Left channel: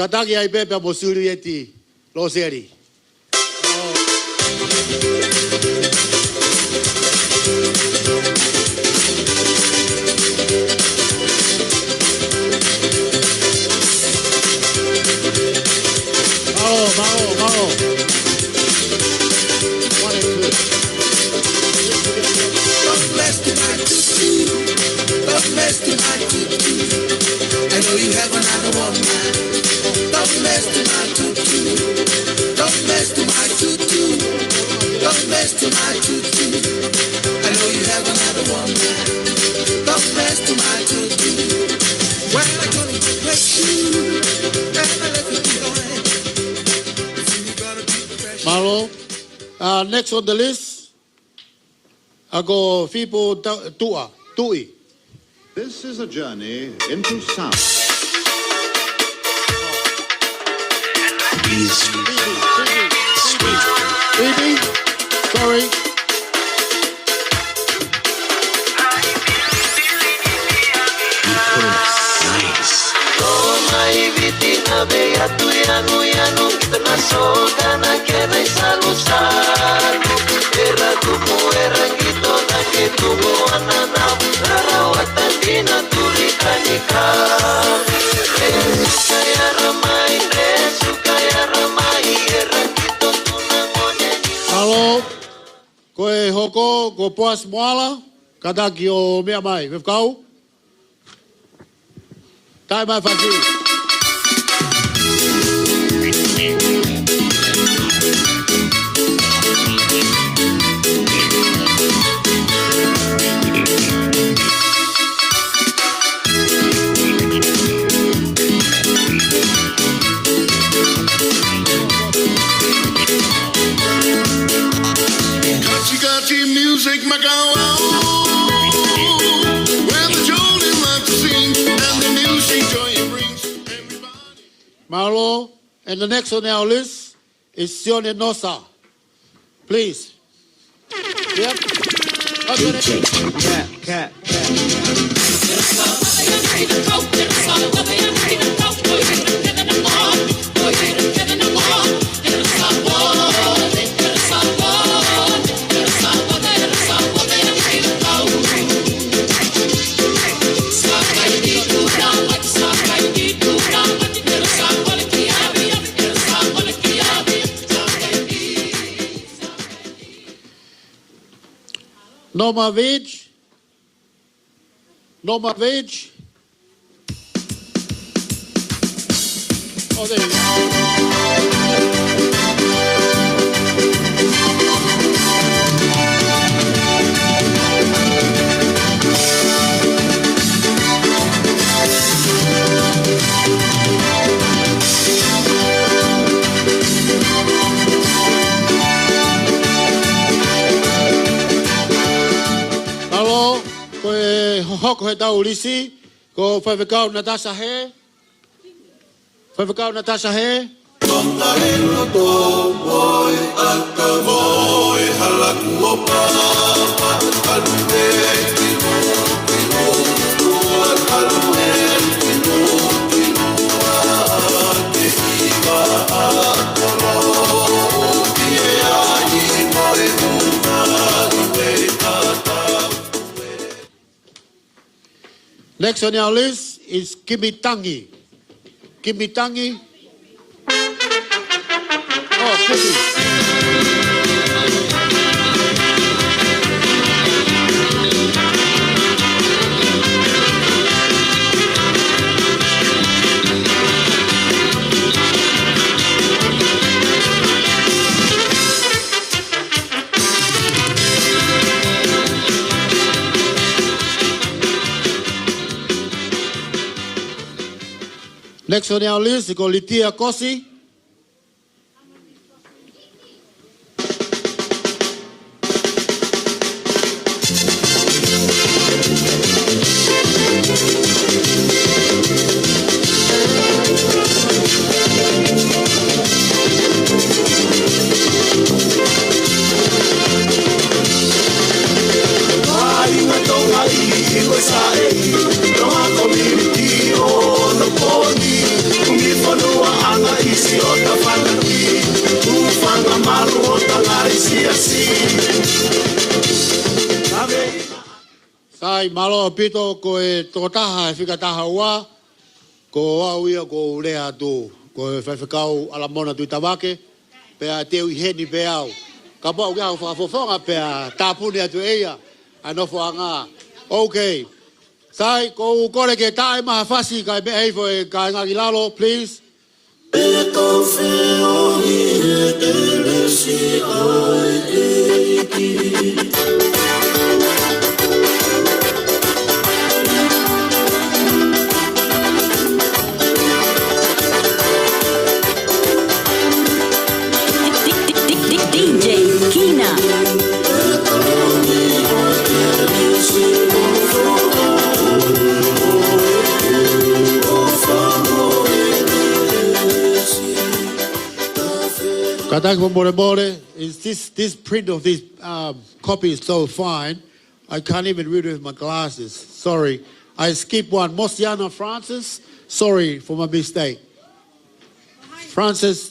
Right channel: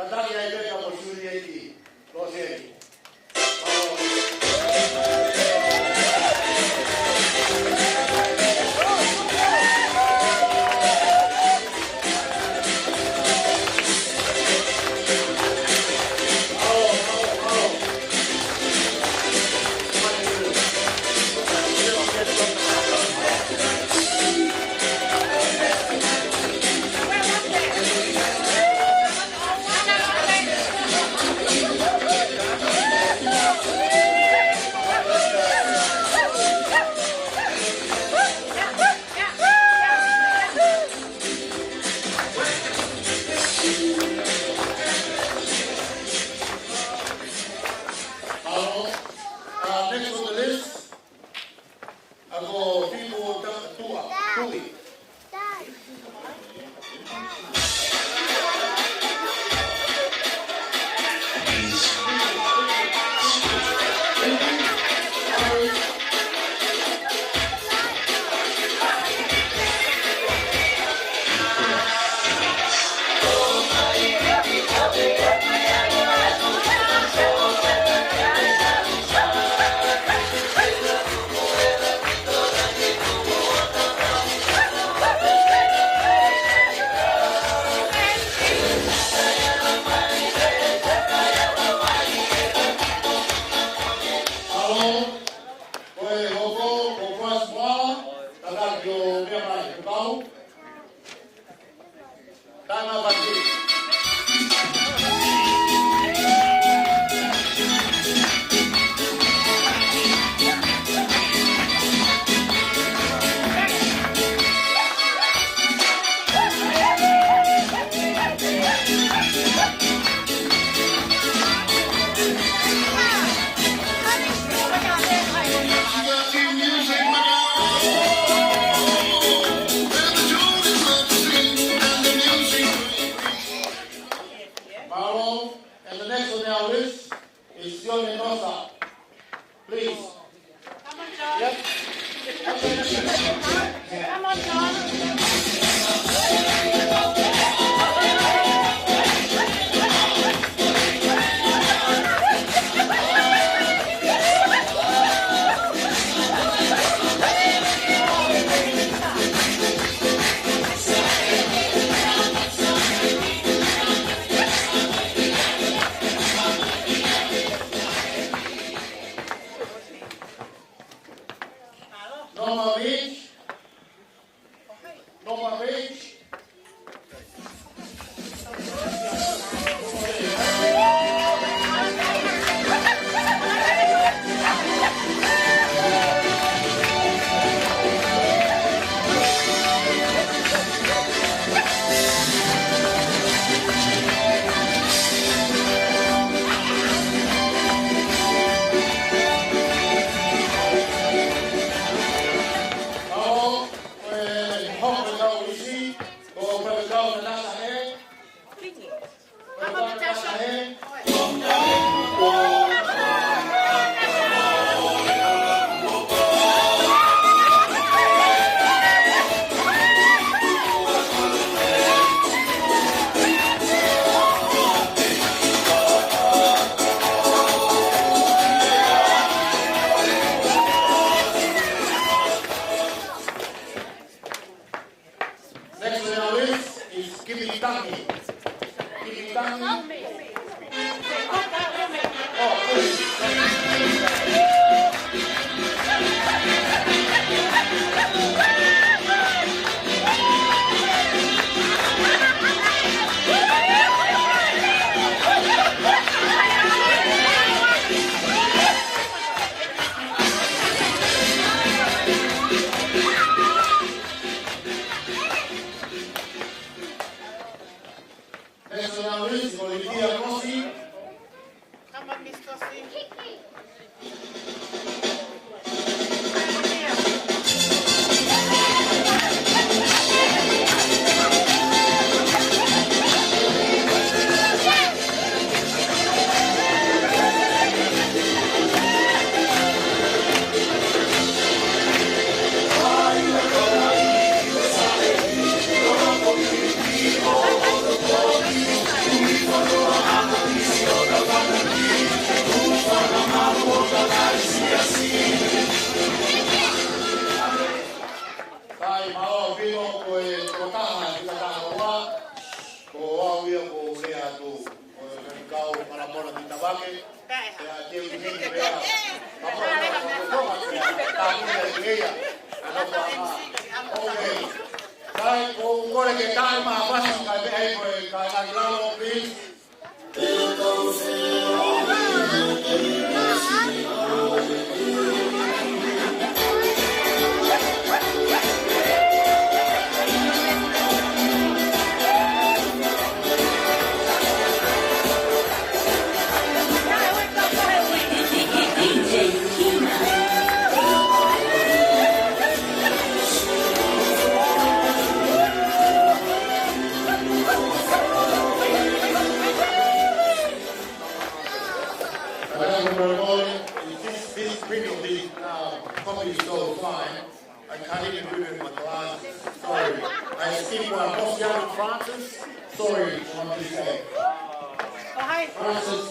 Kataki ai pepe mo suri eti Loseli. Malo. Next on the list, I go Fipo Tui. This is a journey into sound. He's sweet. Baby, sorry. Koe hoko, ko poas moala, kataki o mea mai, me kau. Tai mai whaki. Malo, and the next on our list is Sione Nosa. Please. Yep. Cat. Norma Veg. Oh, there you go. Hoko he tau ulisi, ko whawhikau Natasha he. Whawhikau Natasha he. Tonga ino tōpoi, aka voi, halaku o pāma, kalune, tinoa, kalune, tinoa, te ika atoro, tie ahi noe umari me tata. Next on our list is Kimitangi. Oh, Kimi. Next on our list is Litia Kosi. Come on, Miss Kosi. Tonga Sai malo pito ko e to taha fika taha wa ko au ia ko lea tu ko e whawhikau ala mona tu tawake pea te ui heni pe au ka pau kau whawhawhonga pea tāpuni atu eia anofo anga okay sai ko kore ke tae maha whasi kai pe heifo e kai ngangi lalo please Katango Moremore, this print of this copy is so fine, I can't even read it with my glasses. Sorry. I skipped one. Mosiano Francis, sorry for my mistake. Francis,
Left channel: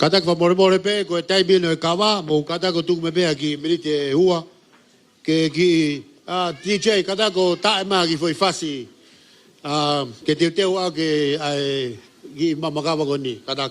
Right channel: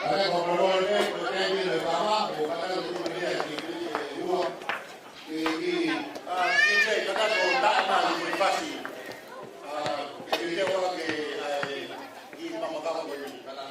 kata ko more pe ko tai bi no Kava mo kata ko tu me be aki milite hua ke ki DJ kata ko ta ma ki foi fasi ke te wa ke ai gi mama Kava ko ni kata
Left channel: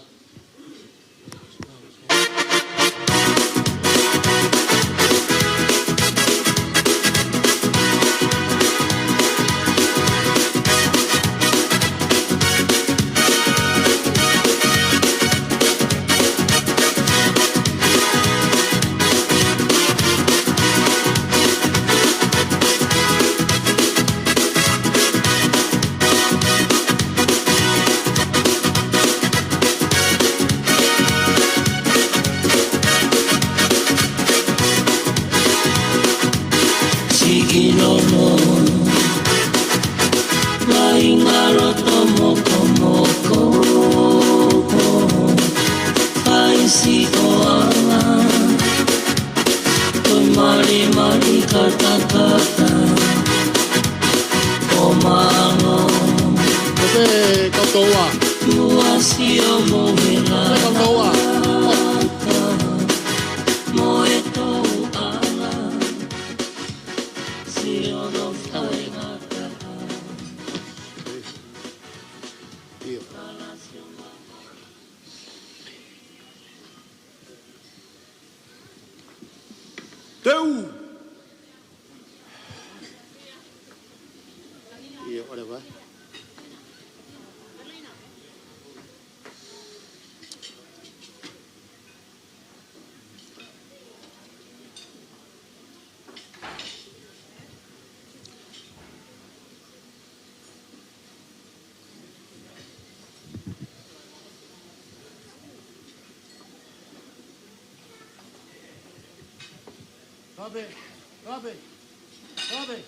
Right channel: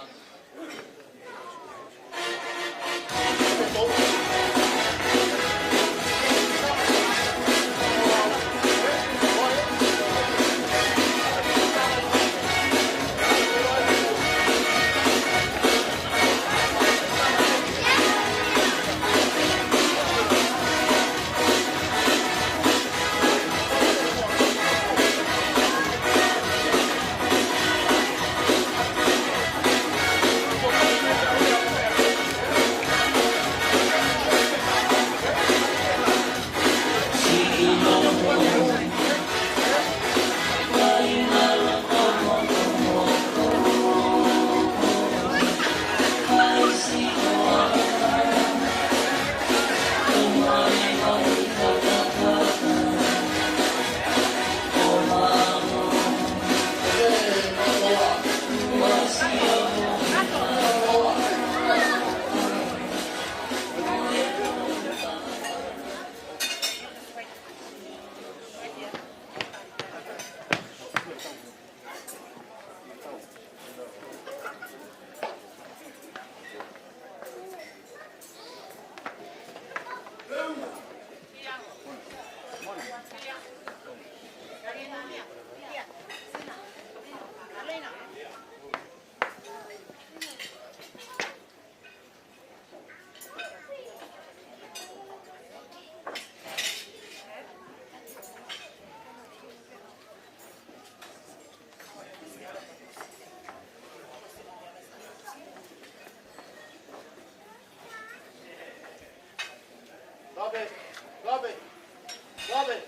Robin.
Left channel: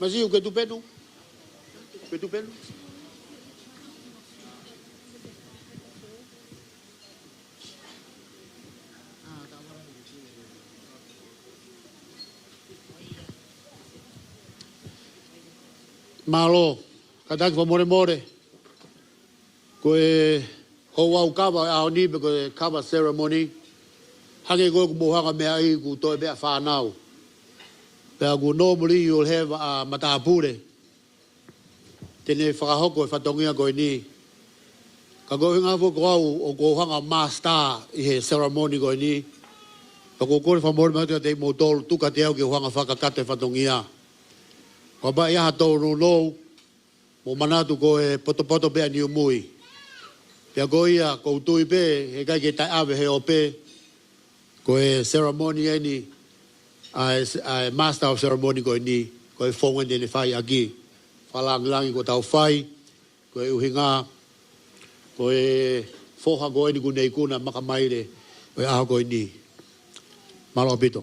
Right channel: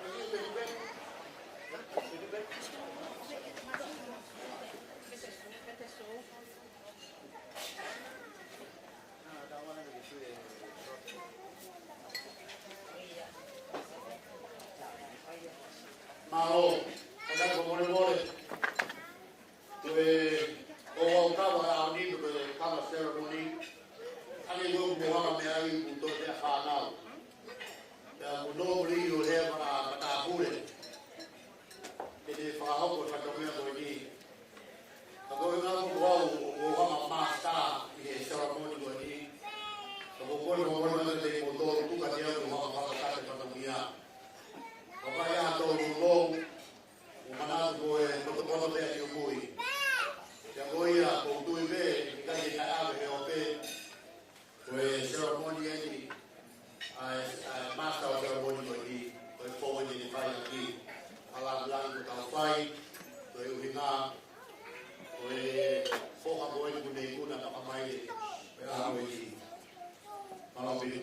Mas e o que tu pede? O que tu pede? Malo, kadang ko more. Ko o wa Kava a ni ko Kava ceremony. Hage go mo ha me ai ku to be fa now. But normally you'll have a matapure. Tene whakahoko e whatongia koe ni. Ka koe ngā whoko au o ko hanga master I he ceremony koe ni. Ka ko kore whamore mata te mo tolu tuka te au ki hanga whakakate whatongia. Ka ba ia tolu no mo manatu koe poto pea ni umui. Pea koe ia koutui pe he kai ke tai awe he o pe. Koe ceremony e ni. Ai master of ceremony koe ni. Koe whonga ni whai aki. Whalangilangi ko tau whai, koe uhinga, koe whoha koe ni kunei kuna makamaire, koe aha koe ni. Malo apito.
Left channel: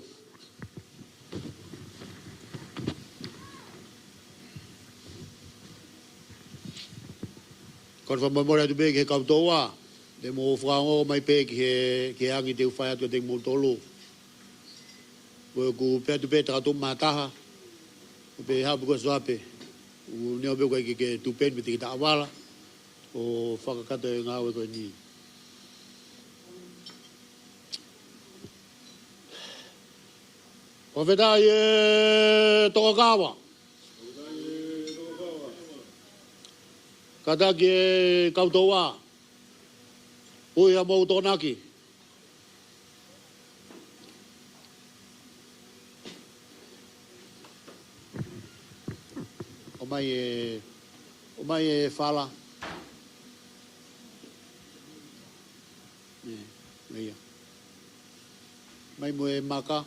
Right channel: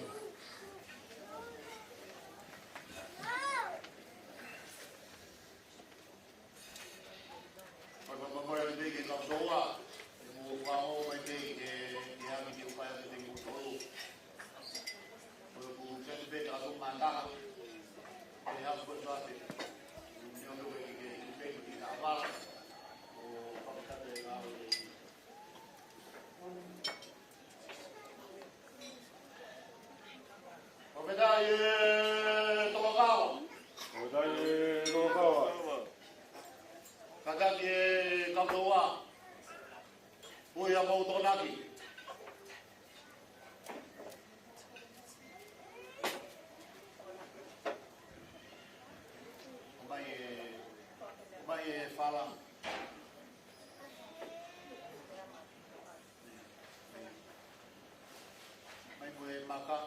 Kon whamamore atu pe ke kautoa, te mo whango mai pe ke angi te uwhai atu te multolu. Koe ku pe atu pe takatum mataha, pe hapu ko swape. Neo be koe ke tupen me te kita awala o whakakata e ngāwe koe ni. O whetai e toko Kava. Kataki e kautoa. Ui a mau tonaki. O mai e whala. Mai mo e maka.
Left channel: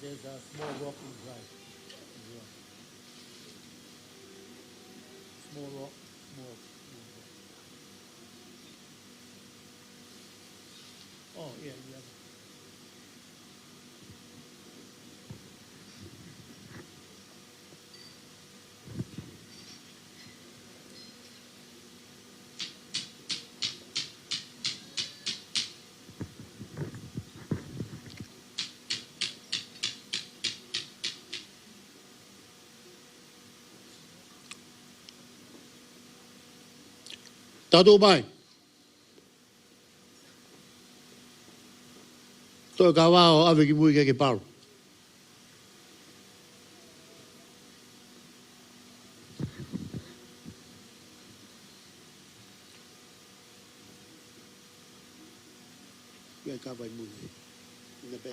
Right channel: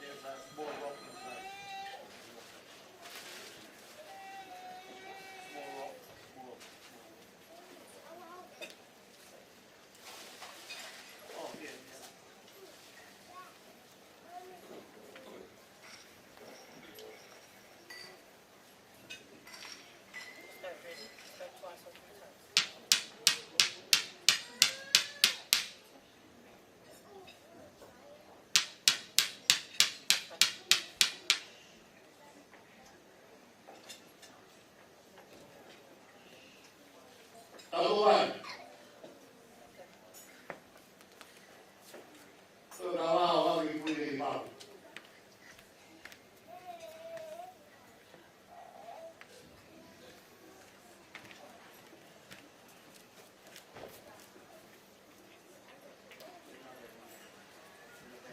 There's a small rock inside. Small rock. Oh, yeah. Tatu bai. Toi Kava o ave ki mui ke Paula. Ke Kava i mui. Ke pe.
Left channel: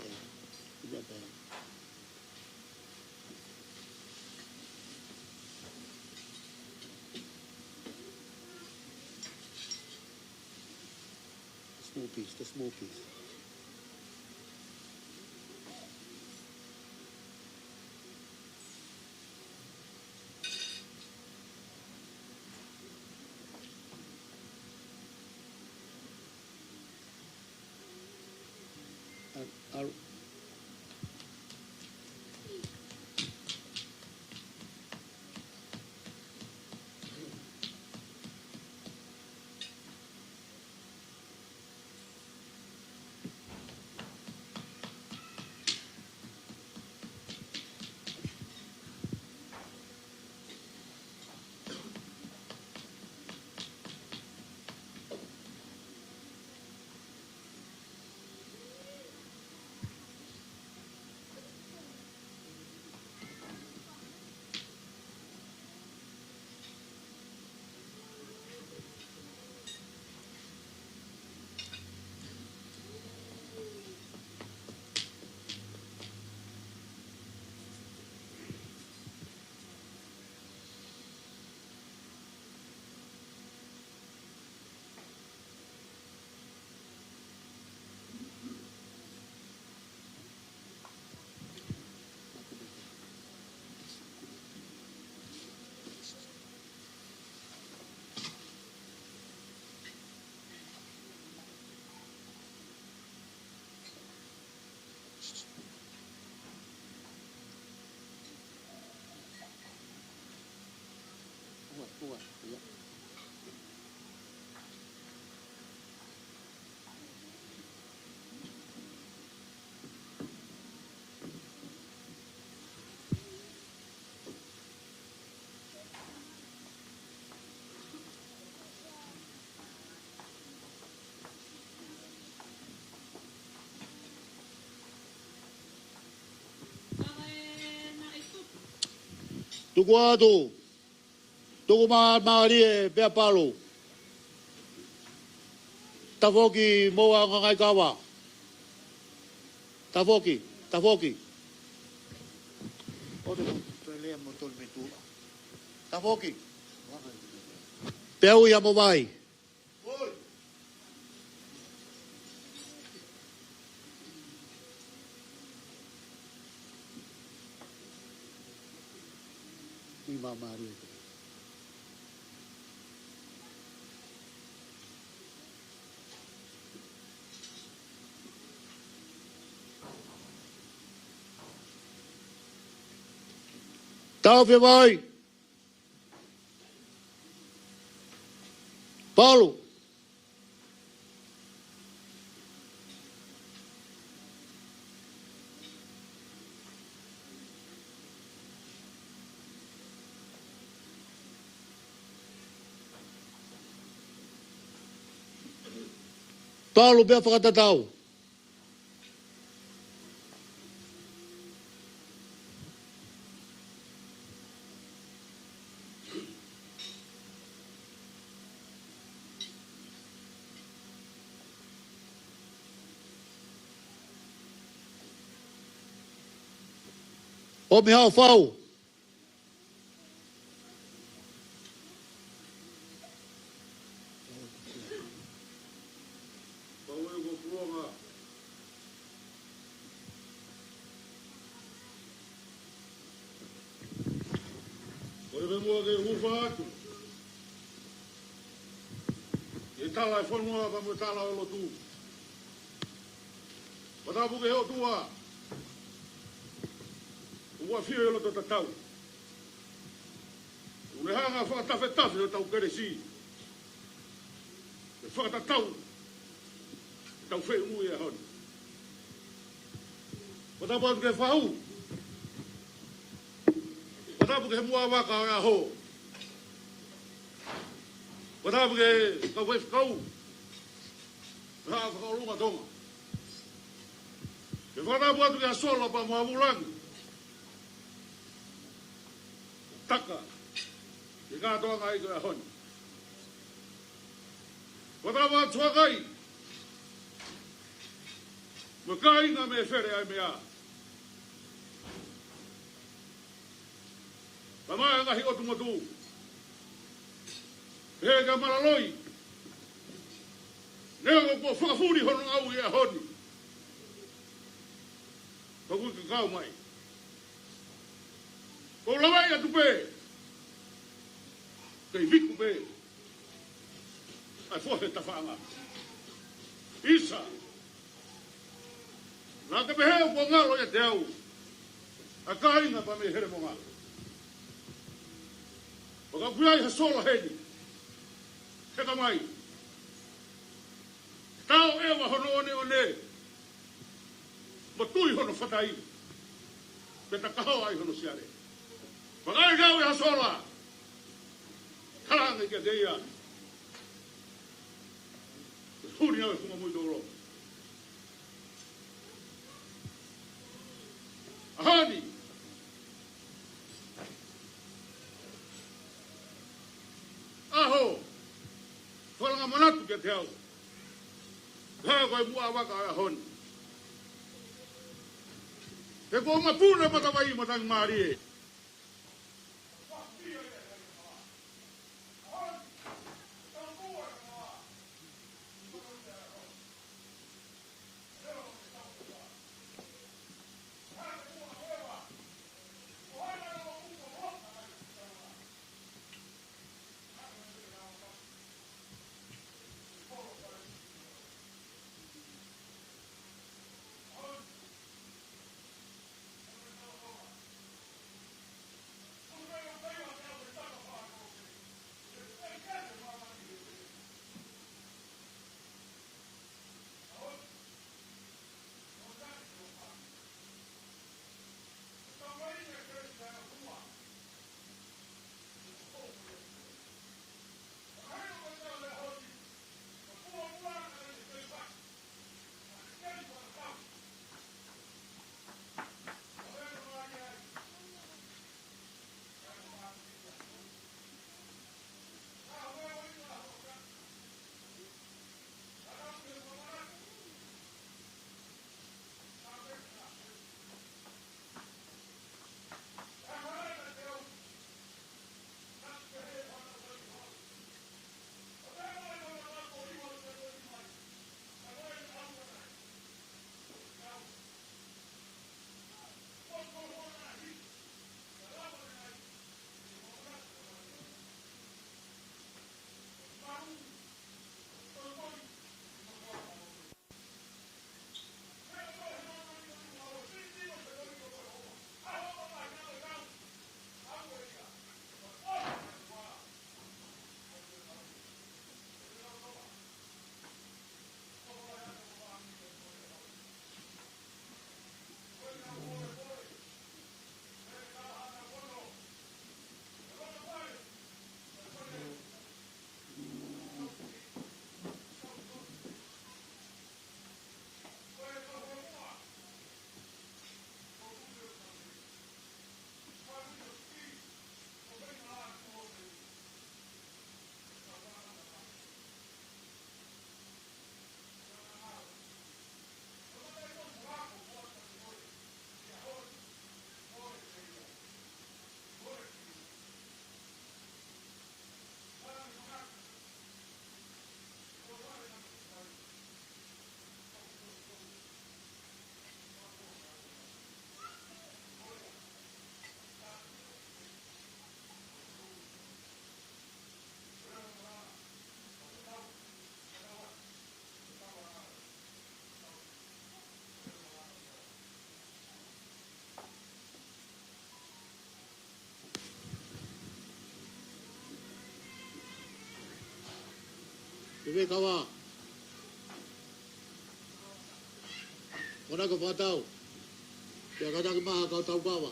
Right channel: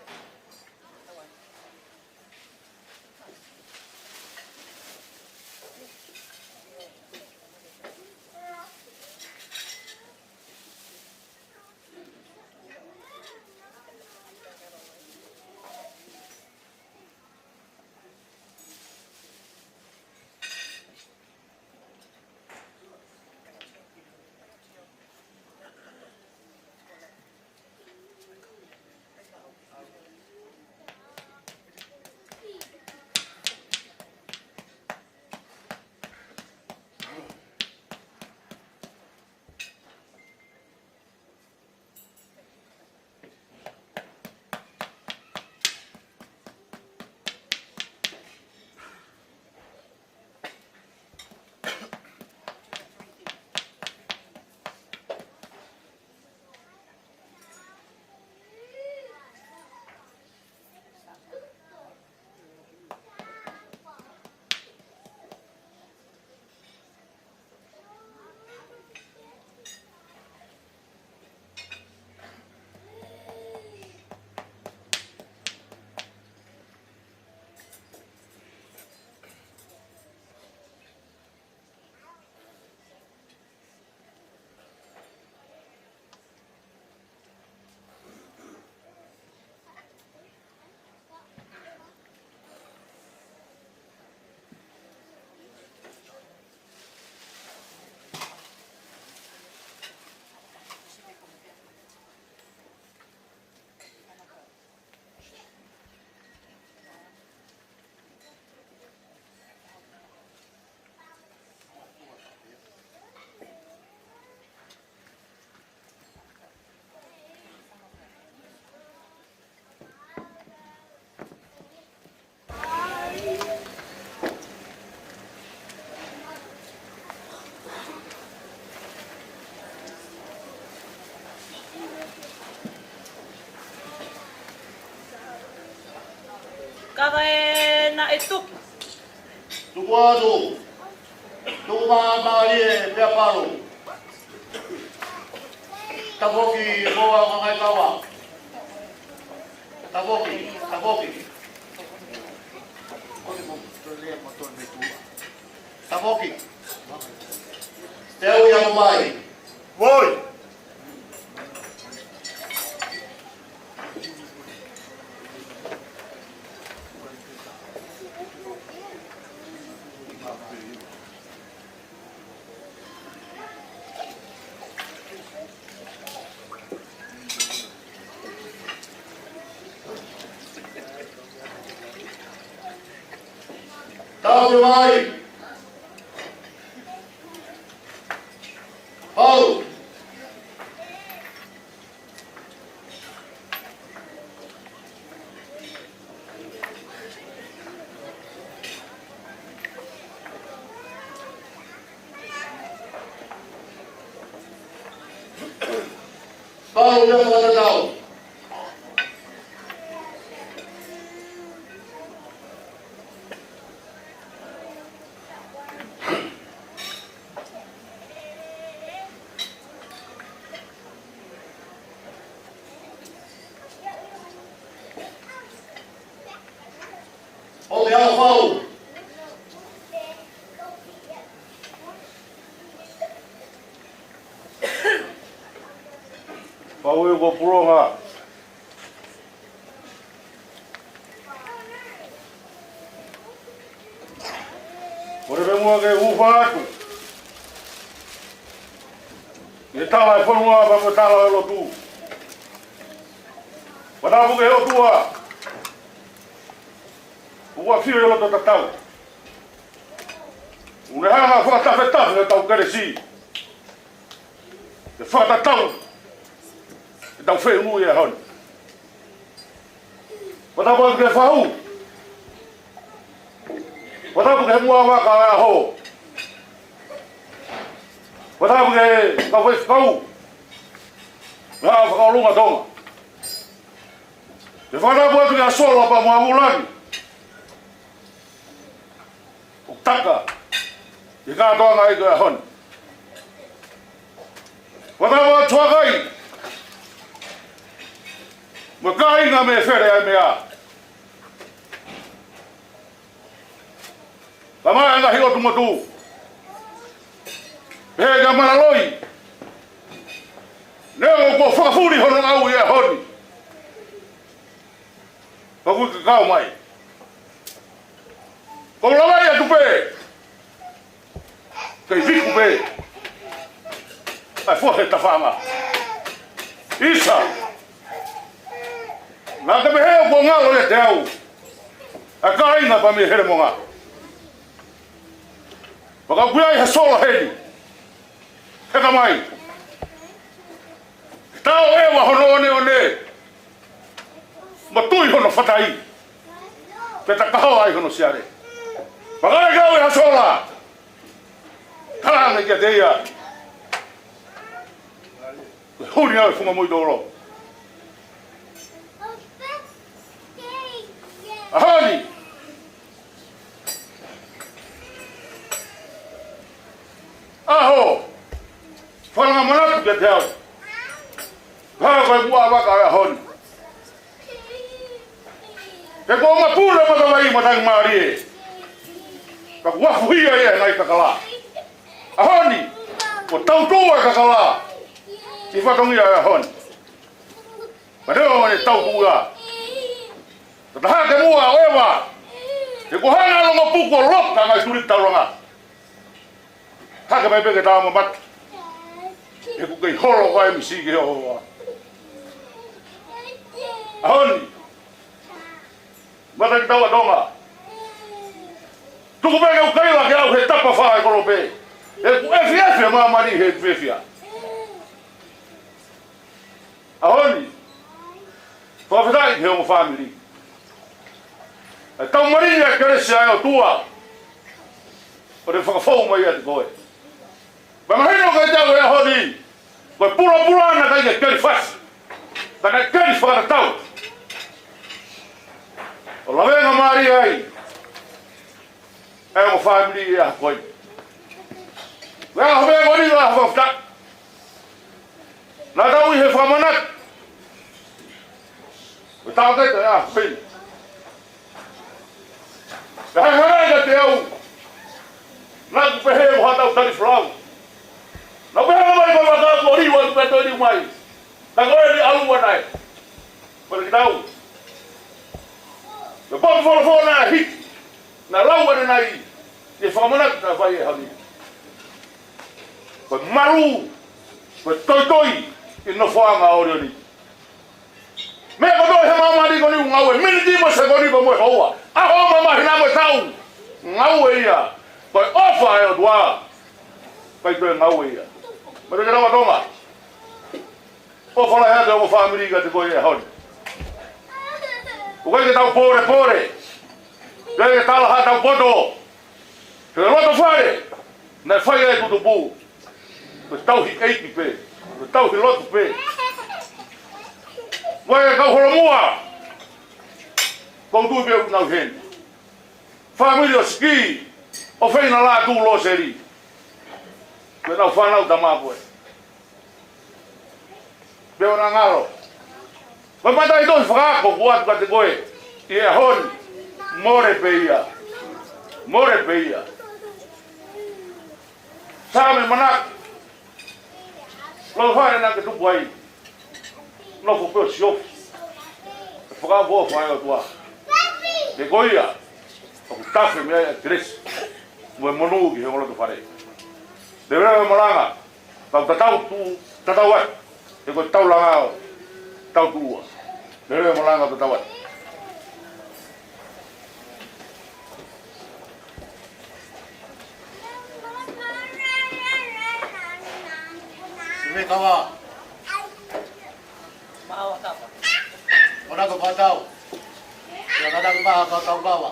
Small piece. Kava e na e tuku. Tuku atu. Tuku maari pea palo. Tafoki moa kakai kawa. Tafoki. Tafoki. Teu ia mawai. Voi! Tau que vai. Paulo. Paulo, vem para Tatau. Ô, meu Paulo. Pau eu vou puronga. Ore be mua ke ufa atu. E tala e whanua pa mo tala e lotu. Wanamu ke o tua. Ua whio e loto tatau. Une hanga whakatawhetawe e tau karesi. E whakatatau. E tau whenui e honi. Wanamu ke whahu. Wanamu ke mua waka e ho. Wanamu ke kawhekau. Ngā whakaolunga tonga. E whanamu atu ke asola pa mua mulangi. Taka. I ngā toanga i koe hon. Watawa tuakai. Mo ka inga me where ai mea. Ka mai nga hiro tumatu. He ka maraloi. Neo ko whakafuri hono au i e honi. Ka kuka kau mai. Ko lalai atu pe. Kei viku pe. Ai fuhe ta whanga. Isa. Nā te me heo ko ngalo e te au. A ka inga pa me here monga. Waka kuiai he sola heni. Heka mai. Tau ewa hono one. Ma tui hono whatai. Peta kaho ai hono siare. Pakai kau e hasola. Karanga kia te ia. Huri au e whunga mui doro. Ahani. Aho. Whananga manatu kia te au. Hau kai mua waka e honi. Te ko ma pūre matawai matangi maari e. Ka wafu hia e nai kakala. Ahoni, ko tau tua kakala. Ki whatongia e ahoni. Ma reo mane tau tua. Ka taha ke mua o ewa. Te ko hana longa puko roka ngai turi tauranga. Hake mai peke taama matu. E ku kei holo kai misi ki hoa. Ahoni. Matakitau a Tonga. Tuku peke u kaila ke au he tapa whae korope. E ku efi maa mani he fefia. Ahoni. Whawhetai he omo family. E tau marini e keresi ai o tua. O te whakafau mai ati koe. Ma mahino kai tau e ahoni. Koe pura ana kai ke keri fasi. Ta kai keri whakatau. O lawenga mai whai ai. E o family ia koi. Wea home ngoni wa hafafta. Nā tau I he whamanat. O tau te ia pin. E hei ka te au. Nā ku pehe o hatau tari flau. Nā pehe mai ka waka ko riwa ku peto ni mai. Nā koe ni alu wanai. Pere ki tau. Me popo wholo nā hit. Nā lau ane nai. Ye whamanat nā whai e hami. Koe maru. Koe toi. I no whaanga o reo ni. Mea katoi he mamari ko ni ngau e. Mini tima se ko ni ko moe hoa. Aho mamahi nā moe tau. Ngau e ia. Koe ofa e o tua. Kai koe ngau e ia. Mare ke rawa tonga. Ofa la hea te o whaamiri ka te koe e honi. Ukai ke tau pore. Kai ke tala ha tau poto. Ke loto whare. Nai whai e kutu pū. Koe tau hi eiki pe. Koe tau hi lotu pe. Koe e kau horomua. Kau tui pe u nau hen. Whaamiri o ski. O whaina Latu Loseli. Koe nau whanau ta māpoe. Peo na ngaro. Koe matai toi whakako kuatu ka te koe. I e honi. More pe ia. Sāme manak. Lau whare nā ke tupu ai. Nofo peo siofi. Whakapua whae o tua. Ke koe ia. Oku tafe mea e tiresi. Mue monu ki he ngolo te whare. Te rewe maranga. Tau tatau ai. Te koe tau langao. Tau tuua. Te rewe maranga tatau ai. Me Kava. Paula Kava. Ona ko patau. Ya kadang ba ka tau Kava.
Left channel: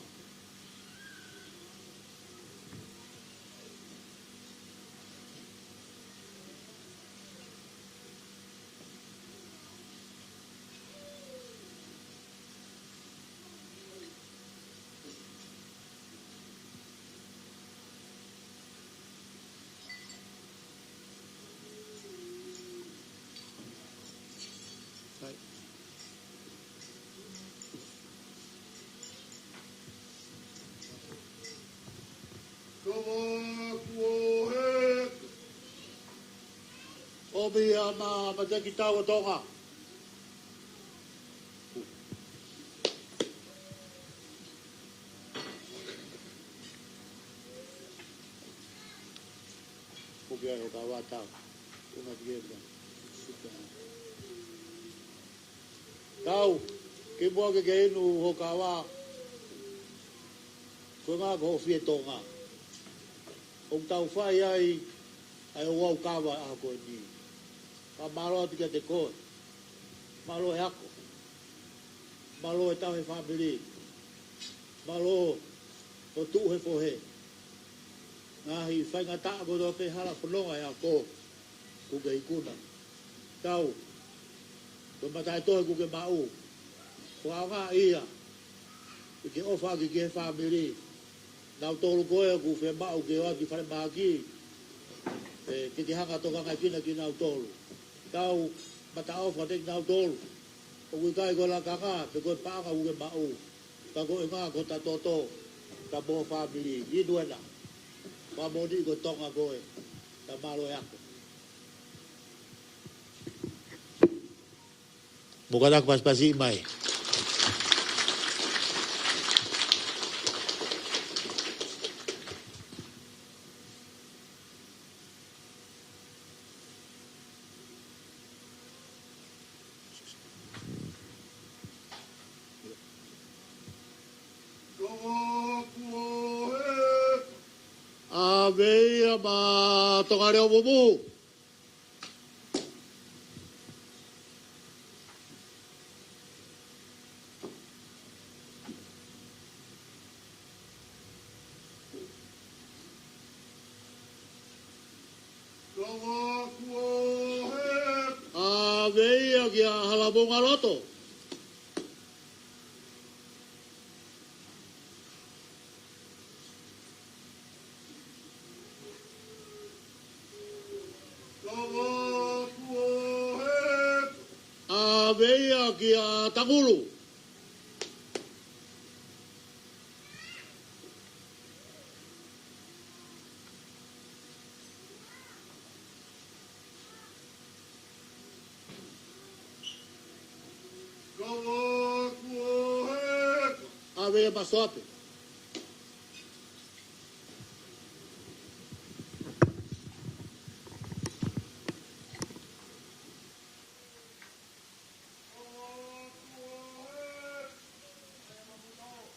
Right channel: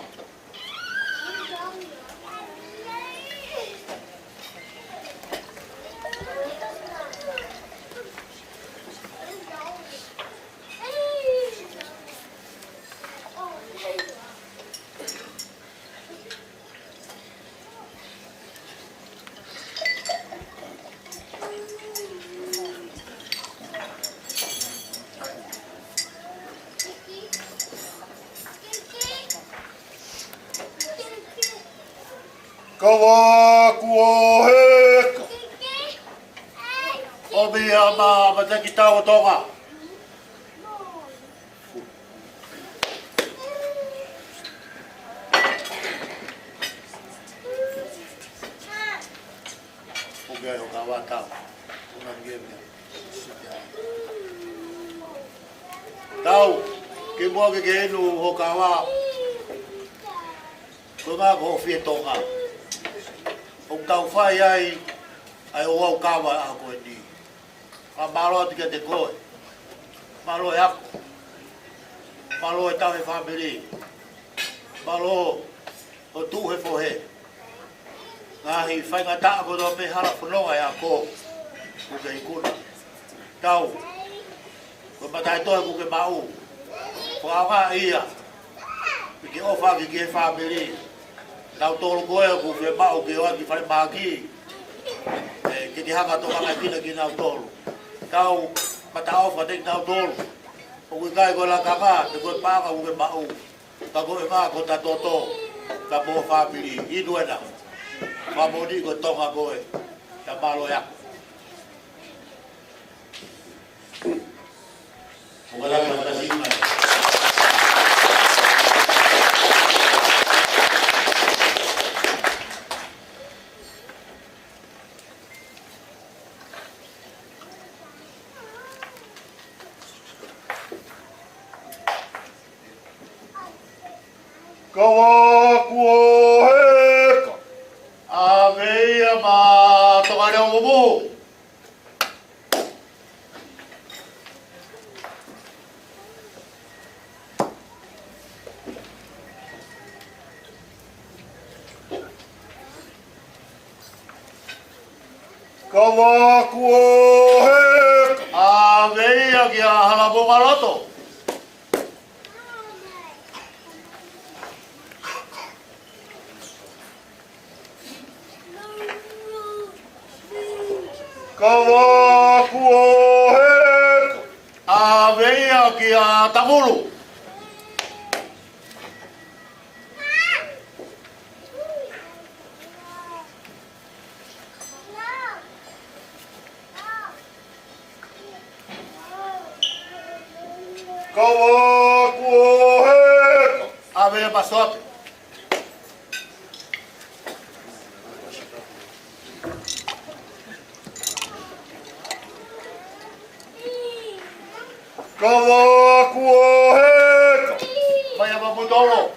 Kava kuoheka. Obi ama Matakitau Tonga. Obi o Kava tau. Una ngeme. Tau, ke mo ke no ho Kava. Ko ma ko fie Tonga. O tau whai ai o au Kava a koe ni. A malo ati te koe. Malo e ako. Malo e tau he whamiri. Malo o tū he whohe. Ngahi whainga taa ko tō pe hara whanonga e a ko. Kuke ikuna. Tau. Ko matai toi kuke mau. Whaanga ia. Ke ofa ki he whamiri. Tau tōru koe ku whe mau ke oa ki whare māki. Ke haka tō kanga kina ki nau tōru. Tau mata ofa tek nau tōru. O kui kai koe la kaka, te koe pāka ku ke mau. Ka koe ngā ko ta tōtō. Ka mō whamiri. Inu ena. Whamoni koe tonga koe. Ta malo ea. Mukarak pas-pasing mai. Kava kuoheka. Aveia ma tongare o mumu. Kava kuoheka. Aveia ki a hala ponga loto. Kava kuohe. A veia ki a tamuru. Kava kuohe. A veia pasoape. Kava kuohe. Vai a mamudolo.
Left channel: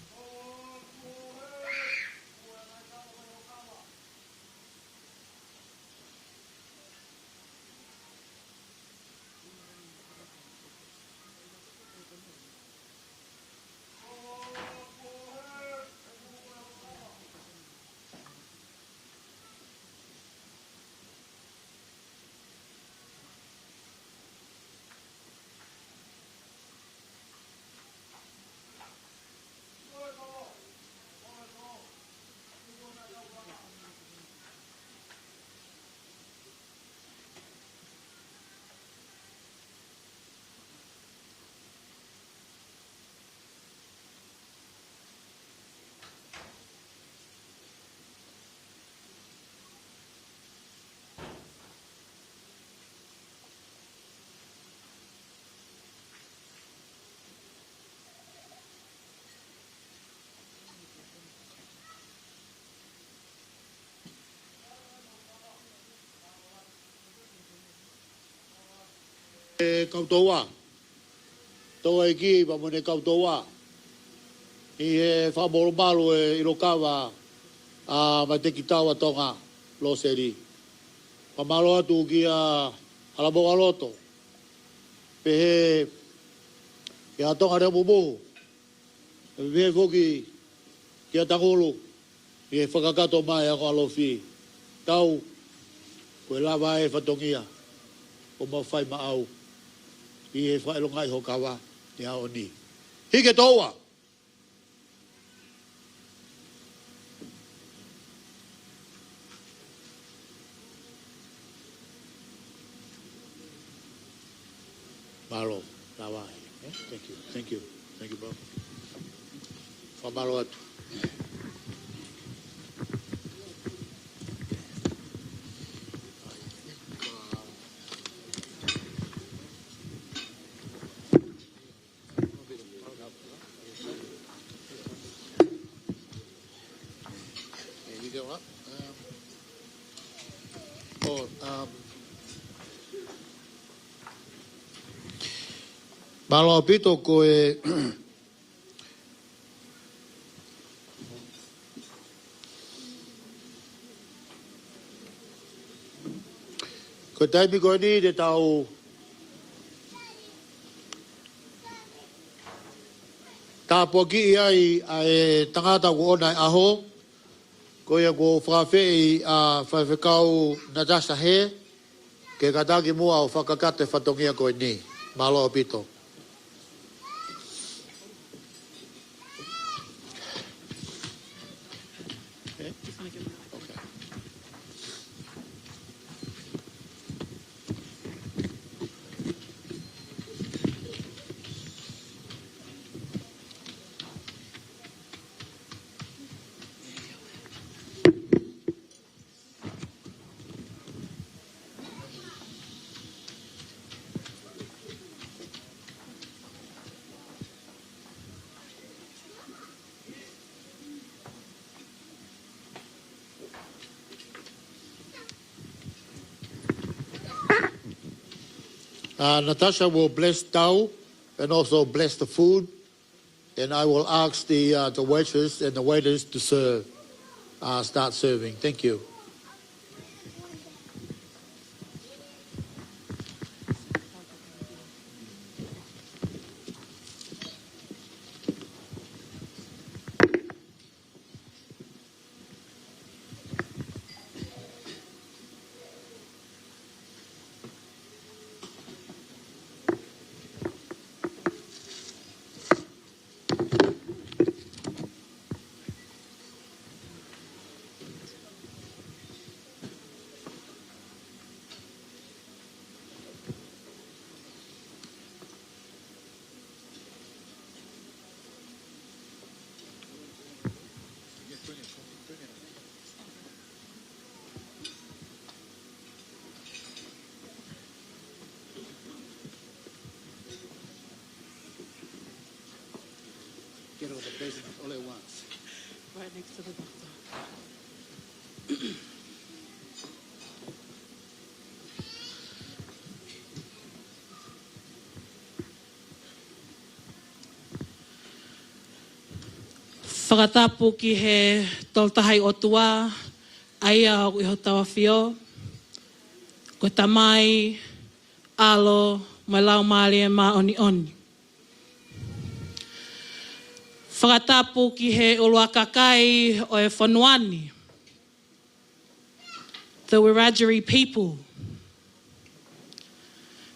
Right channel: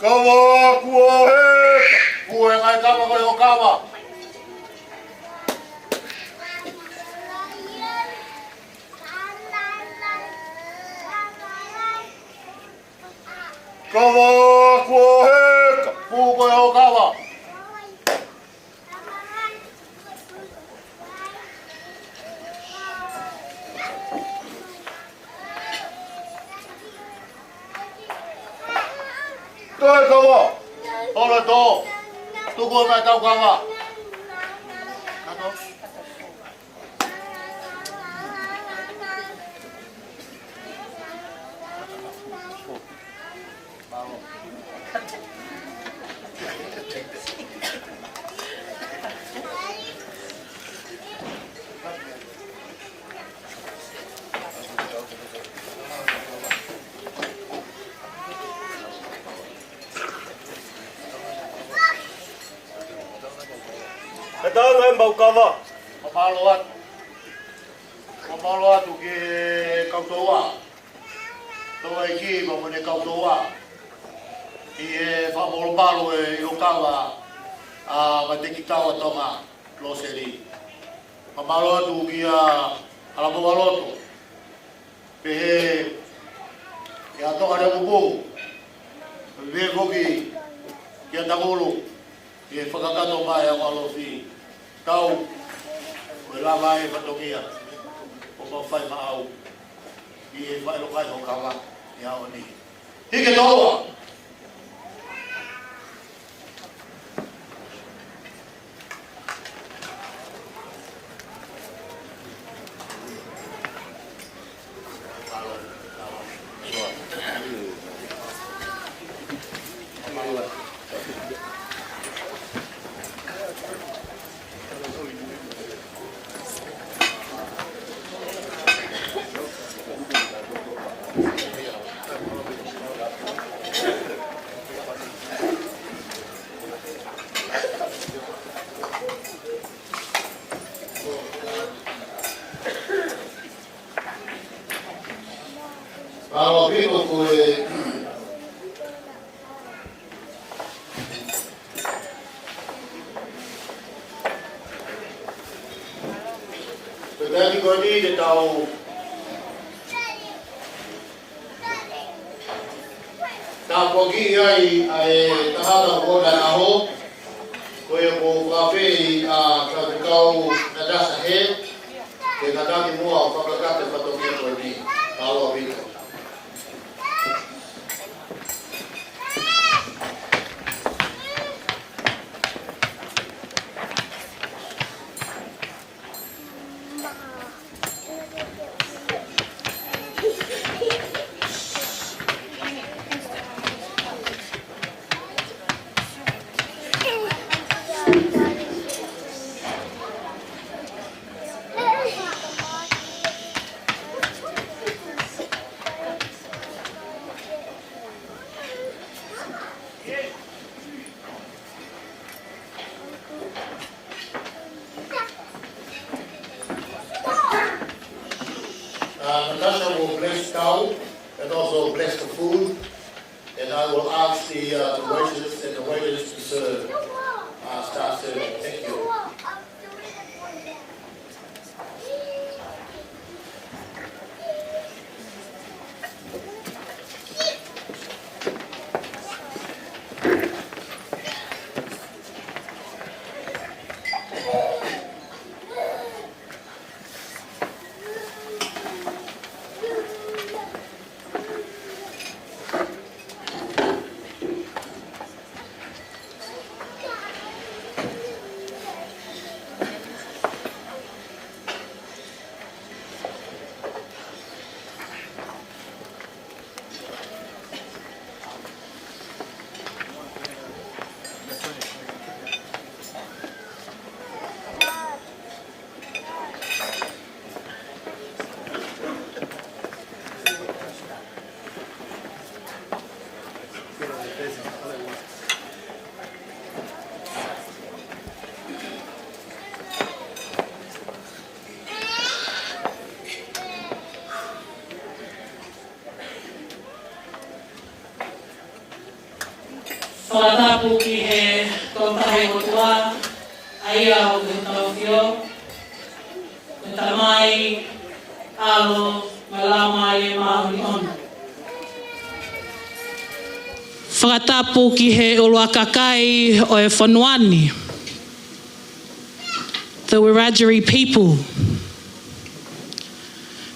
Kava kuohe. Kue ngai kama koe o kama. Kava kuohe. Puu koe o kama. Toi kava. Ole tō. Tuku o mai tau kama. Kato. E tau e mbau kava. Mamalo atu. Mamalo atu ke kautoa. Toa i ki, mamune kautoa. I e whamoro maru e irokawa a Matakitau a Tonga, Loseli. Mamalo atu ki a alamonga loto. Pe he ke a Tonga re mumu. Me foki ki a tangulu. I e whakakato mai a walofi. Tau, koe lava e whatongia, o mau whai maau, i e whai lokai ho kawa, i hao ni. Hike toa! Paula, Kava, soa. O marua. Malo pito koe koe tēti koe ni te tau tāpoki ai e tangata ko ona aho koe ko whawhei a whawhekau na dasa he ke kataki mua o whakakate whatongia koe ni. Malo pito. Natasha will bless Tau and also bless the food, and I will ask the waitress and the waiters to serve, start serving. Thank you. tua, aia o ke tawawhio, ko tamai, alo, malamari e maoni on. Whakatapu ki he ulua kakai o e whanuani, the Wiradjuri people.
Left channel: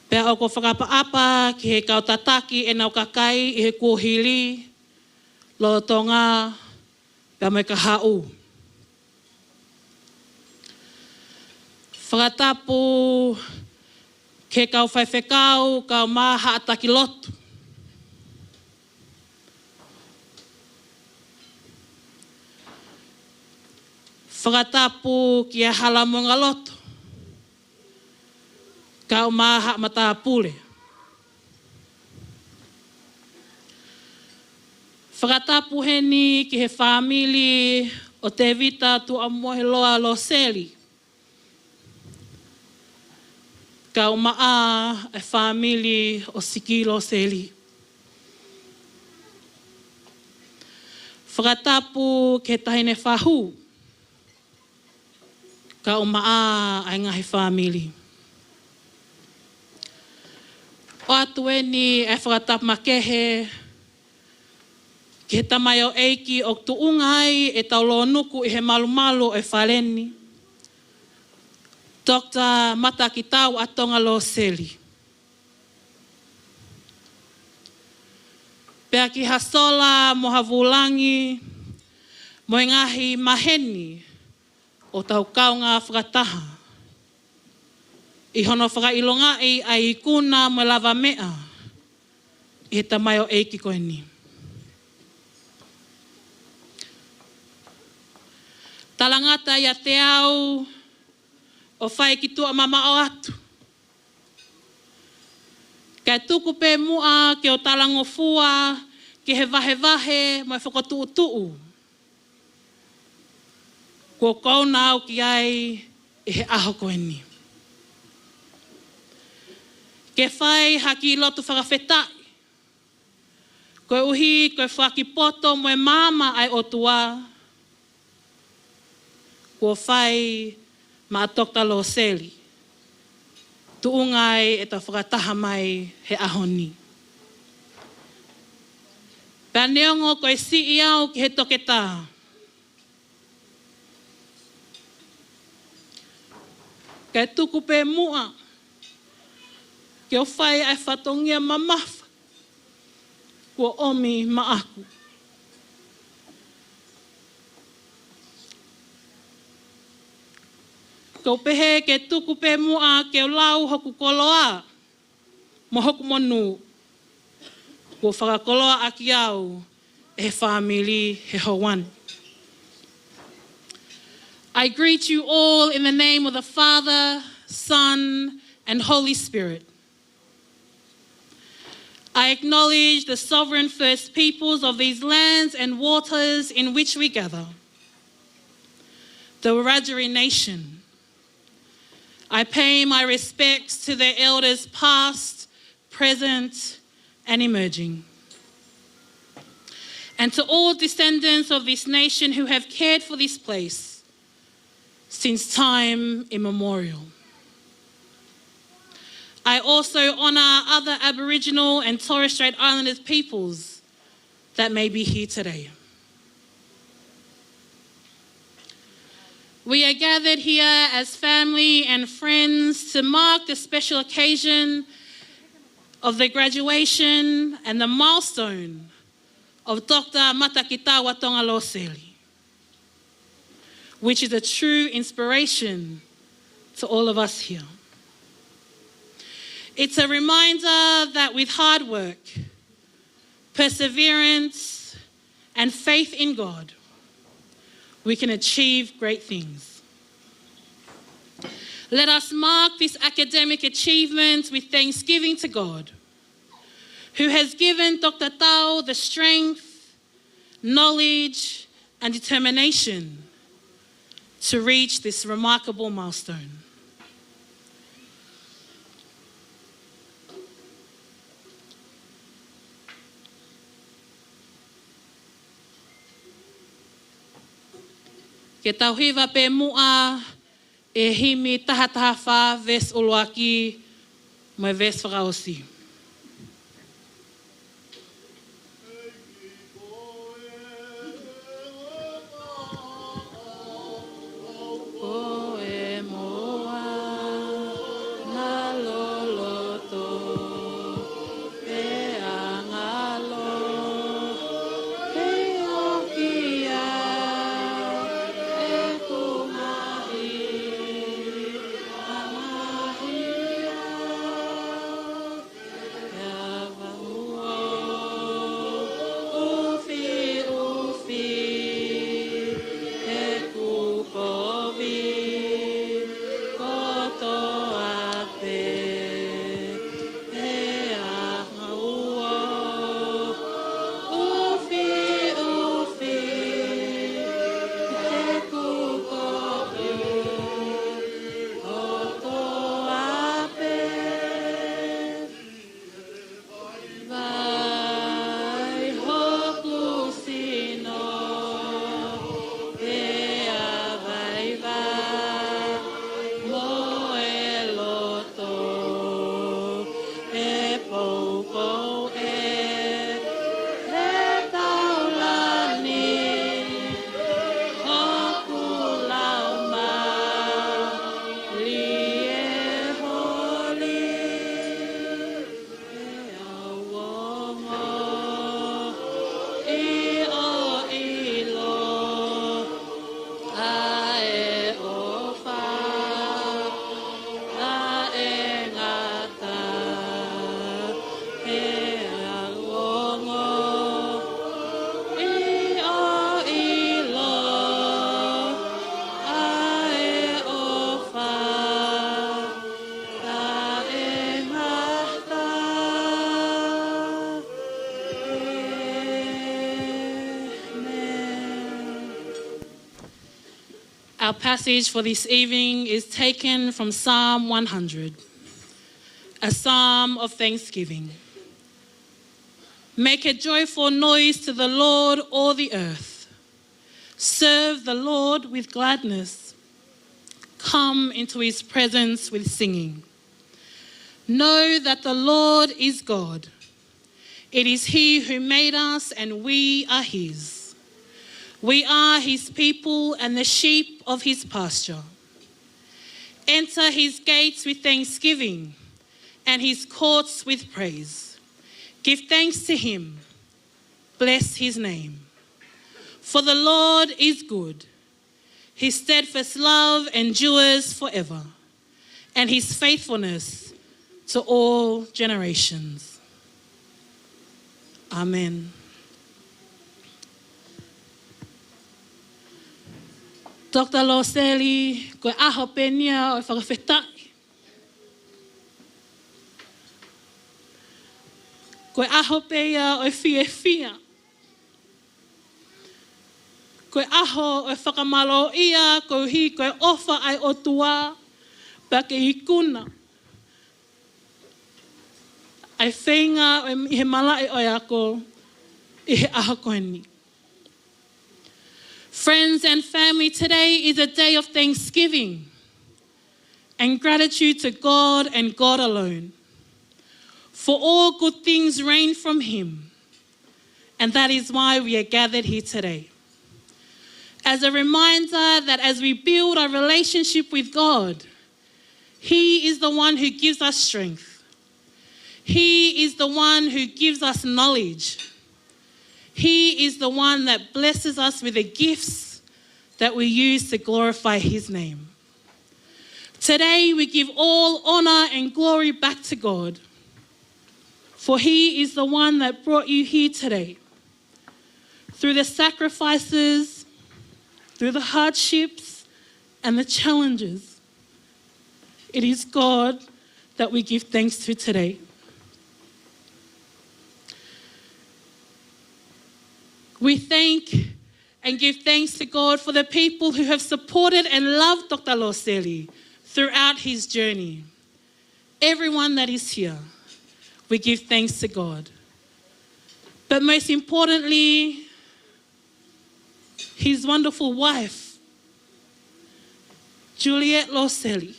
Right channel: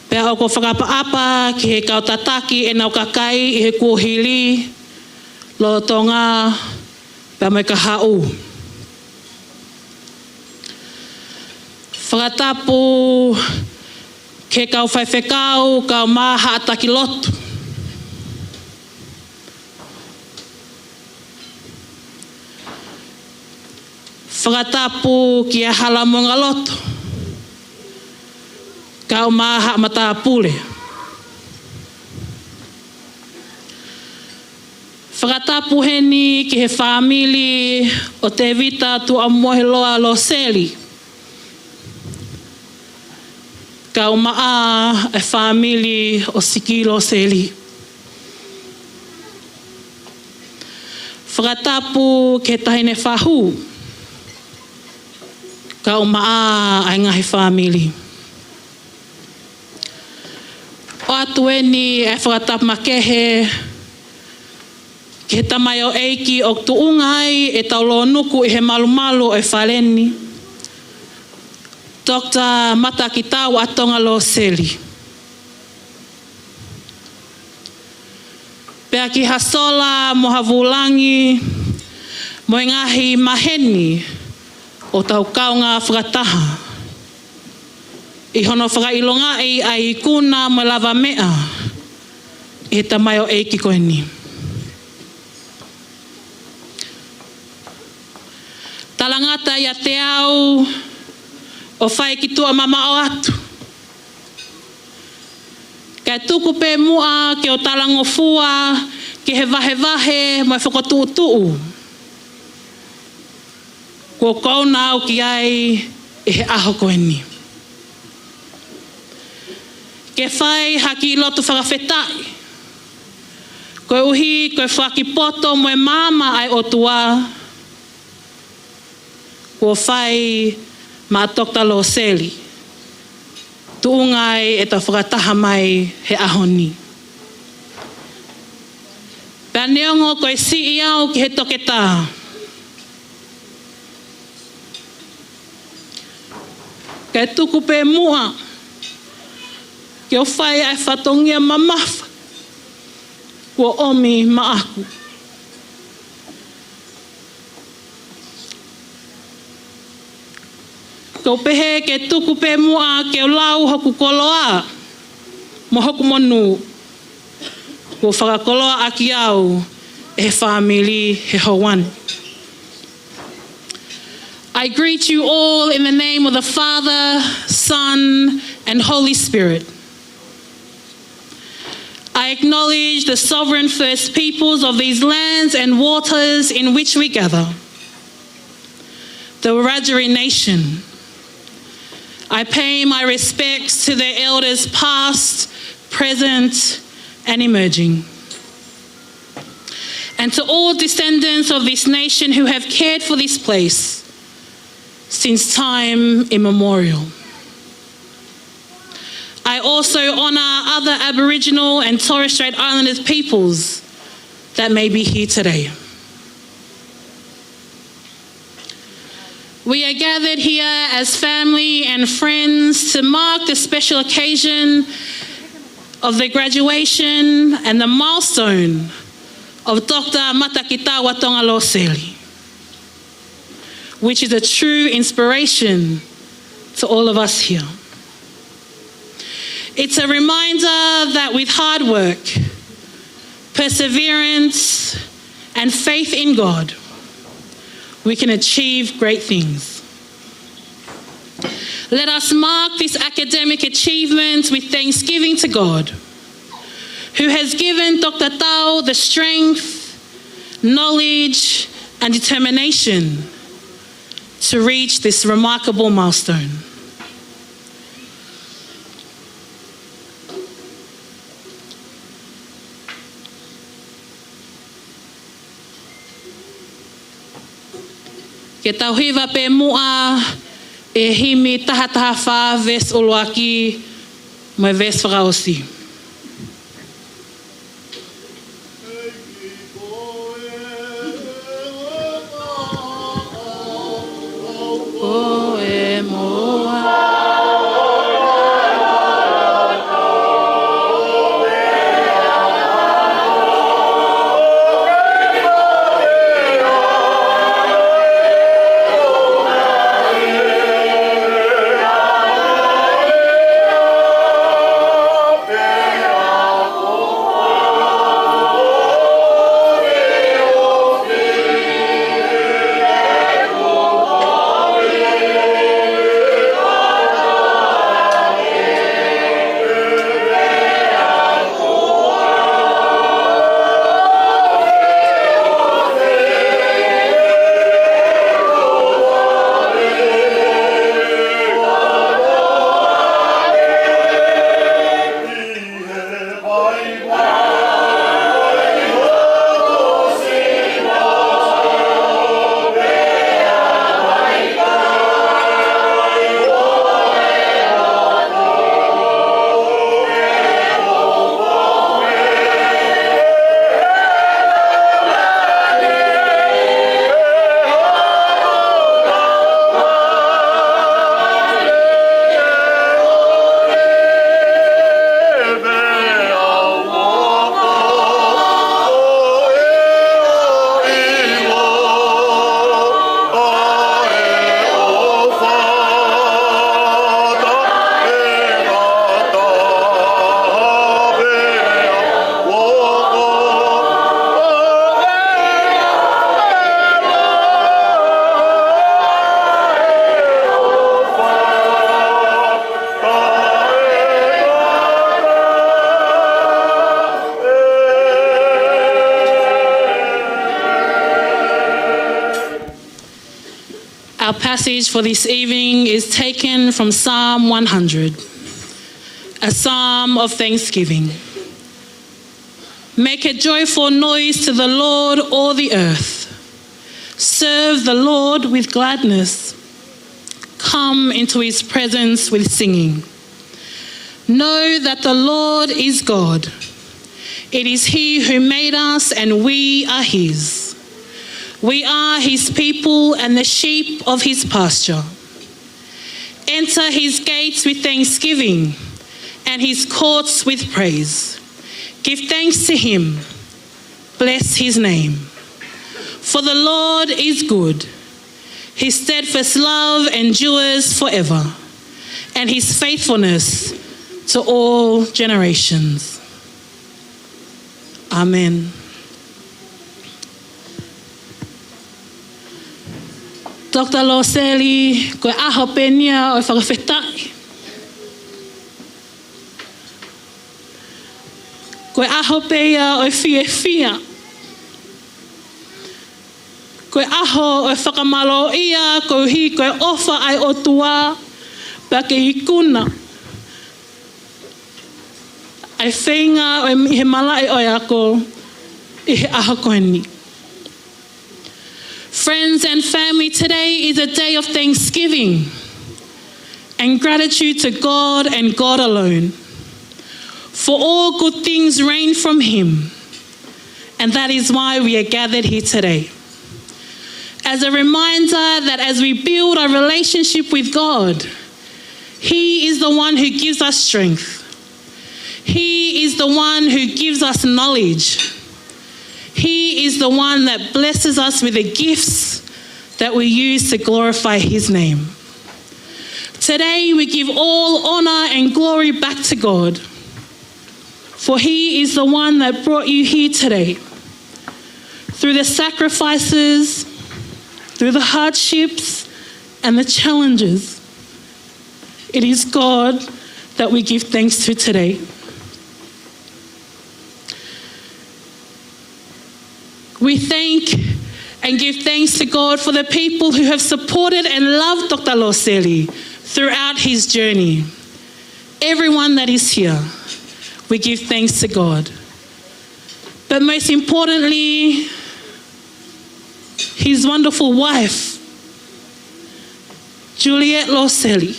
Pea o ko whakapaapa ki he kautataki e nau kakai i he kuohili, lo Tonga, pea mai ka hau. Whakatapu ke kau whaiwhekau, kau maha ataki lotu. Whakatapu ki a halamonga lotu. Kau maha matapule. Whakatapu heni ki he whamili o te vita tu amohe loa Loseli. Kau maa e whamili o siki Loseli. Whakatapu ke tahine whahu. Kau maa ai ngahi whamili. O atu eni e whakatapu makehe ke tamai o eiki o tuungai e taulo nuku i he malumalu e whaleni. Dr. Matakitau a Tonga Loseli. Pea ki hasola mo havulangi mo ngahi maheni o tau kaunga whakataha. I hono whakailonga i ai kuna mo lava mea e tamai o eiki koe ni. Talangata ia te au o whai ki tua mama o atu. Kai tuku pē mua ke o talango fua ke he vahe mai whakotuu. Ko kauna au ki ai e he aho koe ni. Ke whai haki lotu whakawhetai. Koe uhi, koe whakipoto mo e mama ai o tua. Ko whai ma Dr. Loseli. Tuungai e ta whakataha mai he ahoni. Pea neongo koe si iau ki he toketa. Kai tuku pē mua. Ke o whai ai whatongia mamafa. Kua omi maaku. Kau pehe ke tuku pē mua ke o lau hoku koloa. Mo hoku monu. Kua whakakoloa aki au e he whamili he hawani. I greet you all in the name of the Father, Son, and Holy Spirit. I acknowledge the sovereign first peoples of these lands and waters in which we gather. The Wiradjuri nation. I pay my respects to their elders past, present, and emerging. And to all descendants of this nation who have cared for this place since time immemorial. I also honour other Aboriginal and Torres Strait Islander peoples that may be here today. We are gathered here as family and friends to mark the special occasion of the graduation and the milestone of Dr. Matakitau a Tonga Loseli, which is a true inspiration to all of us here. It's a reminder that with hard work, perseverance, and faith in God, we can achieve great things. Let us mark this academic achievement with thanksgiving to God, who has given Dr. Tau the strength, knowledge, and determination to reach this remarkable milestone. Ke tauhiwa pe mua e himi tahataha wha ves uluaki mai ves whakaosi. Our passage for this evening is taken from Psalm 100, a psalm of thanksgiving. Make a joyful noise to the Lord, all the earth. Serve the Lord with gladness. Come into his presence with singing. Know that the Lord is God. It is he who made us and we are his. We are his people and the sheep of his pasture. Enter his gates with thanksgiving and his courts with praise. Give thanks to him. Bless his name. For the Lord is good. His steadfast love endures forever, and his faithfulness to all generations. Amen. Dr. Loseli, koe aho penia o whakawhetai. Koe aho peia o fia. Koe aho o whakamalo ia, koe hi koe ofa ai o tua, pake I kuna. Ai whenga o he malai o ako, I he aho koe ni. Friends and family, today is a day of thanksgiving and gratitude to God and God alone. For all good things reign from him, and that is why we are gathered here today. As a reminder that as we build our relationship with God, he is the one who gives us strength. He is the one who gives us knowledge. He is the one that blesses us with the gifts that we use to glorify his name. Today we give all honor and glory back to God, for he is the one that brought you here today. Through the sacrifices, through the hardships and the challenges, it is God that we give thanks to today. We thank and give thanks to God for the people who have supported and loved Dr. Loseli throughout his journey. Everyone that is here, we give thanks to God. But most importantly, his wonderful wife, Juliet Loseli,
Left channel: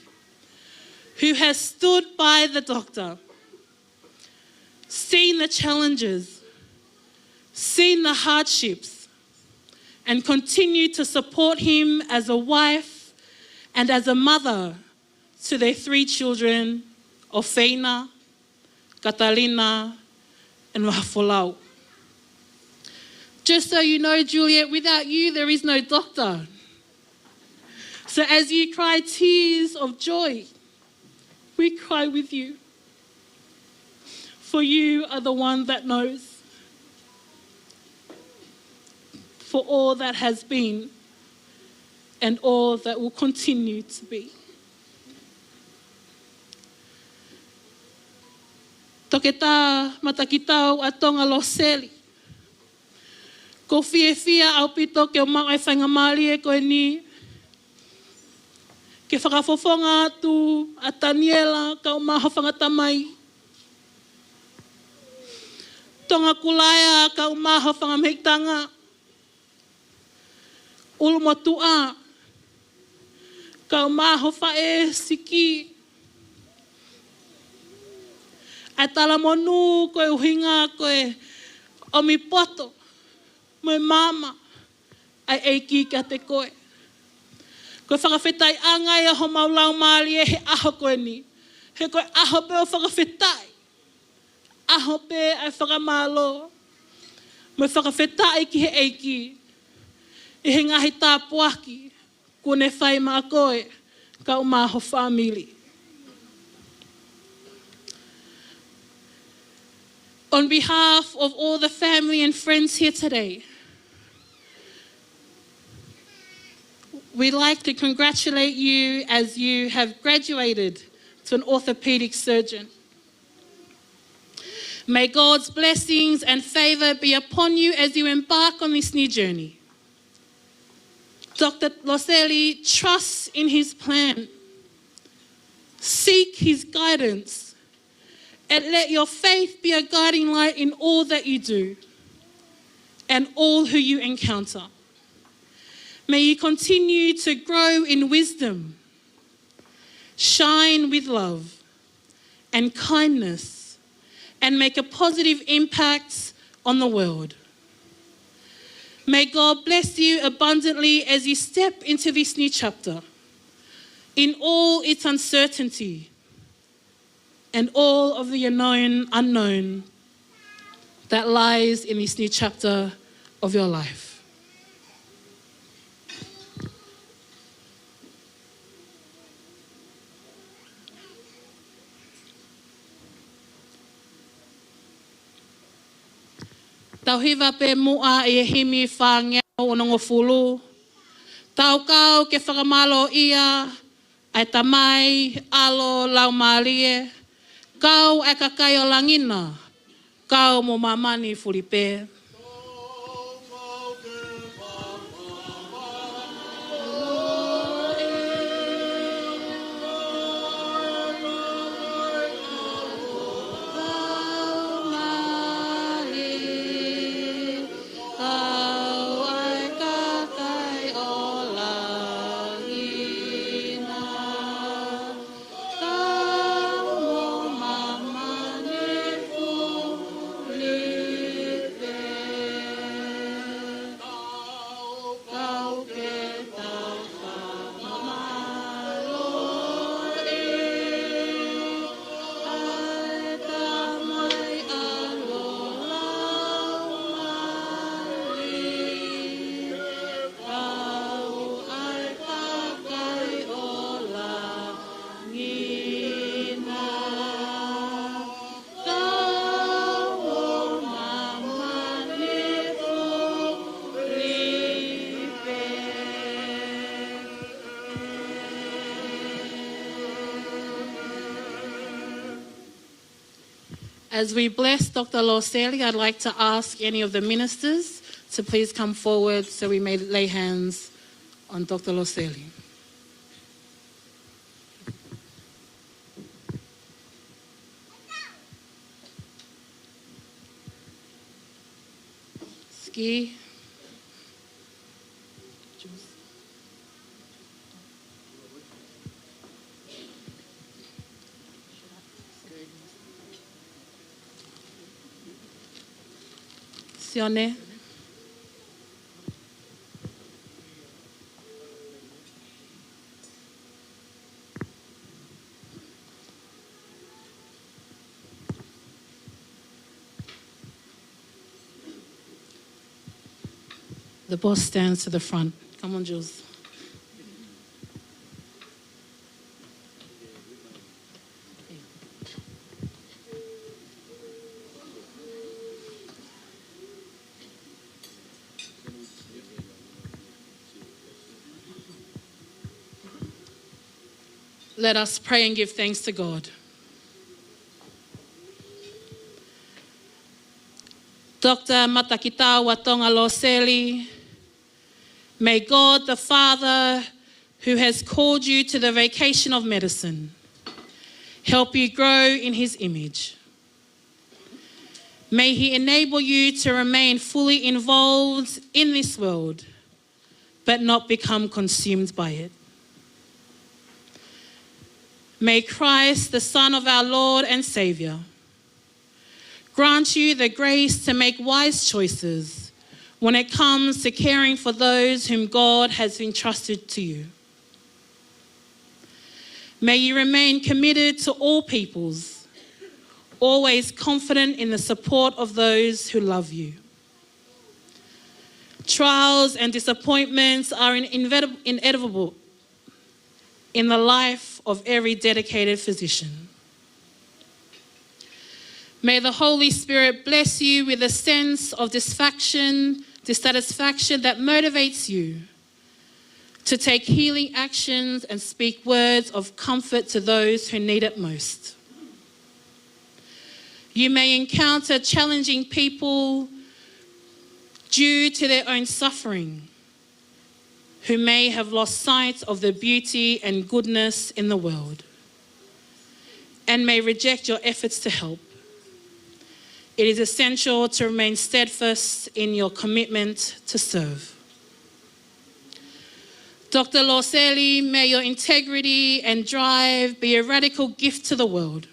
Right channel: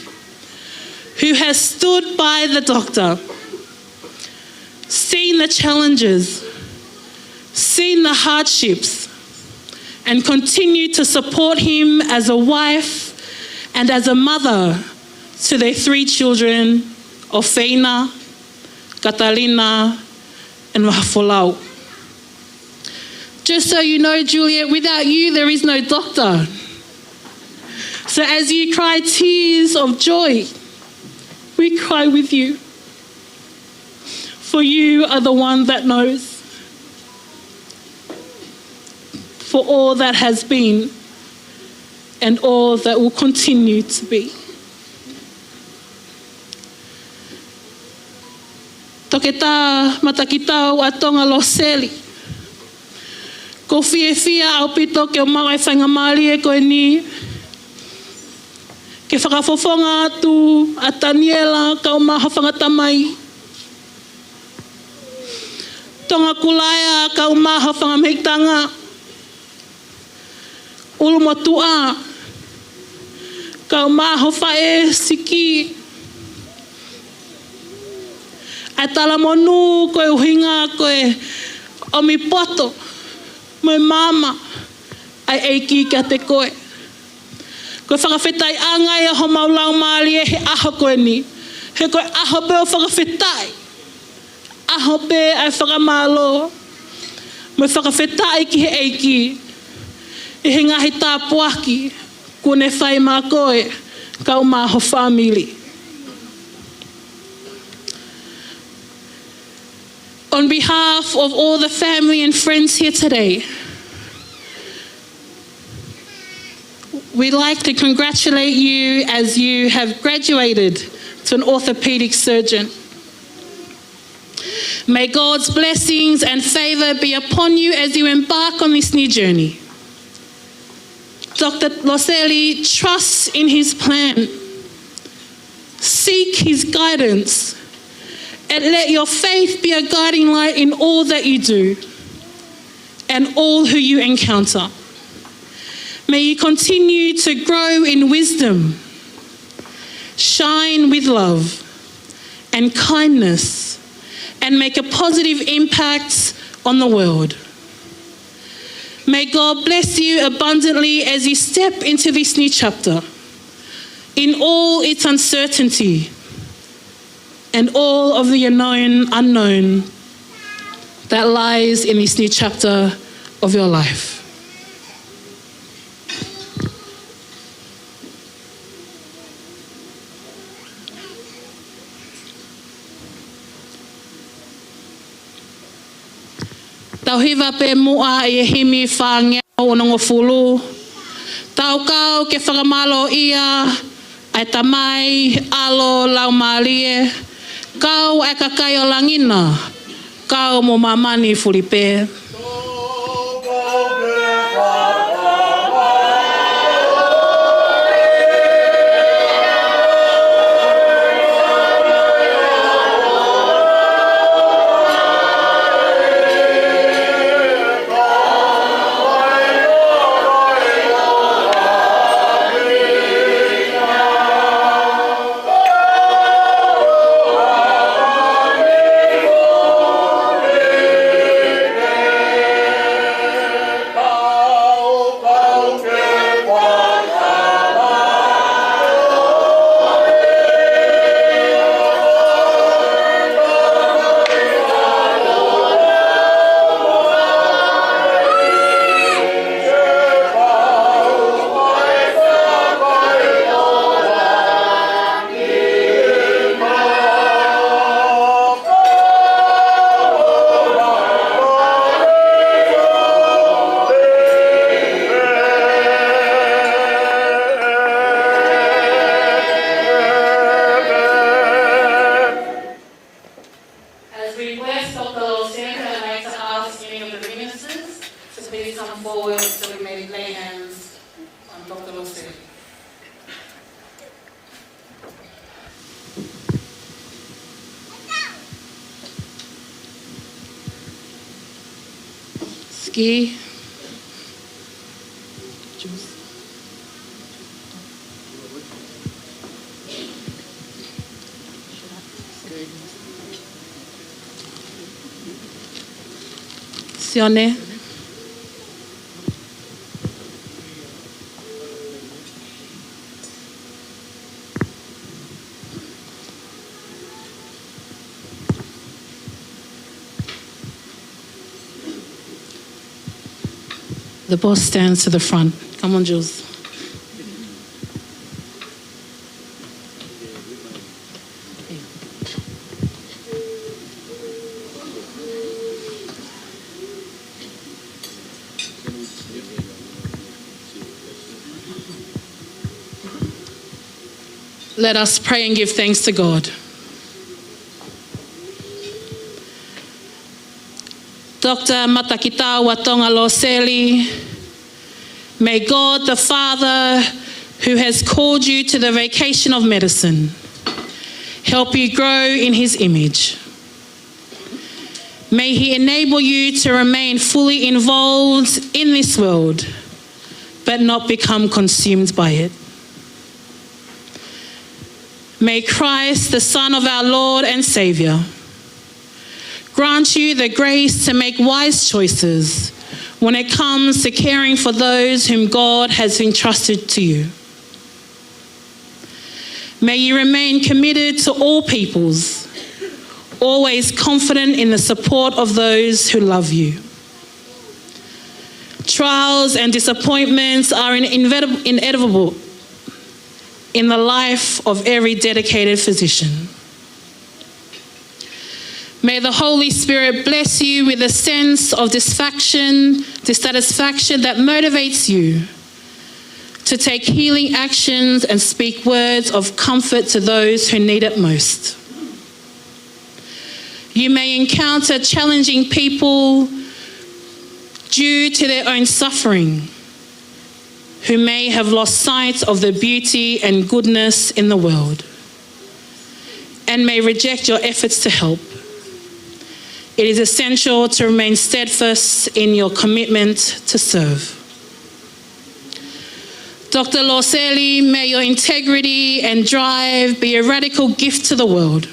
who has stood by the doctor, seen the challenges, seen the hardships, and continued to support him as a wife and as a mother to their 3 children, Ofeina, Catalina, and Mahafolau. Just so you know, Juliet, without you, there is no doctor. So as you cry tears of joy, we cry with you. For you are the one that knows. For all that has been and all that will continue to be. Toke tā Matakitau a Tonga Loseli. Ko fia au pito ke o mau e whainga maari e koe ni. Ke whakafofonga atu a Daniela ka o maha whangatamai. Tonga Kulaya ka o maha whangameitanga. Ulu motua ka o maha whae siki. A tala monu koe uhinga koe o mi poto. Moi mama ai eiki kia te koe. Koe whakawhetai angai a ho maulau maali e he aho koe ni. He koe aho pe o whakawhetai. Aho pe ai whakamalo. Moi whakawhetai ki he eiki. I he ngahi tā puaki. Kune whai mā koe. Kau mā ho whamili. On behalf of all the family and friends here today, we'd like to congratulate you as you have graduated to an orthopaedic surgeon. May God's blessings and favour be upon you as you embark on this new journey. Dr. Loseli trusts in his plan. Seek his guidance. And let your faith be a guiding light in all that you do and all who you encounter. May you continue to grow in wisdom, shine with love and kindness, and make a positive impact on the world. May God bless you abundantly as you step into this new chapter in all its uncertainty and all of the unknown that lies in this new chapter of your life. Tauhiwa pe mua I himi whangea o nongo fulu. Tau kau ke whakamalo ia ai tamai alo lau malie. Kau e kakai o langina, kau mo mamani furipe. As we bless Dr. Loseli, I'd like to ask any of the ministers to please come forward so we may lay hands on Dr. Loseli. Ski. Sione. The boss stands to the front. Come on, Jules. Let us pray and give thanks to God. Dr. Matakitau wa Tonga Loseli, may God the Father, who has called you to the vocation of medicine, help you grow in his image. May he enable you to remain fully involved in this world, but not become consumed by it. May Christ, the Son of our Lord and Saviour, grant you the grace to make wise choices when it comes to caring for those whom God has entrusted to you. May you remain committed to all peoples, always confident in the support of those who love you. Trials and disappointments are inevitable in the life of every dedicated physician. May the Holy Spirit bless you with a sense of dissatisfaction that motivates you to take healing actions and speak words of comfort to those who need it most. You may encounter challenging people due to their own suffering, who may have lost sight of the beauty and goodness in the world, and may reject your efforts to help. It is essential to remain steadfast in your commitment to serve. Dr. Loseli, may your integrity and drive be a radical gift to the world,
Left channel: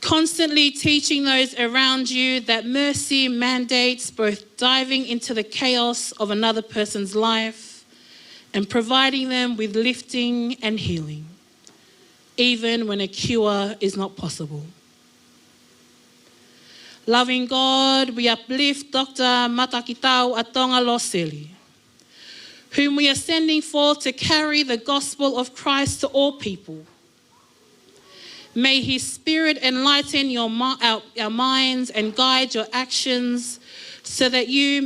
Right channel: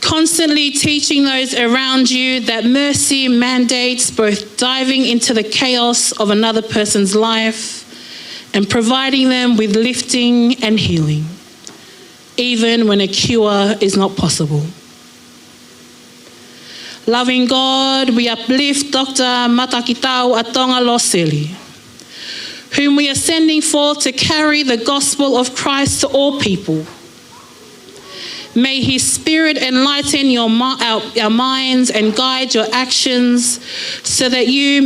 constantly teaching those around you that mercy mandates both diving into the chaos of another person's life and providing them with lifting and healing, even when a cure is not possible. Loving God, we uplift Dr. Matakitau Atonga Loseli, whom we are sending forth to carry the gospel of Christ to all people. May his spirit enlighten our minds and guide your actions so that we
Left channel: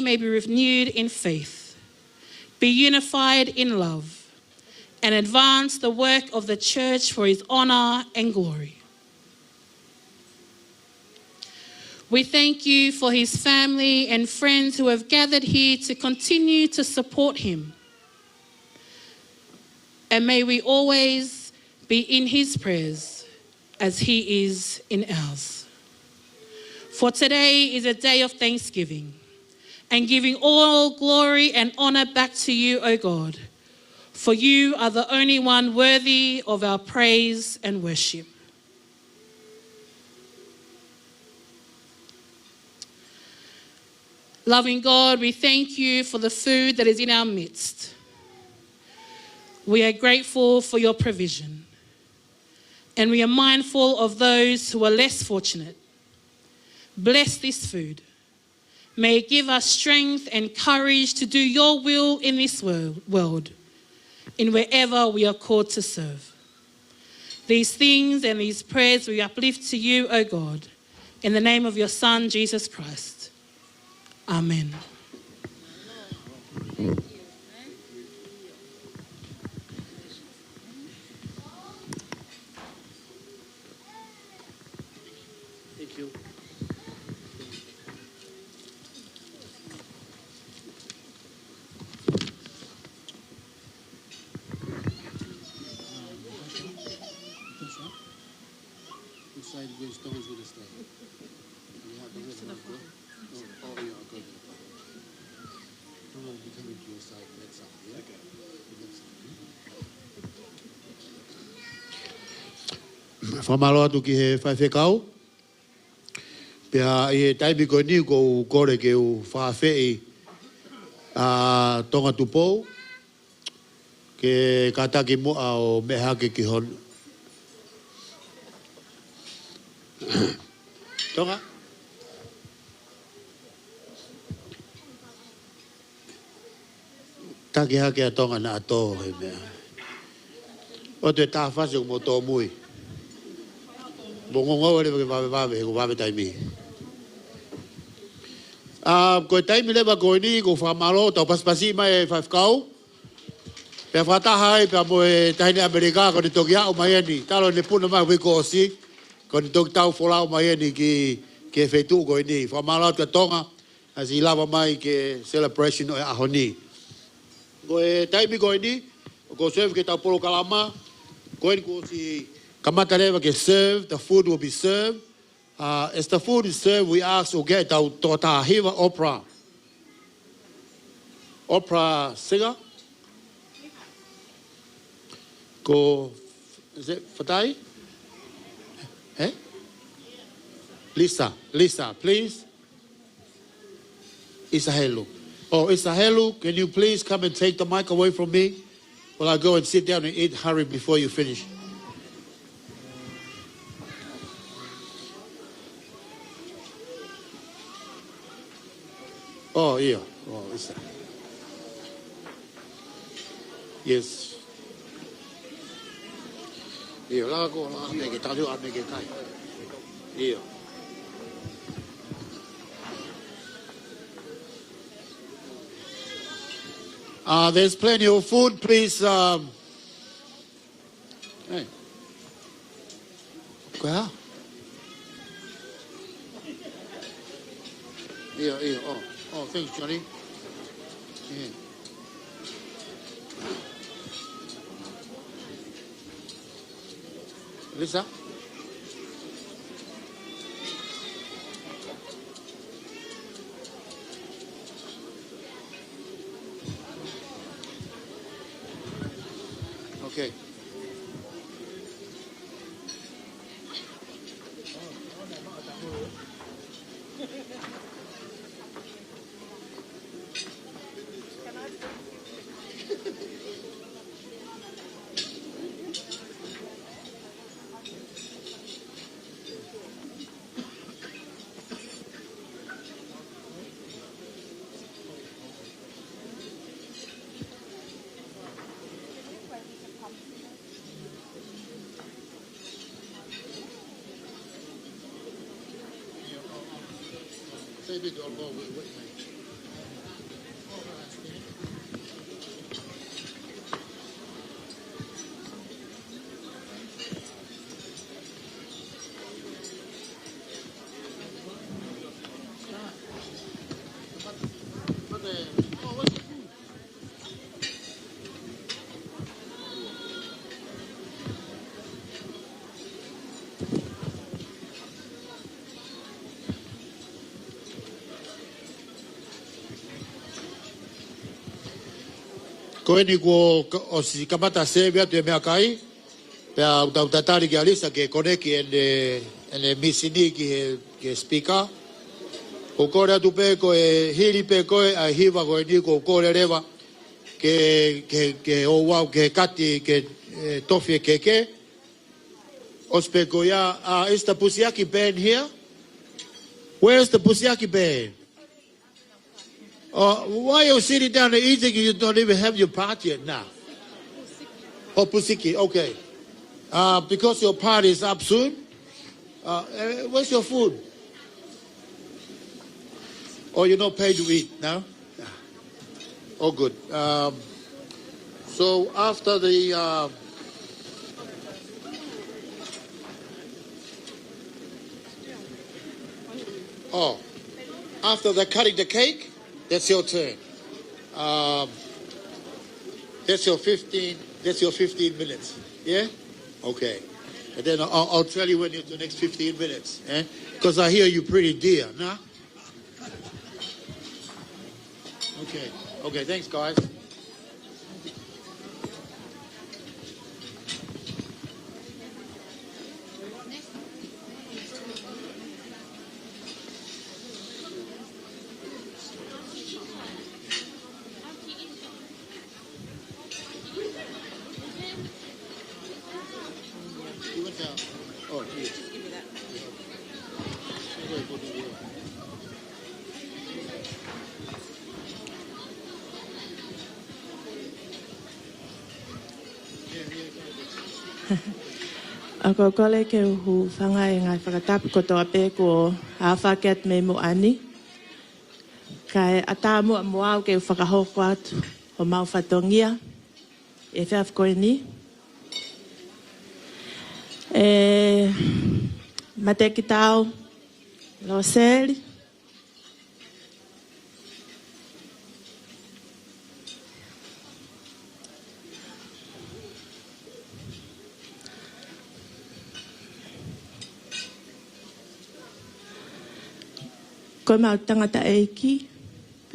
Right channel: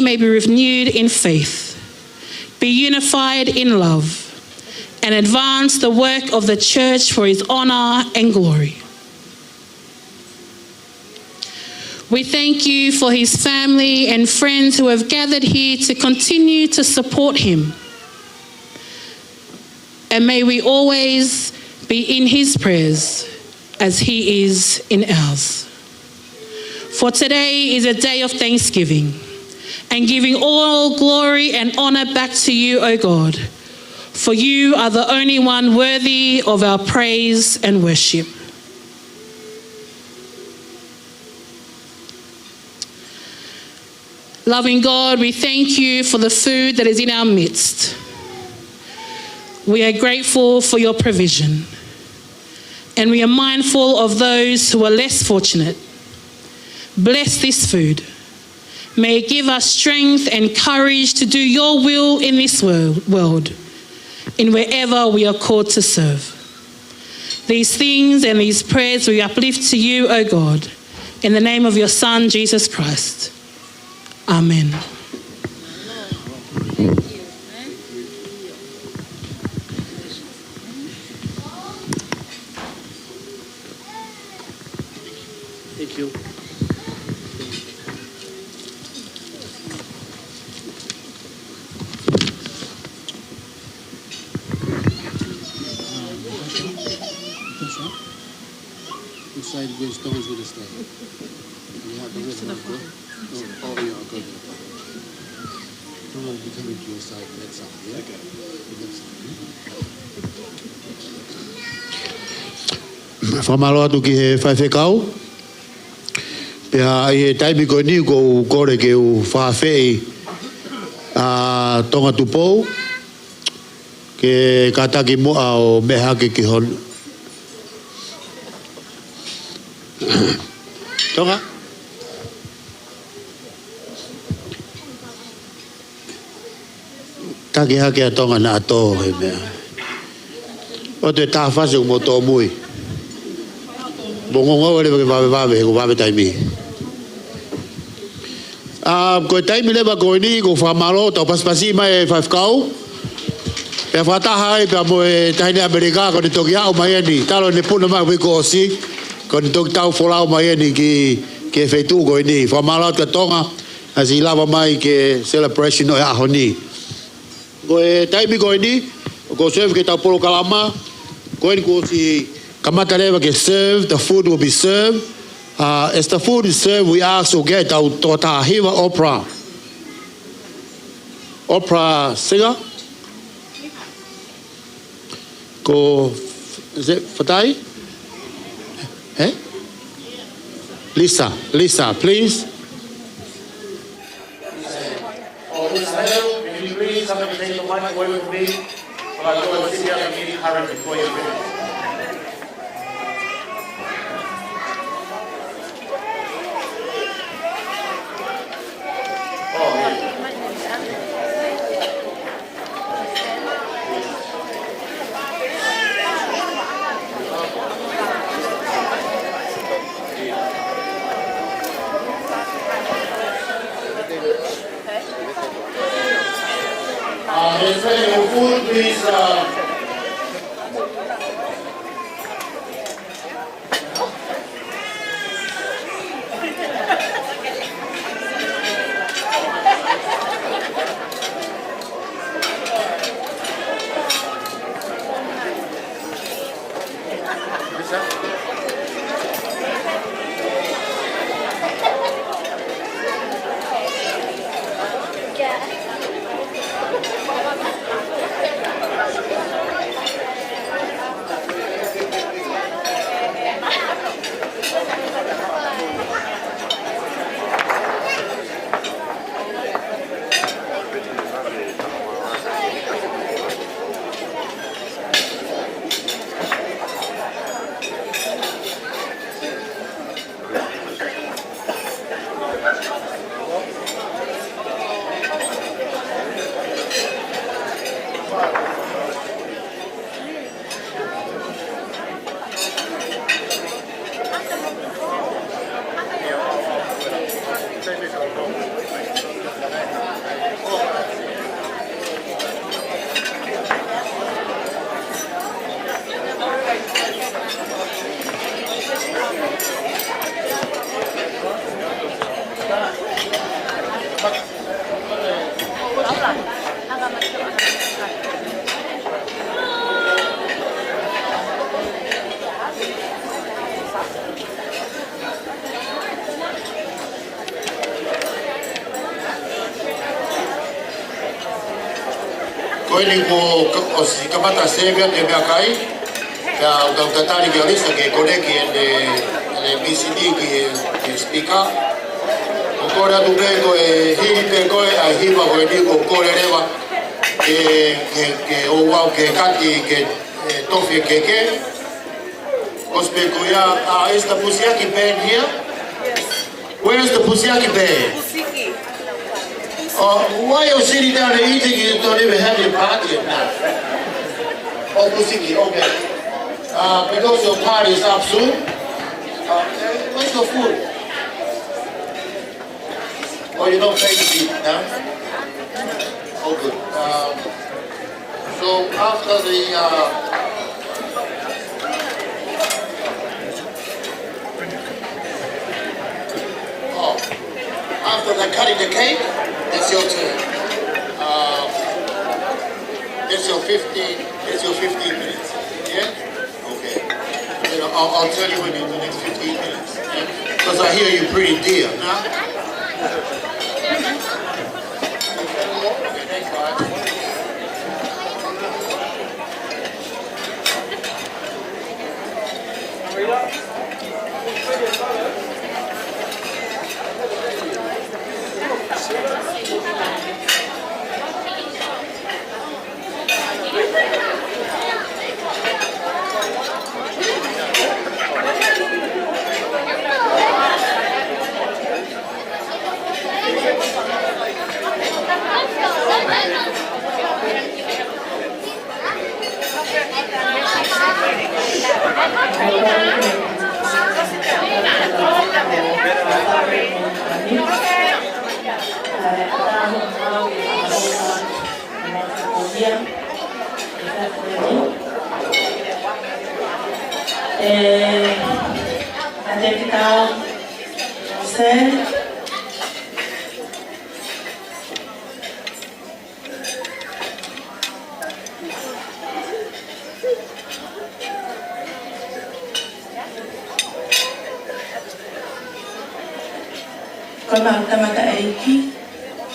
may be renewed in faith, be unified in love, and advance the work of the church for his honor and glory. We thank you for his family and friends who have gathered here to continue to support him. And may we always be in his prayers as he is in ours. For today is a day of thanksgiving and giving all glory and honor back to you, O God, for you are the only one worthy of our praise and worship. Loving God, we thank you for the food that is in our midst. We are grateful for your provision, and we are mindful of those who are less fortunate. Bless this food. May it give us strength and courage to do your will in this world, in wherever we are called to serve. These things and these prayers we uplift to you, O God, in the name of your Son, Jesus Christ. Amen. Thank you. Which side of those stones will it stay? You have the river. Oh, yeah, okay. Don't be coming to your side, that side, yeah? Okay. Whamaloa tu ki he whaiwhekau. Pea e taimi ko ni ko kore ke u whawhei a tonga tupou ke kataki mua o mehake ki hon. Tonga? Taki hake a tonga na ato he mea. O te tāwhase o mo tō mui. Bongongo wale wake wawe he ko wawe taimi. Ko taimi lewa ko ni ko whamaro tau paspasi mai e whawkau. Pea whataha e pea mo e tahine Amerika ko ni toki hao mai eni. Talo ne puna mai wiko osi. Ko ni toki tau wholao mai eni ki e whetu ko ni. Whamaro ka tonga. Asi lava mai ke celebration o e aho ni. Ko e taimi ko ni. Ko serve ke tau polo kalama. Ko ni ko si kamata lewa ke serve. The food will be served. As the food is served, we ask to get our Hiva opera. Opera singer. Go, is it Fatai? Eh? Lisa, please. Isahel. Oh, Isahel, can you please come and take the mic away from me? While I go and sit down and eat, hurry before you finish. Oh, yeah. Yes. There's plenty of food, please. Well. Ko ni ko si kamata sevia te mea kai. Ya ko tatari ki alisa ke koneki ene BCD ki speaker. Ko kore atu kei ko e hini pe koe a hima ko e ni ko kore rewa ke o wau ke kaki ke tofi keke. Ospe ko ya, is the Pusiaki band here? Yes. Where is the Pusiaki band? Why are you sitting down and eating? You don't even have your party yet now. Oh, Pusiki, okay. Because your party is up soon. What's your food? Oh, you don't play to eat now? Oh, good. So after the after the cutting the cake, it's your turn. That's your 15 minutes. Yeah? Okay. Then I'll tell you when in the next 15 minutes. Because I hear you're pretty dear. Huh? Okay, thanks, guys. Matakitau, Loseli. Ko Matamata Eiki,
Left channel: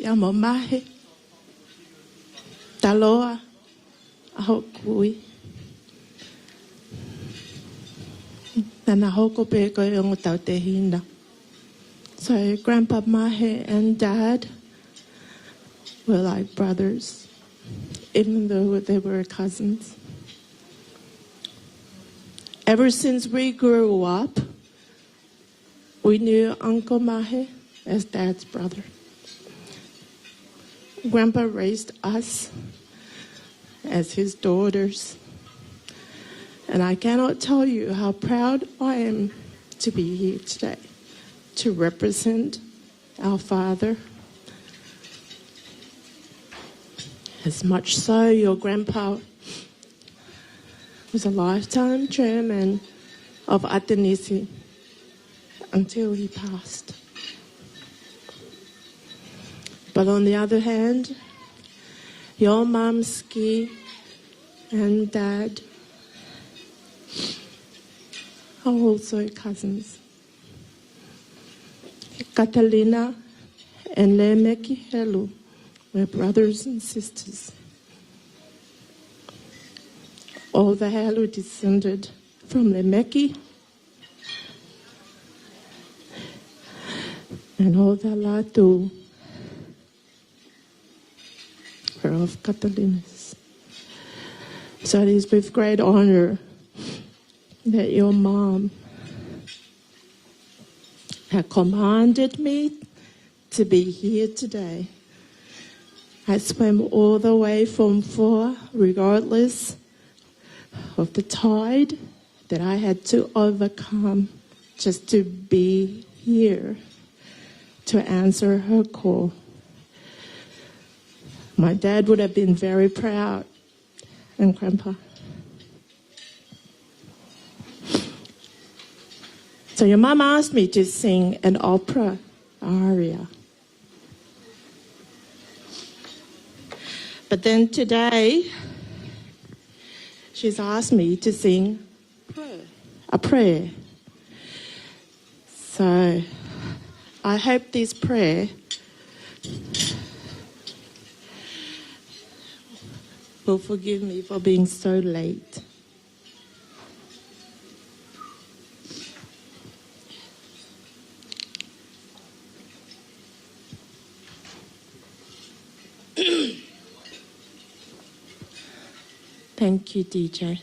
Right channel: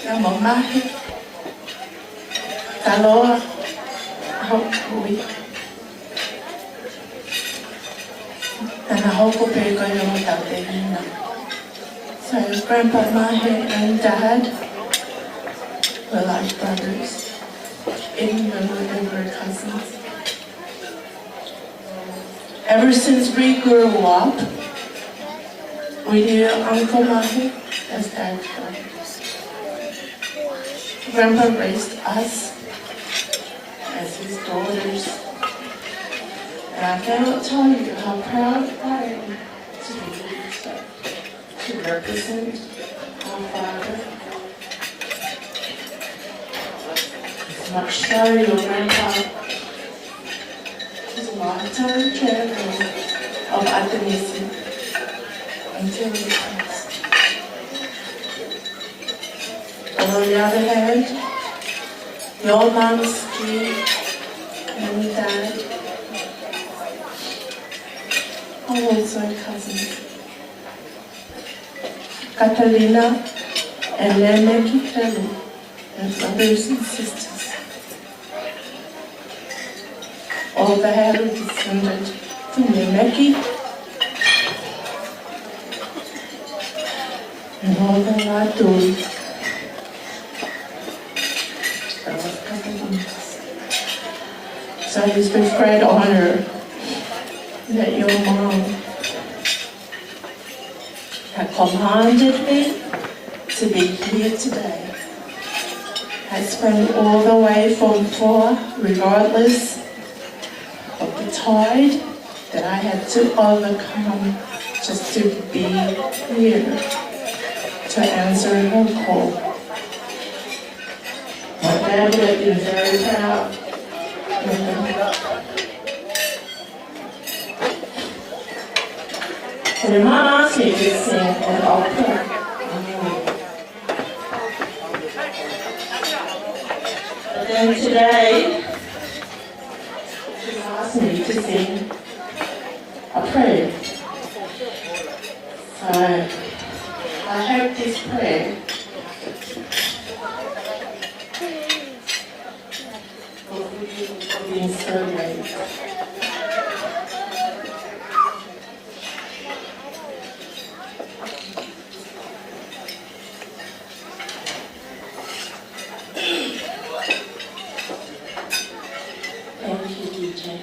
ka Moimoi, Taloa, Hopui. Nana hoko pego yo Riverina. So Grandpa Mahe and Dad were like brothers, even when they were cousins. Ever since we grew up, we knew Uncle Mahe as Dad's brothers. Grandpa raised us as his daughters. And I cannot tell you how proud I am to be here today, to represent our father. As much so, your grandpa was a lifetime chairman of Atanisi until he passed. But on the other hand, your mom's and Dad are also cousins. Catalina and Matakitau, their brothers and sisters. All the hair are descended from Meki, and all the Latu from Catalina. So it's with great honor that your mom had commanded me to be here today. I spent all the way from far, regardless of the tide that I had to overcome just to be here to answer her call. My dad would have been very proud. So the mom asked me to sing an opera. But then today, she's asked me to sing a prayer. So I hope this prayer will forgive me for being so late. Thank you, DJ.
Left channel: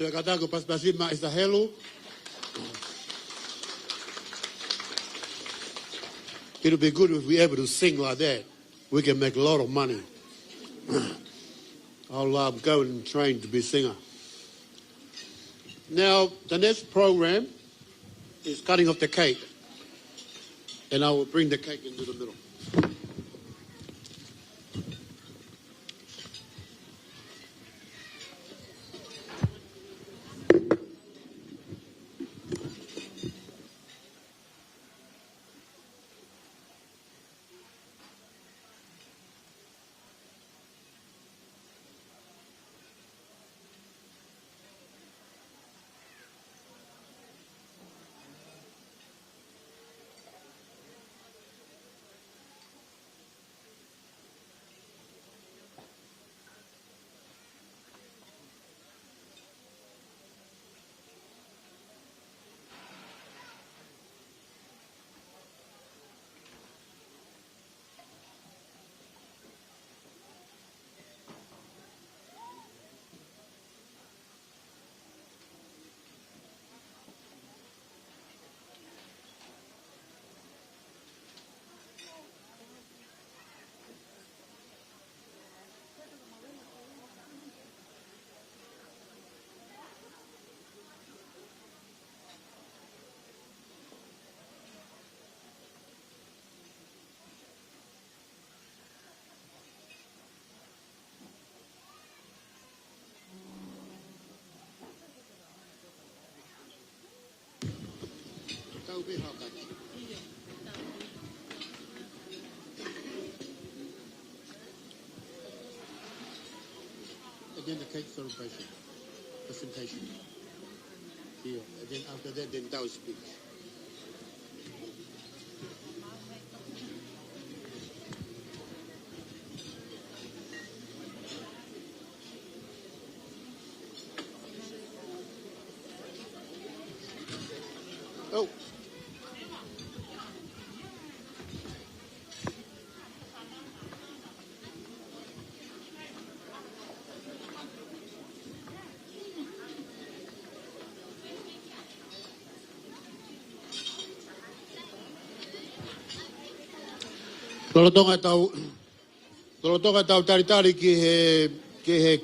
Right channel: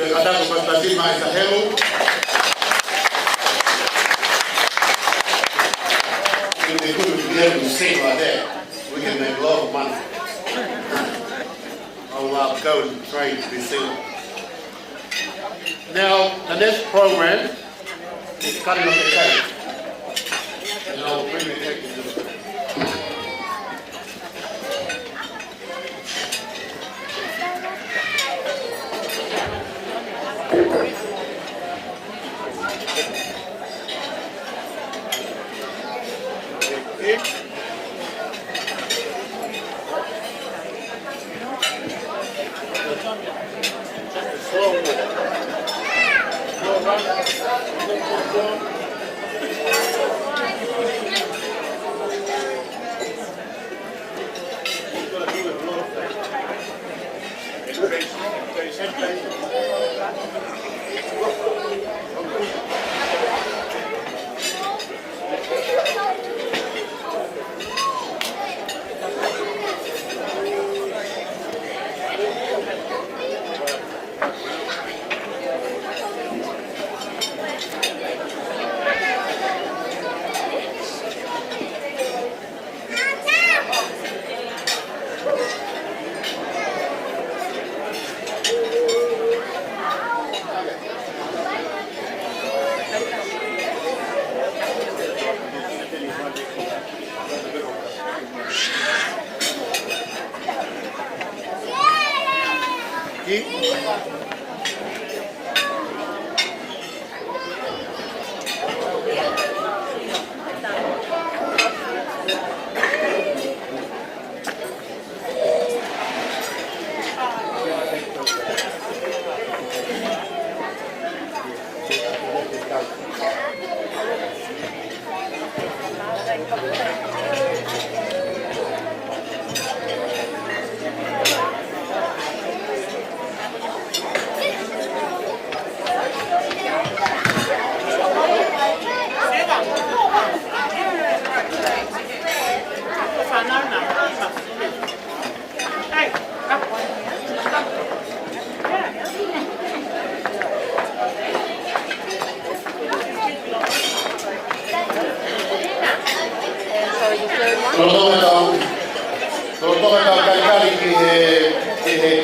Te katako pastatima e Sahelu. If they couldn't be able to sing like that, we can make a lot of money. I'll go and train to be singer. Now, the next program is cutting up the cake. And I will bring the cake into the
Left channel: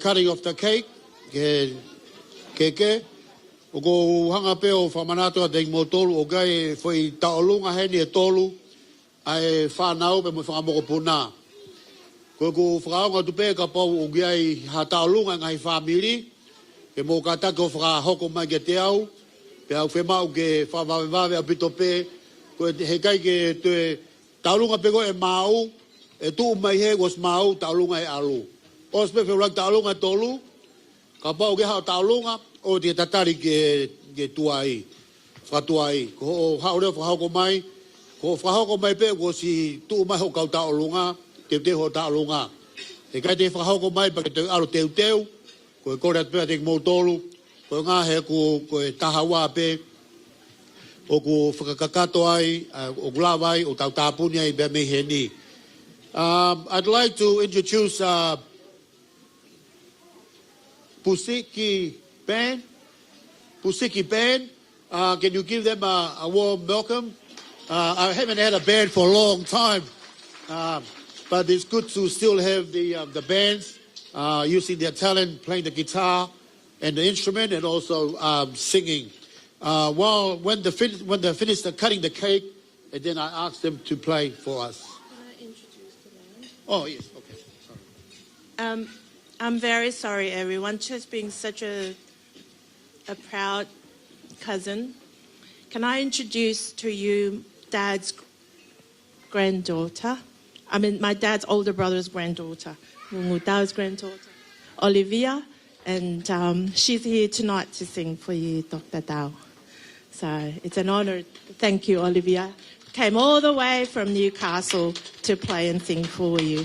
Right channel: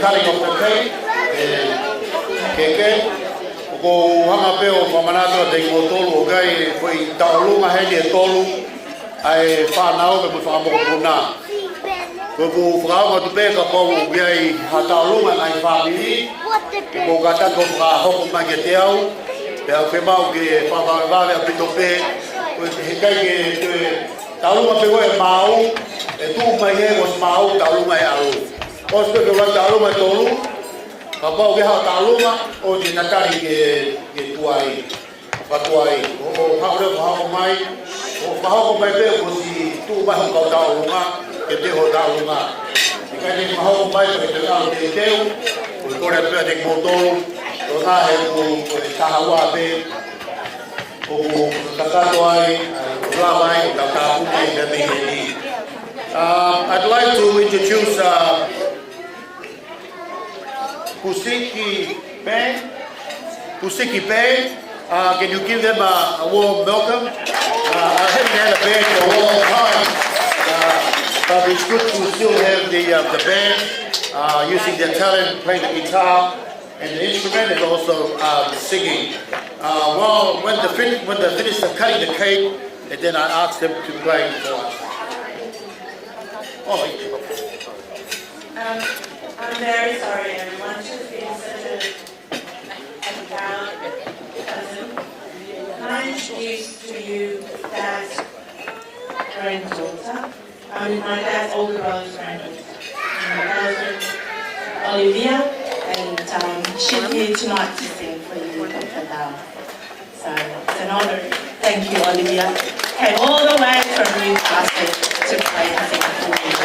cutting of the cake, keke, o hanga peo whamanata te motolu o kai whai taurunga hei e tolu ai whanau ke mo whamoko puna. Ko whakaunga tu pēka pau o biai ha taurunga ngai whamiri, ko katako whakahoko mai ke te au, e au whemau ke whakawawea pito pē, he kai ke te taurunga pe koe mau, e tū mai he mos mau taurunga e aru. Os pe wala taurunga tolu, ka pau ke ha taurunga o te takari ke tuai, whatuai. O haure whahoko mai, o whahoko mai pe ko si tū mai ho kau taurunga, ke te ho taurunga. I kai te whahoko mai ko e te aro te teu, o te kore pēr te motolu, o ngā he ko e tahawa pe, o ko takato ai, o rawai, o takapune i te miheni. I'd like to introduce Pusiki Band. Pusiki Band, can you give them a warm welcome? I haven't had a band for a long time, but it's good to still have the band using their talent, playing the guitar and the instrument, and also singing. When they finish cutting the cake, and then I ask them to play for us. Oh. I'm very sorry, everyone. She's been such a proud cousin. Can I introduce to you Dad's granddaughter? I mean, my dad's older brother's granddaughter. My dad's granddaughter, Olivia, and she's here tonight to sing for you, Dr. Dao. So it's an honor. Thank you, Olivia. Came all the way from Newcastle to play and sing for you.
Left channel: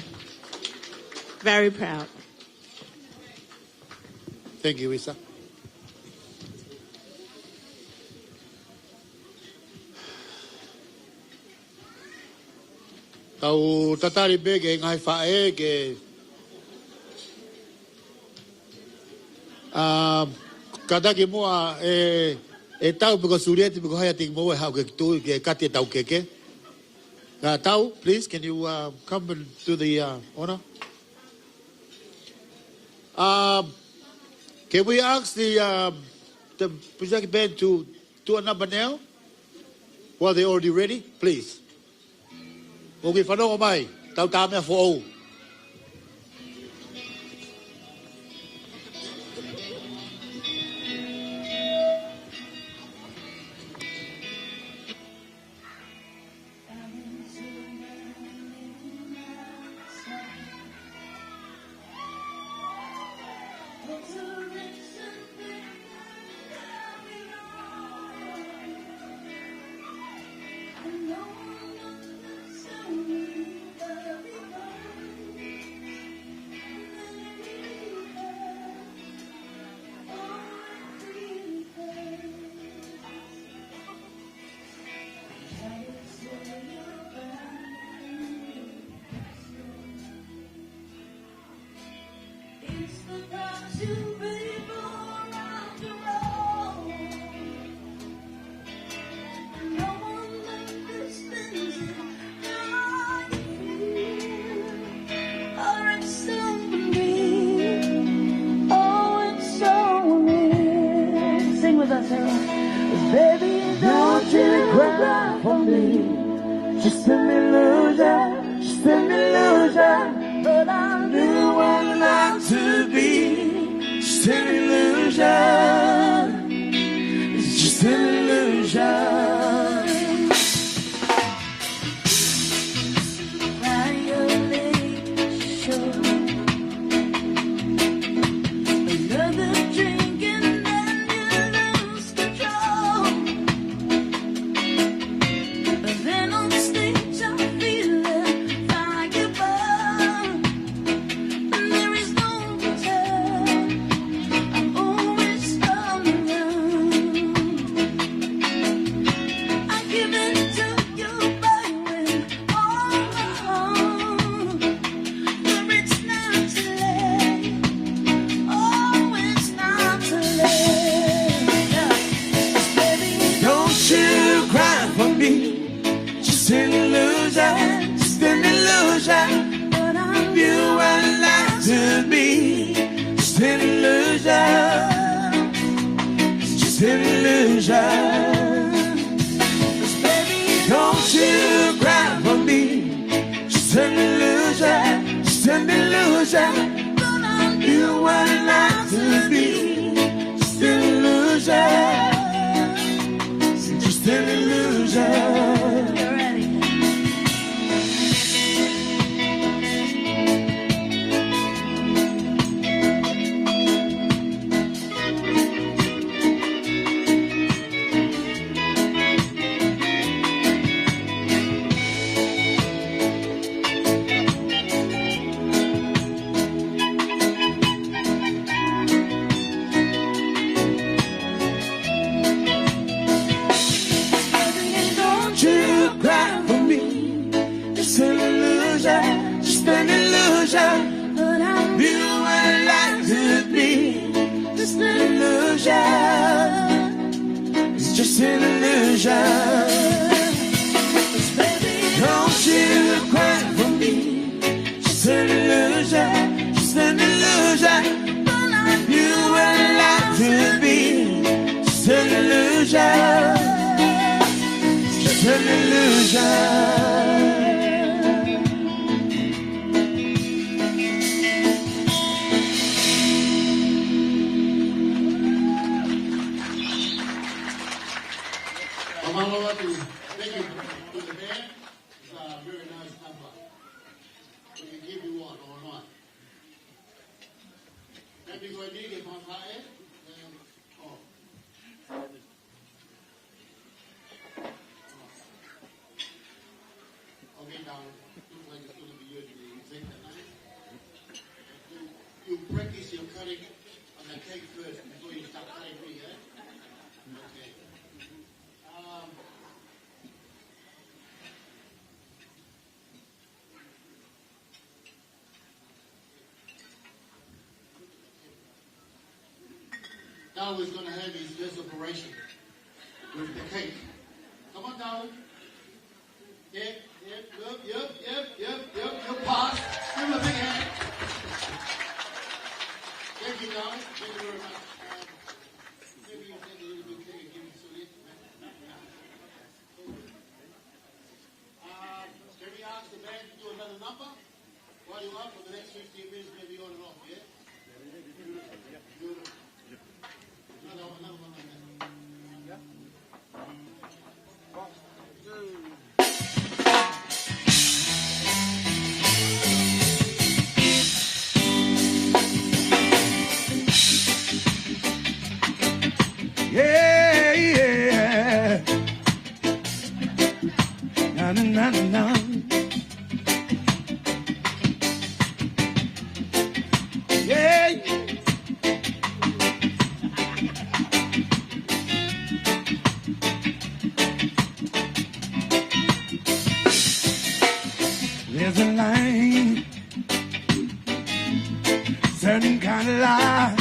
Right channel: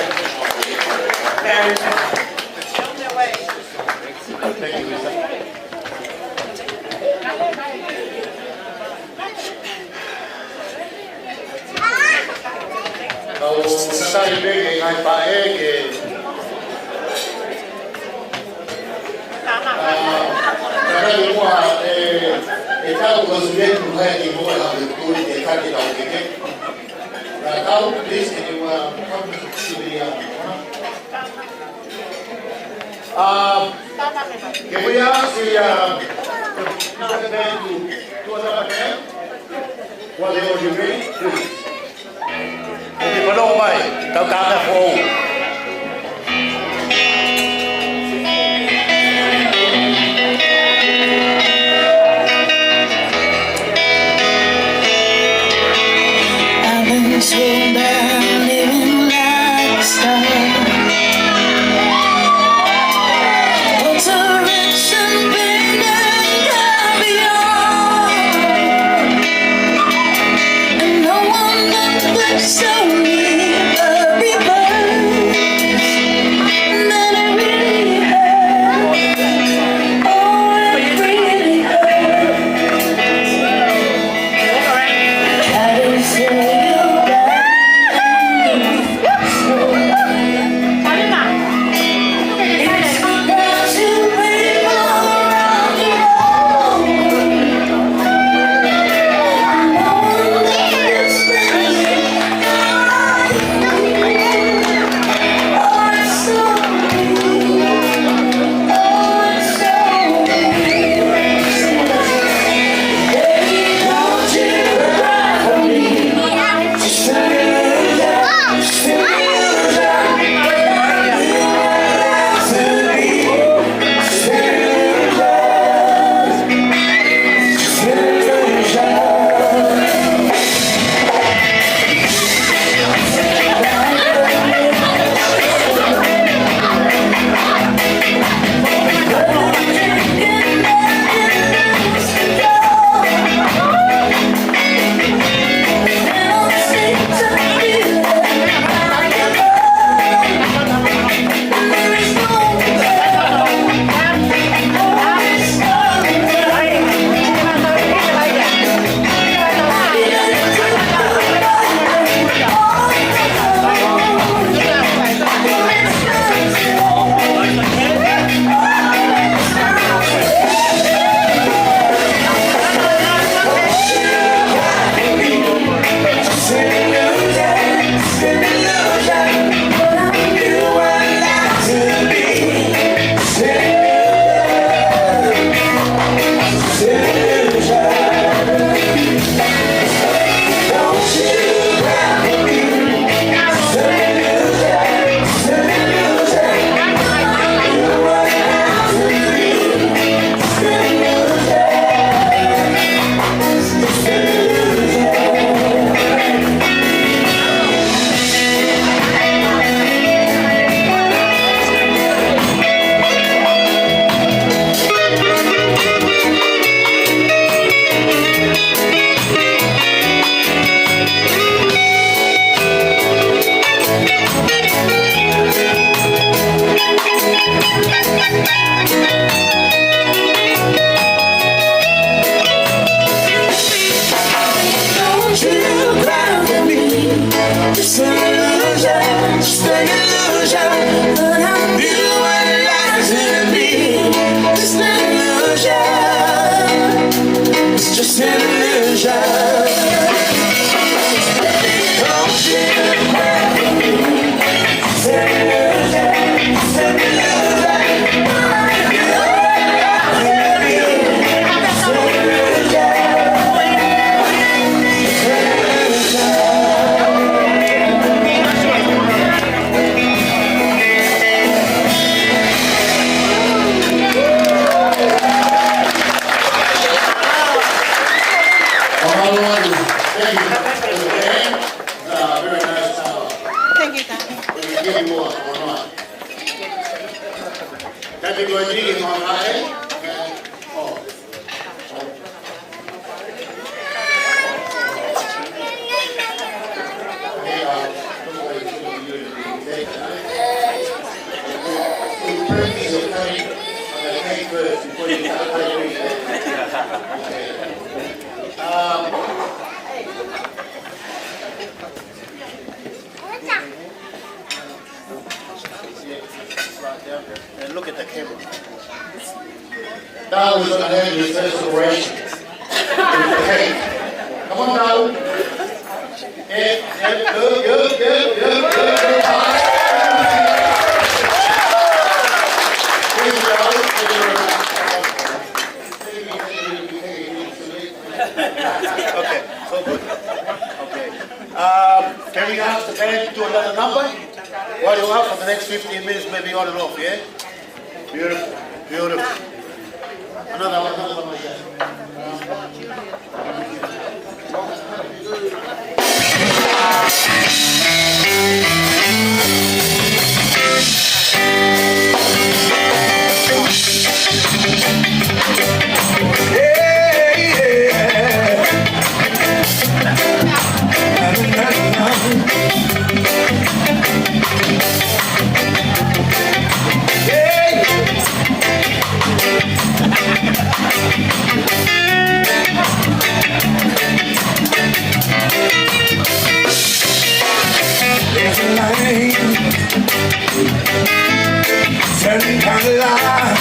Very proud. Thank you, Lisa. Tatay big ngai pae ke Takari mua e tau puka suliai puhaya te moe hawe tui te kate tau keke. Tau, please, can you come to the corner? Can we ask the young band to do another nail? While they're already ready, please. And if I don't mind, tau tāna for Slow down, living like a star. Alteration, pain, and caviar. And no one but show me a reverse. That it really hurts. Oh, it really hurts. Gotta say. And look at the camera. Now we're going to have his first celebration. Okay. Come on now. Okay, so good. Okay. Can we ask the band to do another number? While you're up for the next 15 minutes, maybe on and off, yeah? Beautiful, beautiful. Another one like that. Certain kind of life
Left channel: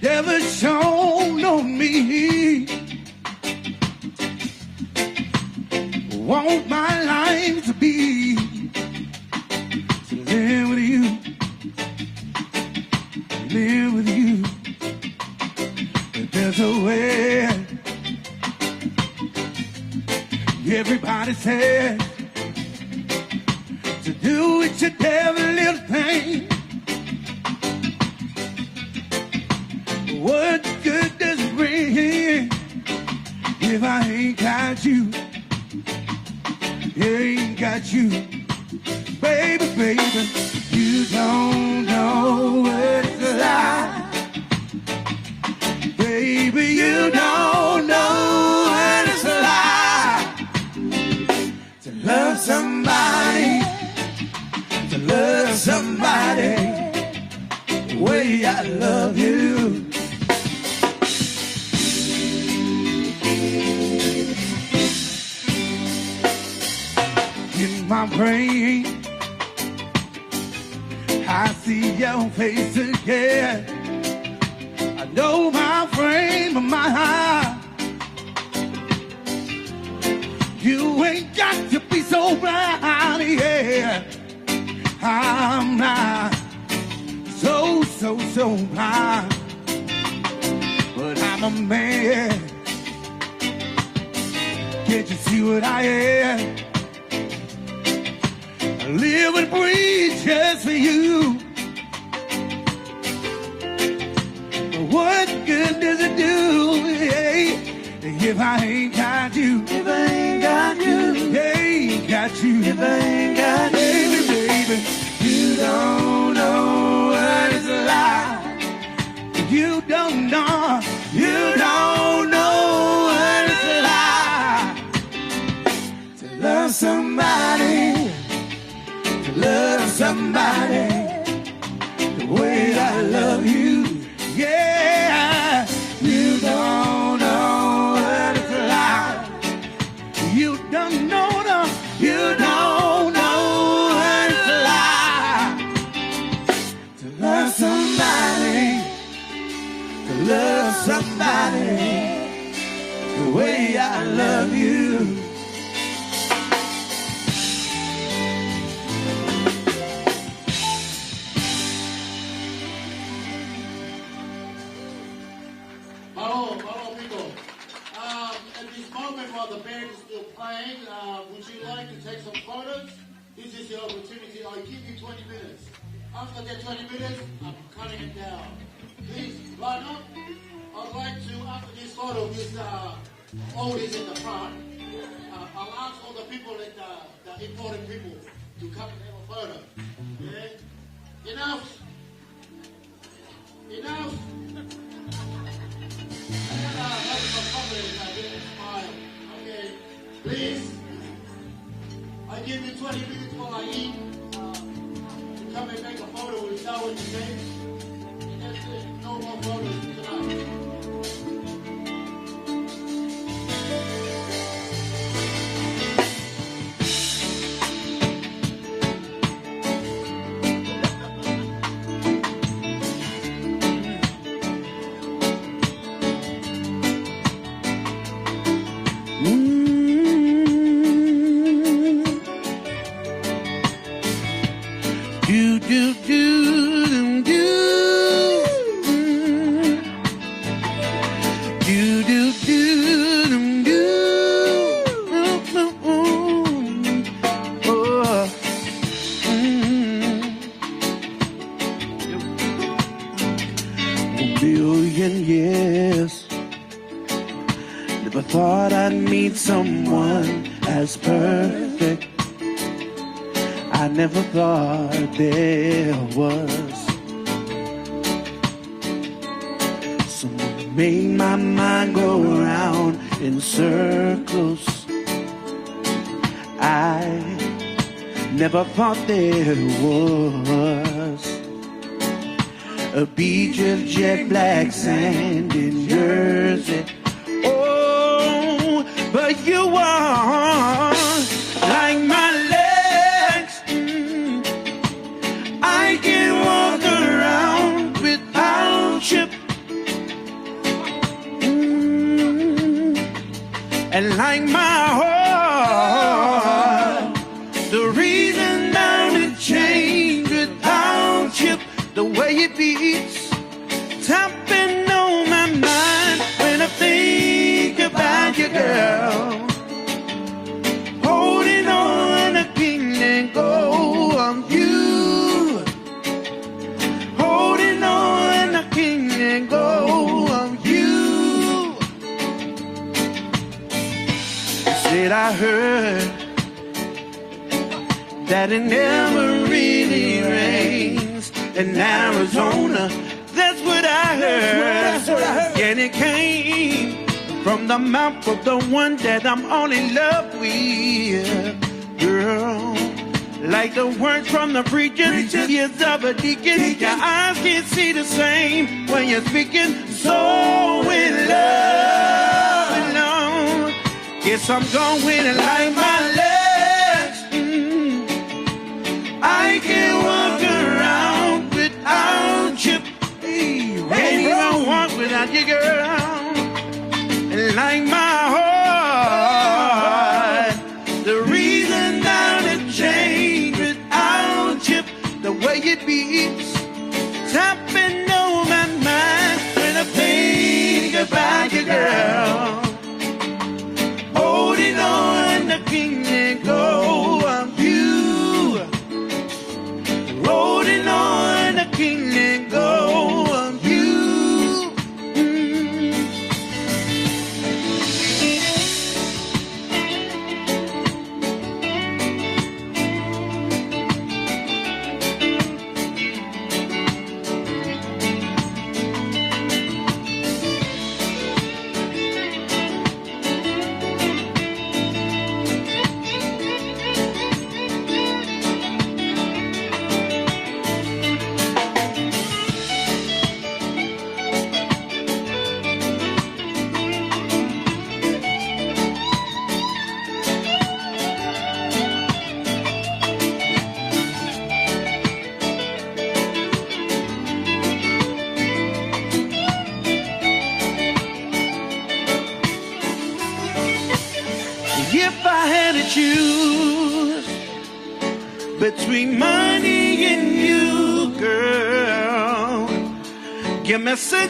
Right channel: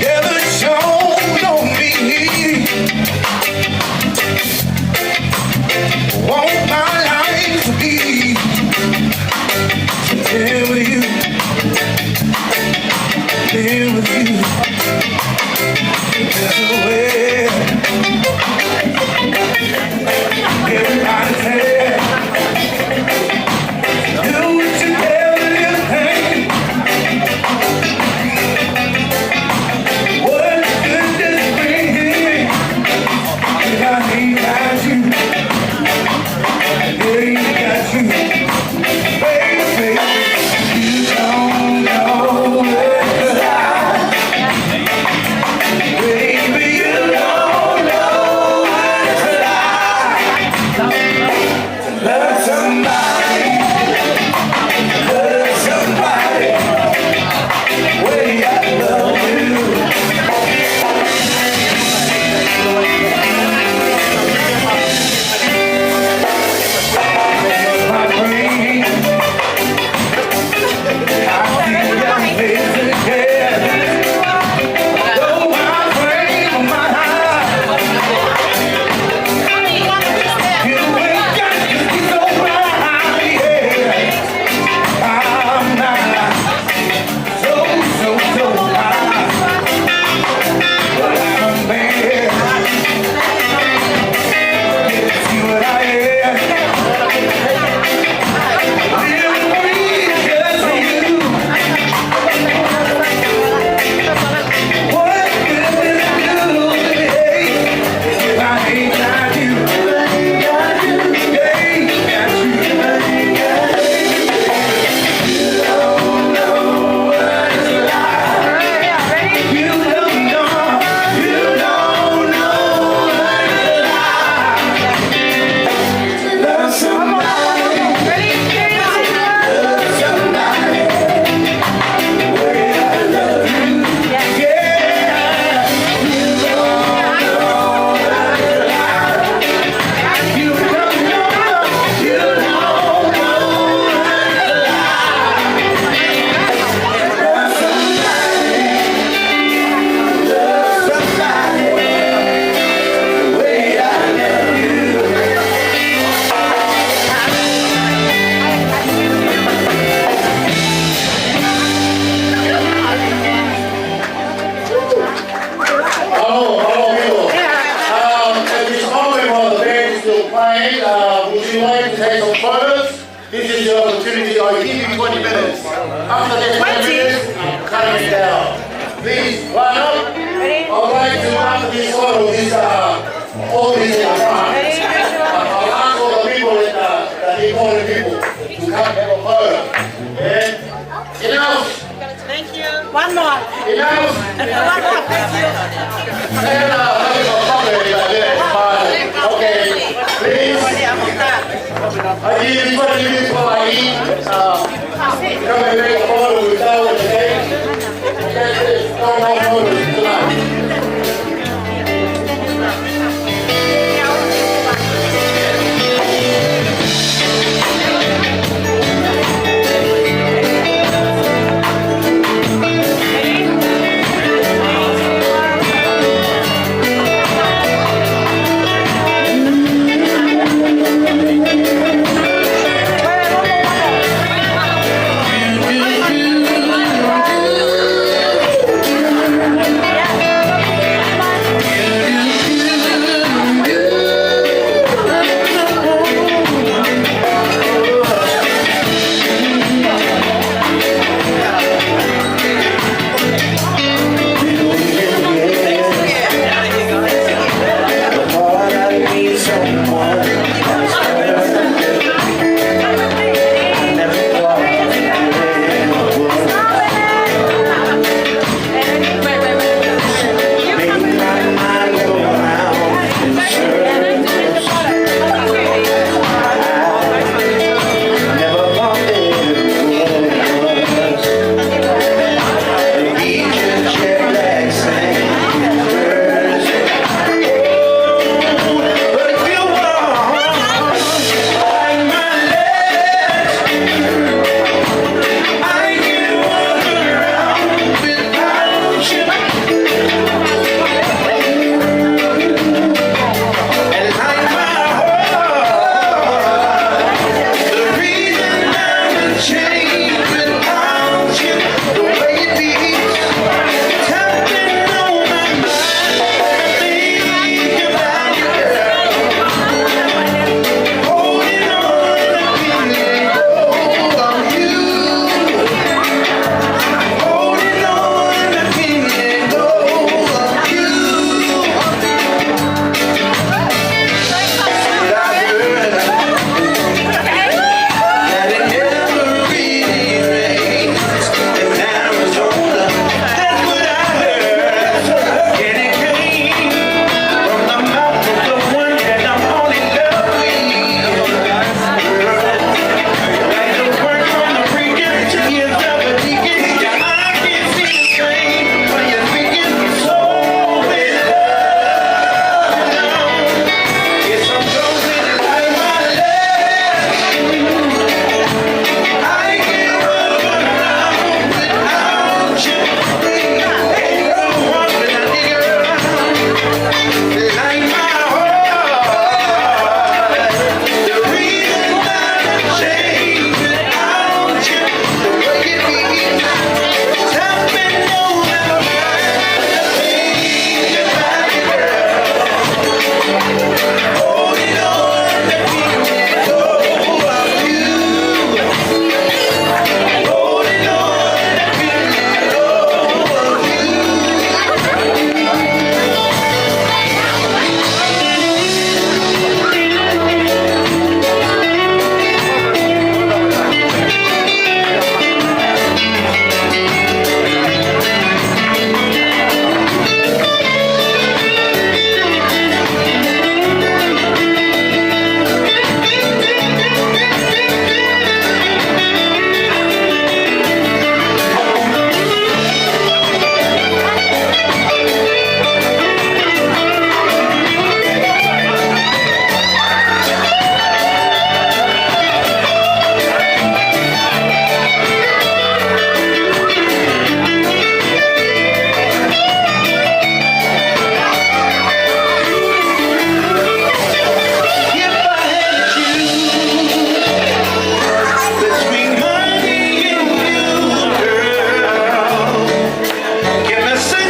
never shone on me. Want my life to be there with you, there with you. There's a way. Everybody said, do what you can.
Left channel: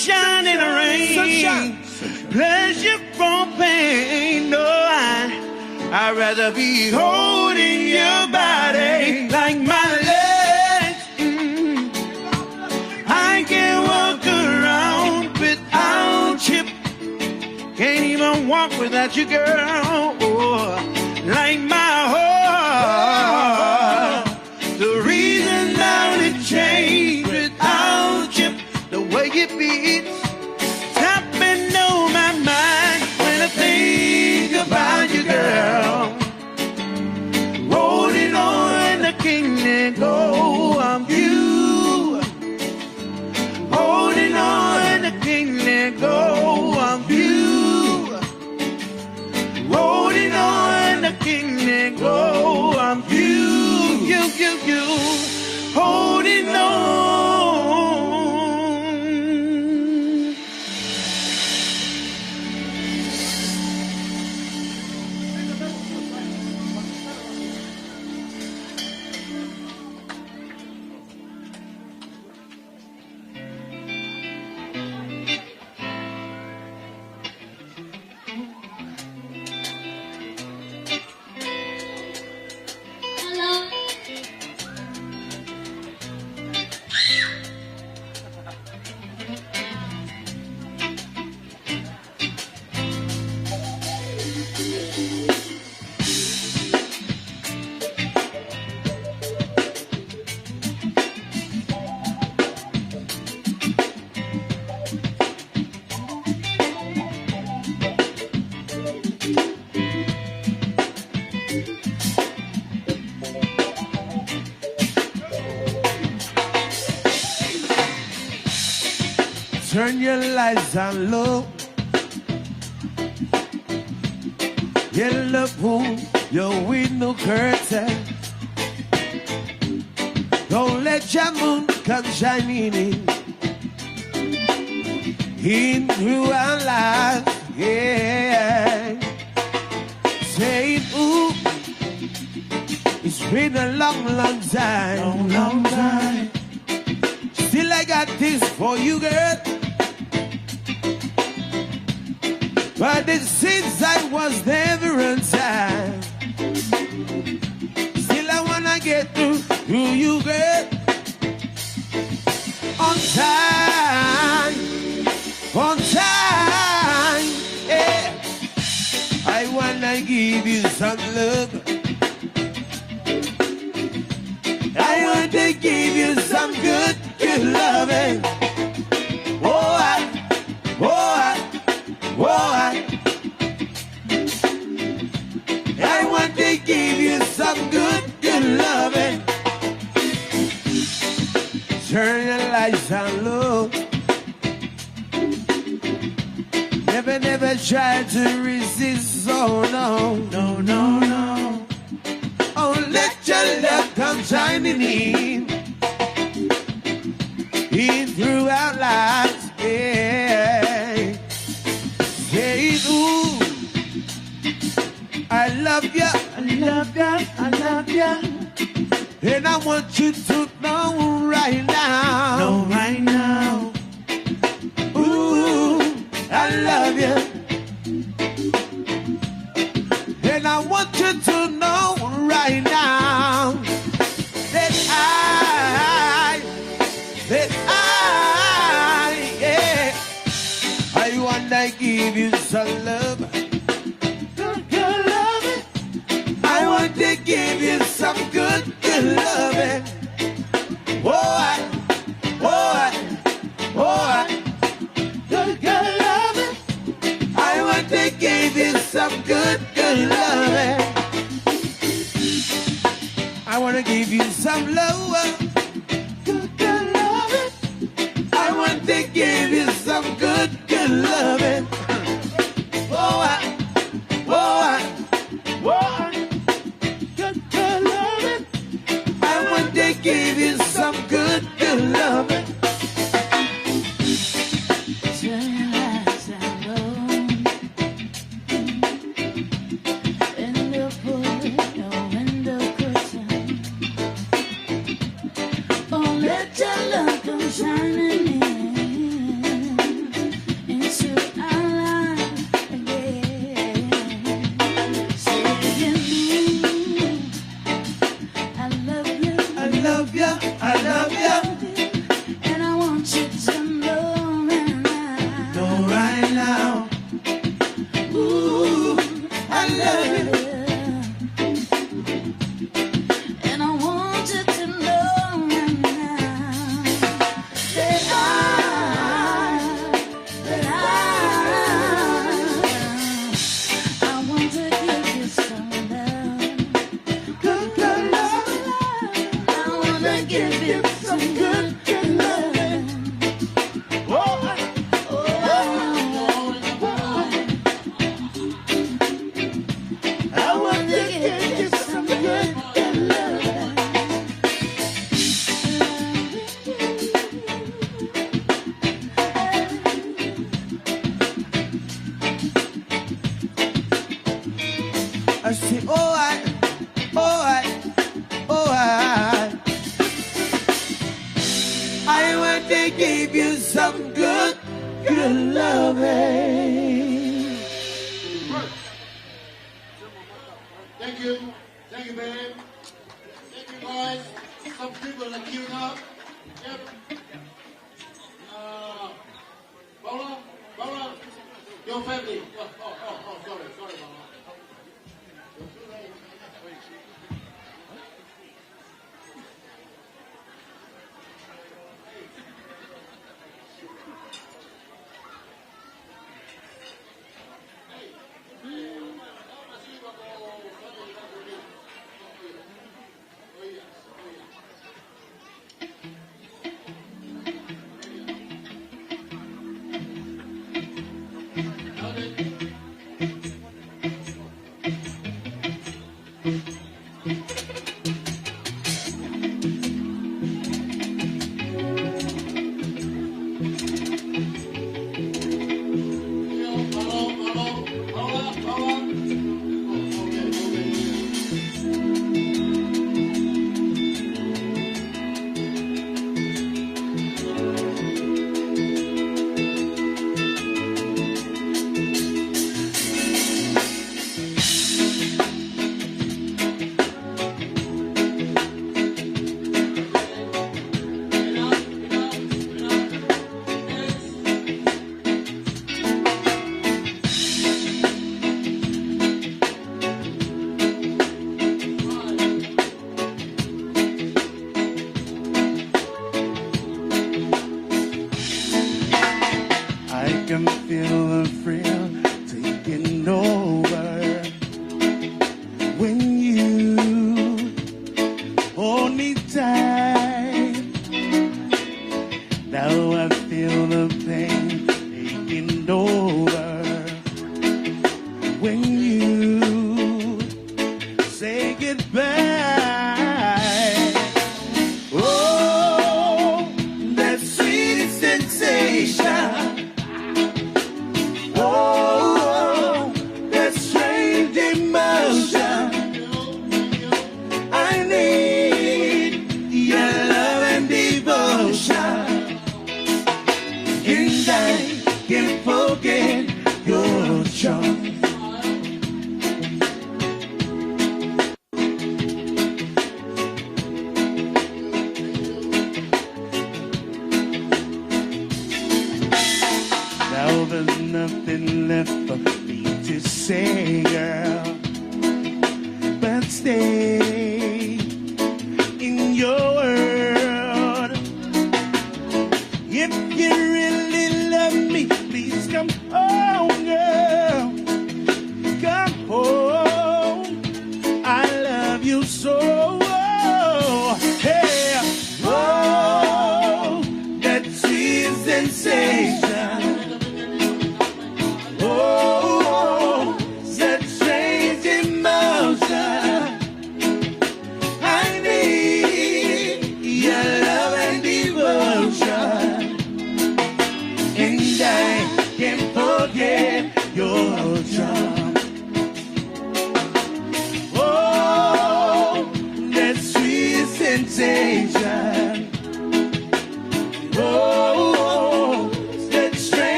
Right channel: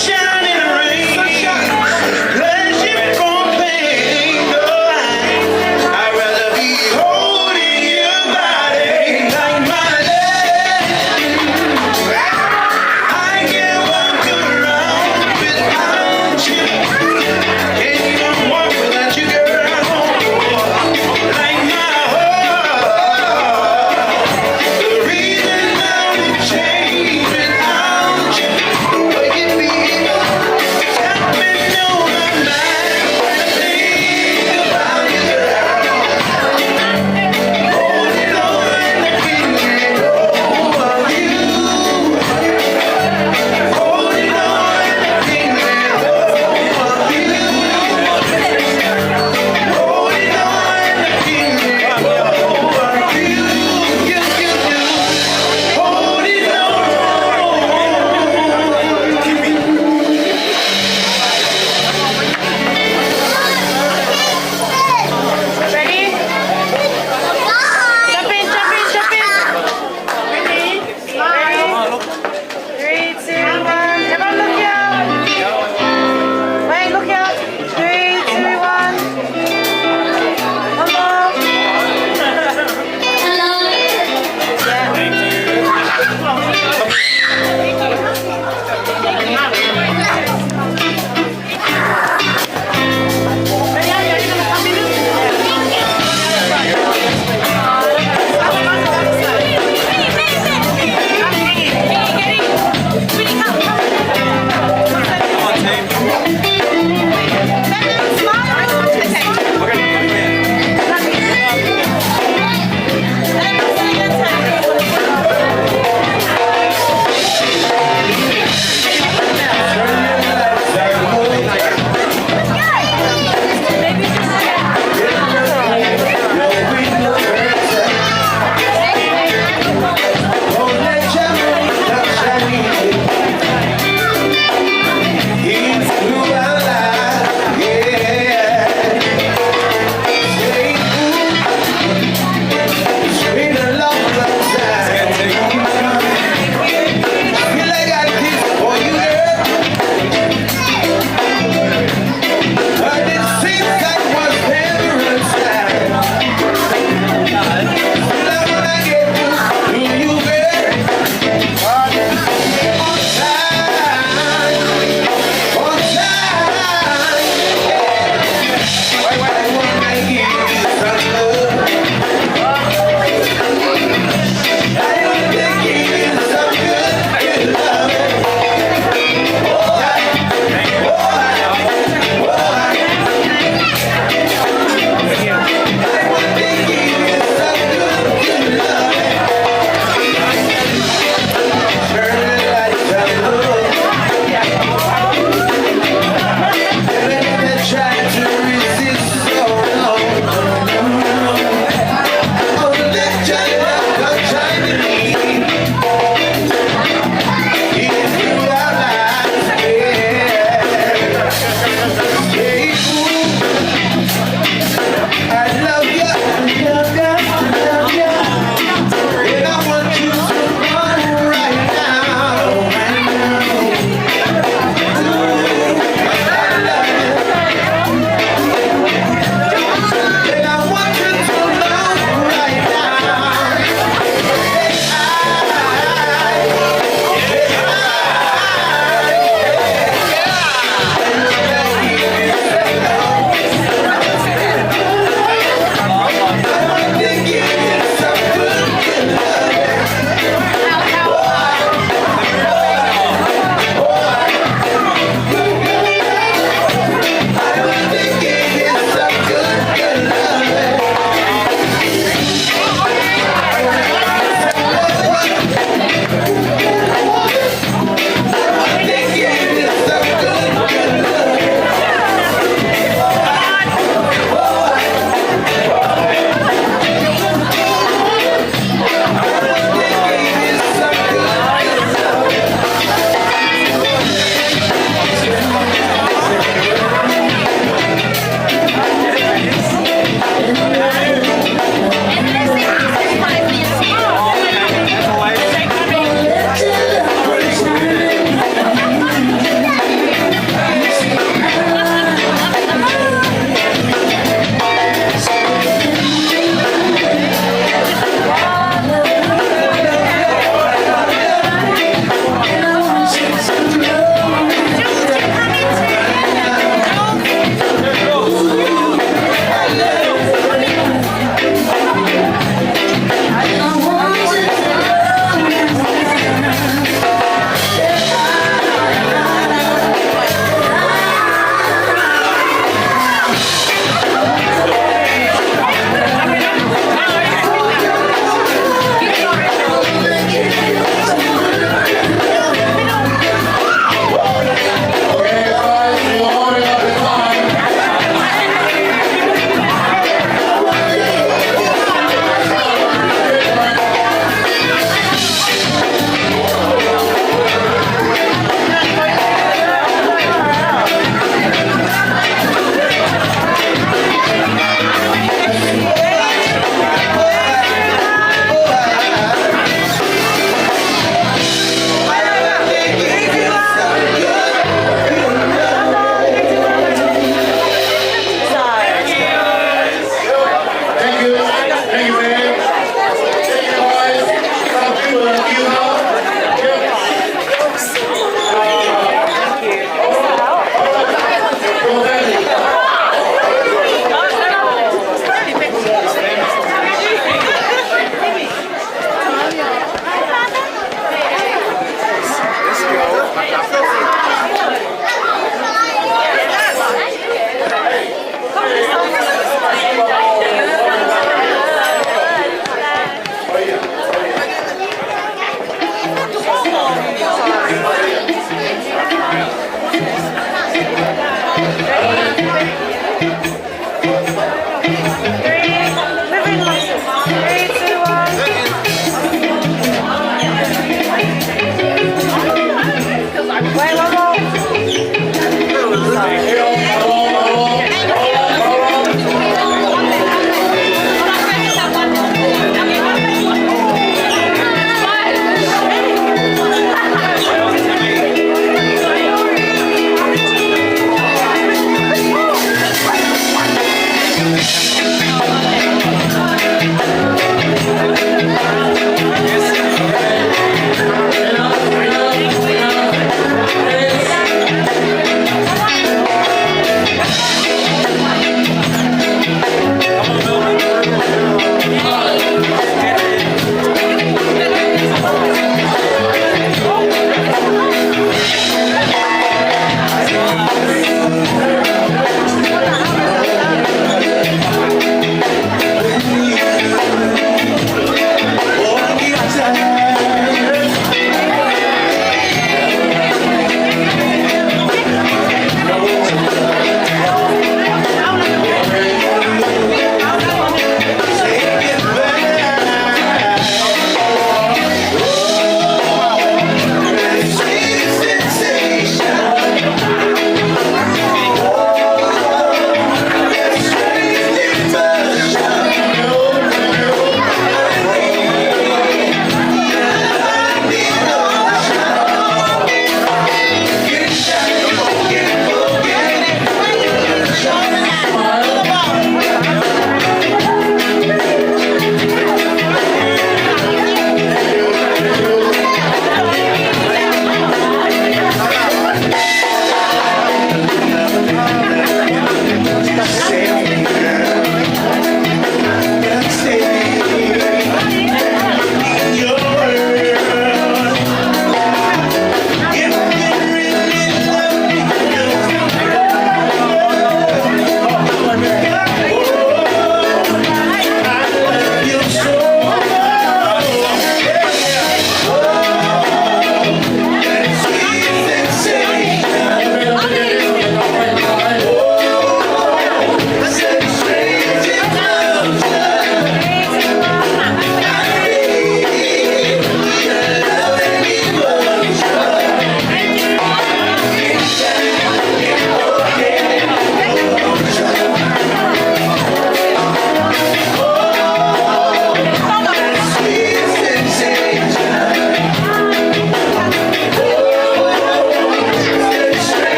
sunshine and rain. Hardship or pain. No, I'd rather be holding your body like my lady. I can't walk around without you. Can't even walk without you, girl. Like my heart. The reason now we change without you. The way you feel.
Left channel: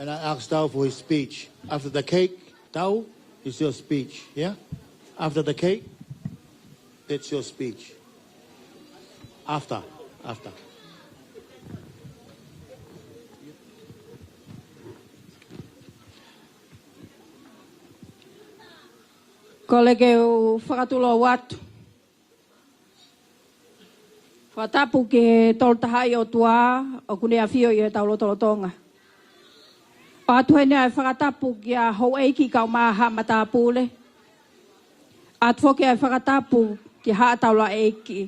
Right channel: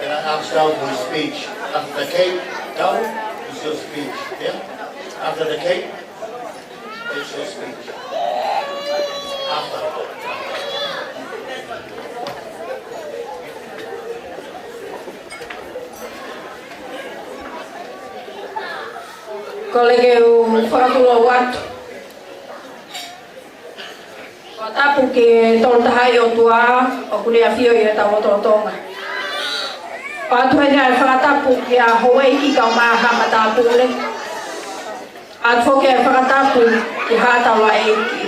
And I ask now for speech. After the cake, now it's your speech. Yeah? After the cake, it's your speech. After. Kolege whakatulo watu. Watapu ke toltahai o tua o kulea fio i ta o Tonga. Atu hene ai whakatapu ke a Hawaii ka maha matapule. Atu ke ai whakatapu i hatawa eiki.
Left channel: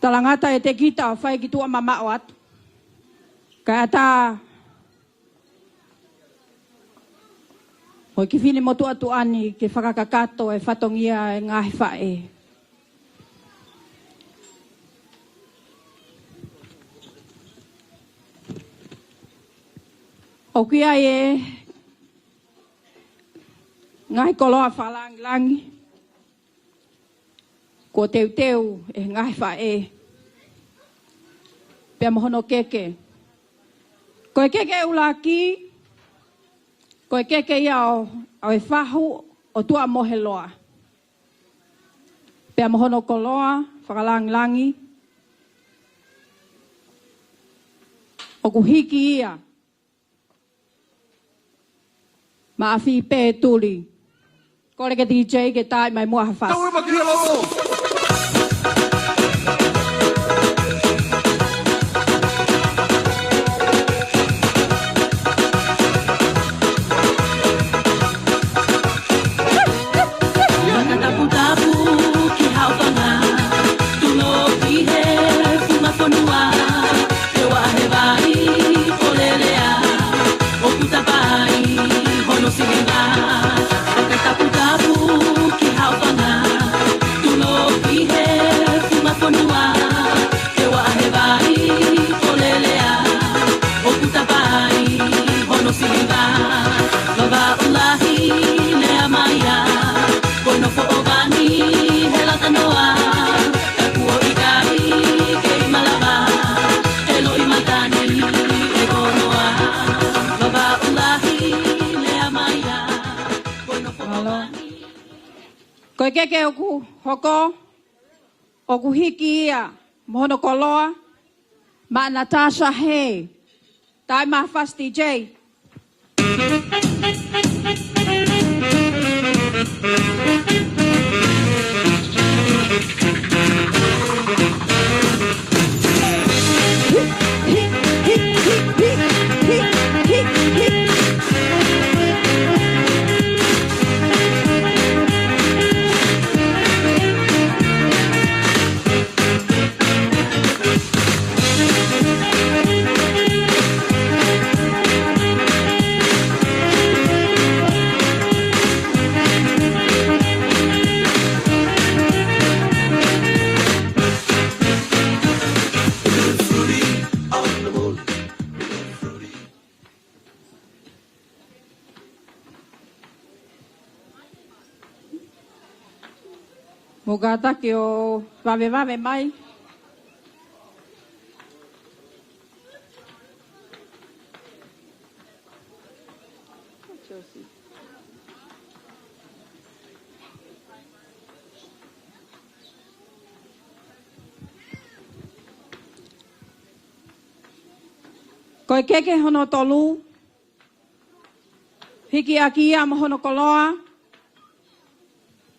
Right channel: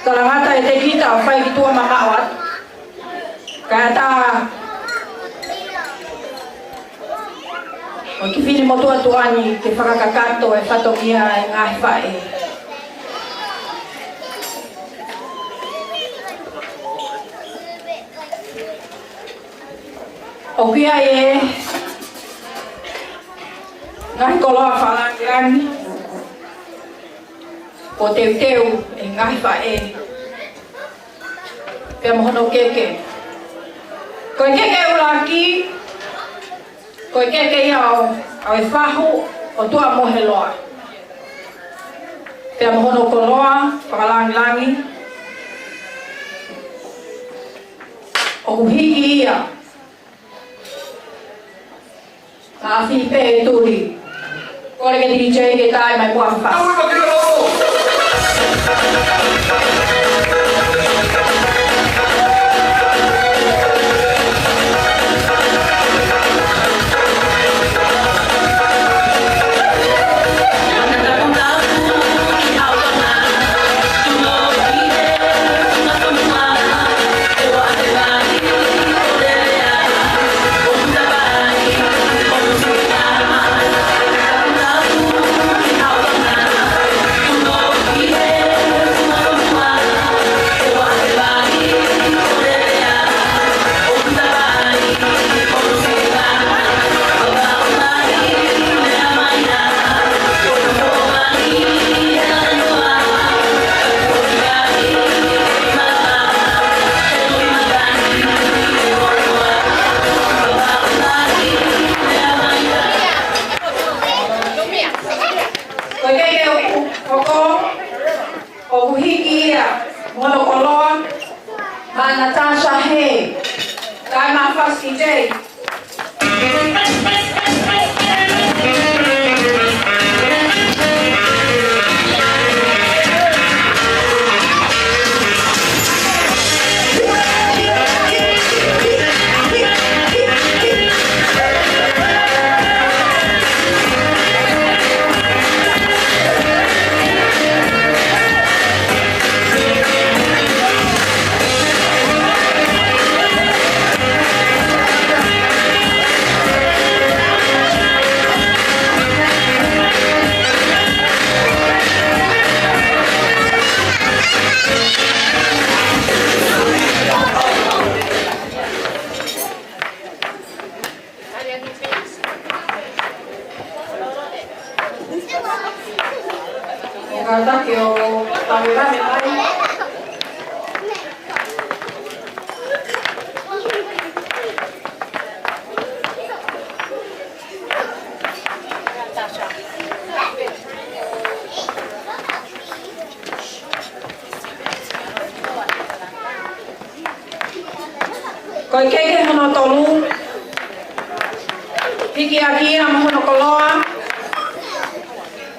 Kalangata e te kita o whai tua mahawat. Kata o ki fini motua tuani ke whakakakato e whatongia e ngai whae. O kia e ngai koloa whalangan ko teu e ngai whae. Pea mohono keke. Koe keke uraki, koe keke iau au e whahu o tua moheloa. Pea mohono koloa, wakalangi, o uhiki ia. Maafi pe turi. Koe ke DJ ke tae mai kuafa. Ko keke hono tolu. Hiki akia mohono koloa.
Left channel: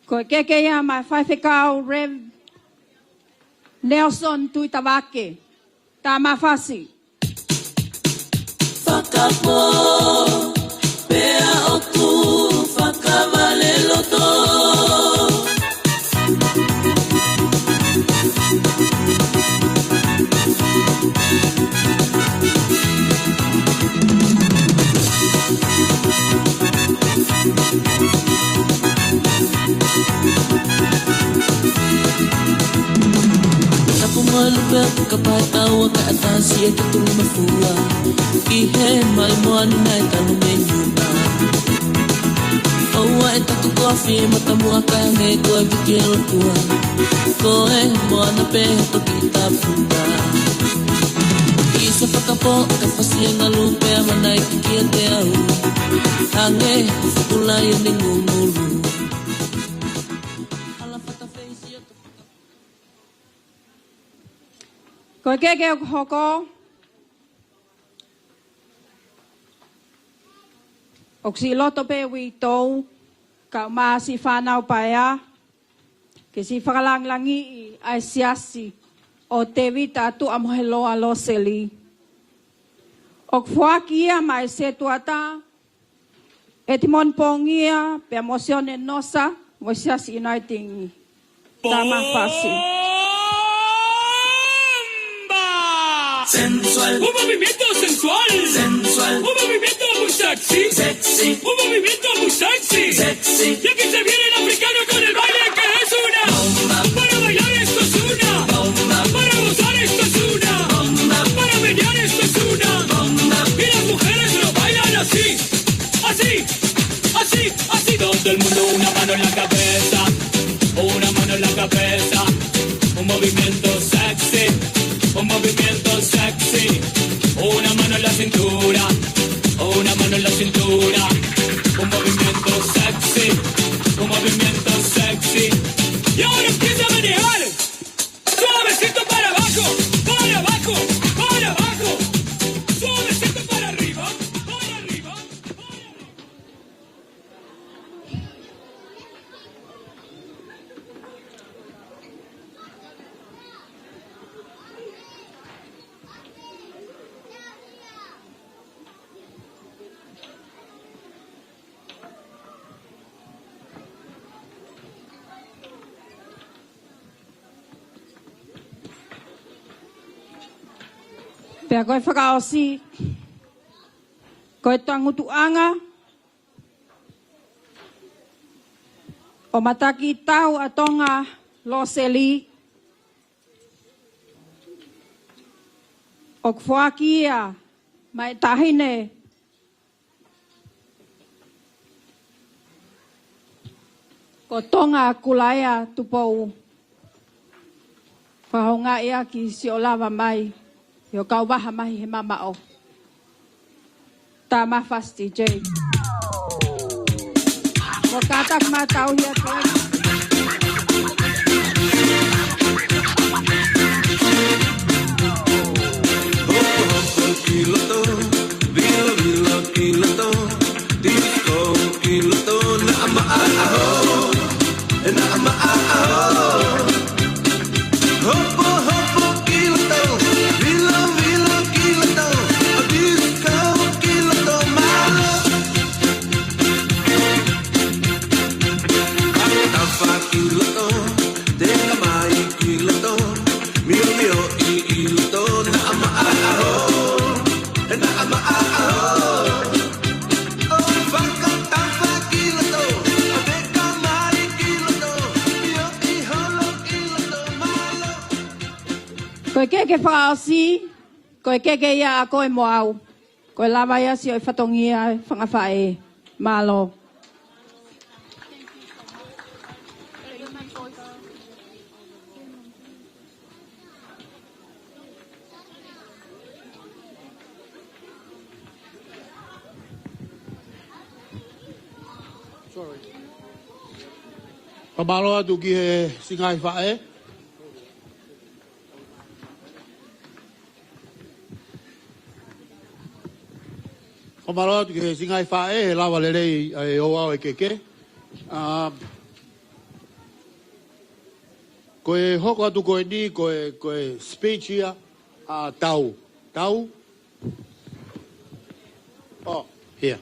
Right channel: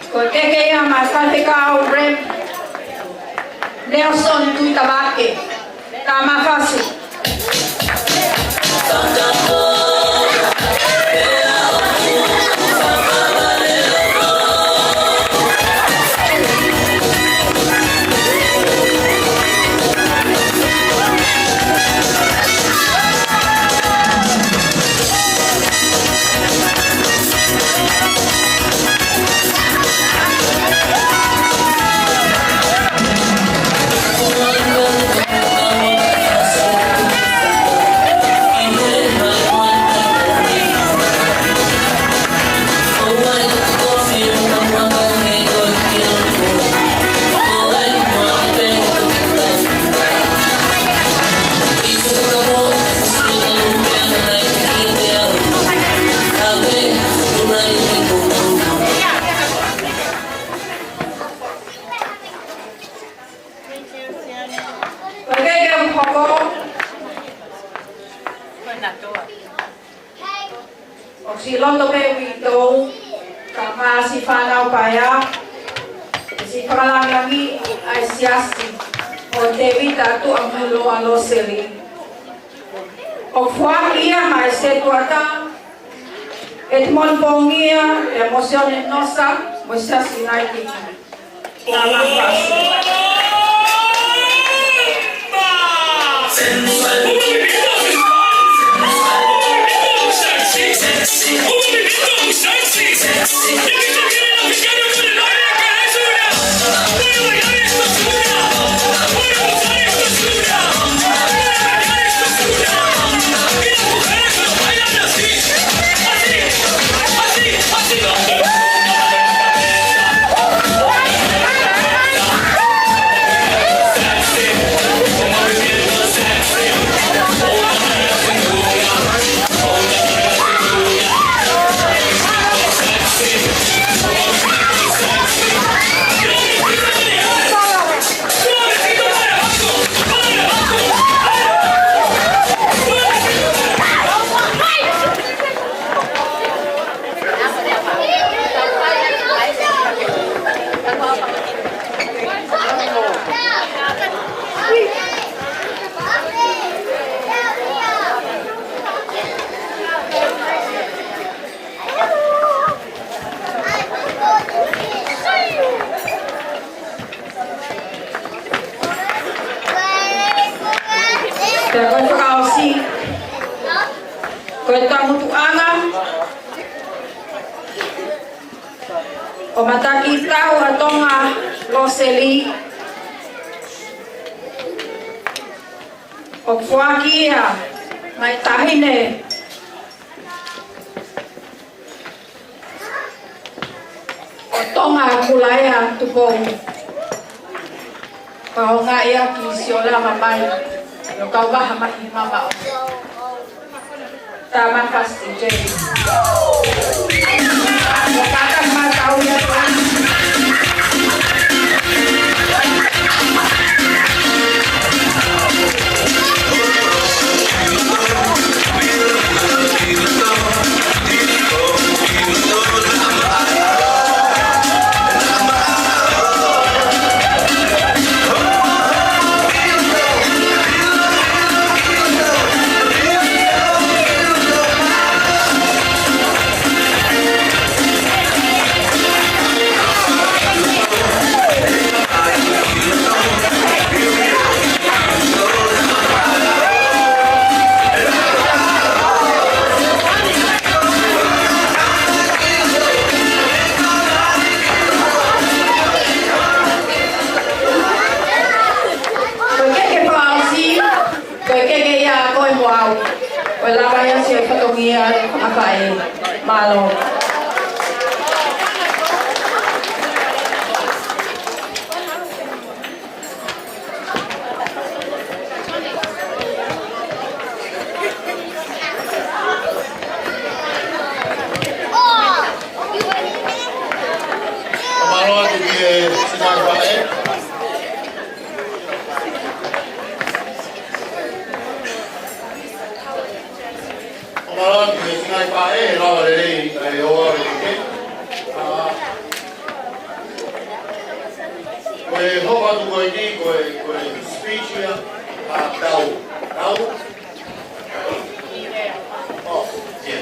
Ko keke ia Matakitau rem. Nelson Tuitawake. Tamafasi. Si loto pe wito kama si fana upaya si pakalangangi ay siyasi o tewi tatu amulo a Loseli o fuak iya ay setuata etmon pongia emociones nosa mosia sinati kama fasi sensual o Matakitau a Tonga Loseli o fuakia mai tahine o Tonga kulaya tupong kau nga ia kisiola mamai yo kau ba hamai mama o tama pasti jadi malo. Kamalo tu ki senang baik. Malot, you singai pa lava rei o ke. Koe hoka tu koe ni koe speech ia tau. Oh, yeah.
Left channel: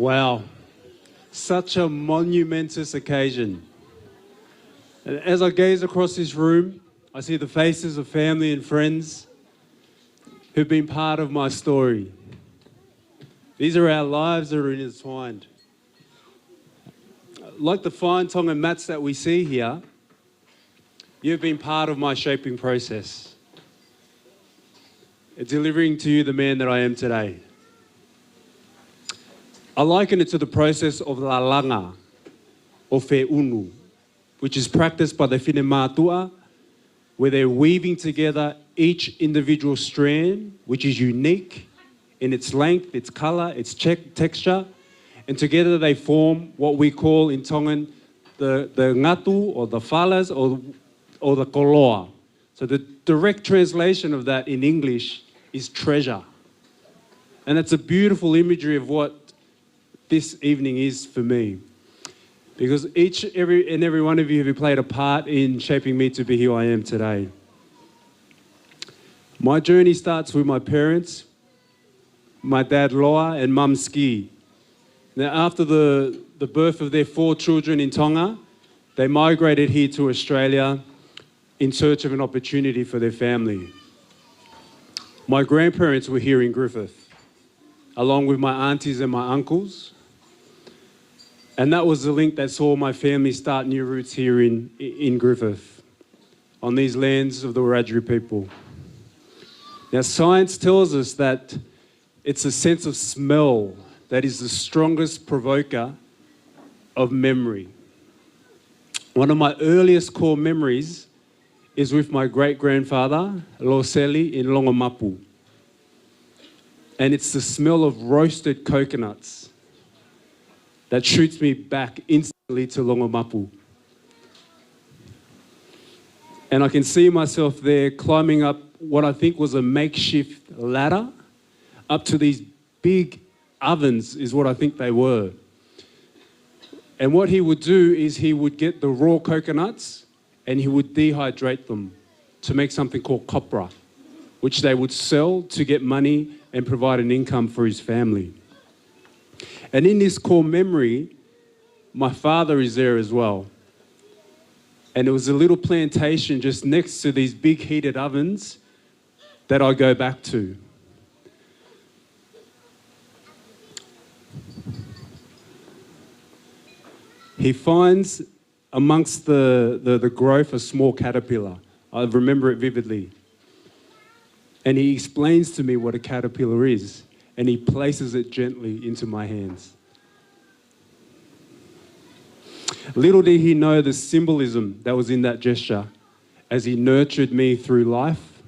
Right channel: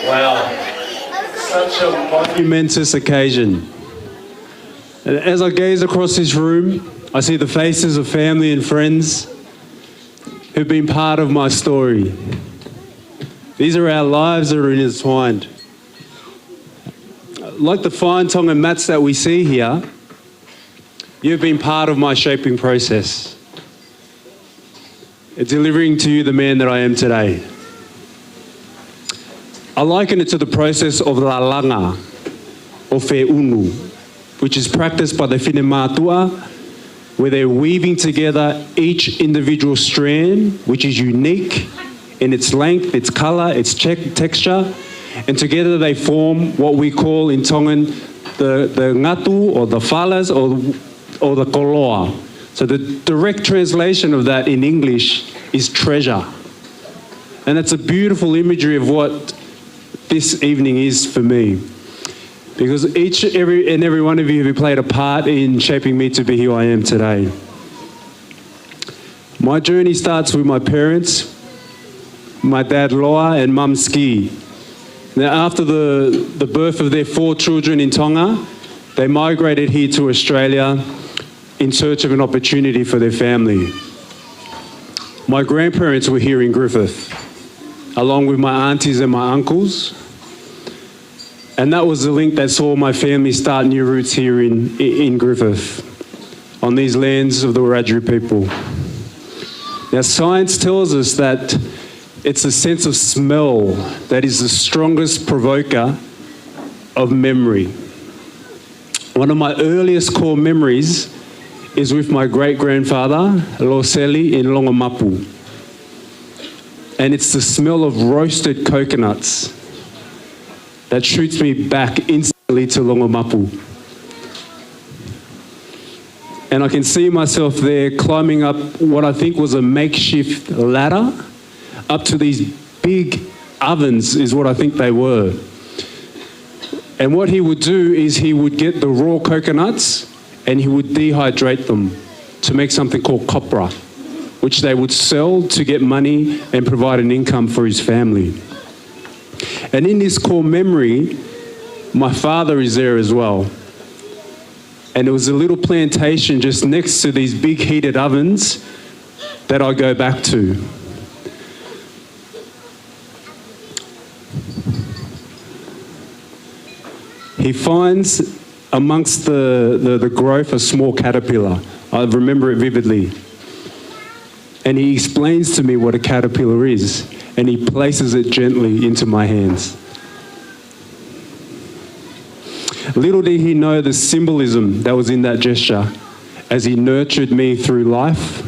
Wow, such a monumentous occasion. And as I gaze across this room, I see the faces of family and friends who've been part of my story. These are our lives that are intertwined. Like the fine Tongan mats that we see here, you've been part of my shaping process, delivering to you the man that I am today. I liken it to the process of la langa, or fe'unu, which is practiced by the whenematua, where they're weaving together each individual strand, which is unique in its length, its colour, its texture, and together they form what we call in Tongan the ngatu, or the falas, or the koloa. So the direct translation of that in English is treasure. And it's a beautiful imagery of what this evening is for me, because every one of you have played a part in shaping me to be who I am today. My journey starts with my parents, my dad Loa and mum Ski. Now, after the birth of their 4 children in Tonga, they migrated here to Australia in search of an opportunity for their family. My grandparents were here in Griffith, along with my aunties and my uncles. And that was the link that saw my family start new roots here in Griffith, on these lands of the Wiradjuri people. Now, science tells us that it's a sense of smell that is the strongest provoker of memory. One of my earliest core memories is with my great-grandfather, Loseli, in Longamapu. And it's the smell of roasted coconuts that shoots me back instantly to Longamapu. And I can see myself there climbing up what I think was a makeshift ladder up to these big ovens, is what I think they were. And what he would do is he would get the raw coconuts and he would dehydrate them to make something called copra, which they would sell to get money and provide an income for his family. And in this core memory, my father is there as well. And it was a little plantation just next to these big heated ovens that I go back to. He finds amongst the growth a small caterpillar. I remember it vividly. And he explains to me what a caterpillar is, and he places it gently into my hands. Little did he know the symbolism that was in that gesture as he nurtured me through life.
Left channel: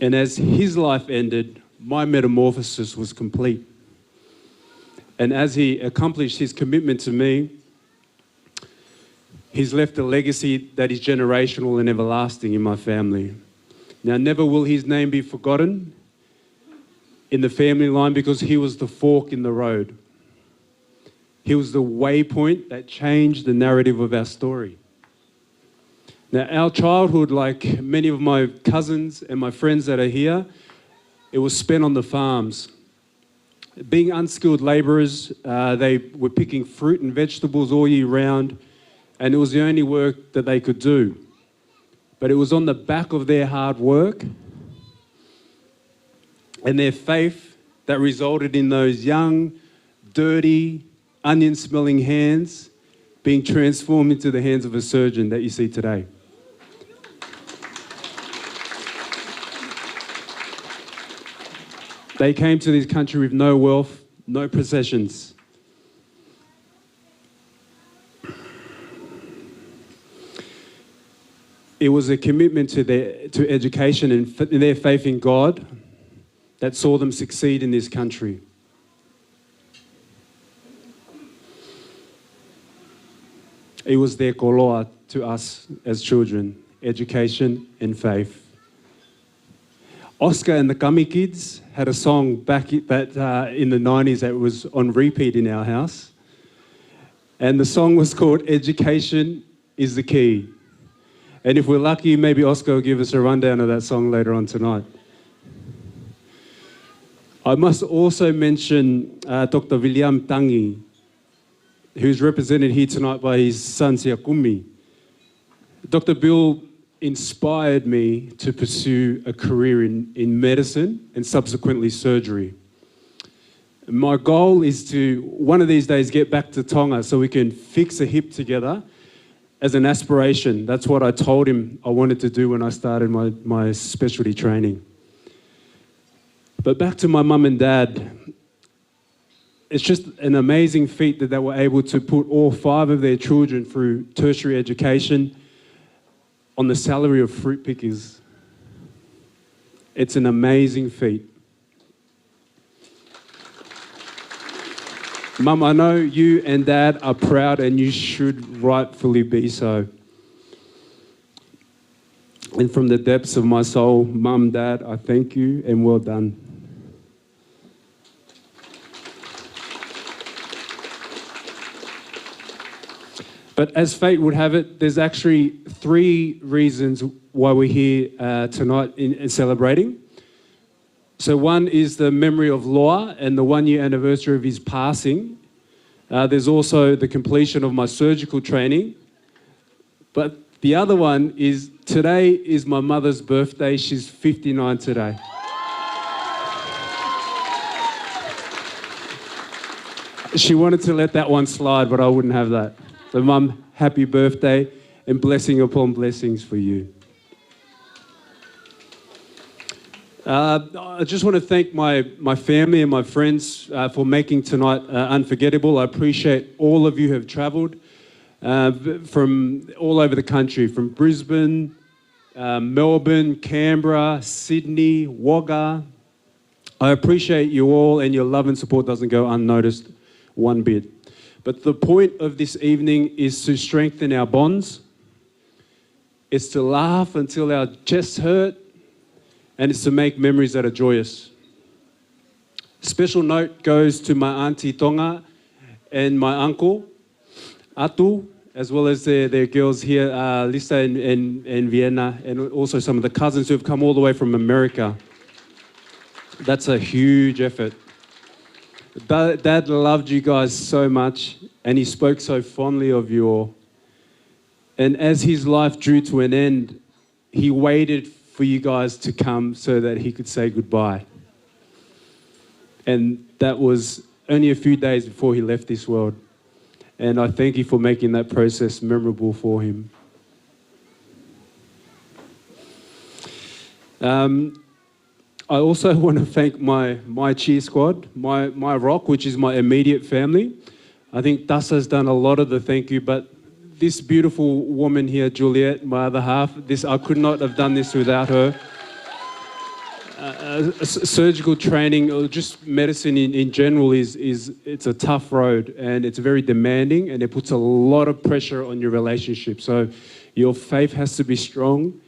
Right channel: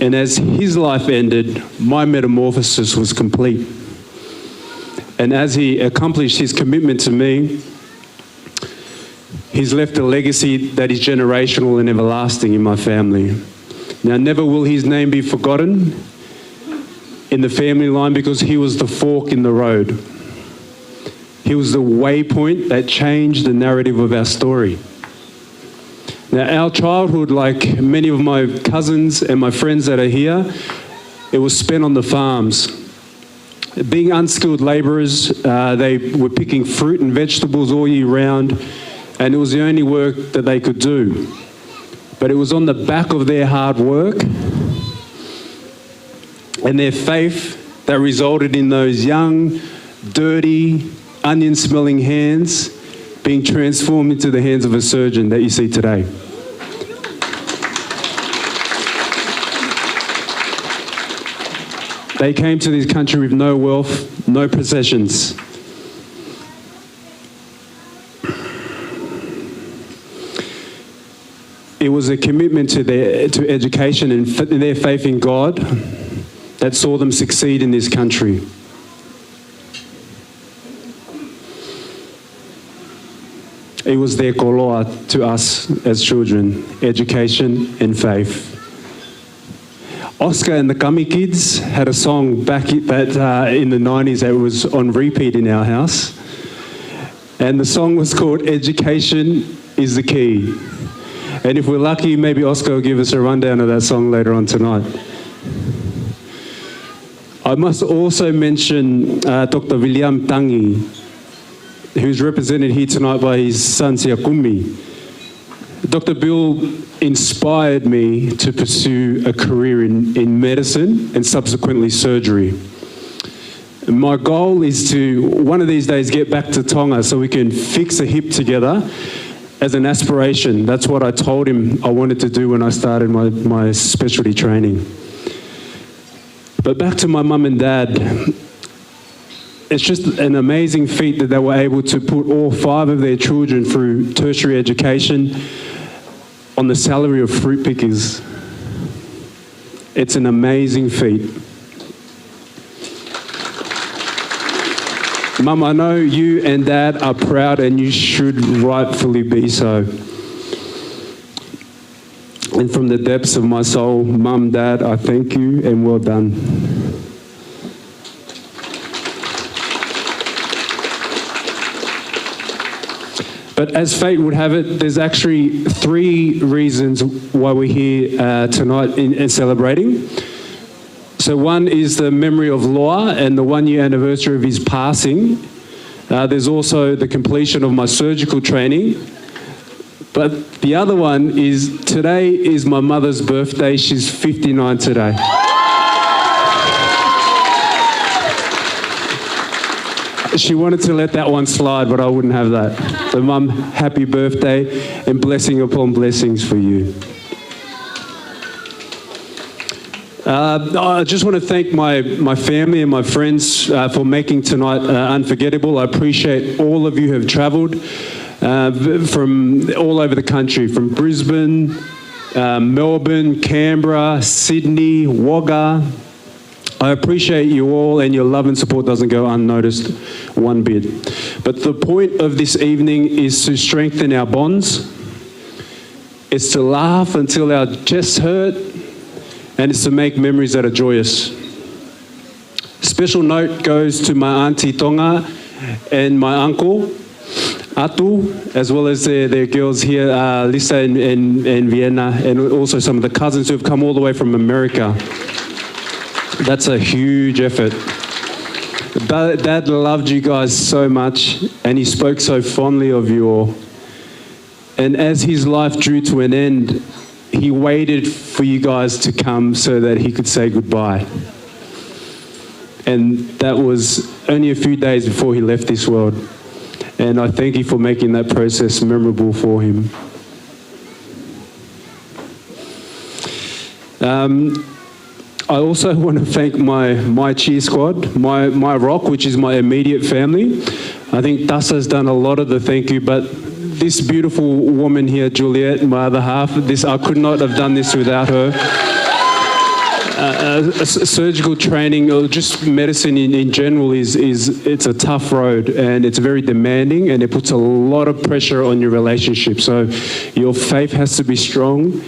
And as his life ended, my metamorphosis was complete. And as he accomplished his commitment to me, he's left a legacy that is generational and everlasting in my family. Now, never will his name be forgotten in the family line, because he was the fork in the road. He was the waypoint that changed the narrative of our story. Now, our childhood, like many of my cousins and my friends that are here, it was spent on the farms. Being unskilled labourers, they were picking fruit and vegetables all year round, and it was the only work that they could do. But it was on the back of their hard work and their faith that resulted in those young, dirty, onion-smelling hands being transformed into the hands of a surgeon that you see today. They came to this country with no wealth, no possessions. It was a commitment to education and their faith in God that saw them succeed in this country. It was their koloa to us as children, education and faith. Oscar and the Gummy Kids had a song back in the 90s that was on repeat in our house. And the song was called Education is the Key. And if we're lucky, maybe Oscar will give us a rundown of that song later on tonight. I must also mention Dr. William Tangi, who's represented here tonight by his son Siakumi. Dr. Bill inspired me to pursue a career in medicine and subsequently surgery. My goal is to, one of these days, get back to Tonga so we can fix a hip together as an aspiration. That's what I told him I wanted to do when I started my specialty training. But back to my mum and dad, it's just an amazing feat that they were able to put all 5 of their children through tertiary education on the salary of fruit pickers. It's an amazing feat. Mum, I know you and Dad are proud and you should rightfully be so. And from the depths of my soul, Mum, Dad, I thank you and well done. But as fate would have it, there's actually 3 reasons why we're here tonight in celebrating. So one is the memory of Loa and the 1-year anniversary of his passing. There's also the completion of my surgical training. But the other one is today is my mother's birthday. She's 59 today. She wanted to let that one slide, but I wouldn't have that. So Mum, happy birthday and blessing upon blessings for you. I just want to thank my family and my friends for making tonight unforgettable. I appreciate all of you who have travelled from all over the country, from Brisbane, Melbourne, Canberra, Sydney, Wagga. I appreciate you all, and your love and support doesn't go unnoticed one bit. But the point of this evening is to strengthen our bonds. It's to laugh until our chests hurt, and it's to make memories that are joyous. Special note goes to my auntie Tonga and my uncle Atu, as well as their girls here, Lisa and Vienna, and also some of the cousins who have come all the way from America. That's a huge effort. Dad loved you guys so much, and he spoke so fondly of you all. And as his life drew to an end, he waited for you guys to come so that he could say goodbye. And that was only a few days before he left this world. And I thank you for making that process memorable for him. I also want to thank my cheer squad, my rock, which is my immediate family. I think Tassa's done a lot of the thank you, but this beautiful woman here, Juliet, my other half, I could not have done this without her. Surgical training, or just medicine in general, it's a tough road, and it's very demanding, and it puts a lot of pressure on your relationship. So your faith has to be strong,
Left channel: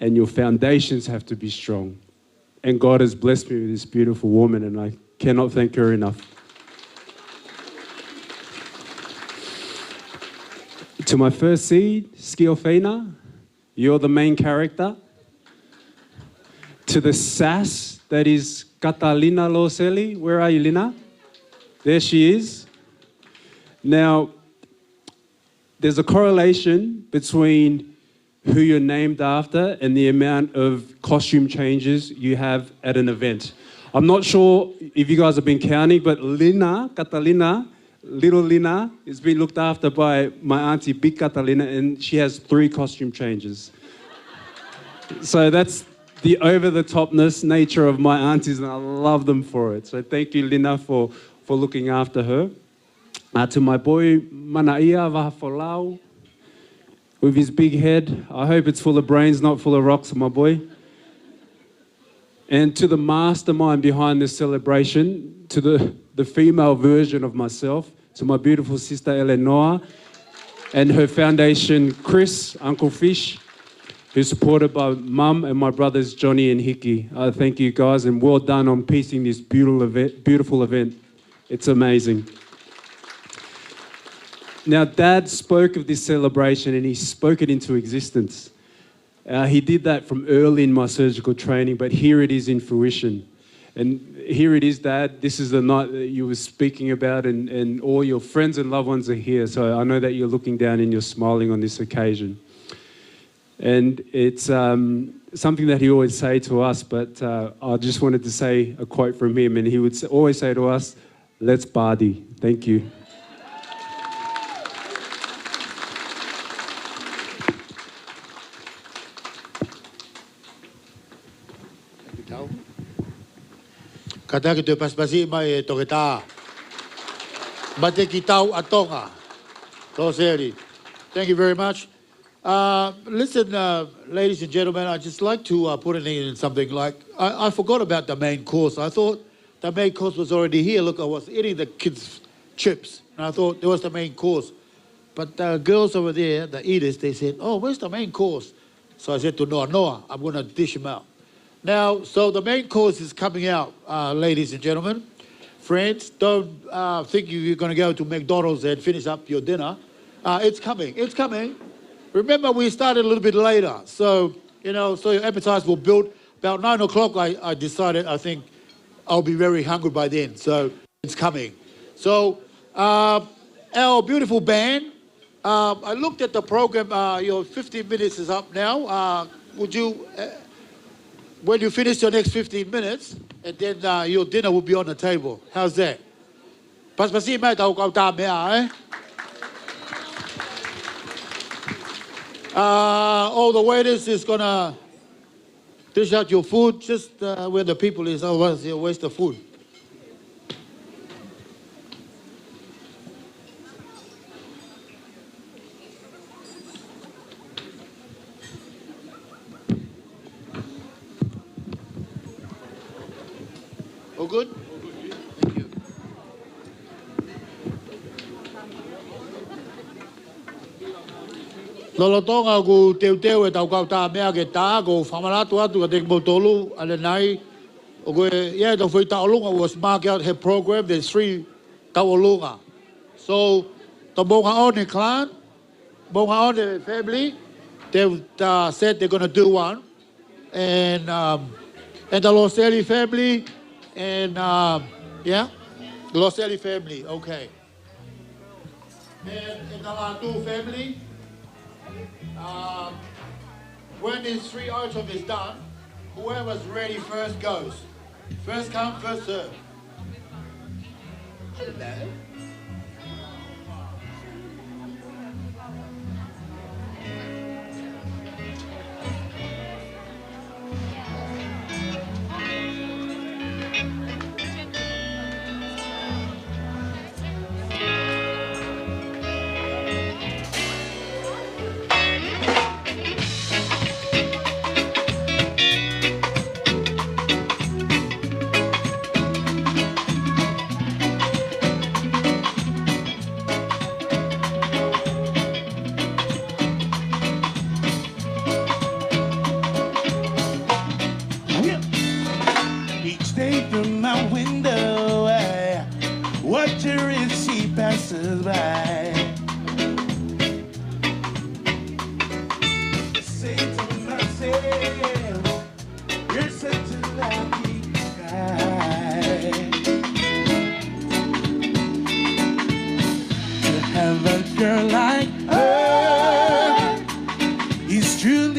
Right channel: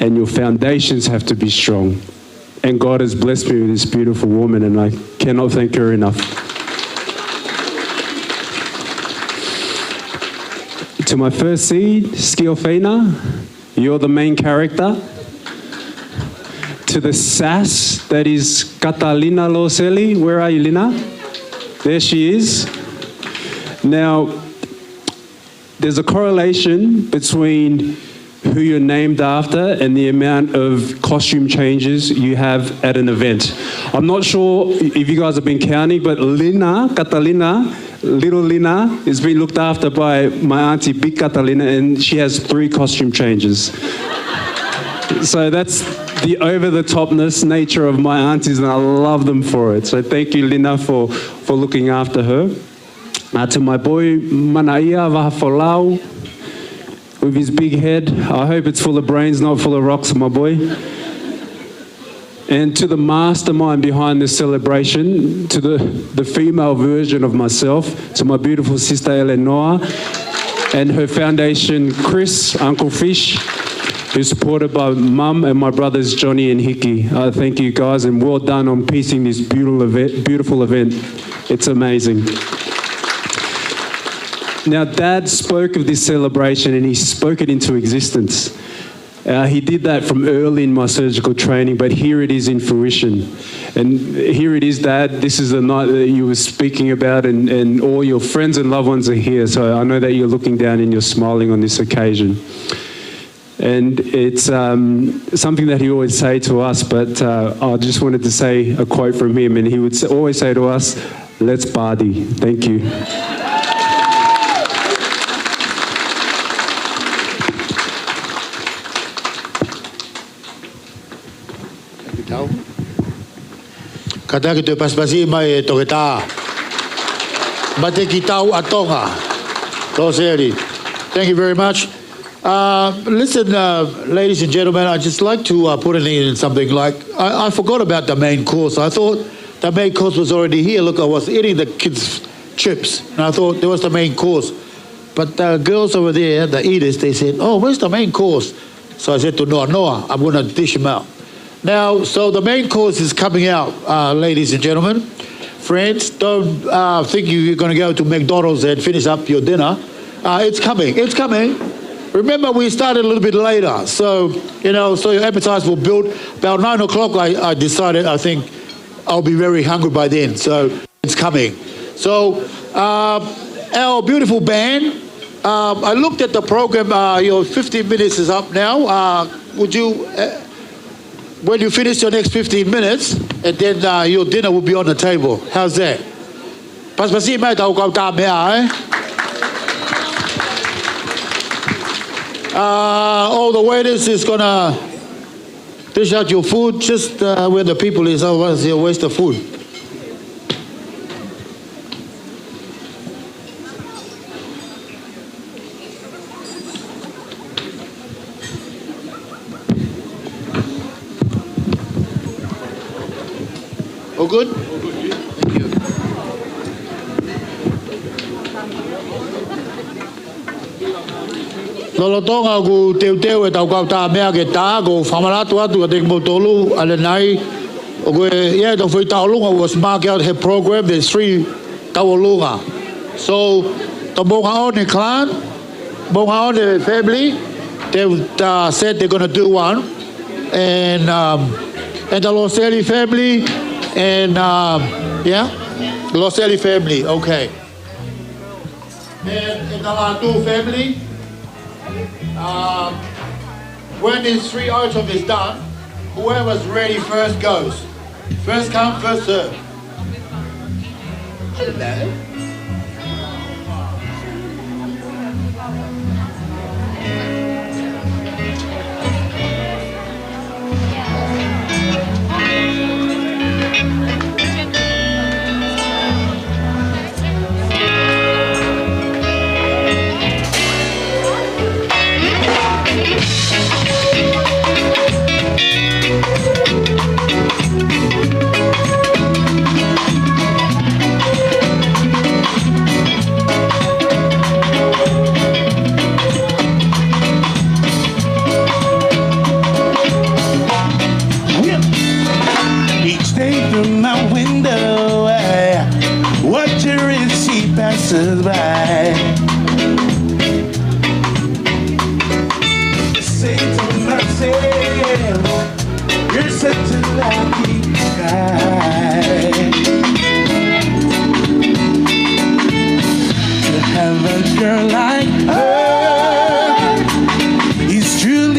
and your foundations have to be strong. And God has blessed me with this beautiful woman, and I cannot thank her enough. To my first seed, Skiofena, you're the main character. To the sass, that is Catalina Loseli. Where are you, Lina? There she is. Now, there's a correlation between who you're named after and the amount of costume changes you have at an event. I'm not sure if you guys have been counting, but Lina, Catalina, little Lina, is being looked after by my auntie, Big Catalina, and she has 3 costume changes. So that's the over-the-topness nature of my aunties, and I love them for it. So thank you, Lina, for looking after her. To my boy, Manaia Vahafolau, with his big head. I hope it's full of brains, not full of rocks, my boy. And to the mastermind behind this celebration, to the female version of myself, to my beautiful sister Eleanor, and her foundation, Chris, Uncle Fish, who's supported by Mum and my brothers Johnny and Hickey. Thank you guys, and well done on piecing this beautiful event. It's amazing. Now, Dad spoke of this celebration and he spoke it into existence. He did that from early in my surgical training, but here it is in fruition. And here it is, Dad, this is the night that you were speaking about, and all your friends and loved ones are here. So I know that you're looking down and you're smiling on this occasion. And it's something that he always say to us, but I just wanted to say a quote from him, and he would always say to us, "Let's party." Thank you. Matakitau paspasi mai toketa. Matakitau a Tonga. Loseli. Thank you very much. Listen, ladies and gentlemen, I'd just like to put in something like, I forgot about the main course. I thought the main course was already here. Look, I was eating the kids' chips, and I thought there was the main course. But the girls over there, the eaters, they said, "Oh, where's the main course?" So I said to Noah, I'm going to dish him out. Now, so the main course is coming out, ladies and gentlemen. Friends, don't think you're going to go to McDonald's and finish up your dinner. It's coming. It's coming. Remember, we started a little bit later. So, so your appetites will build. About 9 o'clock, I decided, I think I'll be very hungry by then. So it's coming. So our beautiful band, I looked at the program, your 15 minutes is up now. Would you... when you finish your next 15 minutes, and then your dinner will be on the table. How's that? Paspasi mai tau kau tā mea, all the waiters is gonna dish out your food just where the people is, otherwise you'll waste the food. All good? All good, yeah. Thank you. Lolotonga ku teu e tau kau tā mea ke tā ko whamaratu atu ka te motolu ale nai o koe ia tau whai taolunga was mark out her program. There's 3 taolunga. So the Monga clan, Monga family, they said they're going to do one, and the Loseli family. And yeah, the Loseli family, okay. And the Latu family, when this 3 item is done, whoever's ready first goes. First come, first serve. Hello. Passes by. Say to myself, you're such a lucky guy to have a girl like her. He's truly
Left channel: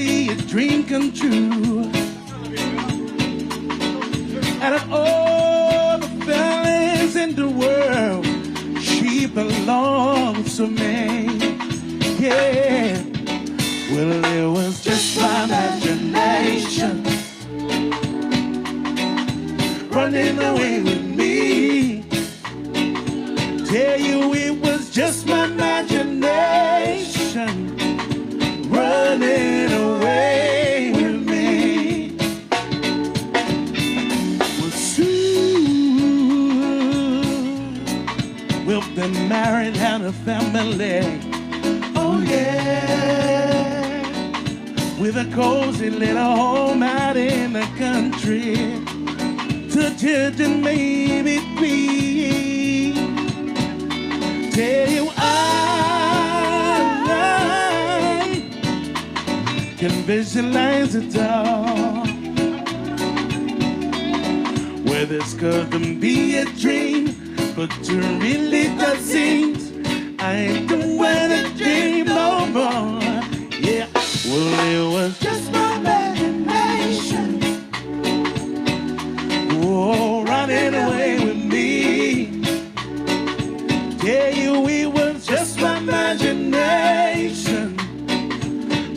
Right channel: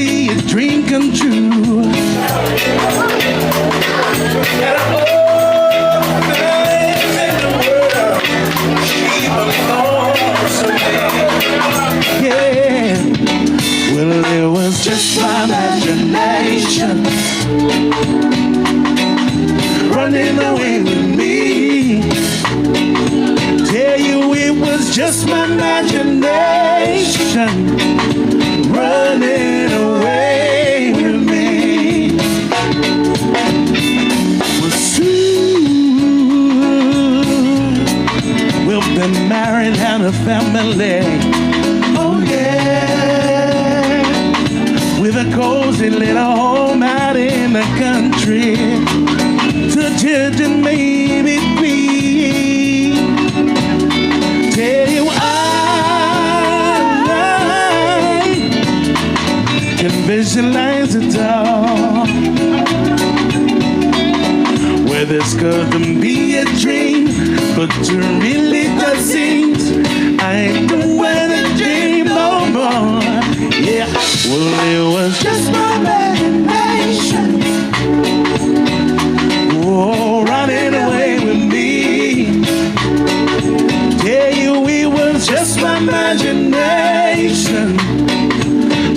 running away with me. Tell you it was just my imagination running away with me. Well, soon we'll be married and a family. Oh yeah, with a cozy little home out in the country. To children maybe three. Tell you I can visualize it all. Where this couldn't be a dream, but to really just seems I ain't doing a dream no more. Yeah, well it was just my imagination. Oh, running away with me. Tell you it was just my imagination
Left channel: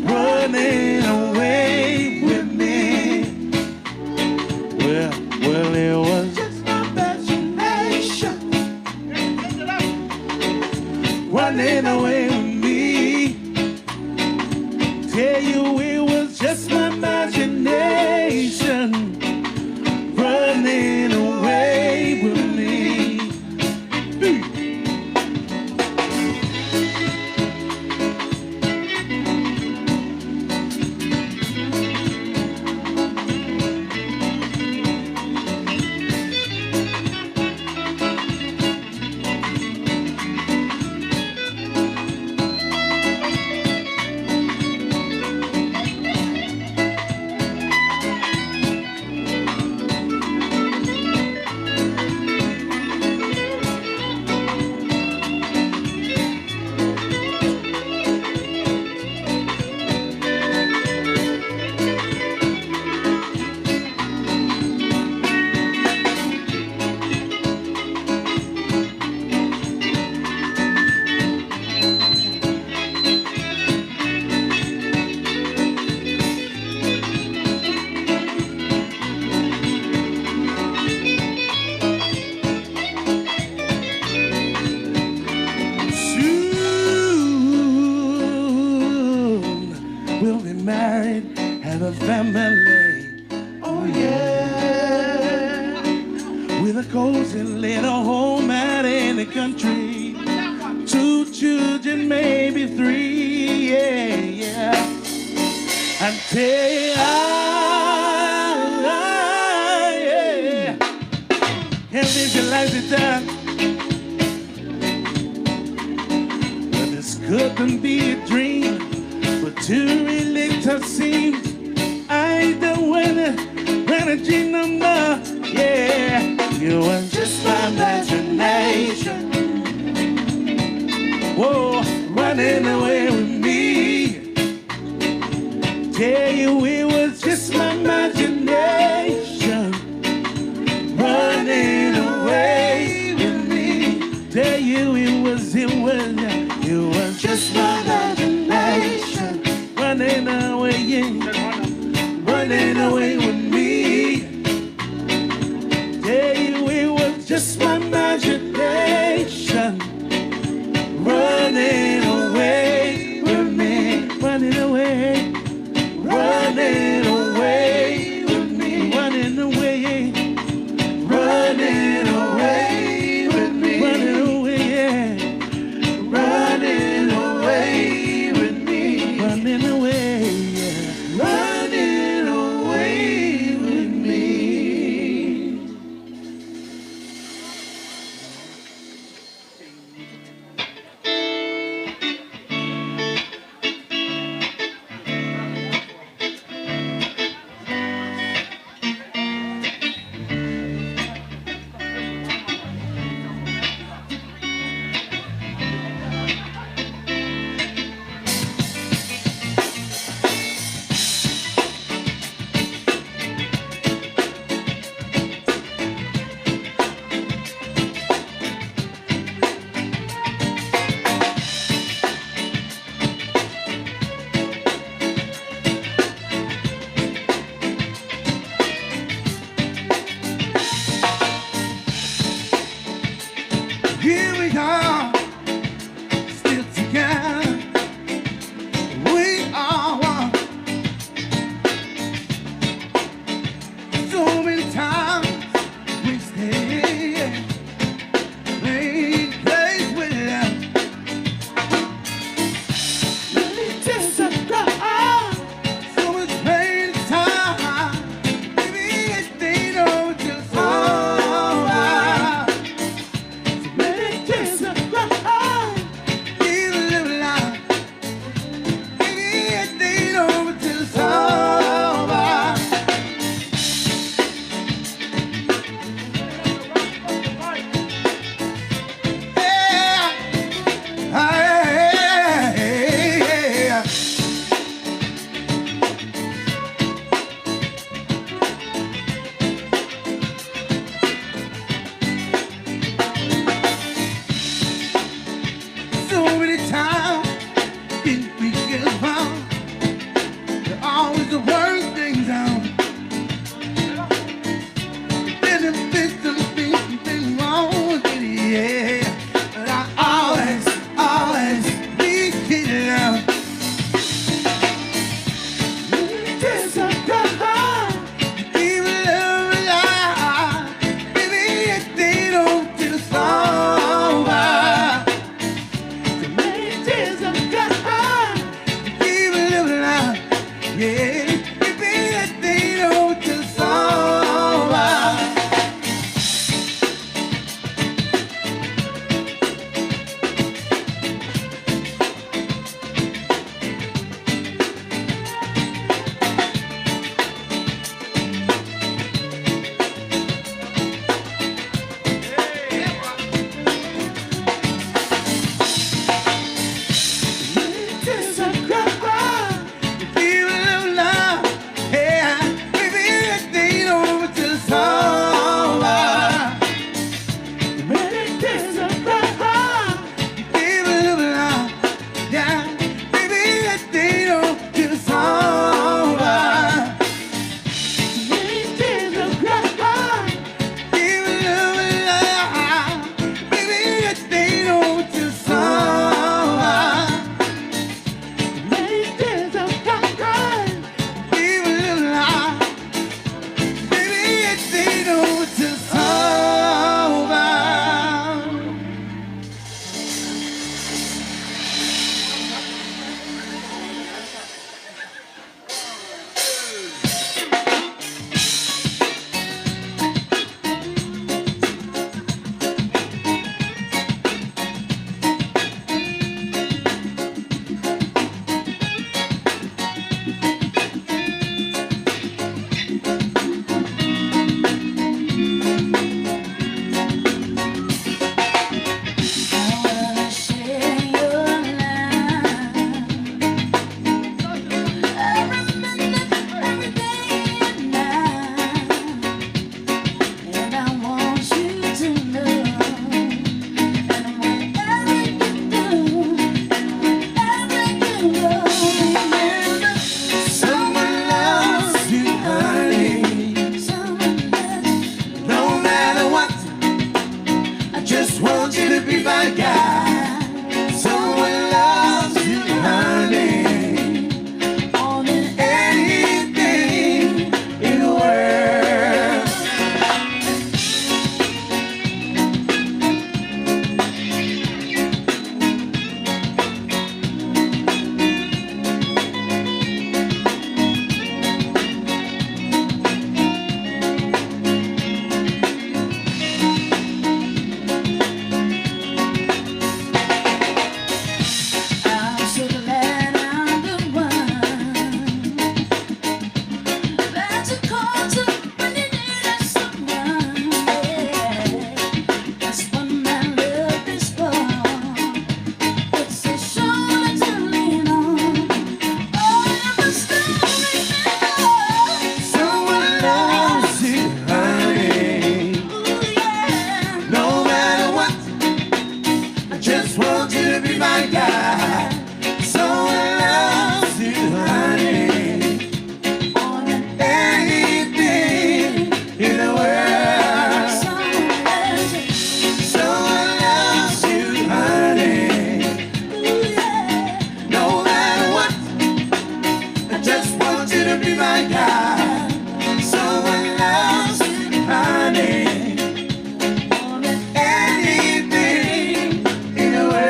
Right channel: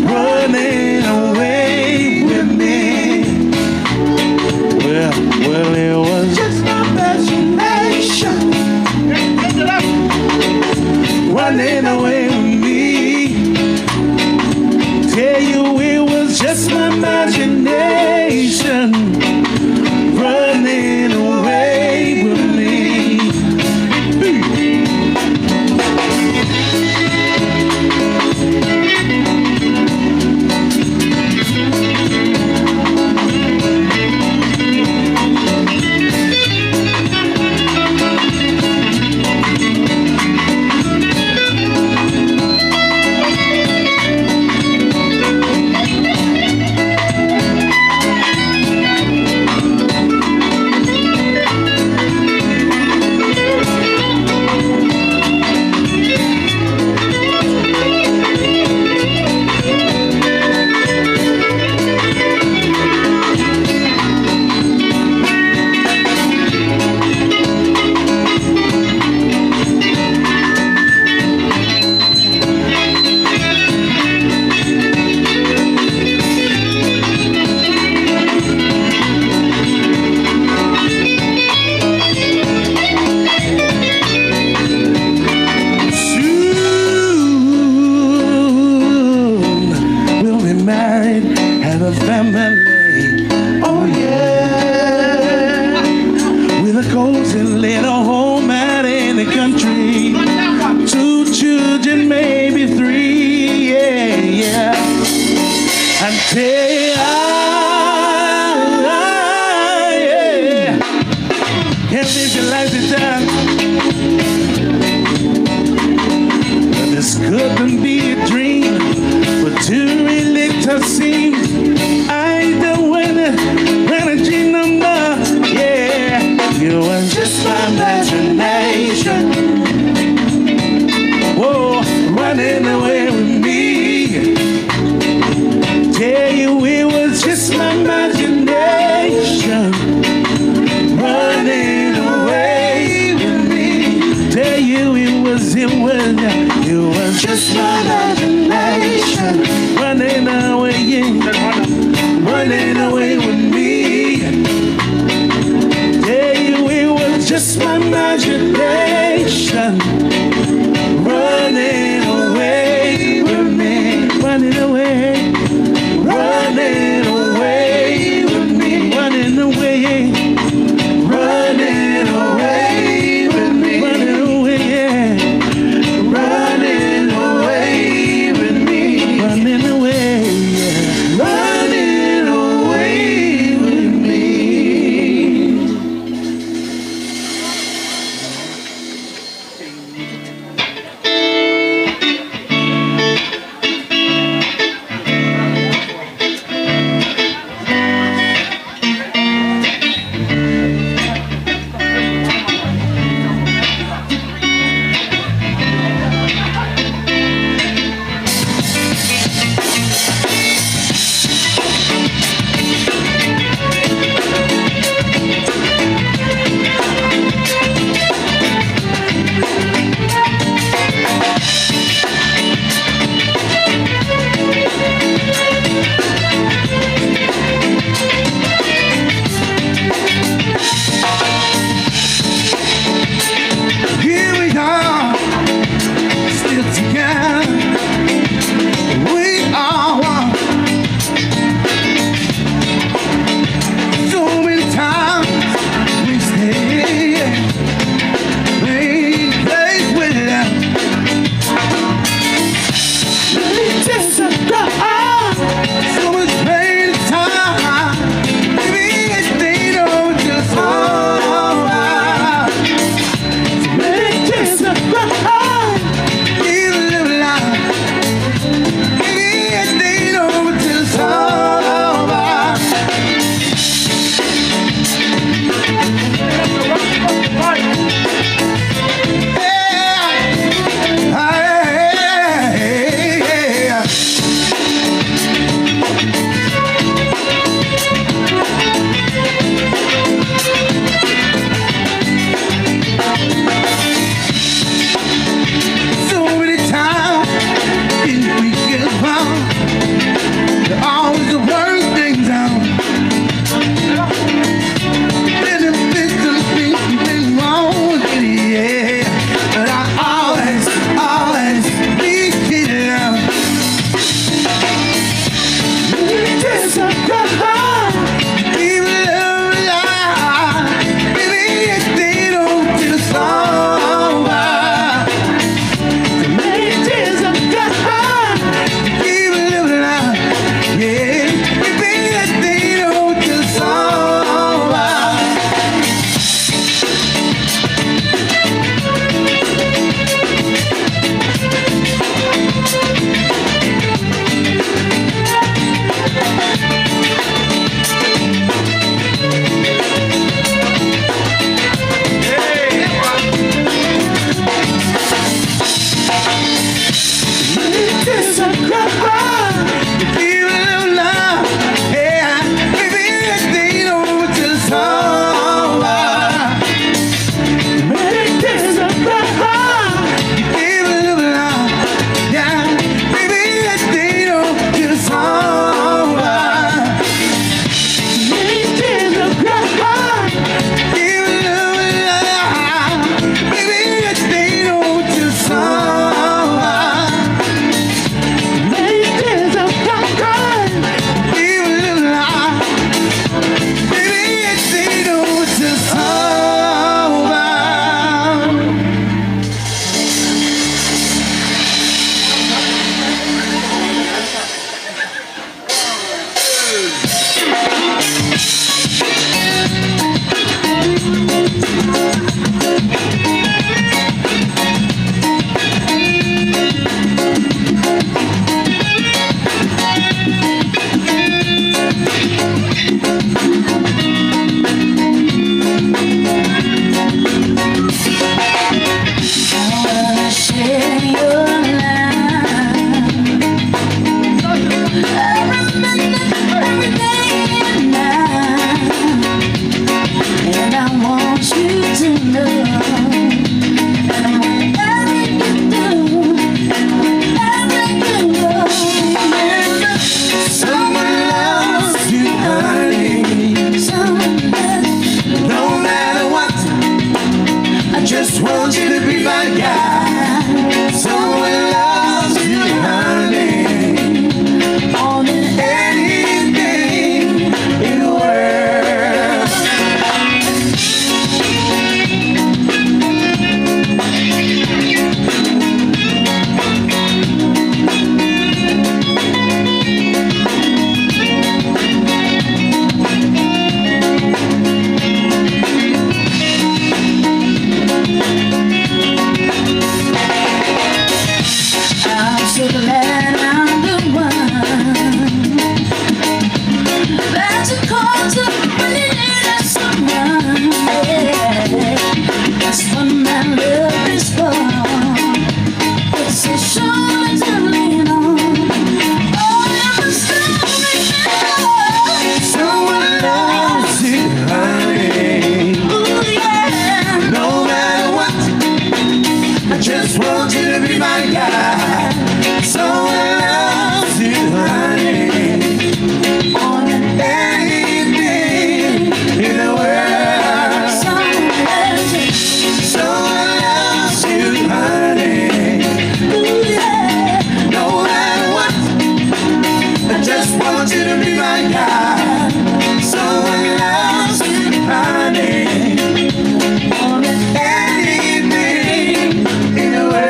running away with me. Well, it was just my imagination running away with me. Tell you it was just my imagination running away with me. my guy. Someone loves you, honey. More than anything in the world. I'm so glad I'm the one that you call to when you need someone. Yeah, that's what my love is for. It's a shoulder to lean on. Oh, never stop me now. Someone loves you, honey. Ooh, yeah. No matter what, I just want you to be my guy. Someone loves you, honey. More than anything in the world. Someone loves you. Someone loves you, honey. Ooh, yeah. No matter what, I just want you to be my guy. Someone loves you, honey. More than anything in the world.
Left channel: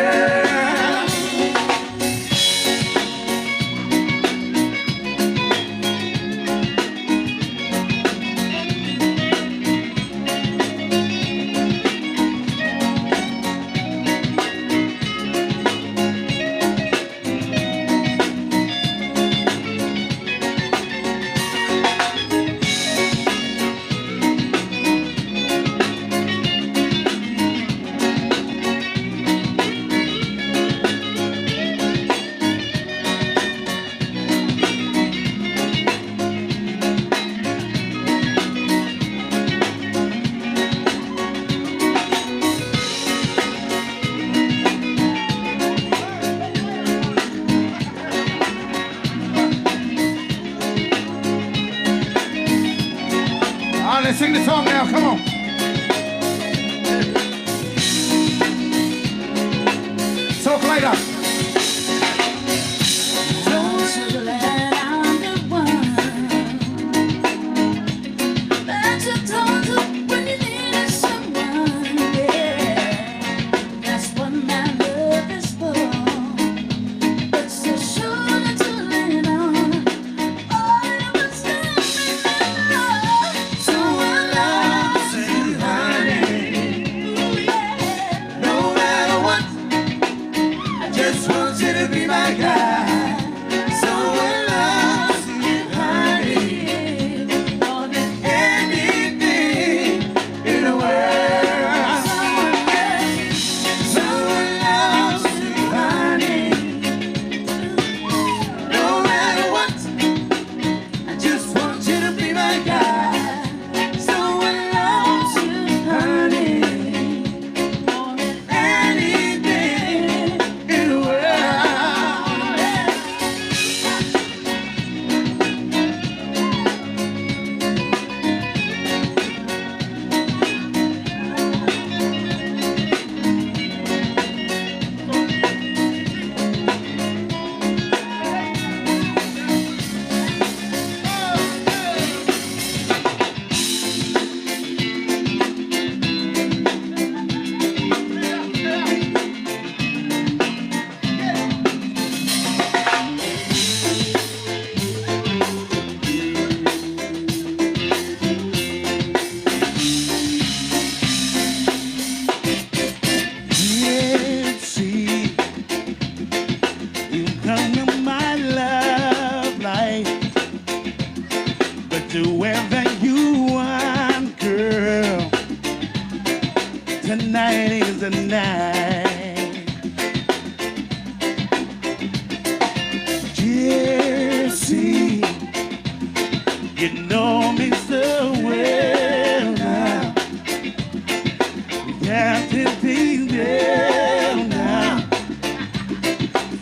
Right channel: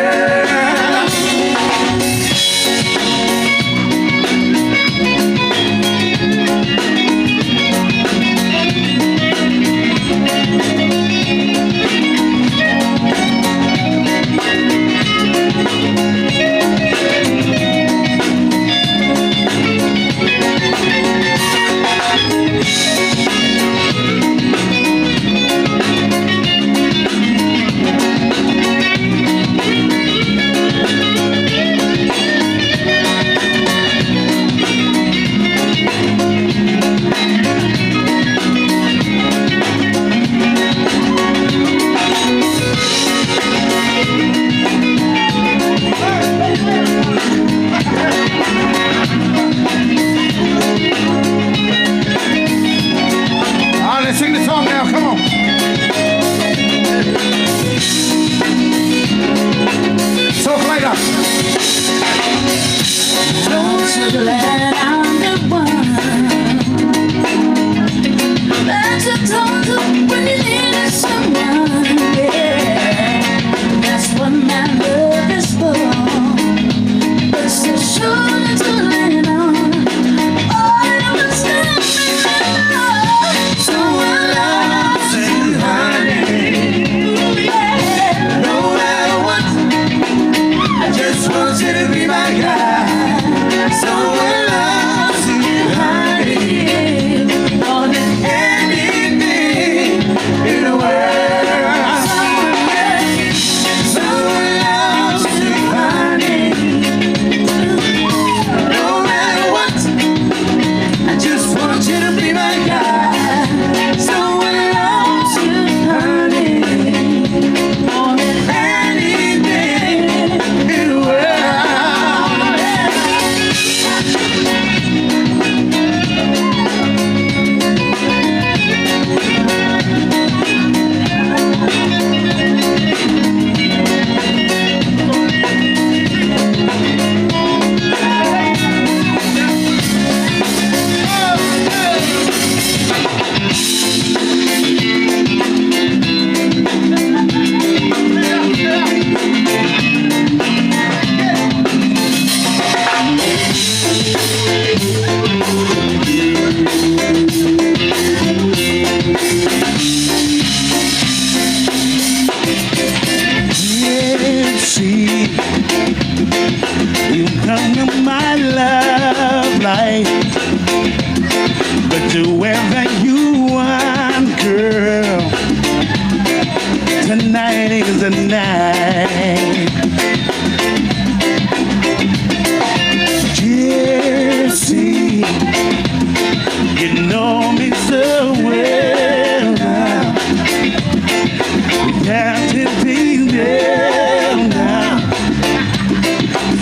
All right, let's sing the song now. Come on. So play that. So glad I'm the one that you talk to when you need someone. Yeah, that's what my love is for. It's a shoulder to lean on. Oh, never stop me now. Someone loves you, honey. Ooh, yeah. No matter what, I just want you to be my guy. Someone loves you, honey. More than anything in the world. Someone loves you, honey. No matter what, I just want you to be my guy. Someone loves you, honey. More than anything in the world. Yeah, see, you come in my love life, but do whatever you want, girl. Tonight is the night. Jesse, you know me so well now. We got to be there now.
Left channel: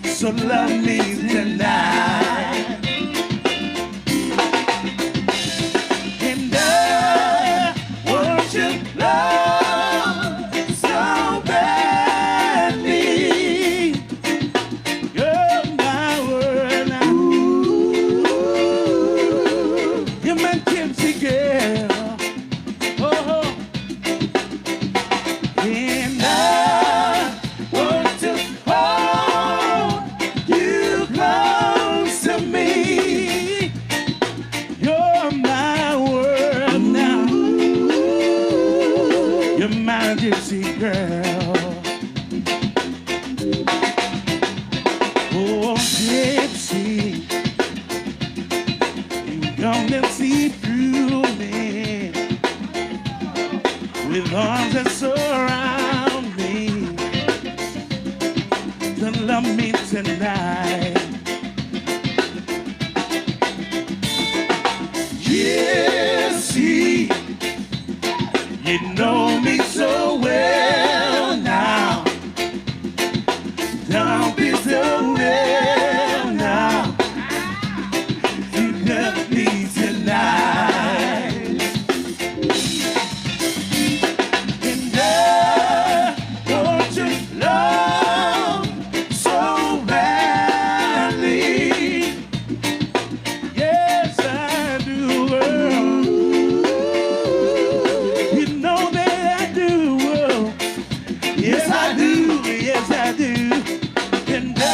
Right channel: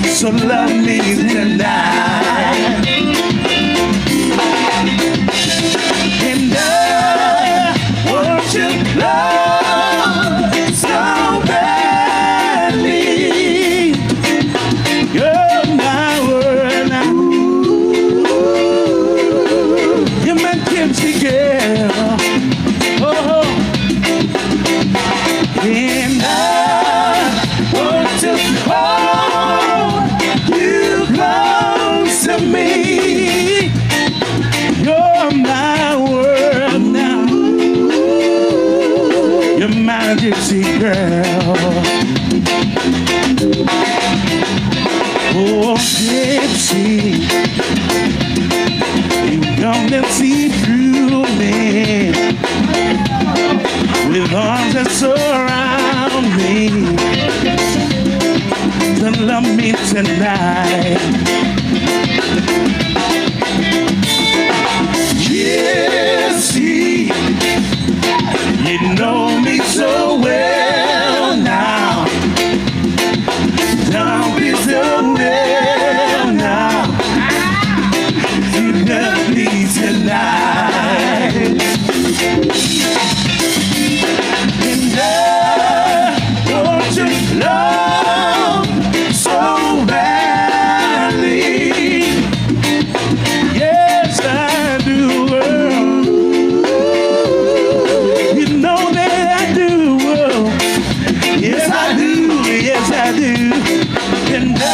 So love me tonight. And I want you love so bad. girl. Oh, and I want to hold you close to me. You're my world now. You're my gypsy girl. Oh, gypsy, you come and see through me with arms that surround me to love me tonight. Gypsy, you know me so well now. Don't be so well now. You got me tonight. And I want your love so badly. Yes, I do, girl. You know that I do, girl. Yes, I do. Yes, I do. And I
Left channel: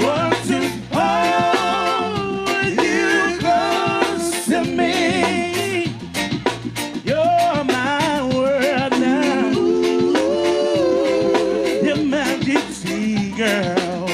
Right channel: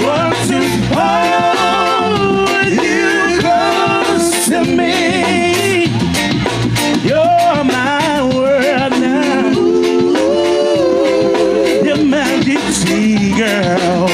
want to hold you close to me. You're my world now. You're my gypsy girl.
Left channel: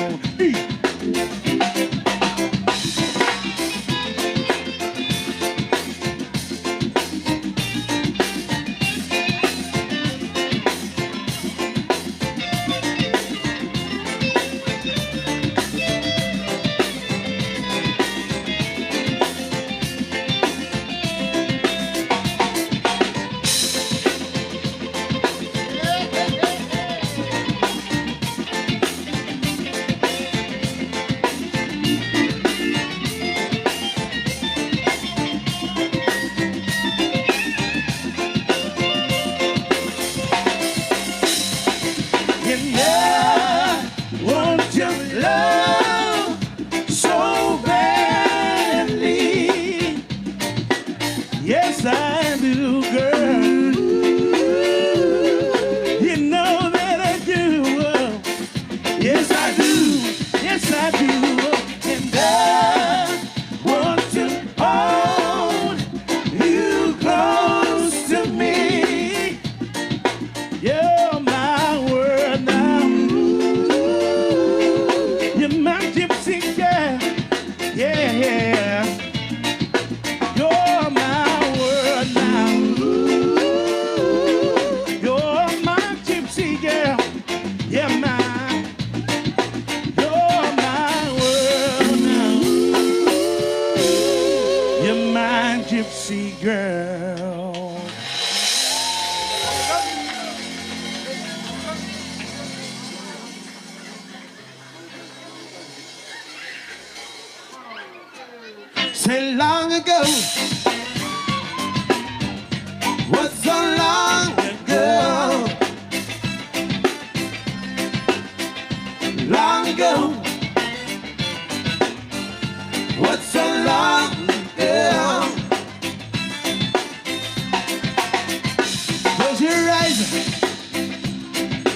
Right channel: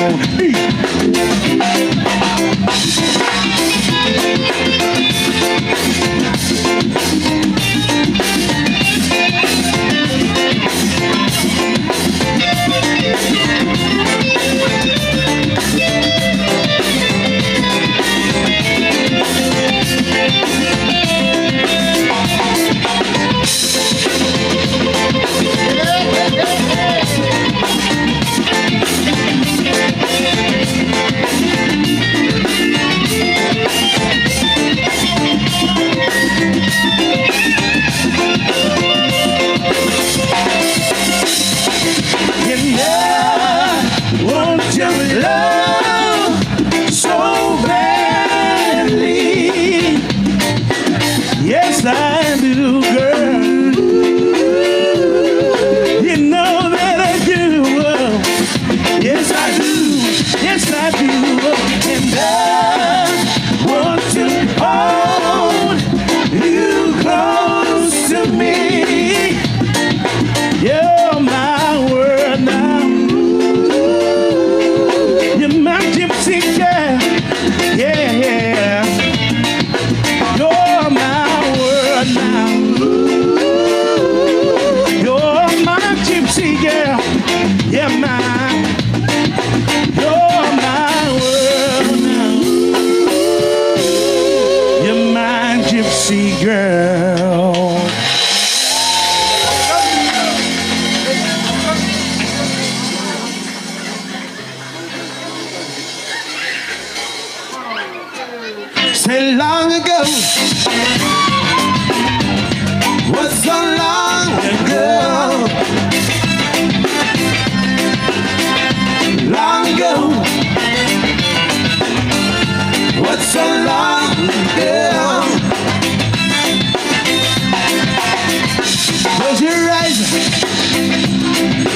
And I want your love so badly. Yes, I do, girl. You know that I do. Yes, I do. Yes, I do. And I want to hold you close to me. You're my world now. You're my gypsy girl. Yeah, yeah. You're my world now. You're my gypsy girl. Yeah, you're my world now. You're my gypsy girl. Say long ago, was so long ago. Long ago, was so long ago. Close your eyes,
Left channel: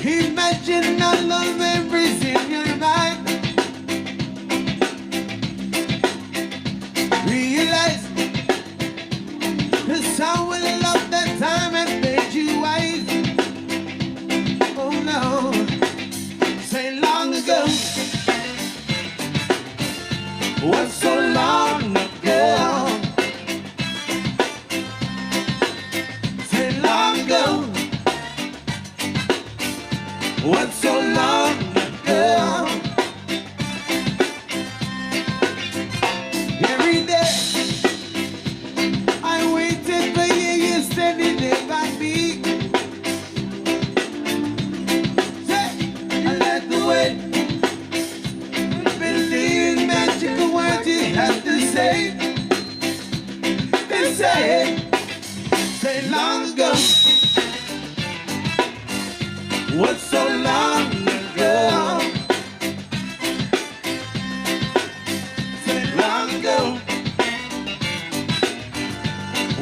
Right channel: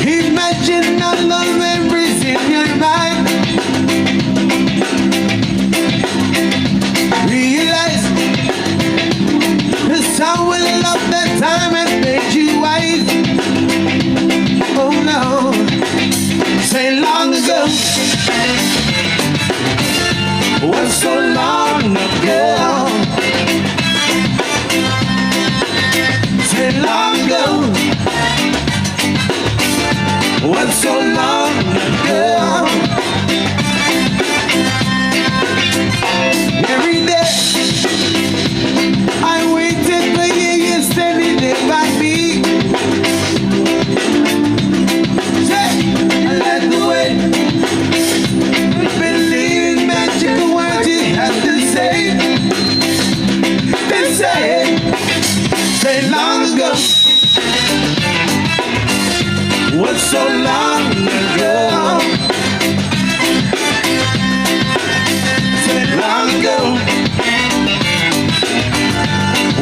imagine all the memories in your mind. Realize the sound will love that time and made you wise. Oh no, say long ago, was so long ago. Say long ago, was so long ago. Every day I waited for you standing there by me. Say, I like the way you believe in magical words you have to say. They say long ago, was so long ago. Say long ago,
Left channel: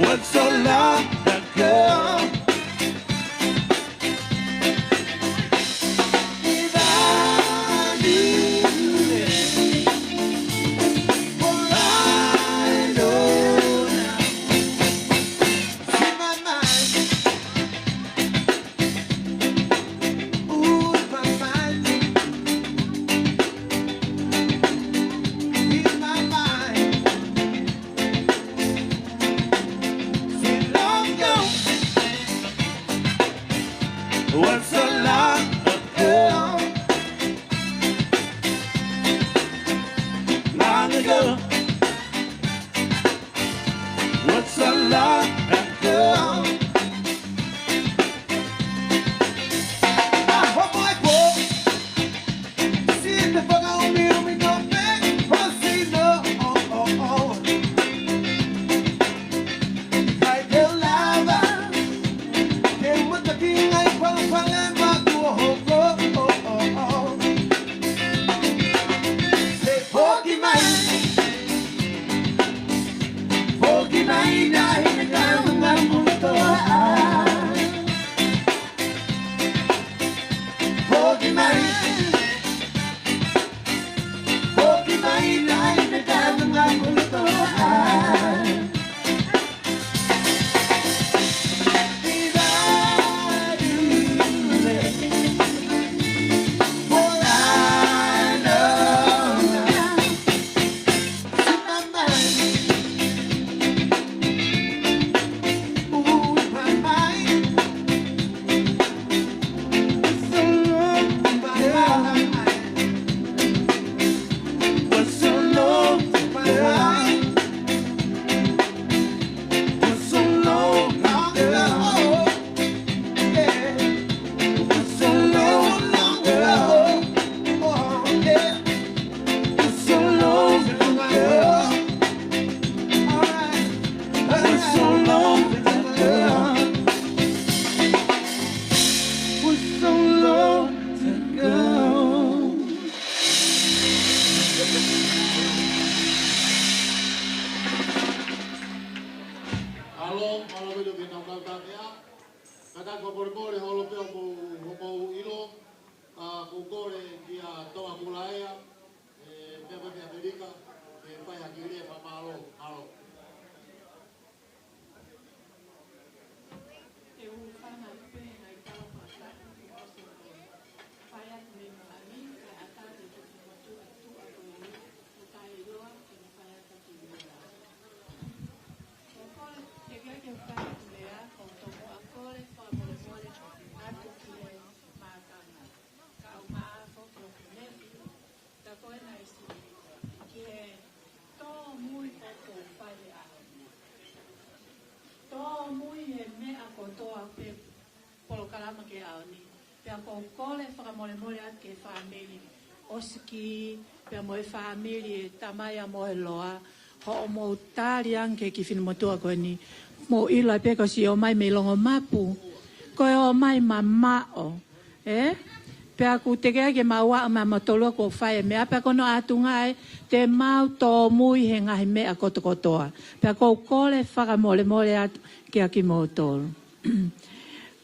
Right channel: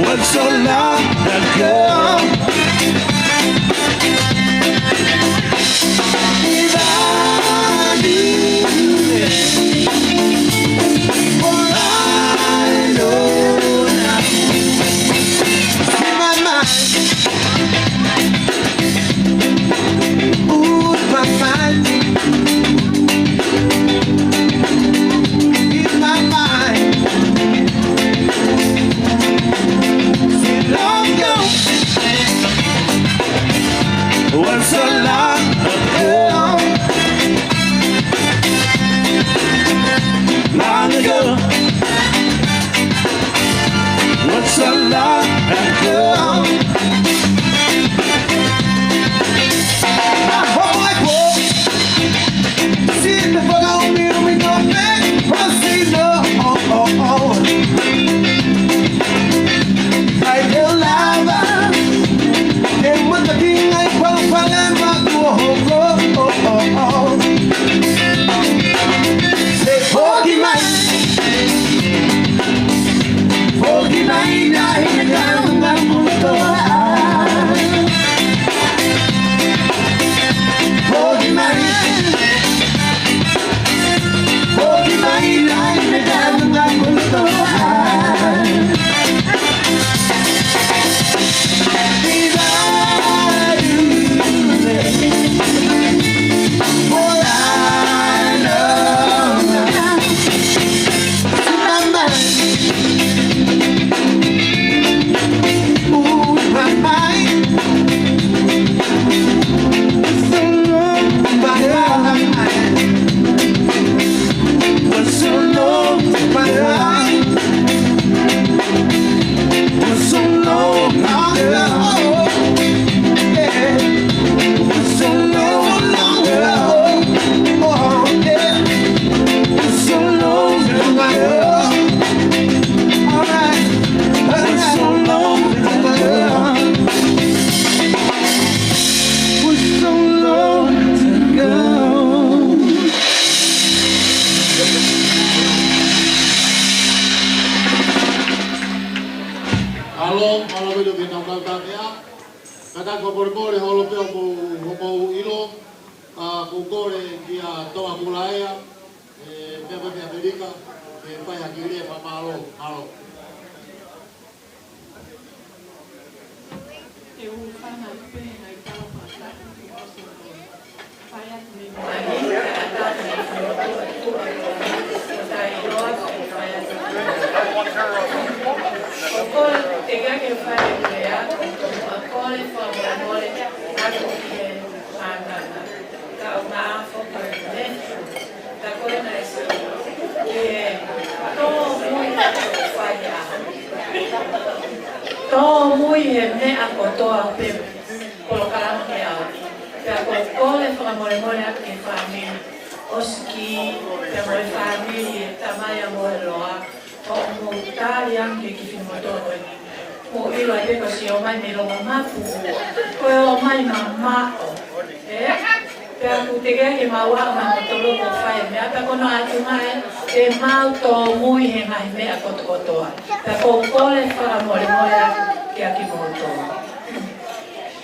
was so long ago. If I knew it, what I know now, in my mind, ooh, my mind, in my mind. Was so long ago, long ago, was so long ago. I hope my folks see the fuck out me when we go back. I say no, I tell lava.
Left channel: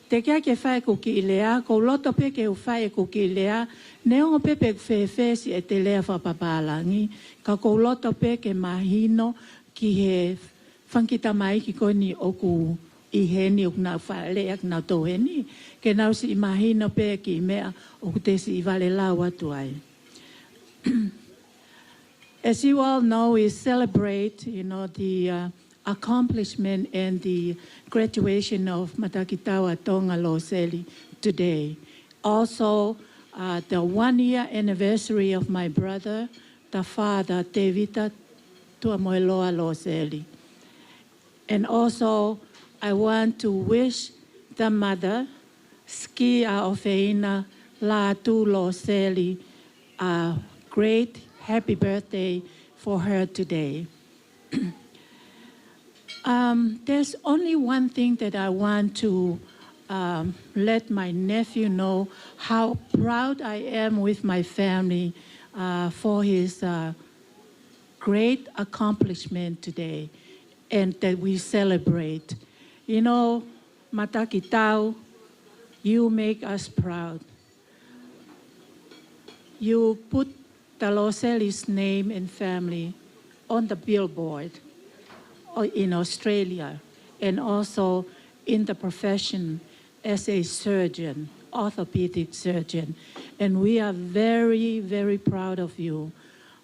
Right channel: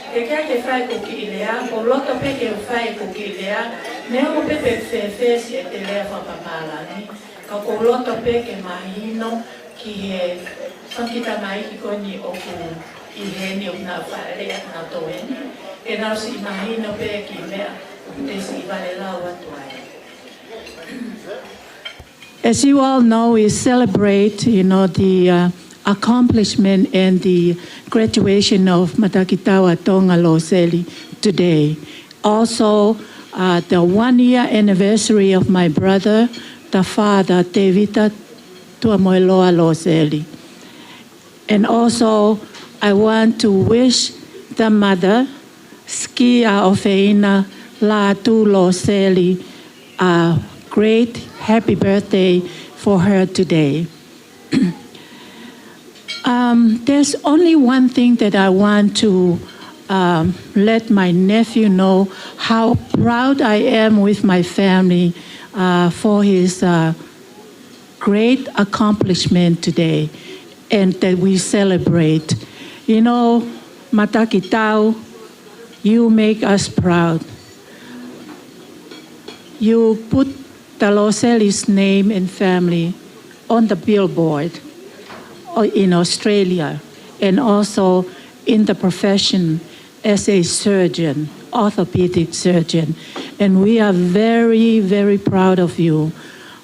Ke kia ke whai kuki I lea, ko loto pe ke whai kuki I lea, neo pe pe whewhesi e te lea whapapalani, ka ko loto pe ke mahino ki he whakita mai ki koni oku I heni o na whaere na toweni, ke nausi I mahino pe ki mea o te si vale lau atu ai. As you all know, we celebrate, the accomplishment and the graduation of Matakitau Tonga Loseli today. Also, the 1-year anniversary of my brother, the father, Tevita Tuamoiloa Loseli. And also, I want to wish the mother, Skia Ofeina Latu Loseli, a great happy birthday for her today. There's only one thing that I want to let my nephew know how proud I am with my family for his great accomplishment today. and that we celebrate. You know, Matakitau, you make us proud. You put the Loseli's name and family on the billboard in Australia and also in the profession as a surgeon, orthopedic surgeon. And we are very, very proud of you.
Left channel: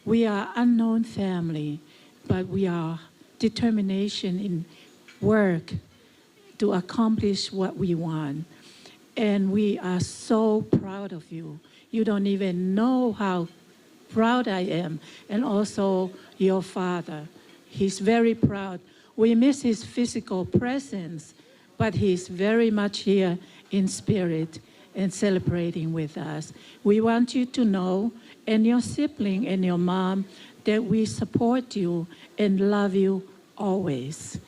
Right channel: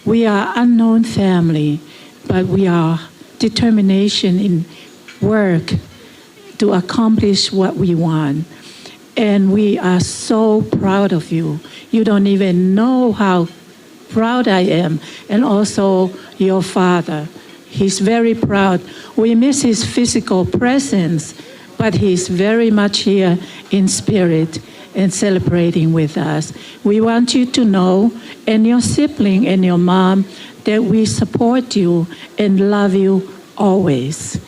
We are unknown family, but we are determination in work to accomplish what we want. And we are so proud of you. You don't even know how proud I am, and also your father. He's very proud. We miss his physical presence, but he's very much here in spirit and celebrating with us. We want you to know, and your sibling and your mom, that we support you and love you always.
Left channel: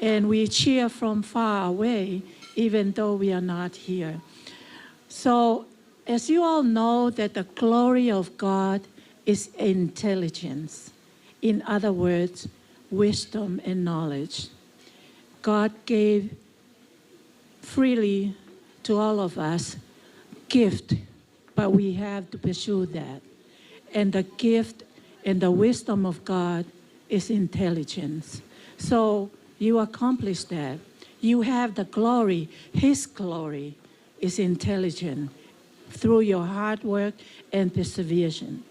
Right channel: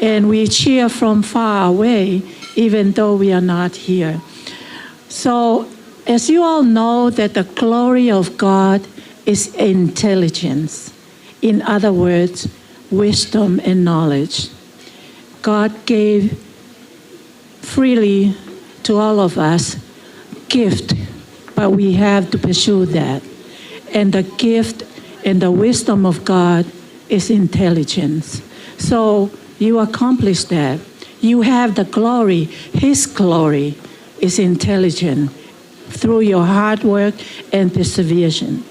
And we cheer from far away, even though we are not here. So, as you all know, that the glory of God is intelligence. In other words, wisdom and knowledge. God gave freely to all of us gift, but we have to pursue that. And the gift and the wisdom of God is intelligence. So you accomplish that. You have the glory. His glory is intelligent through your hard work and perseverance.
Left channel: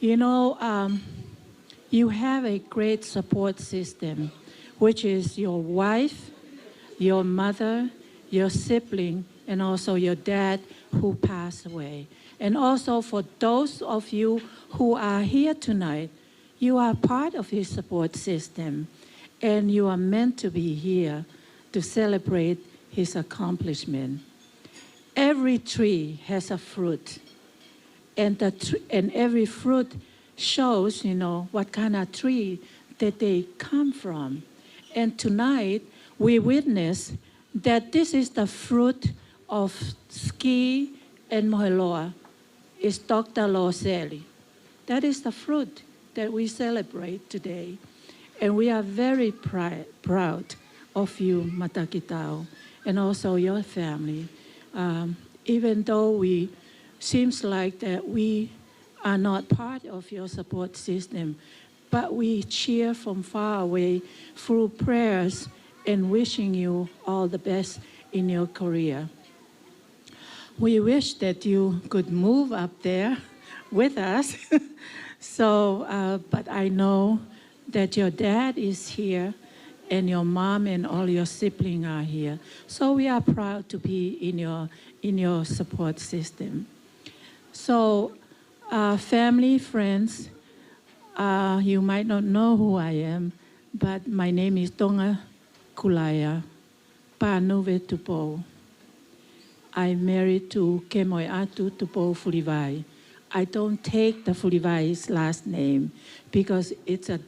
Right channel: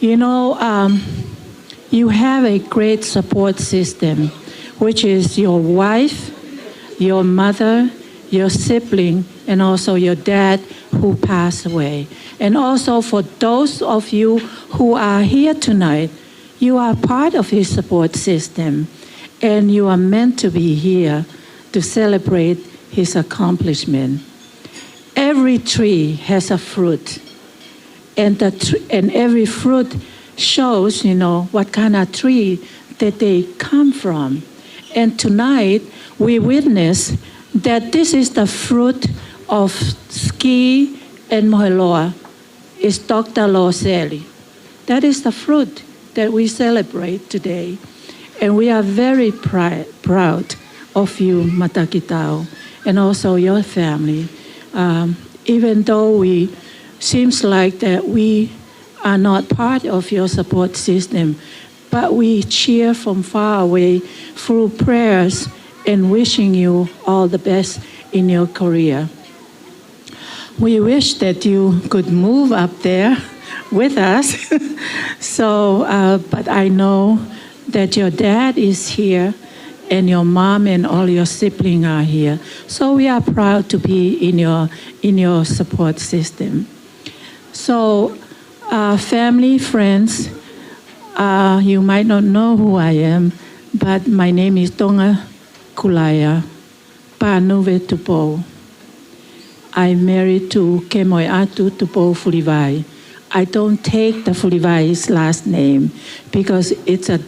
You know, you have a great support system, which is your wife, your mother, your sibling, and also your dad who passed away. And also for those of you who are here tonight, you are part of his support system, and you are meant to be here to celebrate his accomplishment. Every tree has a fruit, and every fruit shows, you know, what kind of tree that they come from. And tonight, we witness that this is the fruit of Ski and Moheloa, is Dr. Loseli. That is the fruit that we celebrate today. And we are very proud of you, Matakitau, and also your family. Even though we seems like that we are not part of your support system, but we cheer from far away through prayers and wishing you all the best in your career. We wish that you could move up there with us. But I know that your dad is here and your mom and all your siblings are here. So we are proud to be in your support system. So family, friends, you might not know who I am, but my name is Tonga Kulaya Panuve Tupo. I'm married to Kemoi Atu Tupo Fulivai. I don't take the Fulivai's last name because it's a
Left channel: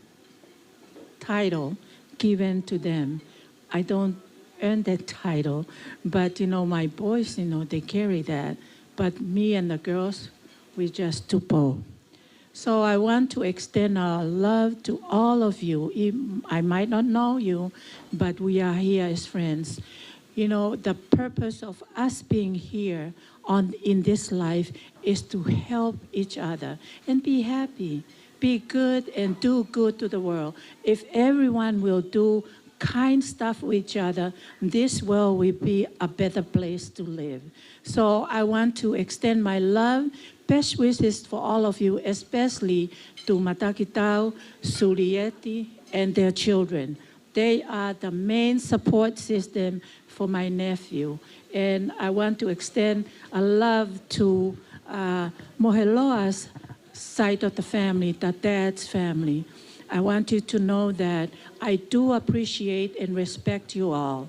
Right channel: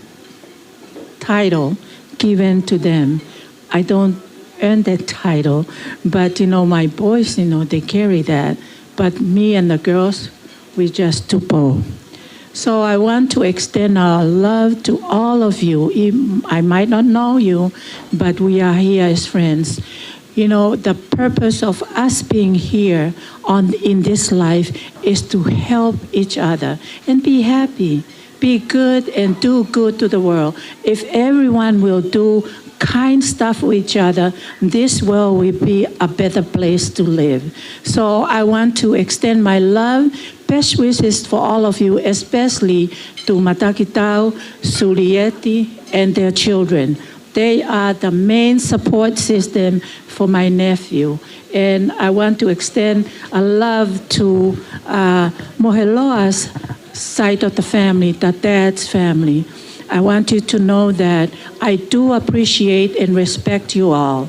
title given to them. I don't earn that title, but you know, my boys, you know, they carry that. But me and the girls, we just Tupo. So I want to extend our love to all of you. I might not know you, but we are here as friends. You know, the purpose of us being here in this life is to help each other and be happy, be good and do good to the world. If everyone will do kind stuff with each other, this world will be a better place to live. So I want to extend my love, best wishes for all of you, especially to Matakitau, Sulieti, and their children. They are the main support system for my nephew. And I want to extend a love to Moheloa's side of the family, the dad's family. I want you to know that I do appreciate and respect you all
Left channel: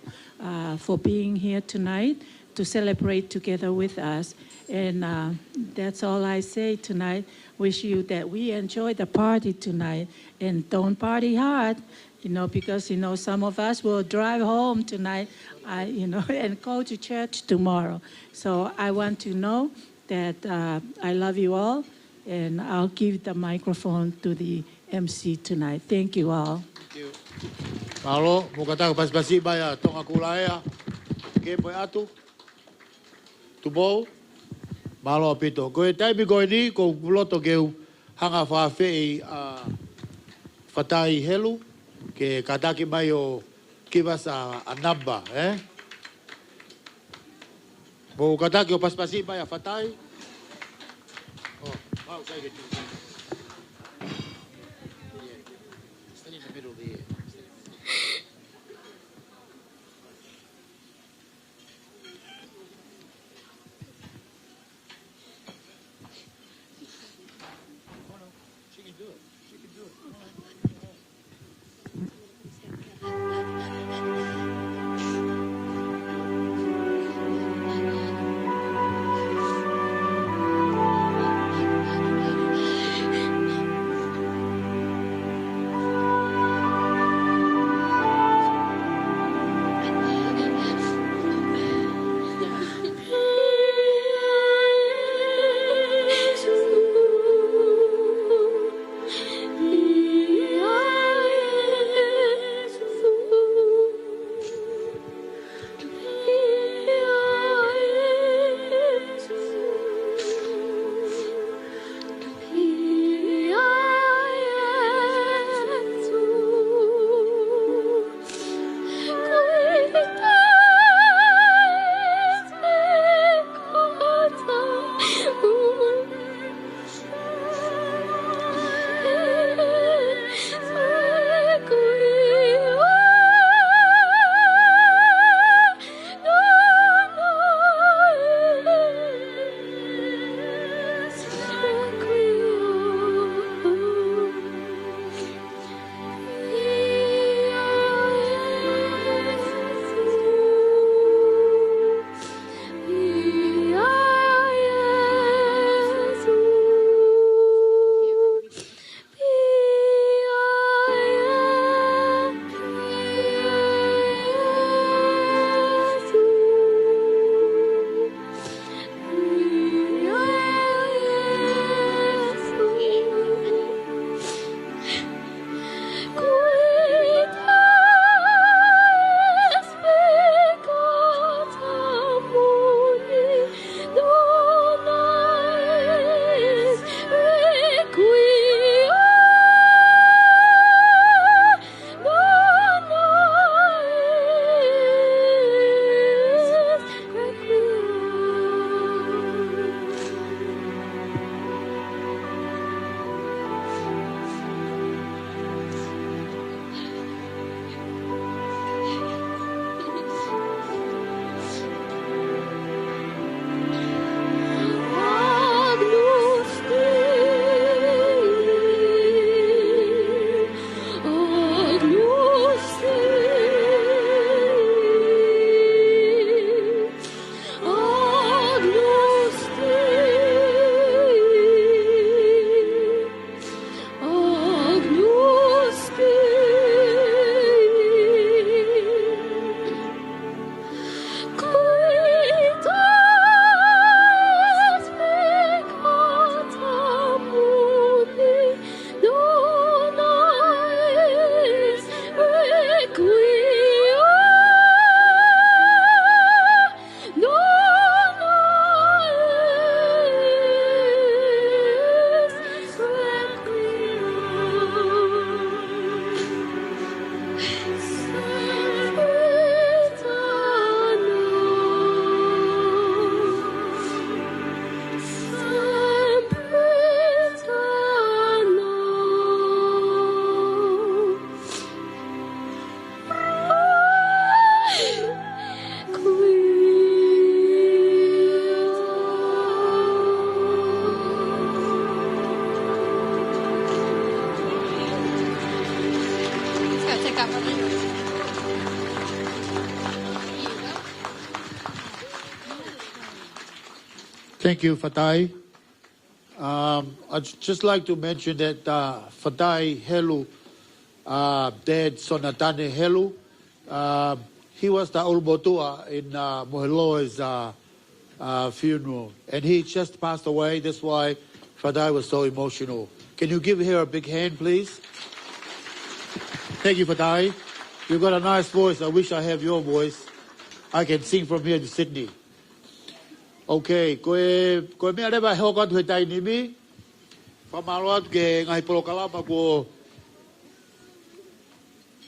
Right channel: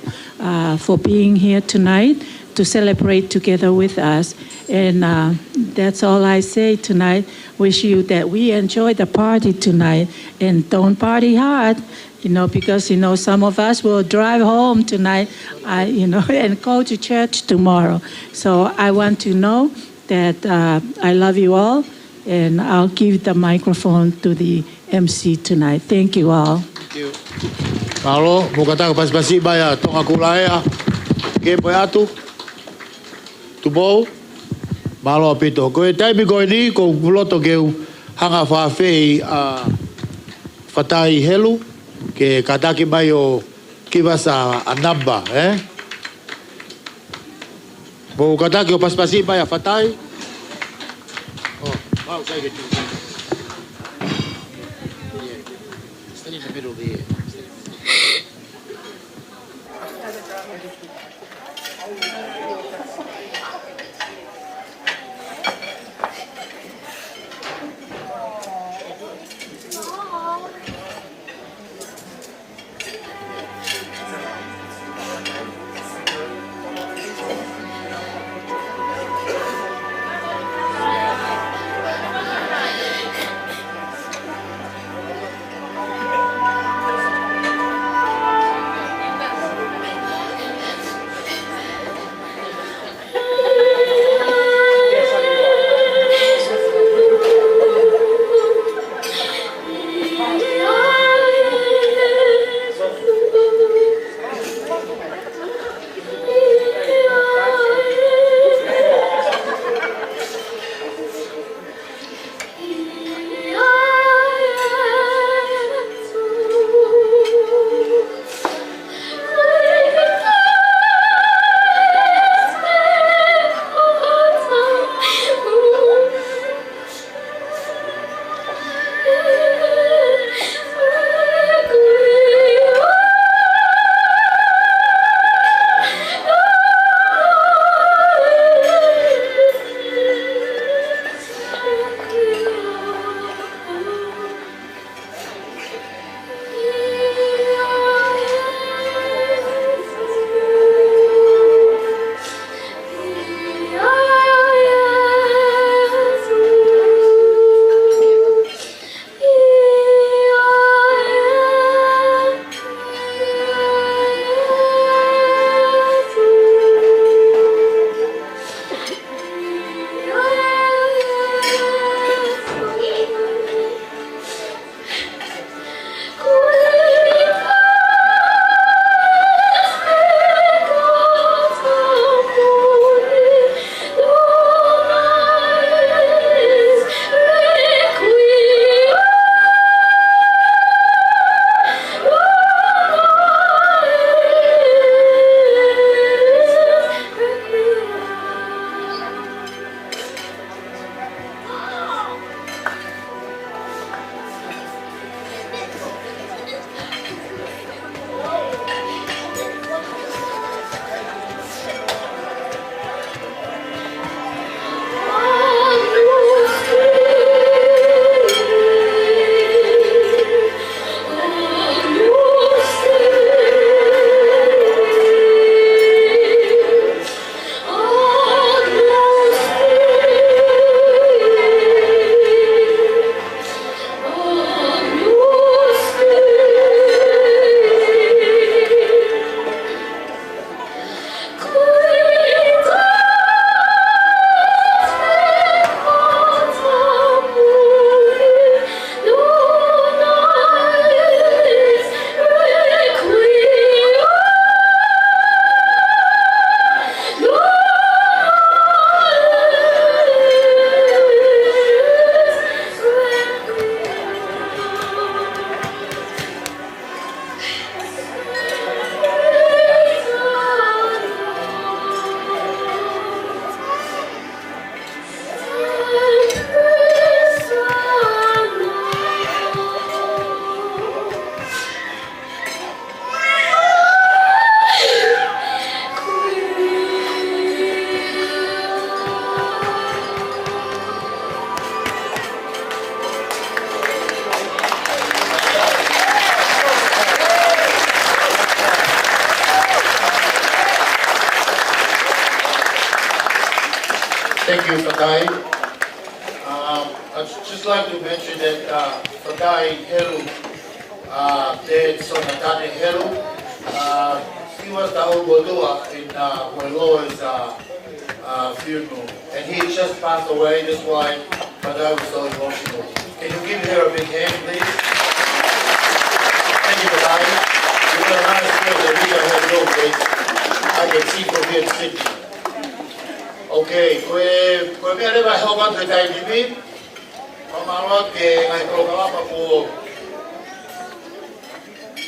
for being here tonight to celebrate together with us. And that's all I say tonight. Wish you that we enjoy the party tonight and don't party hard, you know, because, you know, some of us will drive home tonight, and go to church tomorrow. So I want to know that I love you all, and I'll give the microphone to the MC tonight. Thank you all. you. Malo, mukata pas-pasi baya tonga kulaya. Ke po atu. Tubo. Malo apito. Ko taimi ko ni ko puloto ke hanga fa fe fatai helu ke kataki mai o kivasa anamba, Bo kataki o pas-pasi baya fatai. Oh, wow, say it. Stand in the middle there. Thank you, Fatai. I'd just like to mention that Fatai Helu, Te Sonatane Helu, he was the Obotoa in Moiloi's funeral, and he just passed away. That's why Fatai was so emotional. Can you give her a big hand, please? Thank you for that. You got a nice voice. I wish I had your voice. I can sing from here in Sydney. Okay, koe mea rewa heo watu he tai nimi. Pamaroa ke ngai kolo kalapa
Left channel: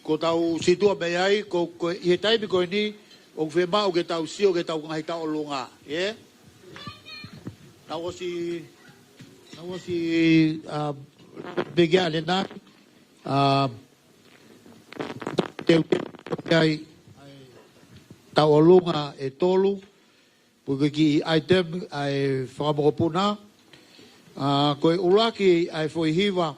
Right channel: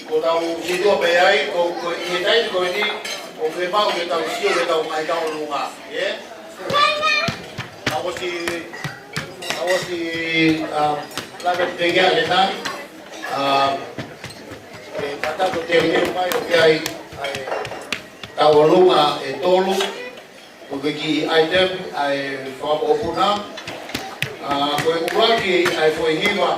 ko tau situa pe ai, ko i he tai ni koe ni, o ke mau ke tau sio ke tau mai tau lunga. Yeah? I was the like big out in that. Katato te mai o kai tawalunga e tolu. Wiki item ai whamokopuna. Koe uaki ai whoihiwa.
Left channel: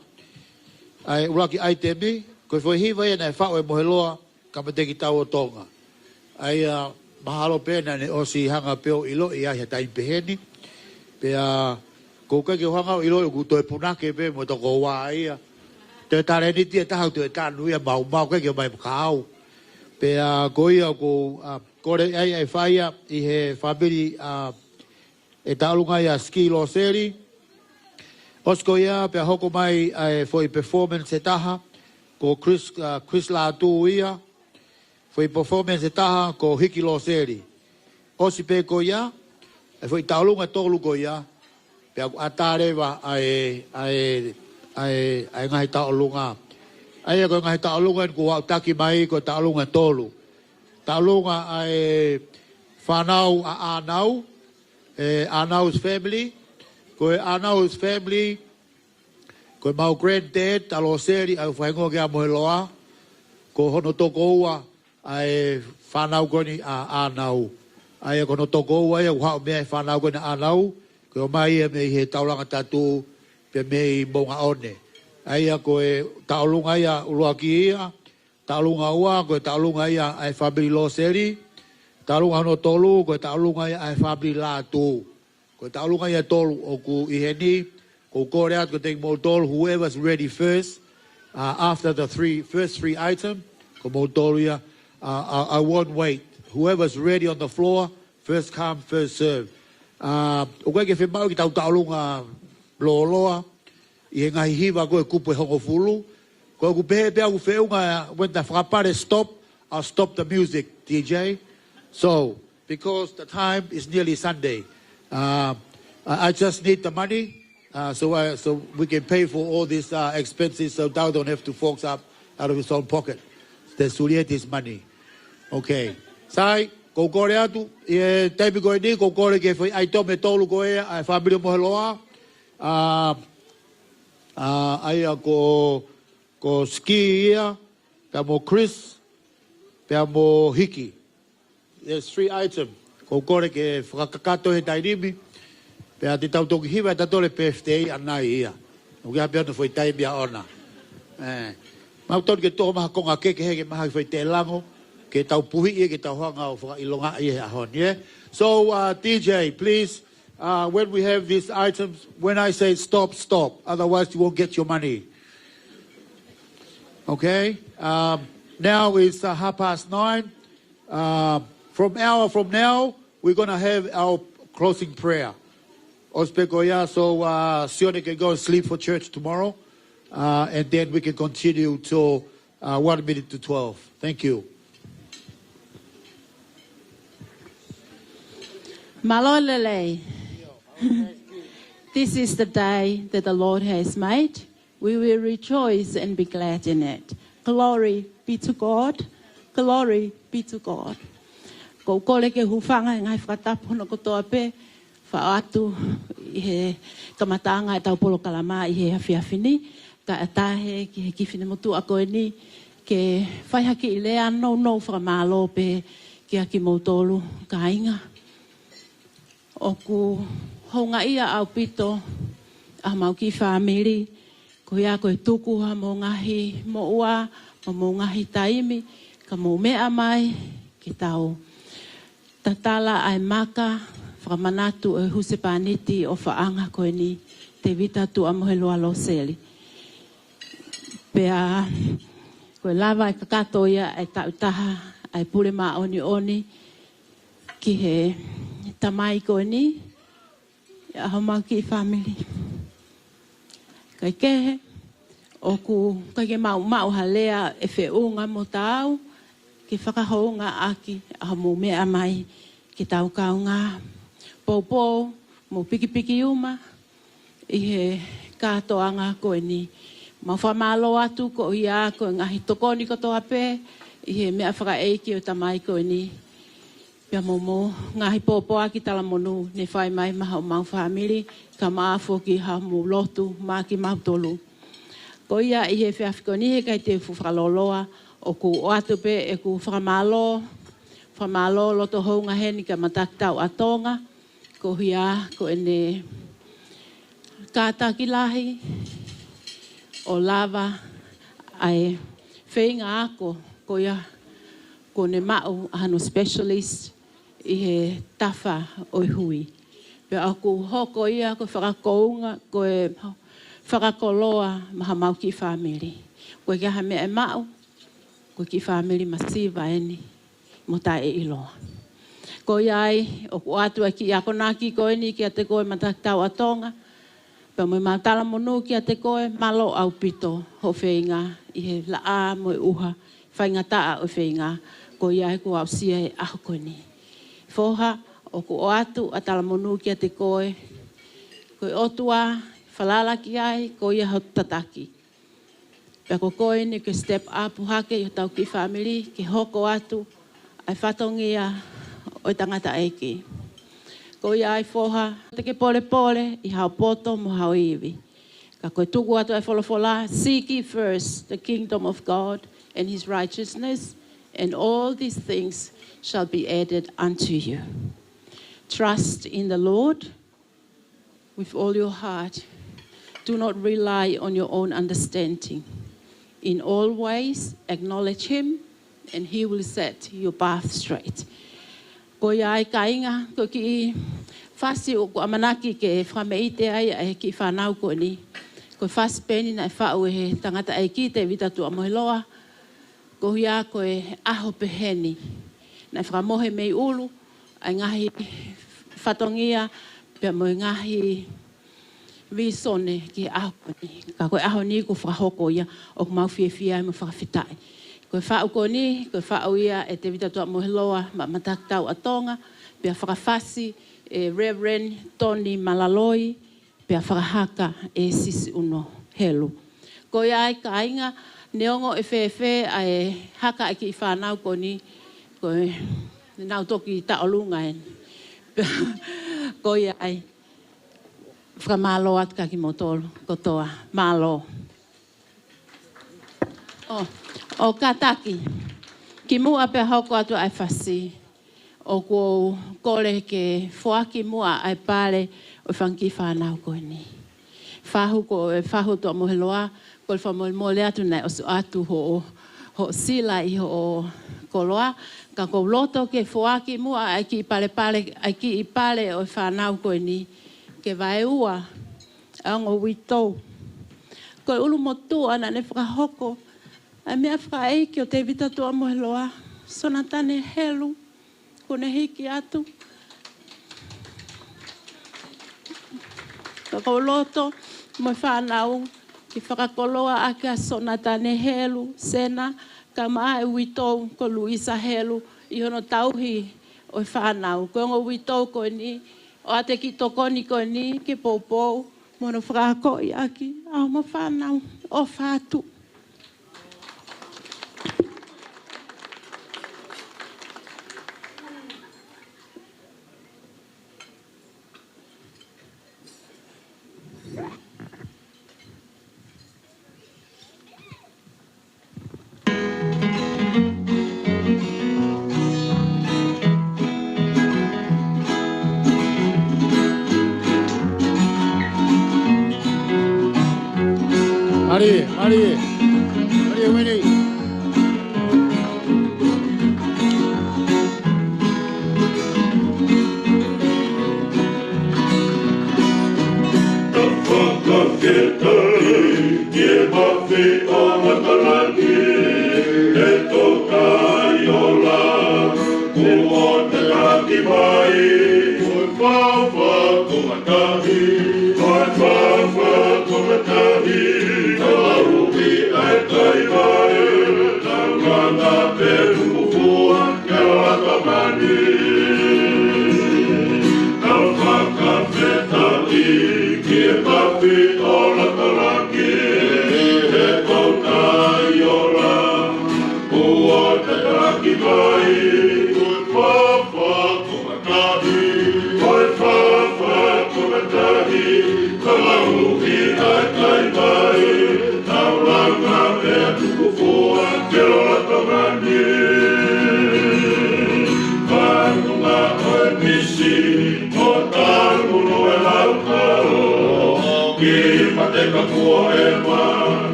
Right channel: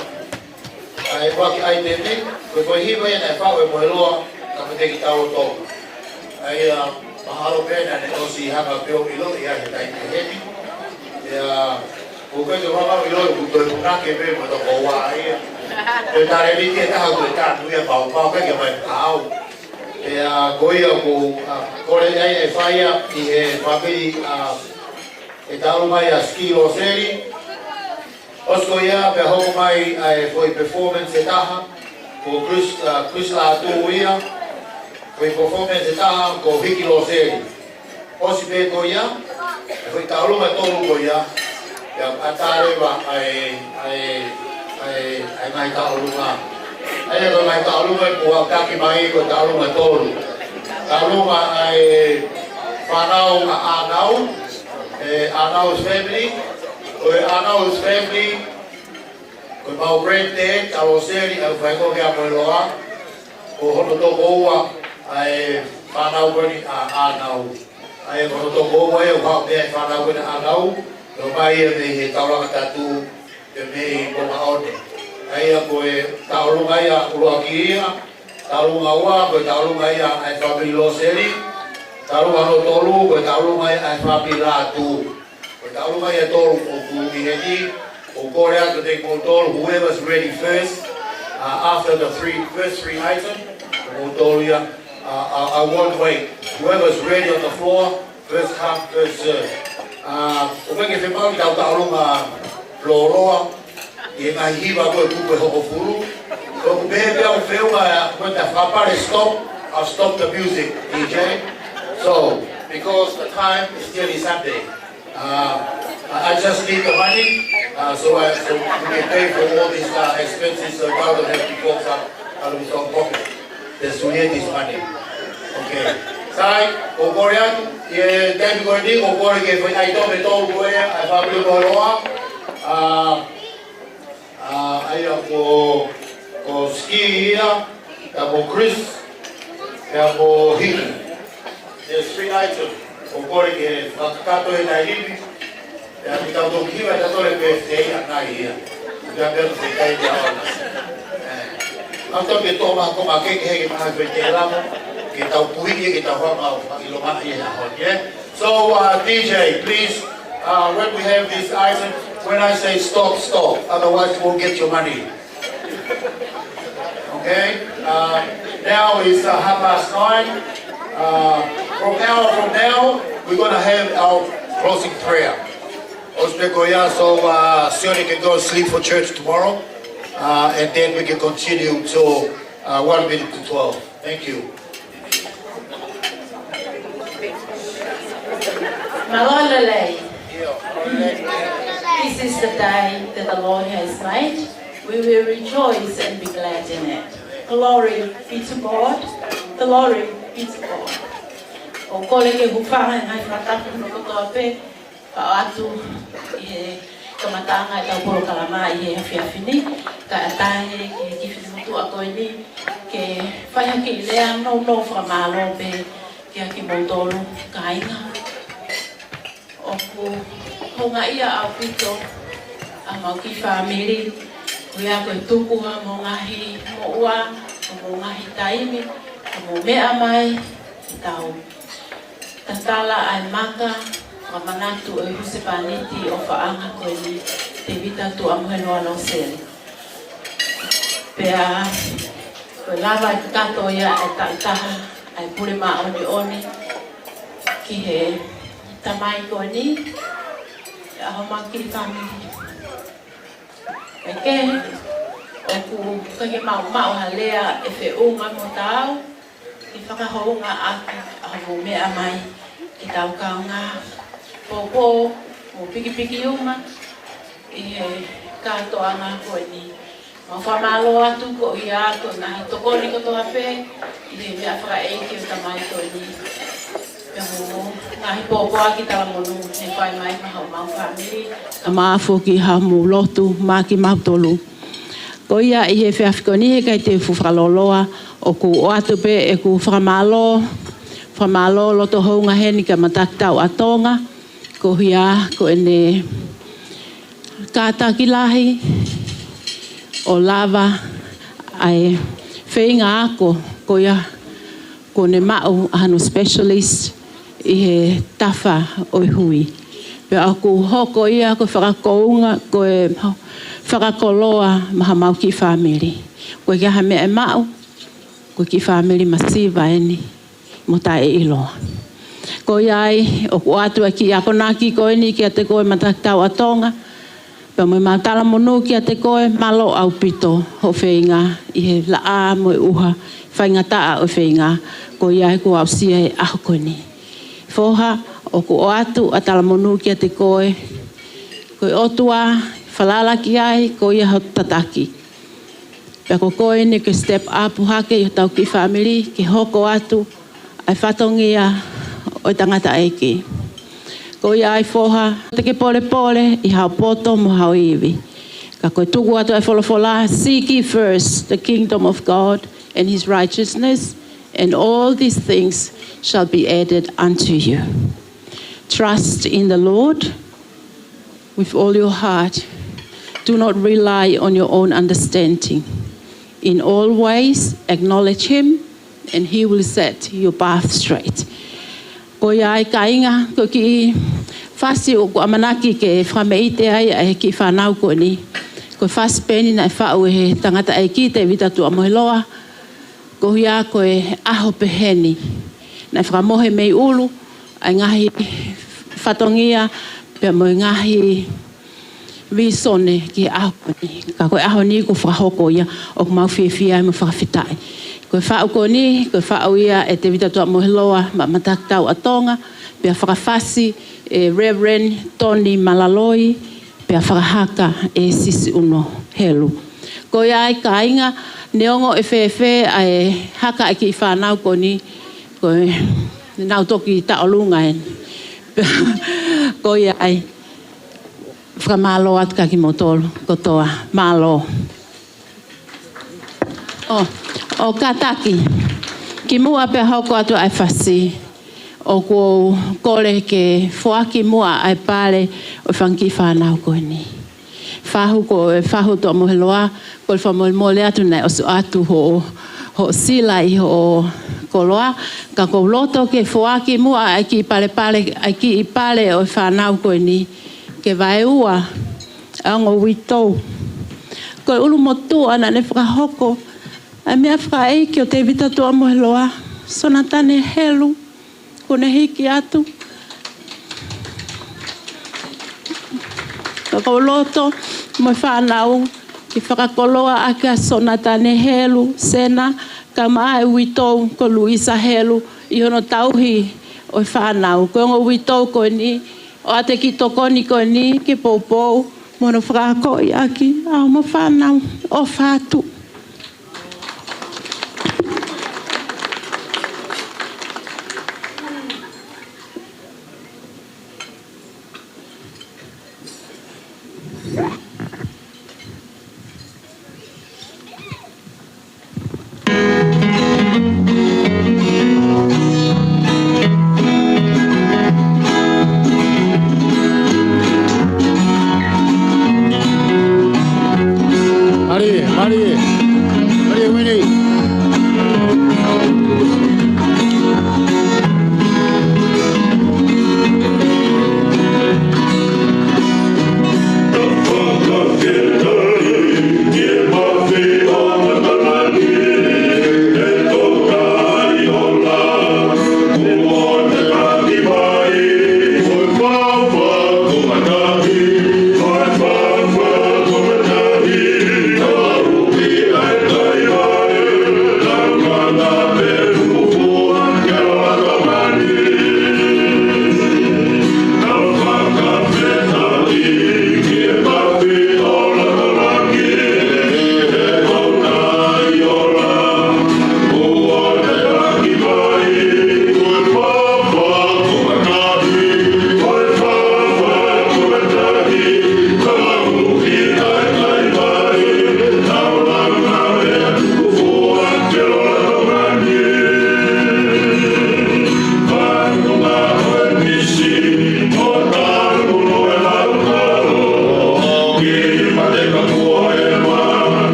Ai waki item ni. Koe whoihiwa e nai whao e moheloa. Kapa te ki tau o Tonga. Ai mahalo pēna ne osi hanga peo ilo i ahe tai te heni. Pea ko kai te whama ilo i kuto e punake pe mo ta koua ai. Te tare ni te taha koe kānu ia mau peke mai pāu. Pea koia ko kore ai e whaia i he whapiri e tau mai a ski Loseli. Hosko ia pe hoko mai e foi performance e taha ko Chris Latu ia. Foi performance e taha ko Hiki Loseli. Hosi pe ko ia e foi taulunga tolu ko ia. Pea atarewa ai mai taulunga. Aia ko mai taulunga ko taki mai ko taulunga tolu. Taulunga ai whanau a Anau, Anau's family. Ko Anau's family, ko mau granddad, ta Loseli ai whaingo kia moeloa. Ko hono toko ua ai whanau koni a Anau. Ai ko hono toko ua e whao mea whanau koni a Anau. Ko mai e me he taulanga tatu ke me i monga one. Ai ko e taulunga ia uruaki ia, taulunga ua ko e taulunga ia ai whabiri Loseli, taulunga no tolu ko e taulunga ia ai whabiri Latu. Ko e taulunga ia tolu o ku iheni, o kore atu te mo tolu, whoever's ready first, after the first three items, ko mo tolu ia, I won't wait. Whoever's ready on the floor, first come, first serve. O kai ke whemau ki tau taulunga loroa, I ngai hiwa koe kupu e hoko furu. Ko ku bebe au whiunga, when the whapare stop, I'll stop the music, DJ. So, because the time is nearly Sunday, I just need the money, so we can pay for all these expenses, so God don't have to fork out of his own pocket. The Sulietis money. Okay. Sai, ko kore atu, e teipi koe ni, ko kore ke ai tome tolu koe, ai whabiri moeloa. Aia ko ski ia, ka mo Chris, ka mo Hiki. There's 3 items. Ko kore ke whakakato e tai rimi, pea ki tau toki hiwa ta tole PFTA anai ia. Ia pera whai tai ia ona. Mau tau ke toa maha koma keke heke maha whai te lamo, ke tau puhiki ke tau hama i longa i ahon. So DJ, please, when we have this item, when I say stop, stop. Otherwise, you won't get your money. Okay? Now it's 9:30. From now, we're going to have our closing prayer. So Sione can go to sleep for church tomorrow. And then we can continue till 1 minute to 12. Thank you. Malolele. This is the day that the Lord has made. We will rejoice and be glad in it. Glory be to God. Glory be to God. Ko kole ke hufanga ngai whatapu no kotoa pe, whaatu i he kamatanga e taporo kalama i he hawhiawhini, ka atahe ki he kiwhini mutu a koe ni, ke whaihaki i lea no whamalo pe, ki haki motoro ka inga. Oku honga ia au pito a mau ki whamiri, kui a koe tukuha mo ngahi mo ua, mo ngahi taimi, mo mea mai ki tau. Tatala ai maka, wamanatu o husepaniti o whaanga koe ni te vita tu amuhenua Loseli. Pea, koe lava i kato ia e tautaha, ai pule ma oni ki he tamai koe ni, a homa ki whamiri. Peke, o ku kake mau halea e whiunga mo tau, ki whakahounga aki a mo mea mai, ki tau kaunga popo mo piki uma, i he katoanga koe ni. Ma whamalo atu ko ia ko ngahi tokoni ko toha pe, i he mea whakaeiki o tamai koe ni. Pea momo, ngahi popo aki tala monu, ne whai mai maha o mau whamiri, ka maafo ki ha mu lotu, ma ki mautolu. Ko ia i he whiawhikoni he kai te whawhaloloa, o ku o atu pe e ku whamalo loto hounga heni ka Matakitau a Tonga, ko hia ko ene kātaki lahi, o lava ai whainga ako ko ia ko ne mau ahanu specialist i he tafa o hui. Pea aku hoko ia ko whakakounga ko e whakakoloa maha mau ki family. Ko kia ha mea mau ko ki family masiva eni mo tae iloa. Ko iai o ku atu e ki ako naki ko eni ki a te koe Matakitau a Tonga. Pea mo ma tala monu ki a te koe malo au pito ho whainga i he laa mo uha whainga taa o whainga ko iai ko au sia e aho koe ni. Foha o ku o atu a tala monu ki a te koe otua whalala ki ai ko ia ho tataki. Pea ko koe ni ke step up hake i tau ki family ki hoko atu ai whatongia o tangata eiki. Ko ia ai foha, te ke pole i hao poto mo hao iwi. Ka koe tuku atu ai wholofola, seek ye first the kingdom of God and his righteousness, and all these things shall be added unto you. Trust in the Lord with all your heart. Do not rely on your own understanding. In all ways, acknowledge him, and he will set your path straight. Ko ia ai kainga, ko ki whasi o ko amanaki ke whameite ai ai ki whanau ko ni. Ko whaspeni na whau he tangata ai ki te vitatu a mohiloa. Ko hia ko e aho peheni. Na whakamohe mei ulu, ai ngahi whatongia, pia mo ngahi visone ki aho ni. Ka koe aho ni ko whahoko ia o ko mau whiawhia mo whakawhitai. Koe whau ko ni, koe whau ia e te vitatu a mohiloa ma Matakitau a Tonga, pia whakawhasi e Riverina Tony Malaloi, pia whakahaka e sisi uno helu. Ko ia ai kainga, neongo e whewhe ai haka e ki whanau ko ni, koe nau toki taolunga en. Ko ia ai whakamalo atu ka ki motolo, kotoa, malo. O kataki, ki mua pe hoko atu ai whasi, o ko kore ke whoaki mua ai pare o whanki whanau koe ni. Whahu ko e whahu to moheloa, ko le whamole atu nei o su atu ho sila i ho koloa, ka ko loto ke whoaki mua ai ki pare ai ki i pare o whanau koe ni, ke vai ua, ango witou. Ko ulu motu ana ne whakahoko, a mea whaeiki o te vitatu a moheloa, sona tane helu, kone hiki atu. Ka kauloto, mo whanau, ki whakakoloa aka sona tane helu, sena, ka maa e witou ko Luisa helu, i hono tauhi o whanau. Ko ngo witou ko ni, o ate ki tokoni ko ni, ki poupou, mono whakako i aki, au mo whanau, o whatu. Marie.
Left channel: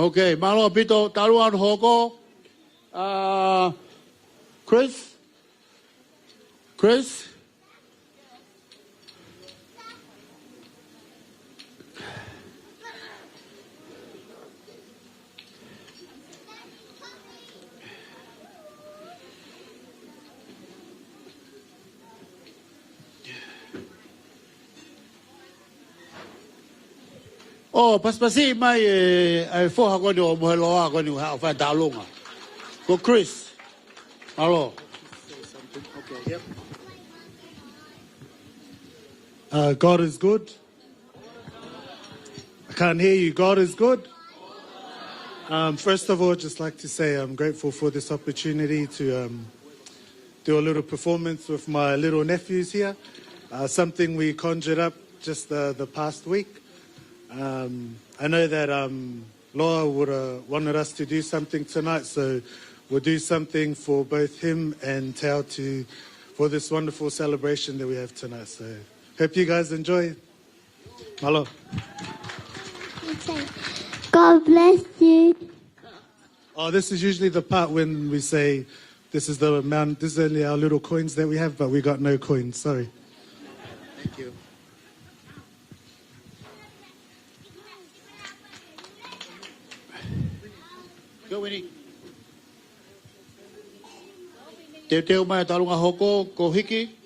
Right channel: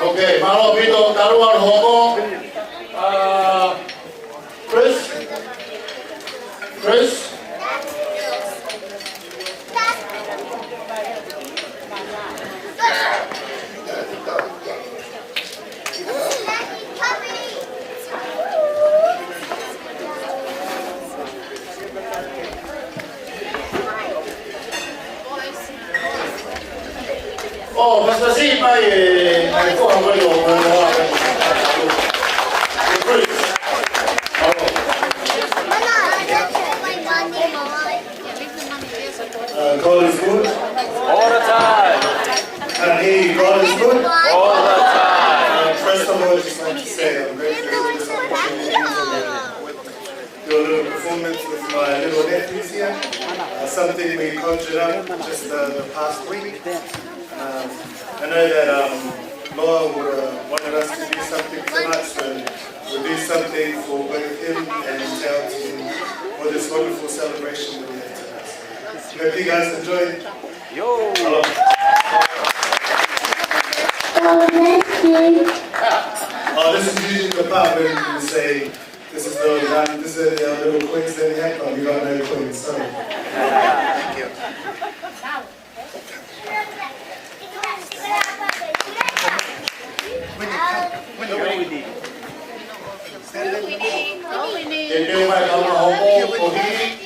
Okay, malo pito taruan hobo. Chris. Oh, basta si mai ai fuori quello Chris. Oh. God is good. All the time. Can hear you. God is good. All the time. First of all, I'd just like to say I'm grateful for this opportunity to do a little performance with my little nephews here. Something we conjured up just the past week. I know that Loa wanted us to do something tonight, so we'll do something for both him and Tao for this wonderful celebration that we have tonight. So hope you guys enjoy. Hello. God bless you. Oh, this is usually the part when we say this is our little coins that we have, but we got no coins. Sorry. Thank you. Te teo mai kalunga hoko ko hiki.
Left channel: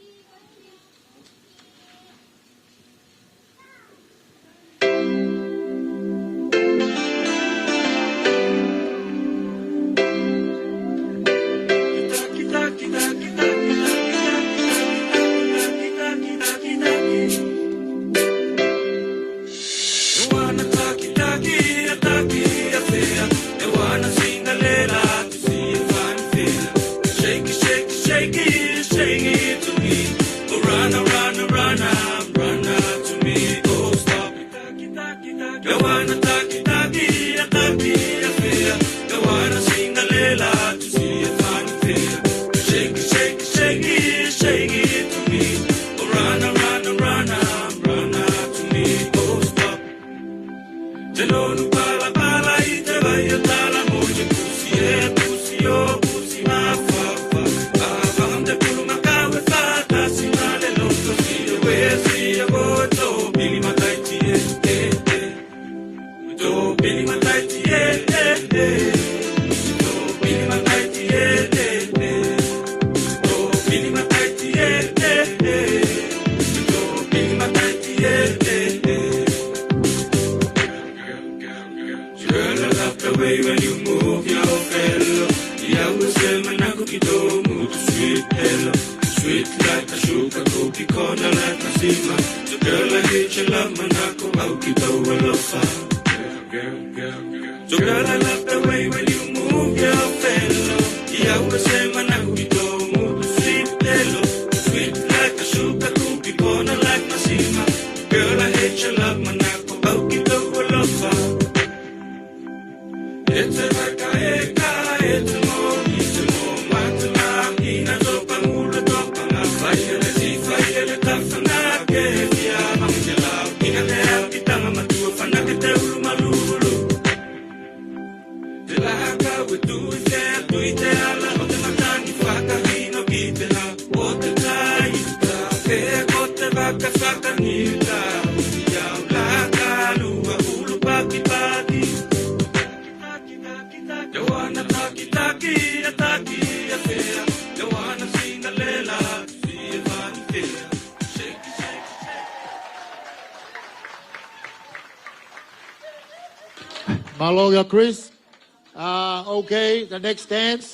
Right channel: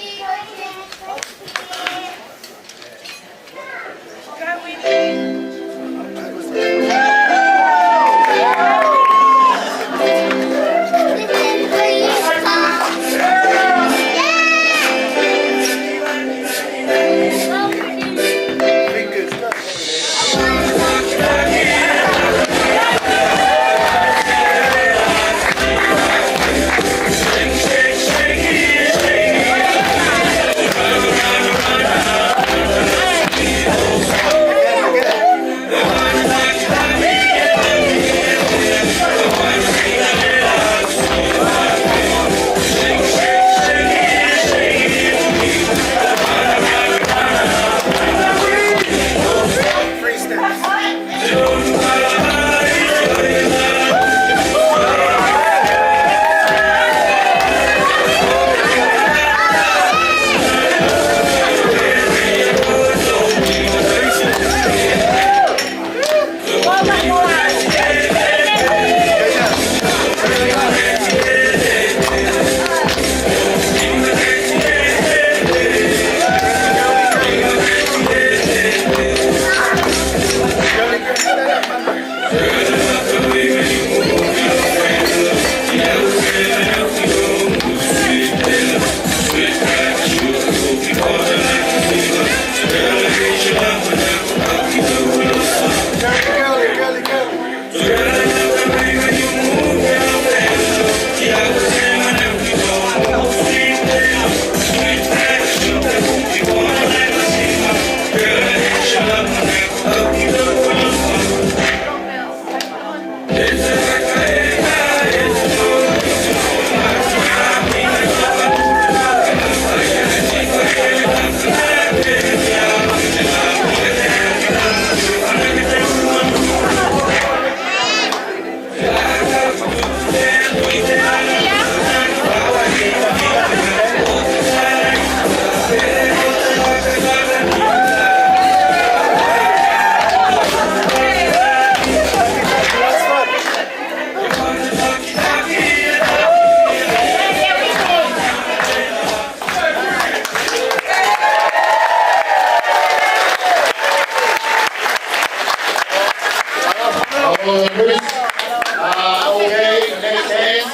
Okay, the next dance.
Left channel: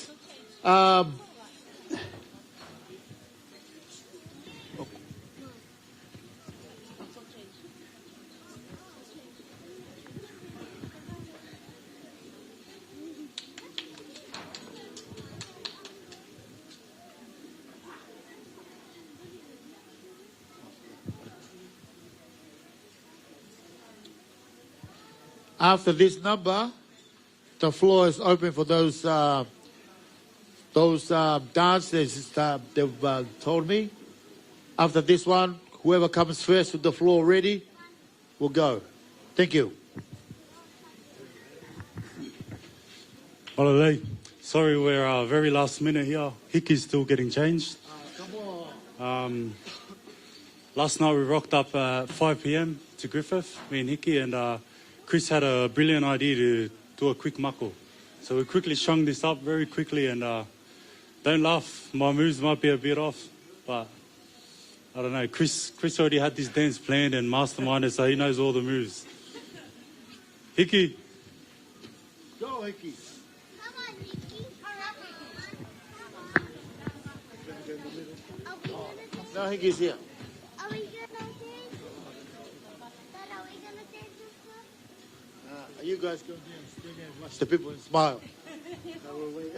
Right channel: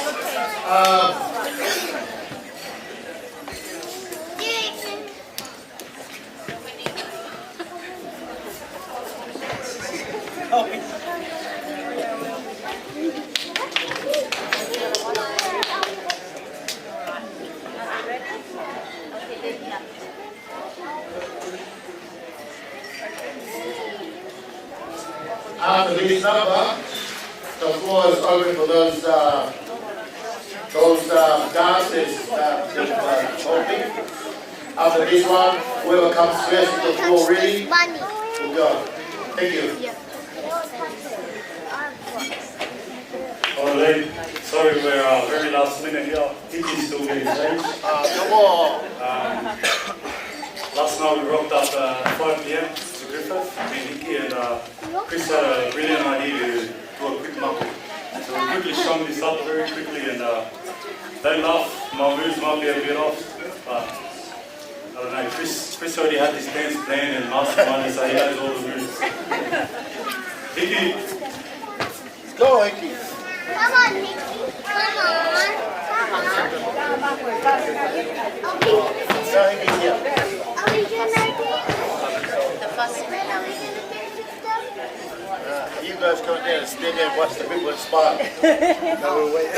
After this number, the floor is open for those dances that they've told me. After this one, whoever comes first with the floor ready, will go. Thank you. Oh, Lee, sorry we're very last minute here. Vicky's still getting changed. Come on. Last night we rocked up at 5 p.m. to Griffith, me and Nikki, and Chris had a brilliant idea to do a quick knuckle. So we quickly strung this up very quickly, and don't laugh, my moves might be a bit off, but I don't know, Chris already had this dance planned and masterminded, so he knows all the moves. Nikki. Let's go, Nikki. Come on, Nikki. Come on. So Nikki's here. Are we gonna do the first one? Are we gonna do the You guys come there and stand there and watch the people smile. No, wait.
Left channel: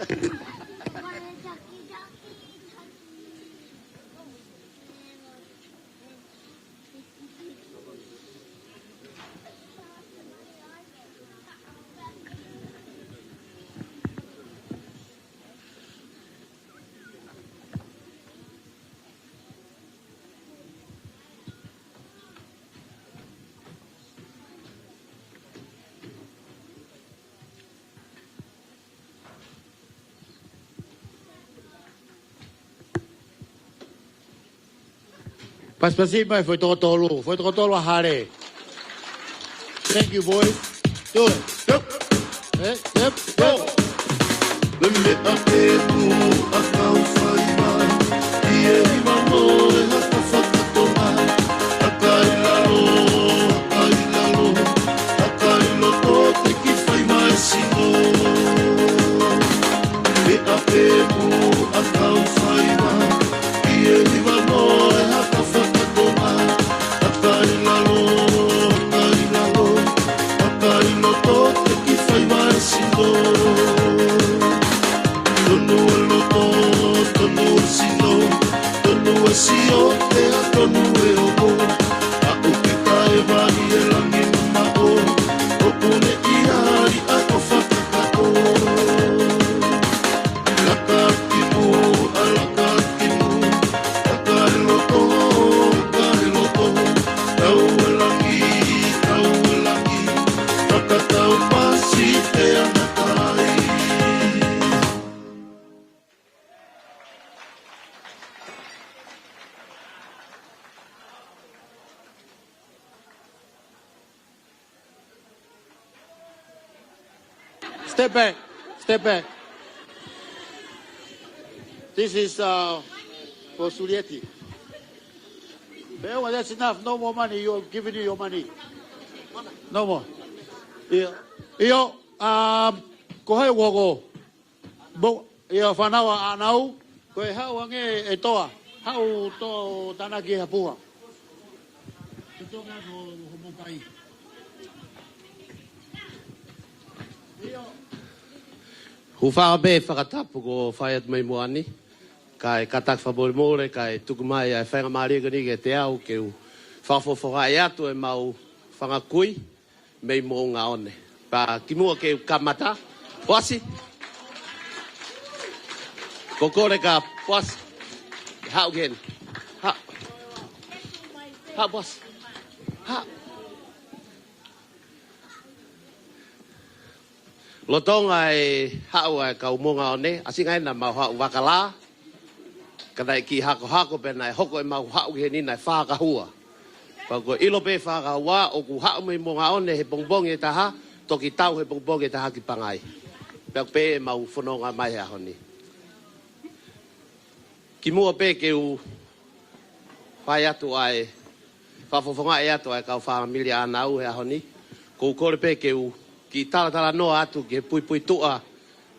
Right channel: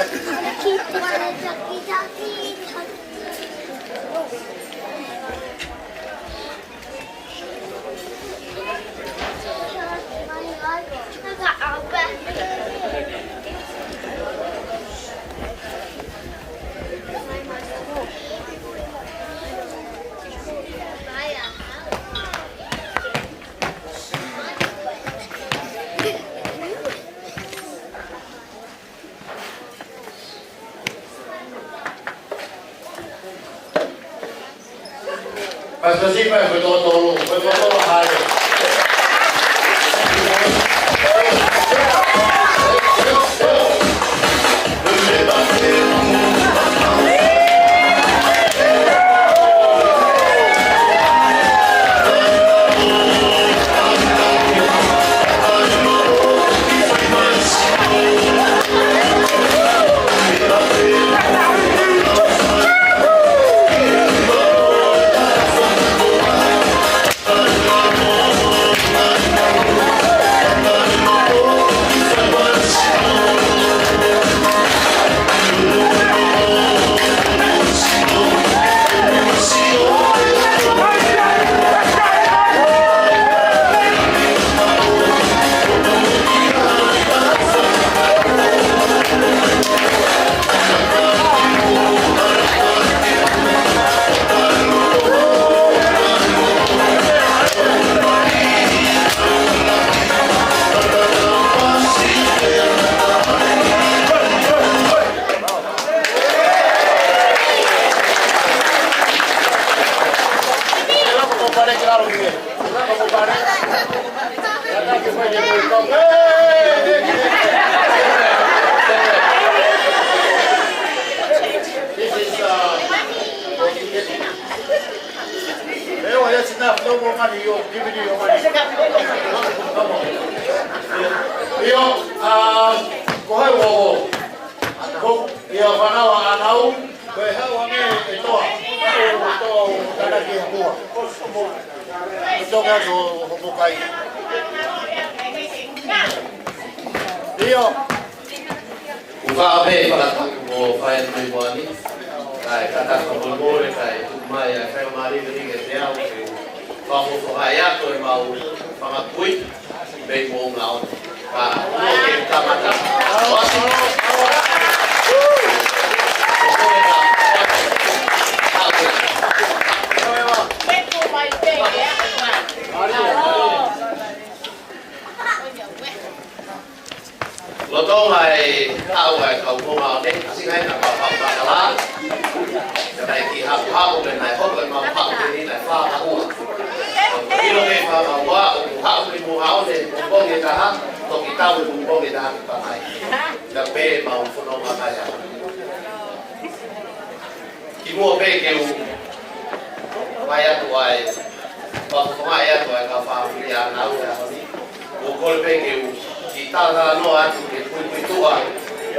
I got our best. Pastor Sipa foi totolo, foi totolo hare. Thank you, boy. That's enough. No more money. You're giving you your money. No more. Yo, kohe wo. Bo, yo whanau anau. Koe hau ange e toa. Hau toa o taraki hapua. E toka ko hopokai. Yo. Uwhaabe whakataku mo whae tui moani. Kai kataka moimoi, kai tukumai a whakamari gani te au ke whafo whai ato e mau whangakui me mo ngā ono. Ka kumua ke kamata. Wasi. Ko kore ka wasi. Hau Lotonga e hau ai kau mo ngā one. Asingai na mau hau bakala. Kanai ki hau penai hoko e mau hau ni nai whakahua. Ko ilo me whakahua o ku hau ni mo ngā one bongbong e taha, toki tau e bongbong e taha ki pangai. Ka pē mau whanonga mai hau. Ki mua pē ke u pai atu ai, whawhawhonga e atu ai ka whawamilia anau e ahoni. Ko kore pē ke u ki tātara noa atu ke pui tua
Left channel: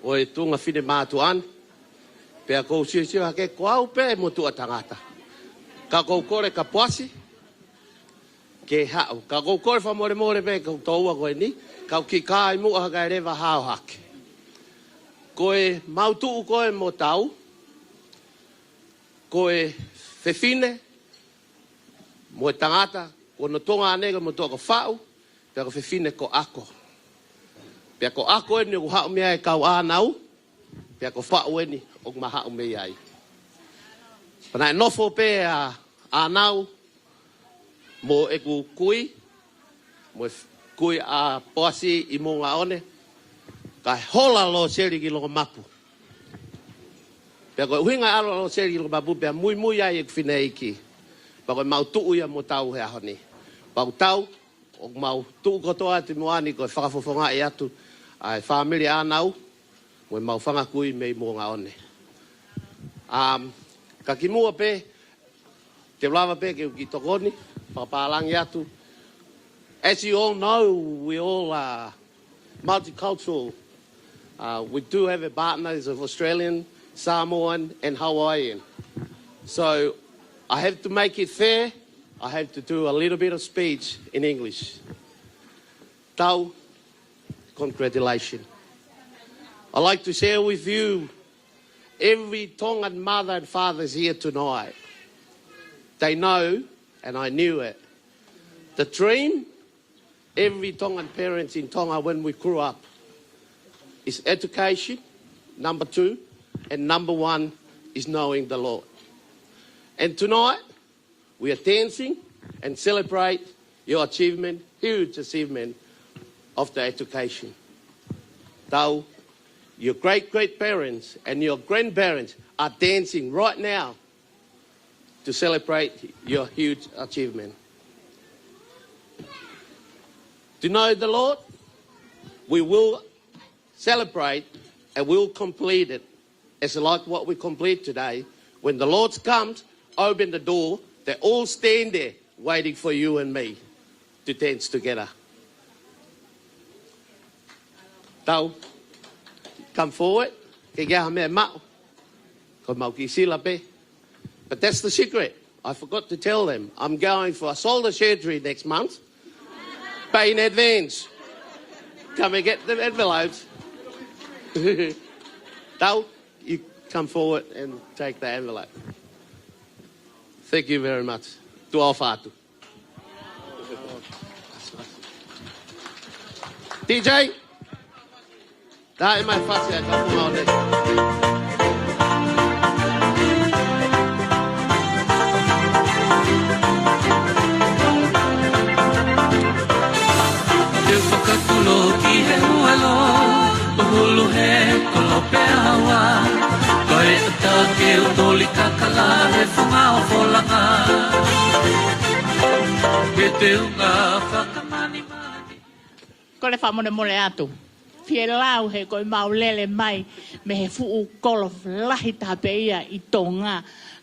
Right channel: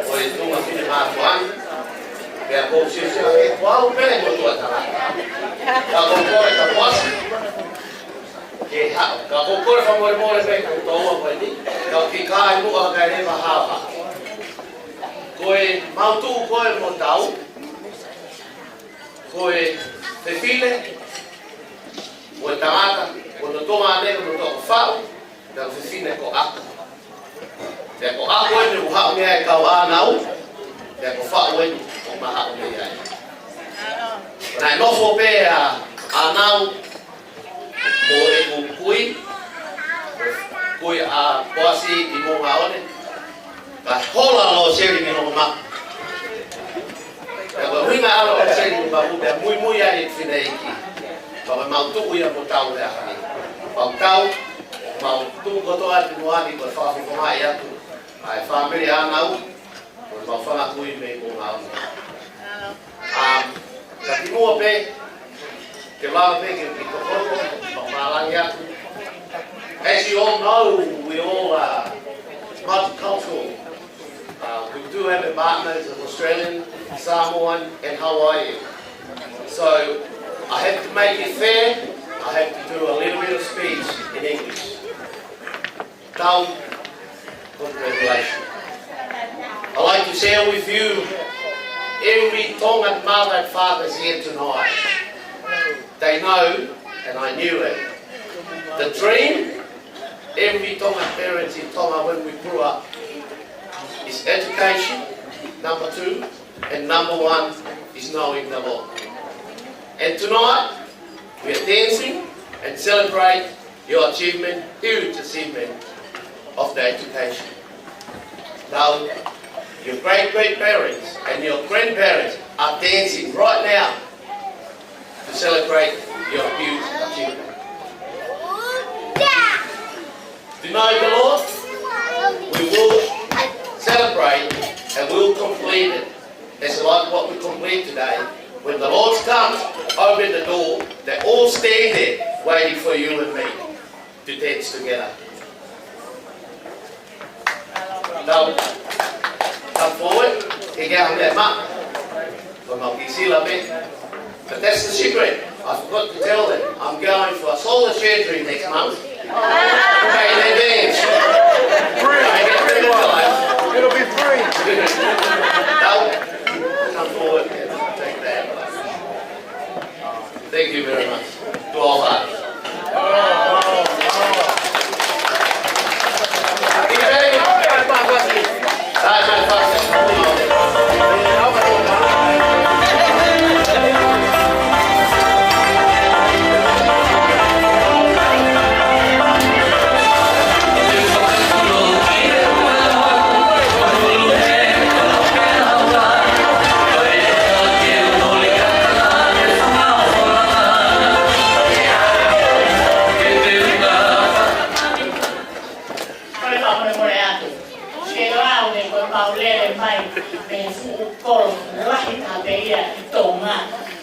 o e tunga whine mātu an. Pea kou siusia ke kuau pēle mo tua taraka. Ka kou kore ka posi ke hao. Ka kou kore whamore more pē kou toua koe ni. Ka ki kāi mua kai rewa hao haki. Koe mautu koe mo tau. Koe whewhile mo e tangata. Ko no tonga anega mo toko whao. Pea whewhine ko ako. Pea ko ako ene u hao mea e kau ānau. Pea ko whao ene o maha o mea ai. Nai nofo pē ānau mo e ku kui. Kui a poasi i mo ngā one. Ka hola Loseli mi hongo maku. Pea ko huinga ala Loseli mi maku pea mui ai e whine iki. Pa koe mau tuu ia mo tau hea hani. Pau tau, mau tuu kotoa ati moani koe whakawhawhonga e atu. Ai whamiri ānau, koe mau whangakui me mo ngā one. Ka ki mua pē, te lawa pē ki tokoru, pa pālangi atu. As you all know, we all are multicultural. We do have partners of Australian, Samoan and Hawaiian. So I have to make it fair. I have to do a little bit of speech in English. Tau, congratulations. I'd like to share with you every Tongan mother and fathers here tonight. They know, and I knew it, the dream every Tongan parents in Tonga when we grew up is education, number 2, and number 1 is knowing the Lord. And tonight, we are dancing and celebrate your achievement, huge achievement of the education. Now, your great-great-parents and your grandparents are dancing right now to celebrate your huge achievement. To know the Lord, we will celebrate and we'll complete it. It's like what we complete today. When the Lord comes, open the door, they all stand there waiting for you and me to dance together. Now, come forward. But that's the secret. I forgot to tell them. I'm going for a shoulder surgery next month. Pay in advance. Can I get rid of the life? It'll be free. Now, come forward and take the envelope. Thank you very much to all fathers. DJ? Maulele mai me fu kol lahi tapea I Tonga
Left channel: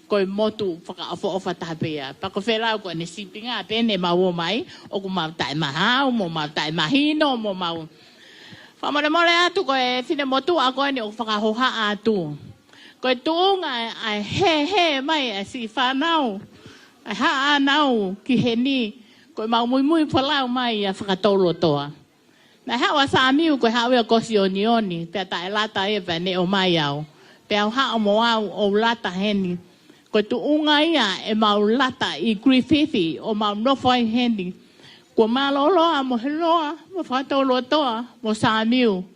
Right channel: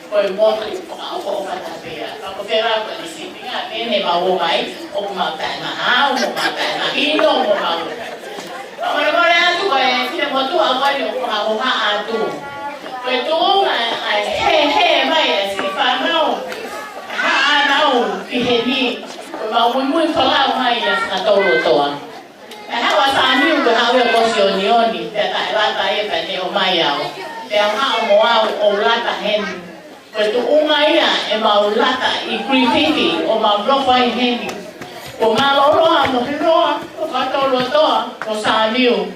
ko moto I fo tapea pa ko fera ko ni sipinga tene mau mai o ma tai mahau mo ma tai mahino mo ma amore more atu ko e fina motu awani o fa ho ha atu ko tu ai he mai si fa nau ha nau ki heni ko ma muy fala mai ya sa tolo toa. Na hawa sa niu ko hawe ko sionioni te ta lata e pa ne o mai au te ha o moa o lata hen ko tu unga ia e mau lata I Griffith o mau no fai hen ko malo roa ko te roa ko to lo to ko sa niu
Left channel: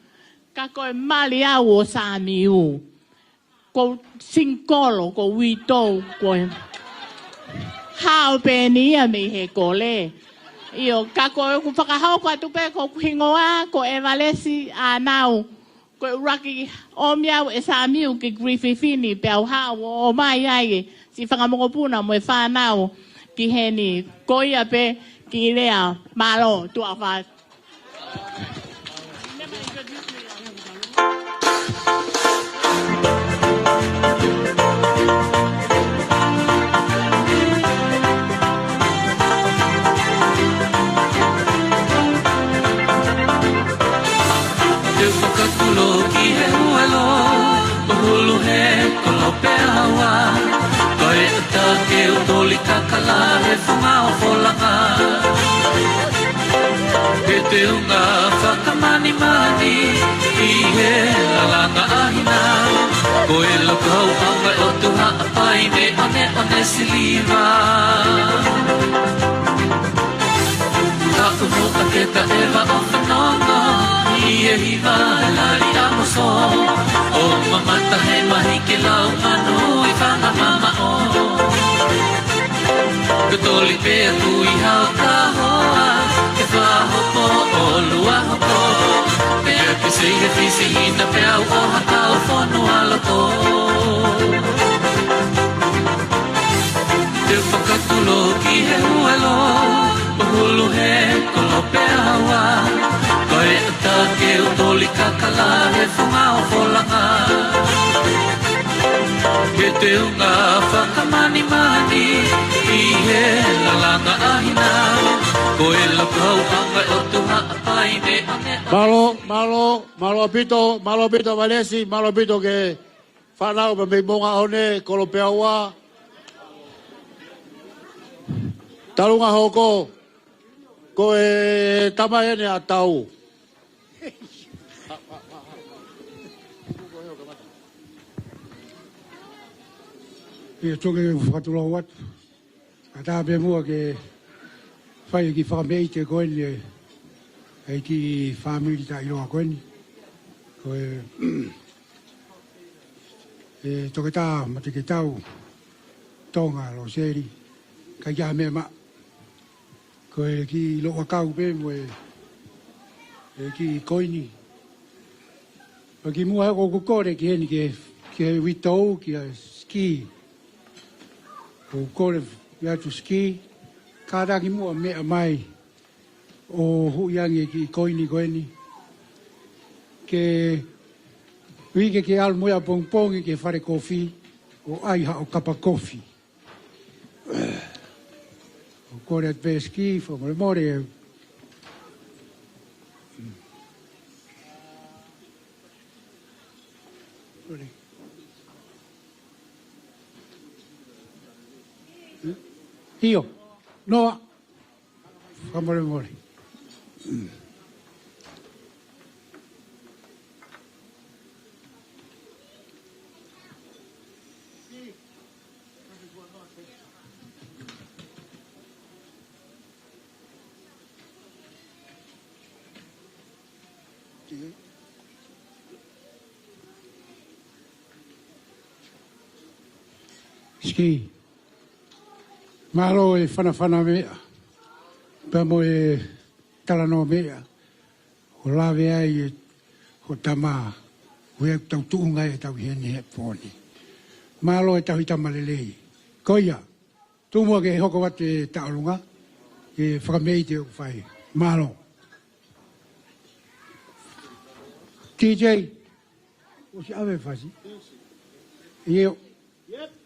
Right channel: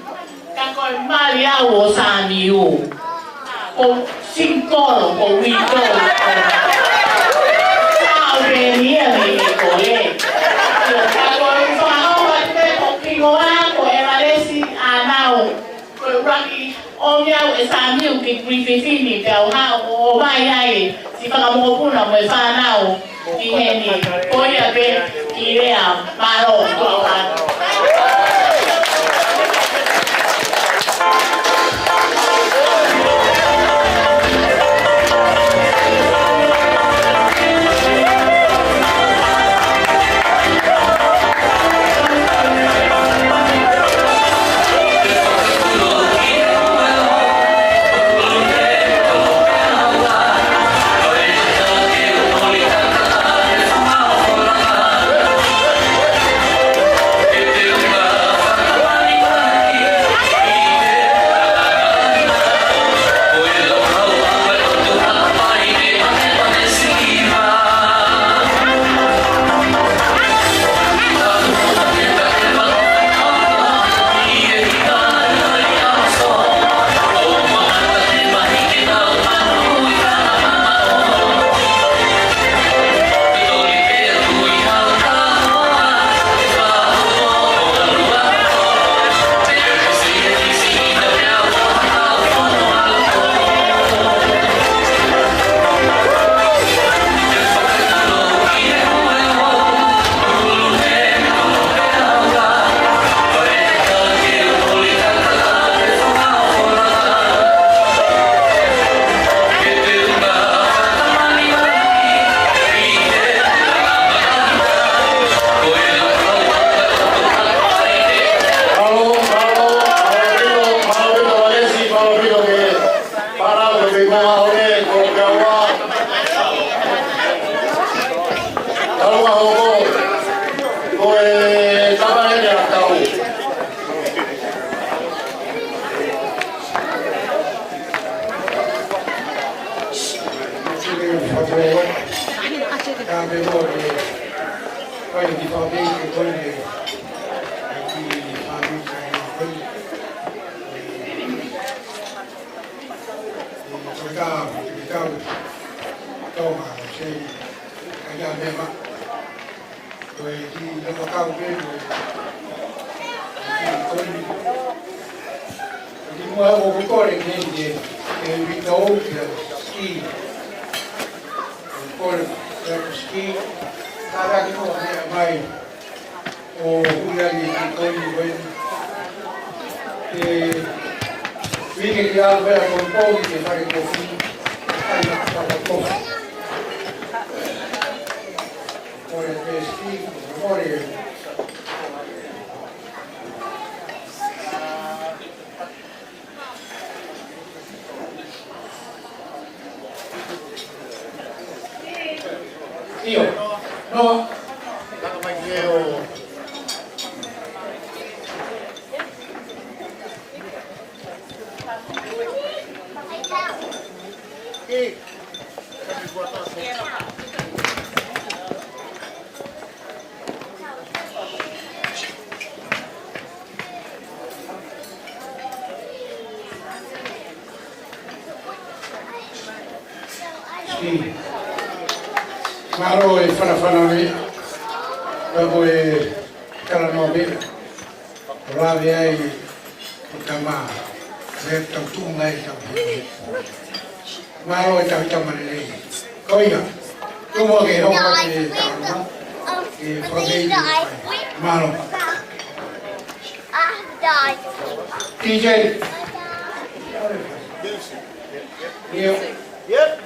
ka ko mali au o sa niu ko sinkolo ko wito ko tau pe ni a me ko le ka ko fa Rugby on yau e sa miu ki Griffith ni te au hao o mai ai si whakamokopuna me whanau ki he ni koia pe ki rea maro ko awa. Matakitau, Tonga, Loseli, Kajamema, ki Lopakau pe, ki Koini, ki mua o kokore ki Vitou, ki Ski, ko ia ku ski, kāra ki noa mea mai o huiangi ki koini koini. Ke wike ki alu mea kōpōni ki whai kofi, ai haka tapa kofi. Kore te ski, ko memoria. Kio, no. Ski. Maro e whanawhana mea, tamo e karanoa mea, rawe ai ko tamā, lea tautu ngai tau hini pōi. Maro e tahu tamare nei, koia, tumo ke hoko ke tauranga, ke whakabei ke whai, maro. TJ, Nio. Yep.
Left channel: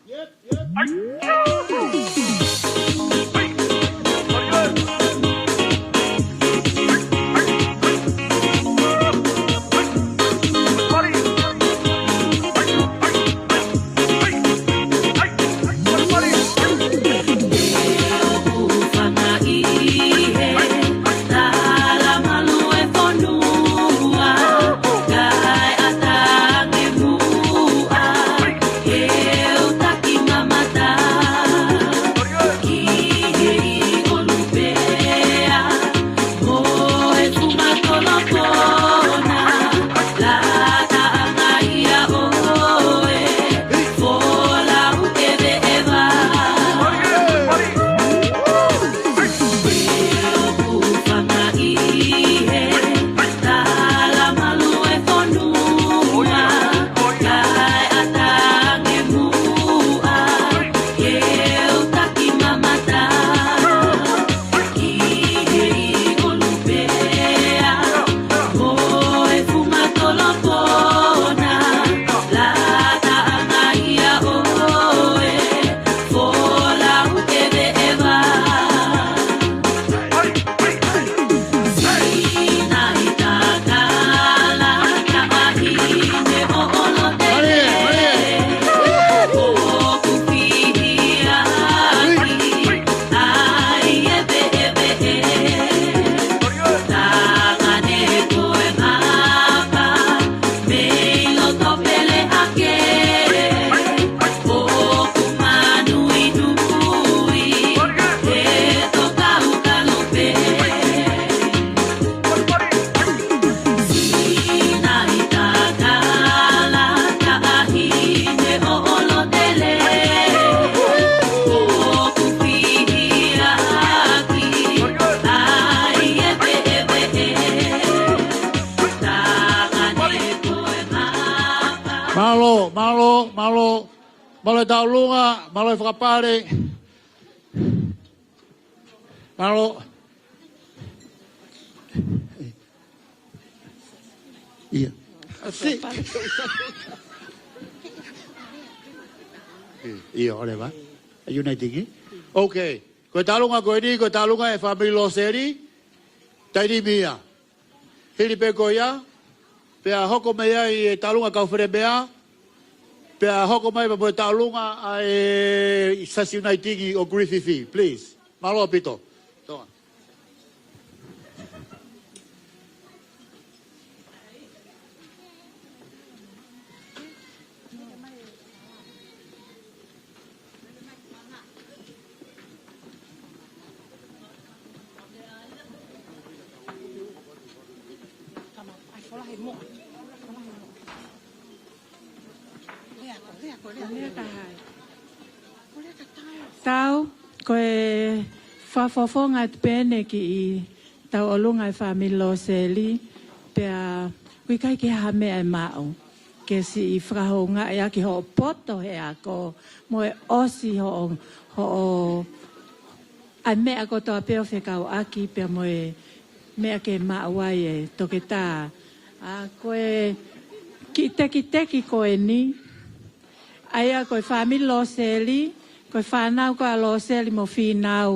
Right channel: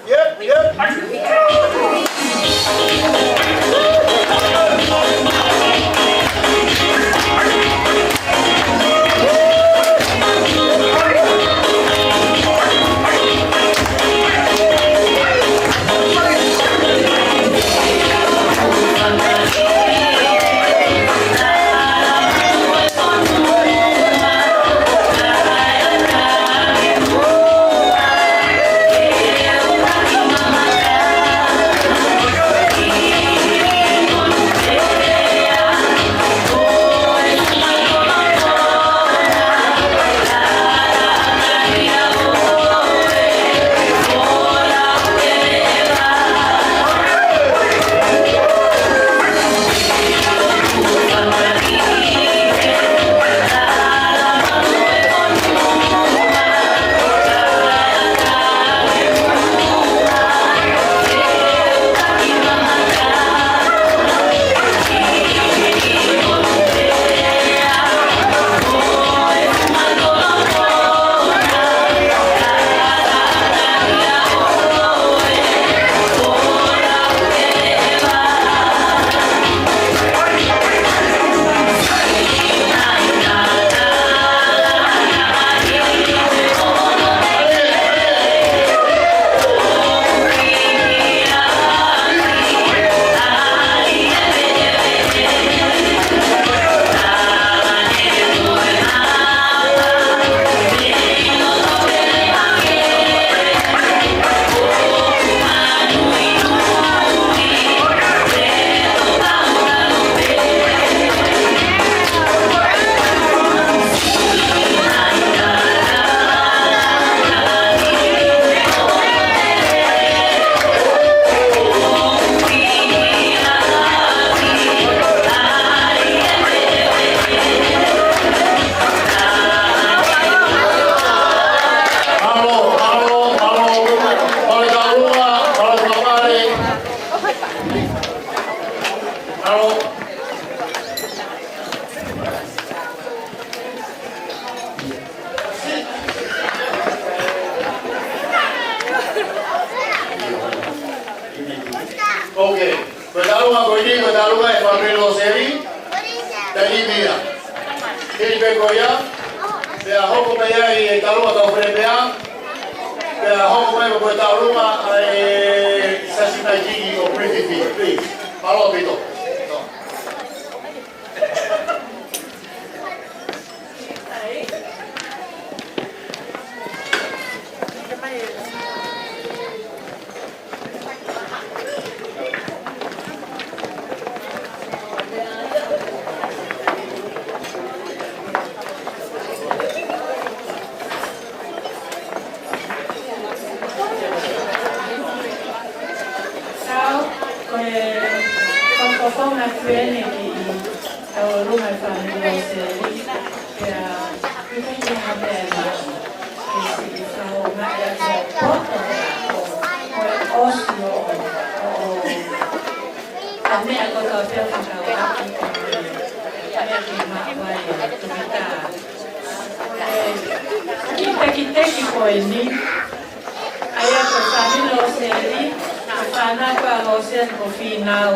Okay, Betalunga Koji, Betalunga e Fabri Loseli, Tani Mia. Hili Begoya, Pea Hoko Mea e Talunga Kaufre Mea, Pea Hoko Mea Betalunga e Sashimai Tigi o Griffith, please. Malo Pito. Pene ki taurunga e whanau Loseli, pia kukai te hame e mai, ke si whahonga e aki ho poto o moe osi o a mea ko tau pēo whakau aki te mea ke maawai e toki tā. Koe ki teki koe ni, aia koe whami Loseli, koe whanau koe Loseli mo whinau,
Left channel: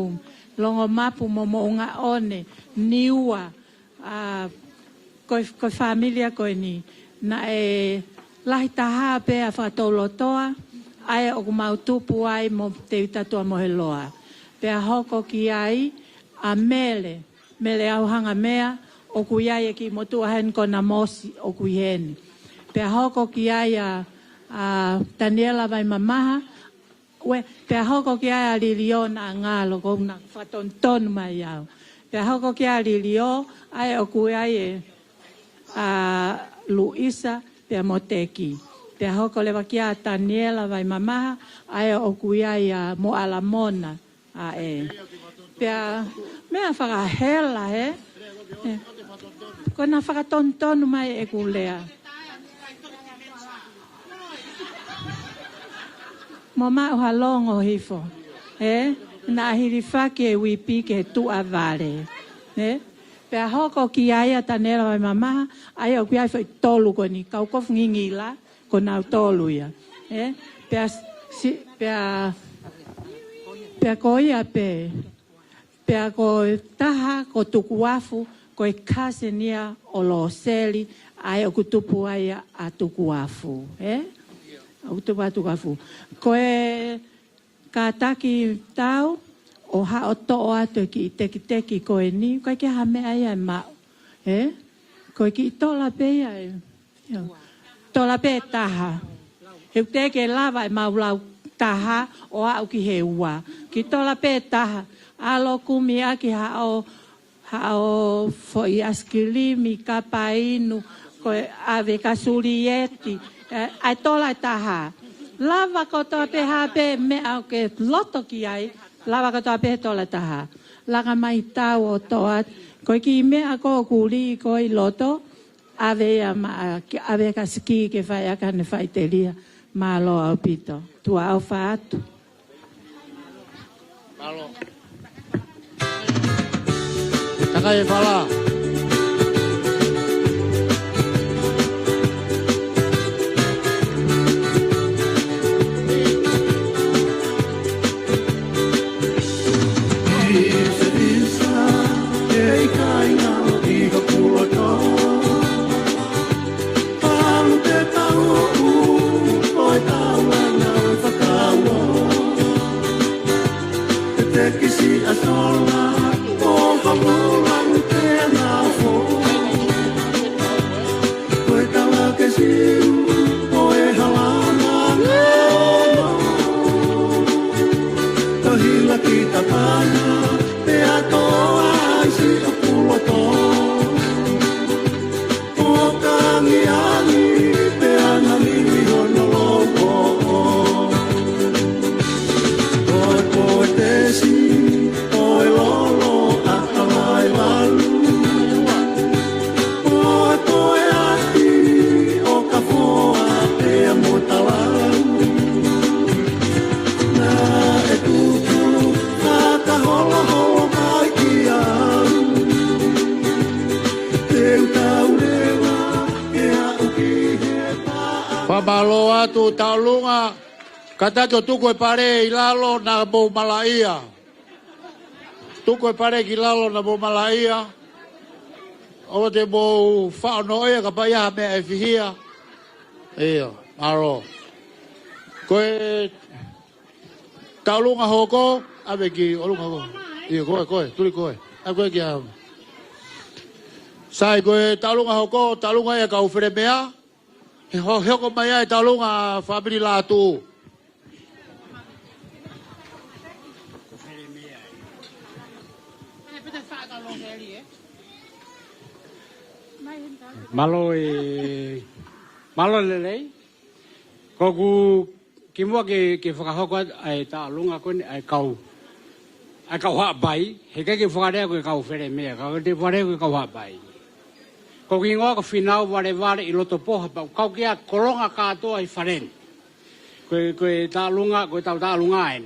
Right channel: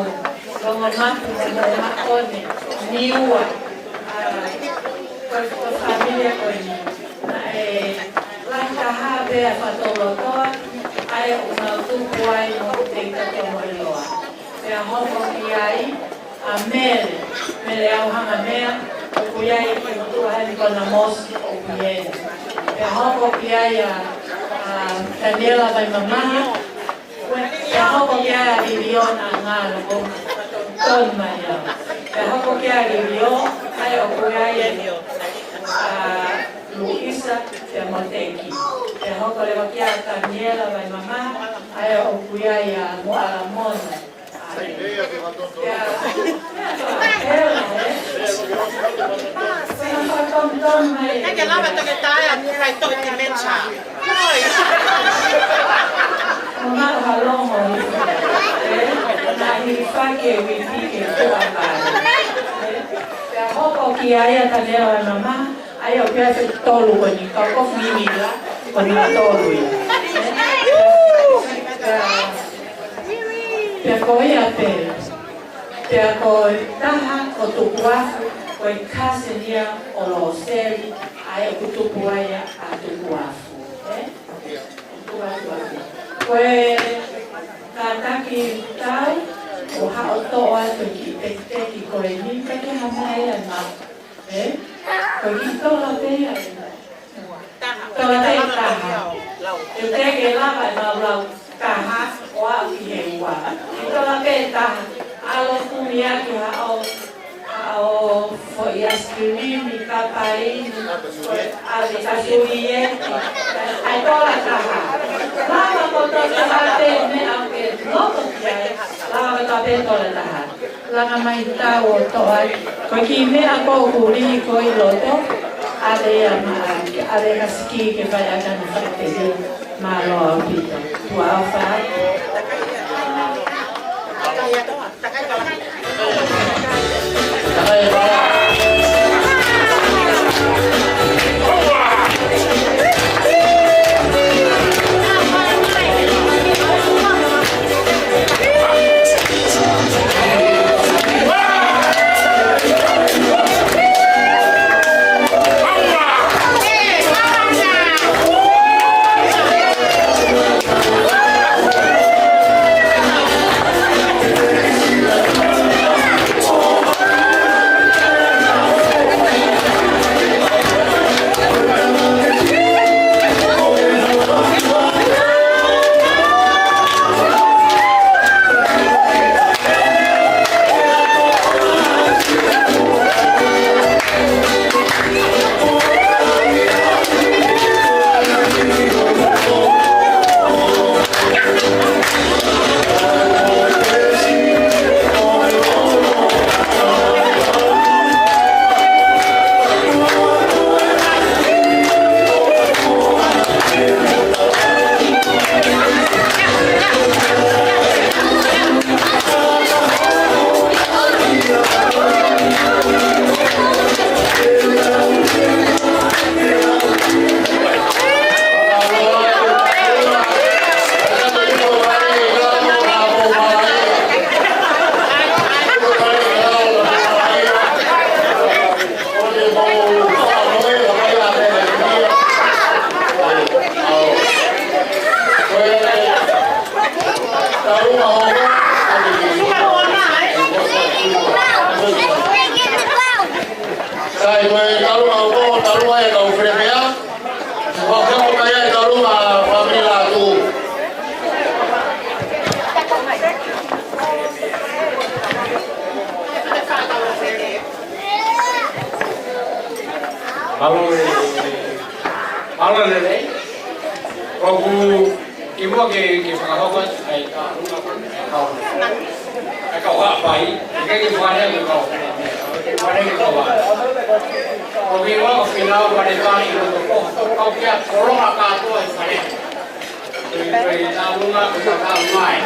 longo mapu mo maone, niua, koe whamilia koe ni. Na lahi taha pēa whatolotoa, aia o mau tupu ai mo te katoa moheloa. Pea hoko ki ai, a mere au hanga mea, o kui ai ki motua heni kona mosi o kui heni. Pea hoko ki ai a Daniela vai mamaha, pea hoko ki ai a Riverina ngalo ko ton mai au. Pea hoko ki ai a Riverina, ai o kui ai a Luisa te moteki. Te hoko lewa ki a Daniela vai mamaha, ai o kui ai a Moalamona. Pea mea whakahela Pena whakatom mai Eke lawa toke tae a kai toke te mecha. Mama halongo hifa. Na hirifake e wipi ke kua vare. Pea hoko ki aia Daniela e mama, aia o pia te tolu ni, kau kof mimila, koni tolu i. Pea koe a pea koe taha ko tuku wafu, koe kasenia o Loseli, aia ku tuku aia a tuku wafu. O tuku wafu. Koe kataki tau, o hao to'o atu ki teki koe ni, kai ke hame aia ma. Koe ki tola pea e. Tola te taha. Ke teke lava e maulau taha o hao ki he ua. Ki tola pe taha, alo kumi aki hao foi askilimi, kapainu, koe ade kasurieti, ai tola taha. Lava koto te hape me au ke loto piai, lava koto pe tola taha. Lava mai tau o toa, koe ki mea kōkuri koi loto, ade kaski ke whai akanu whai te ri, maa loa o pita, tua au whaatu. Sai koe talunga hoko, talunga e kau whenea. Ko heo mai e talunga whapini Latu. Malo lelei. Koku kimo ke whakahoko ai talunga kon ai kau. Ai kau haa pai, ke whanea ke kau whanea mea, ke whanea ke kau haa. Ko wingo o whinau wane wani i roto poho, kau kia koronga kātoa i whanea. Koe tālunga, koe tālunga ai.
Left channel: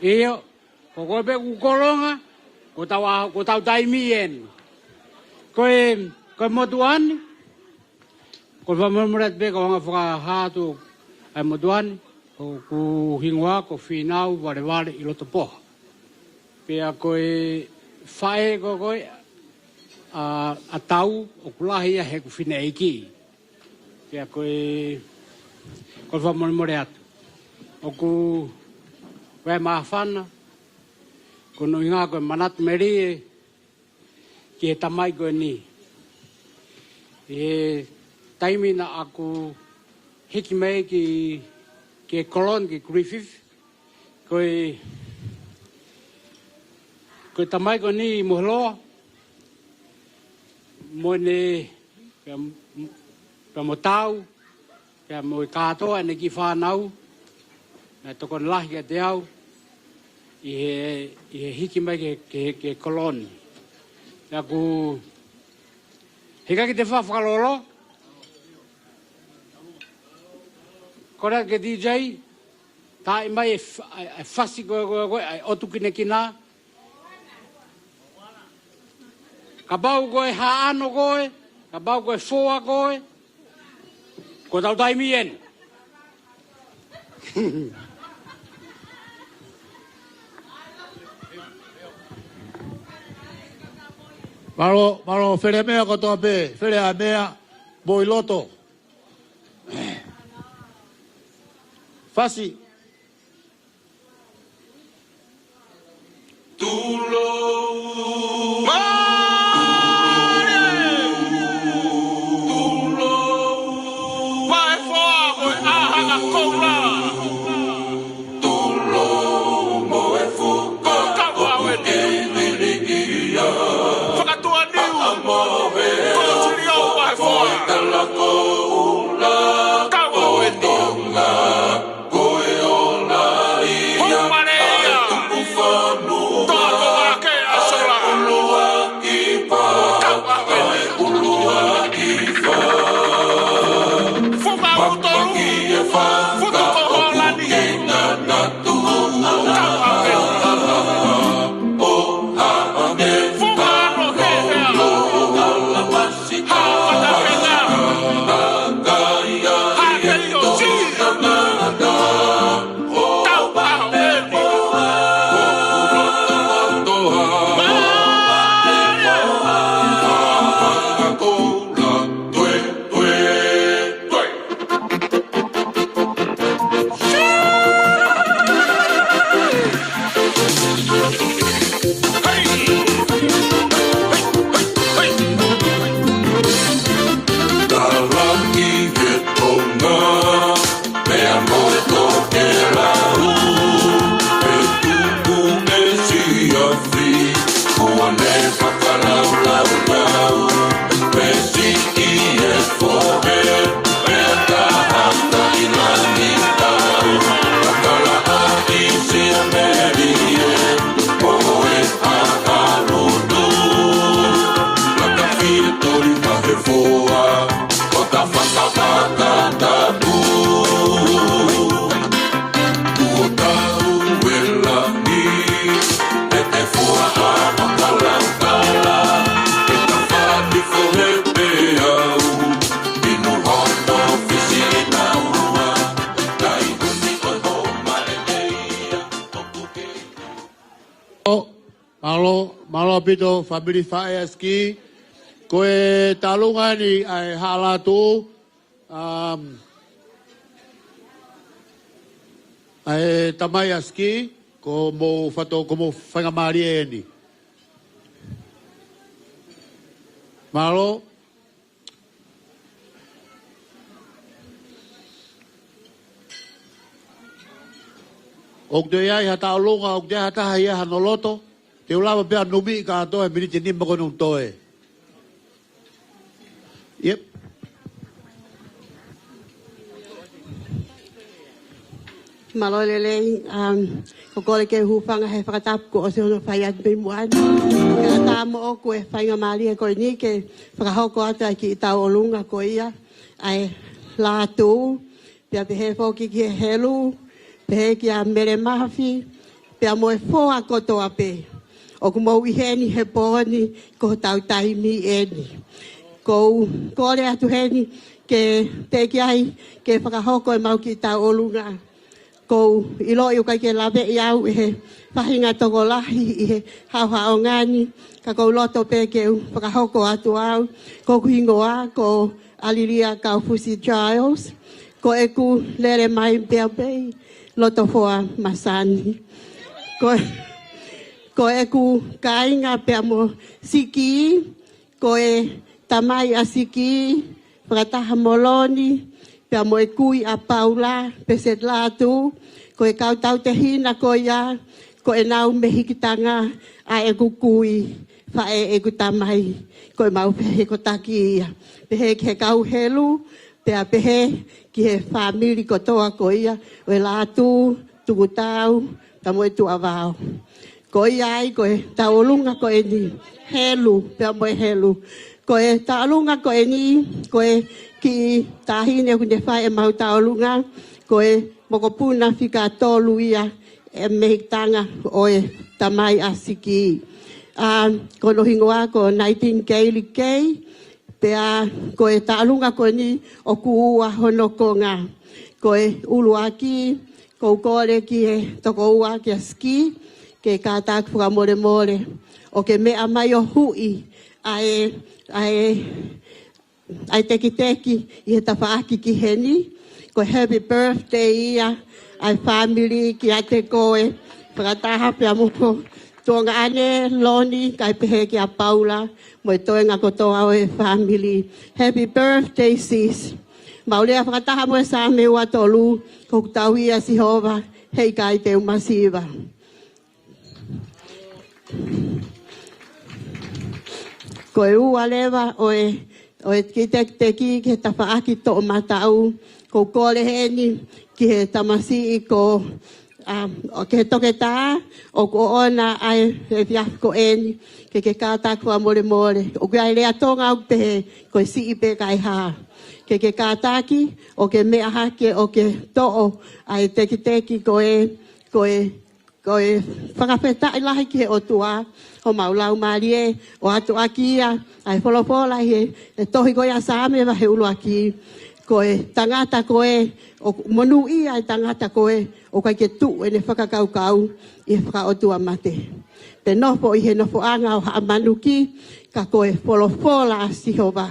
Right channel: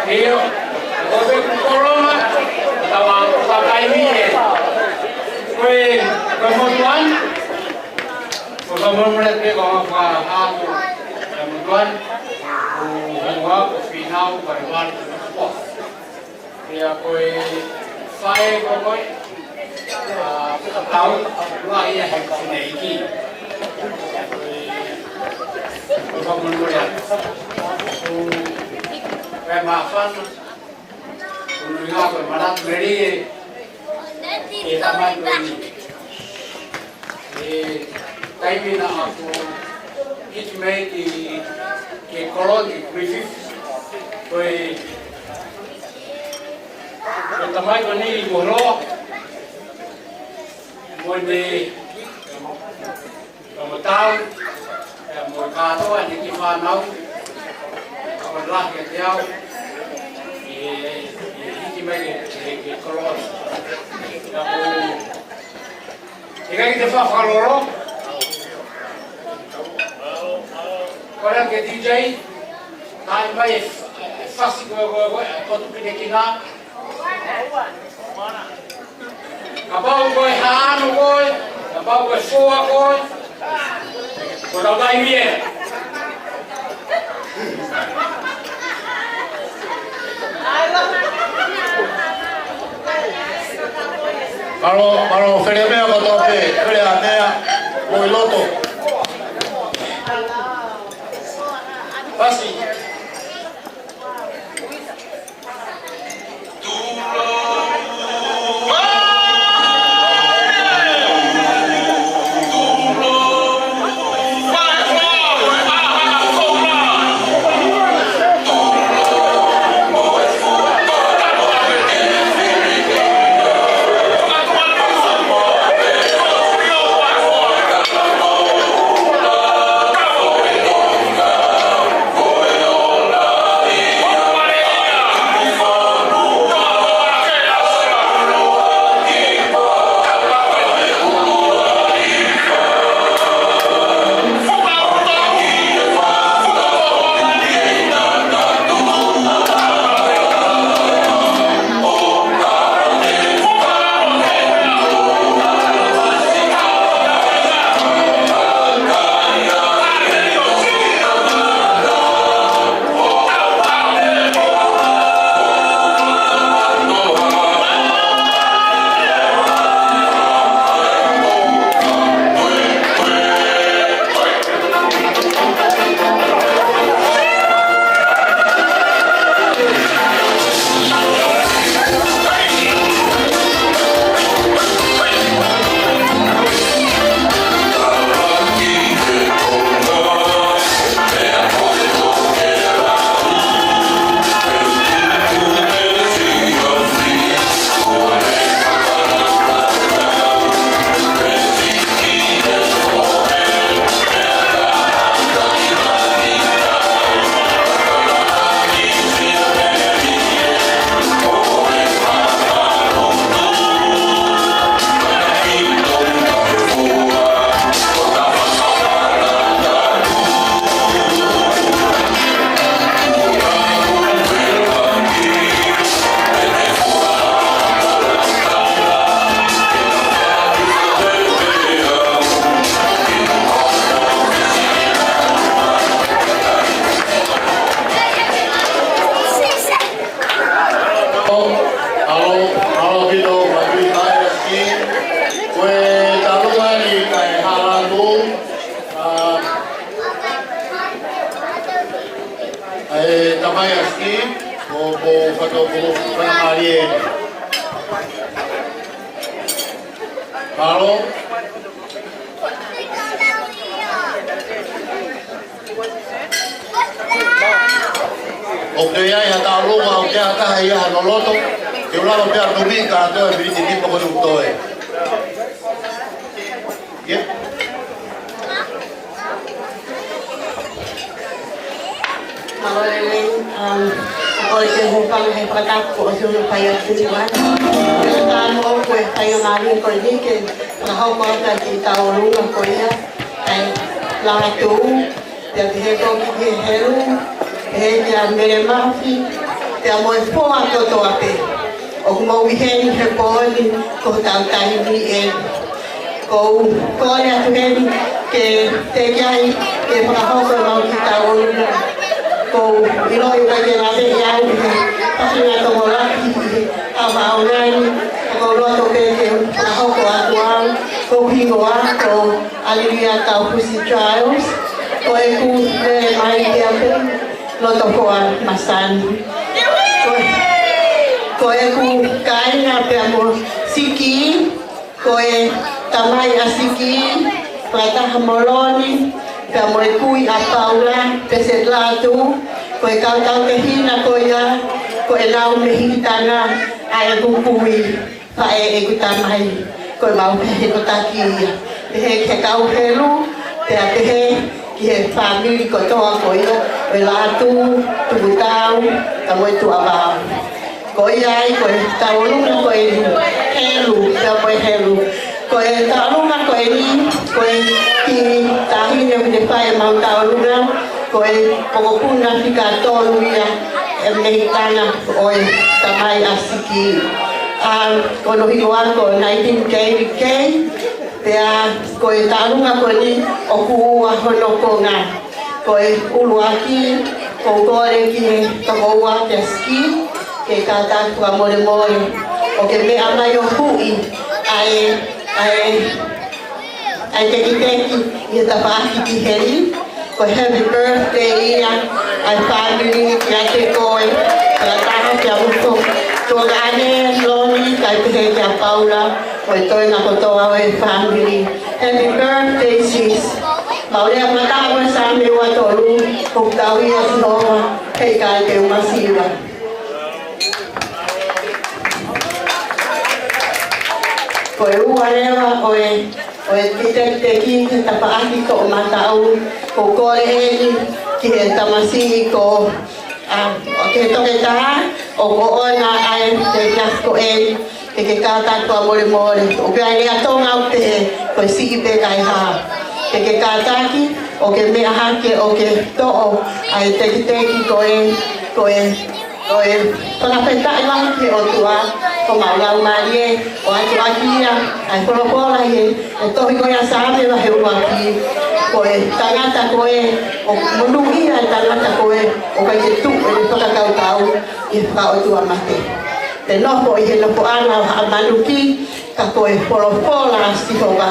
Iyo, kowe korona, utawa taimi kowe kemudian, kemudian ke kau hatu, kemudian ku hingga ku final baru itu tepat. Dia kowe fire kowe atau luar ia hak sinaiki. Ya kowe kemudian aku maafan kununga ko manat meri ke tamay ko ni time na ako hitmate ke kolon ke Griffith ko tamay ko ni molo mo ni Matakitau mo kato ani ki fanau ko kon lah ke tiao hitmate ke kolon aku Hingga kita fakalolo, kalau kita DJ, tak imbai fasik gua otu pinekina, abau gua hano gua, abau gua soa gua, gua tahu dah ini. Malo felemea katope, felemea boiloto. Pasi. Halo pino kapili kaya ski kue talungani kaya Latu tamaya ski como fato como panamarie halo Oke ya tahu mau dia kah ya noloto Diulang biar lebih kata beri sini pokok doktor. Ya. Mau lain pokok yang bukan hebat ko sih kaya tujuan. Sekarang mau kue kaya mari ko ni ke tahu ko ada kita ulung ko ya. Latu dari ko ke helu he kia mere mafi, te a moe poa kotoa pe. O mo wiheni he pōni ko tautahi ni e. Ko kore atu heni ke te kiai ke whakahoko e Matakitau olu. Ko ilo i kake nga te iau he pasina tomo lahi he kawa au nani. Ko loto pe ke whakahoko atu au. Ko pingo a ko aliria ka Pussy Trials. Ko e ku mere mai kia pe loto poa masani. Ko e ku kaina pe amo siki. Ko e tamai a siki. Ko e taha moloni. Pe amo e kui a Paula. Pese Latu. Ko e kautau te hina ko ia. Ko e nau me hikitanga a e kukui. Pa e ku tamai. Ko e mau pehe no taki ia. Pehe ke kau pelu. Pe a pehe ki he family ko toa ko ia. Me Latu. Tukutau. Ka mo e tu abao. Ko iai, ko e taulunga ko e helu, pia mo e helu. Ko e taulunga ko e ni, ko e pini tahine o te whae mau taulunga. Ko e mokopuna whika tolu ia e mehitana o e tamai a siki. Ko nohi oa ko 19 David Kay. Pia ko e taulunga ko e ni o kuua hono ko ngā. Ko e uruaki, ko kore ki e kakoua kia ski. Ke kata tua more more o ke me amai o hui ai teki i ta paki ki heri ko happy birthday ia ai family ki ate koe ka taha kia muko to gane loni ka te he kia Paula mo i toi na kotoa o e family happy birthday sis maulea makawa sa me wa tolu ko tau ia si hova kei kai te umasiwa. Ko e ua rewa o e teki te tapaaki ko o matau ko kore heni ki he tamasi ko o ke toke tā o ko ona ai te kiasko e ke kata kua more more o ke ai rea tonga o pehe ko e siki pe kai ha ke kataki o ke mea hake o ke to'o ai teki ko e palapeta e wahi ke o tua ko maulau marie o atu akia ai polopola e tohi koe a same wa heu aki ko e tangata koe o munui ai tangata koe o kai te tuku e whakakautau i whakautua mate te nopo i he nopo ana o haa manuki ka koe polopola stihoga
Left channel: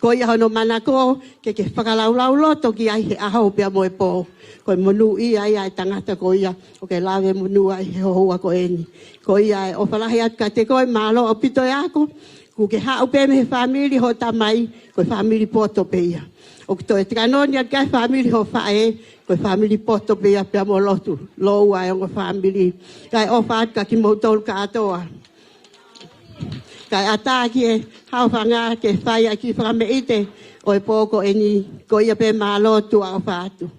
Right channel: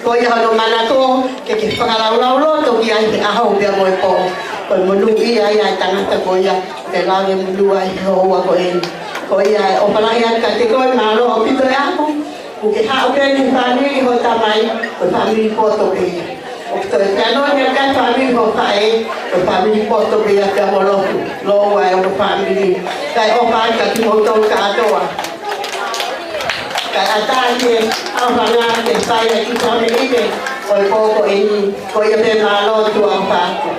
koe hono ngana tō ke whakalaulau loto ki ai he ahau pia moe ko ko munui ai tangata koe te lawe mutua i hoa koe ko ia o palaya ka te koe malo o pito e ako o ke hao pēni whaniri ho tamai o whaniri poto pēia o pito e kanonia ka whaniri ho pae o whaniri poto pēia te amoloku loa e o whaniri kai o pae ka ki hoto ka atoa kai atake hao whana ke whaia ki whanirite o e koko e ni ko ia pe malo tua o whako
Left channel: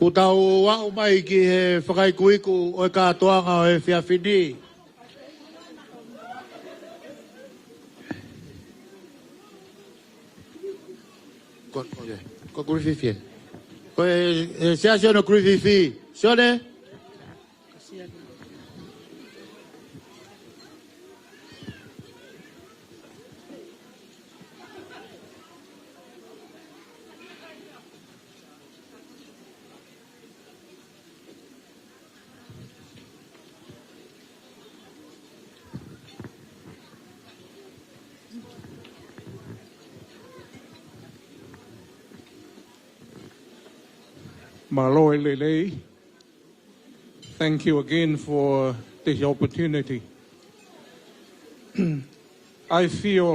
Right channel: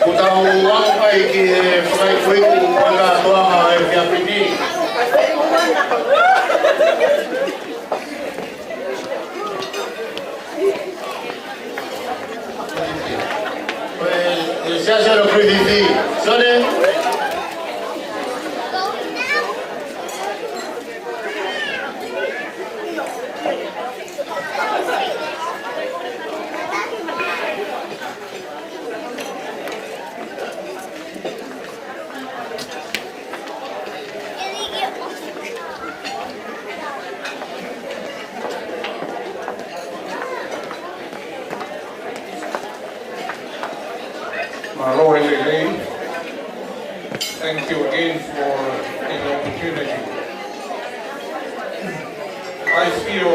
Ko tau wau mai ki e whakai kuiku ko tā toanga e whia piti. Koe e sea lo Griffith. Sone. Thank you again for this opportunity. I feel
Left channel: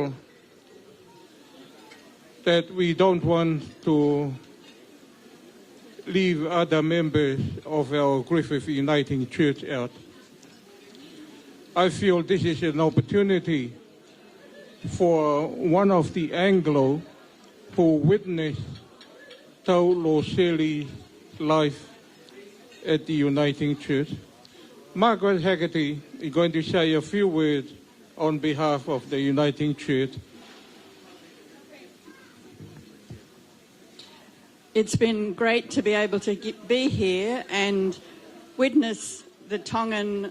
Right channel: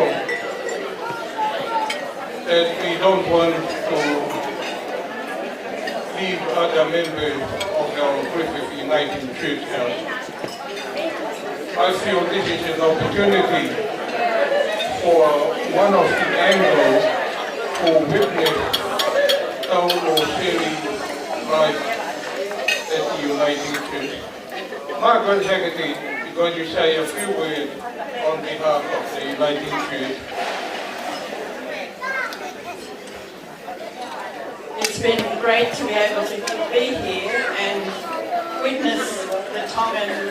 that we don't want to leave other members of our Griffith United Church out. I feel this is an opportunity for one of the Anglos who witnessed how Loseli life at the Uniting Church. Margaret Haggerty is going to say a few words on behalf of the Uniting Church. It's been great to be able to be here and witness the Tongan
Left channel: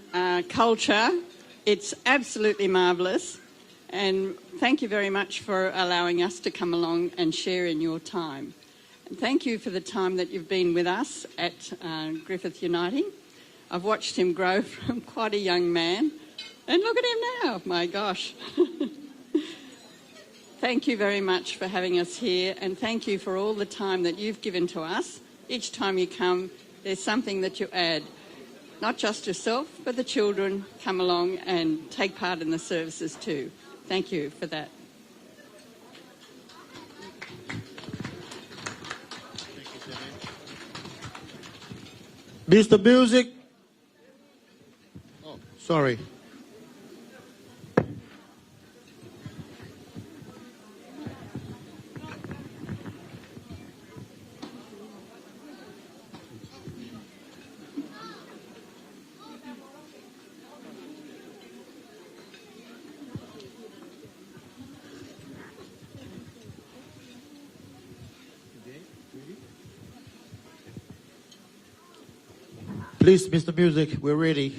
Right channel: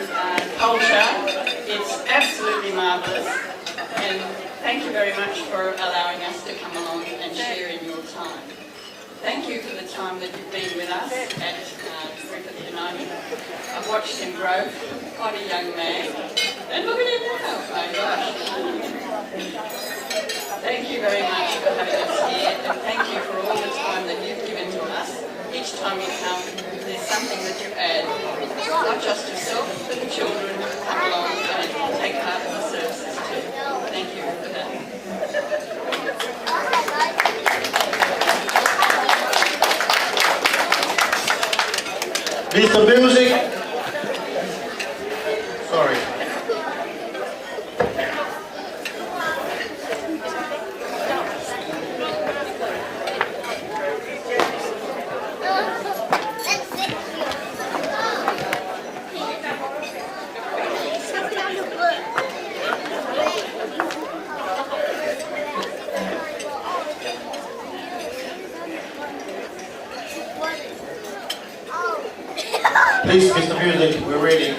culture. It's absolutely marvellous, and thank you very much for allowing us to come along and share in your time. Thank you for the time that you've been with us at Griffith United. I've watched him grow from quite a young man, and look at him now, my gosh. Thank you very much for having us here, and thank you for all the time that you've given to us. Each time you come, there's something that you add, not just yourself, but the children come along and take part in the services too. Thank you for that. Mr. Music. Sorry. Please, Mr. Music, we're ready.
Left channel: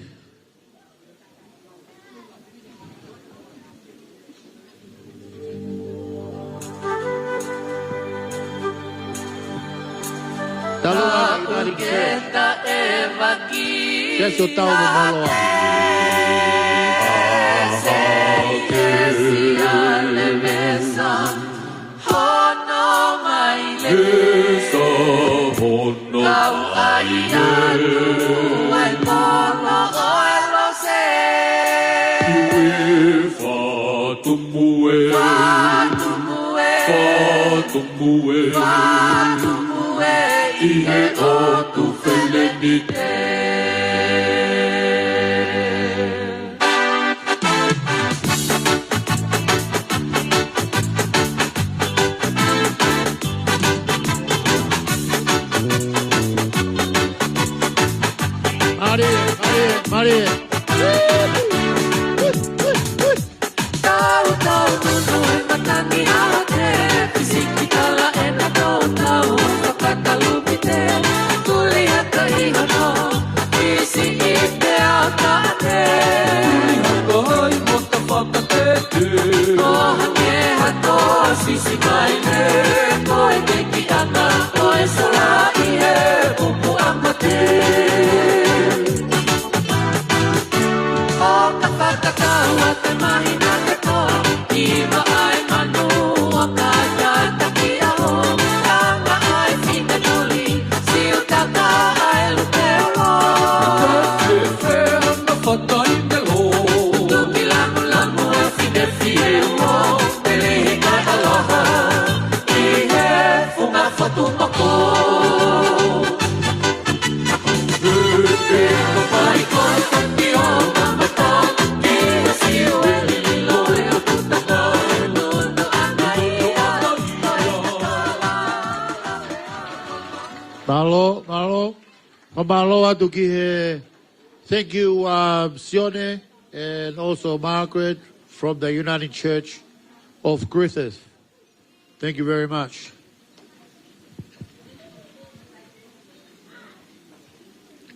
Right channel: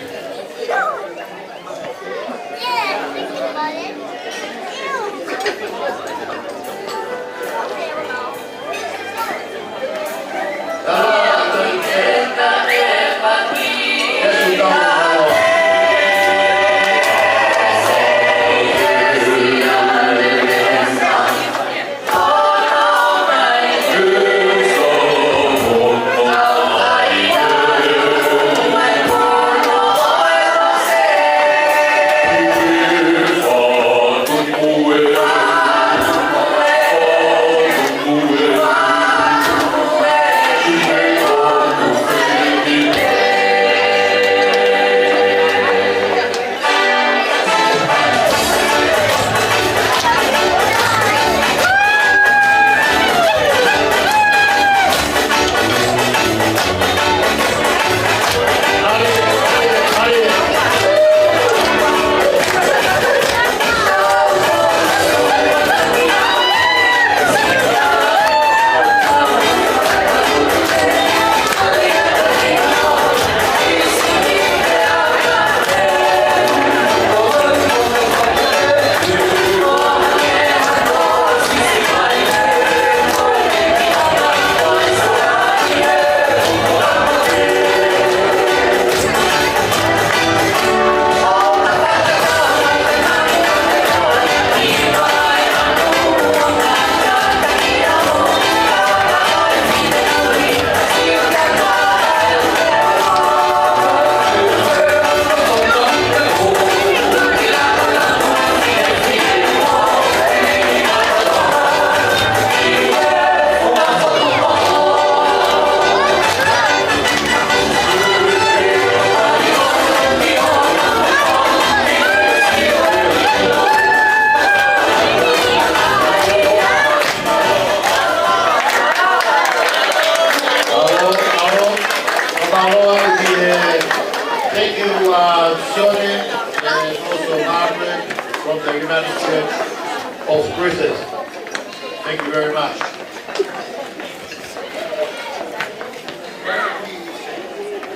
Hallelujah. Mahalo thank you, Sione, and also Margaret from the United Church of Griffith. Thank you very much.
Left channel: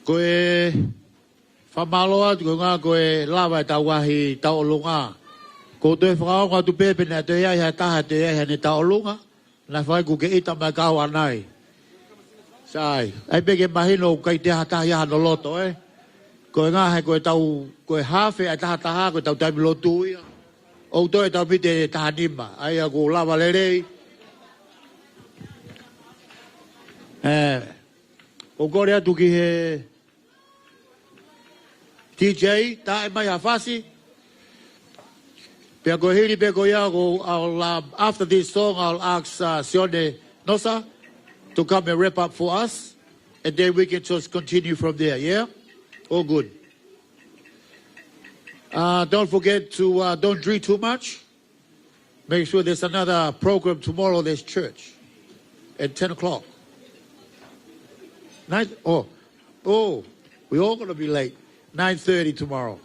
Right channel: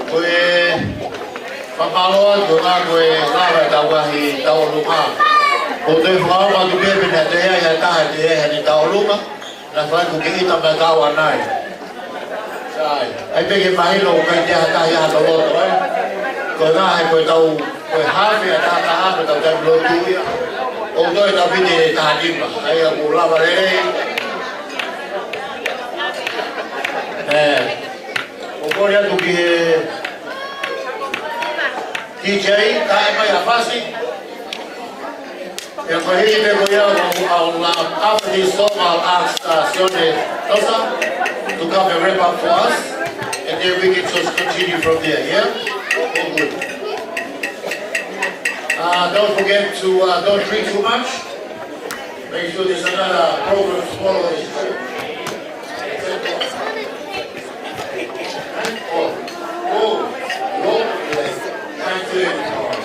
Koe pamaloa ngā koe lawa tawahi taolunga. Ko te whaama ki pepe na te ea ia taha te ea ni taolunga, na whaiku ke ita ma tawa nai. Sai, hei peke mahilo kai te hata ia hata loto, Koe ngā hei koe tau, koe hawhi a taha taha ko tau tamu lotu ia. O toi tau pite e taha nima, ai a ko lawa rerei. O kore atu ki TJ, tae mai a whasi. Pea koe hei te koe iau, after this song I'll ask Sione Nosa to come and wrap up for us, and then we can just continue from there, yeah? All good. Don't forget to, don't drink too much. Make sure there's another program tomorrow at this church at 10 o'clock. Nice? Oh, you're all going to be there. 9:30 tomorrow.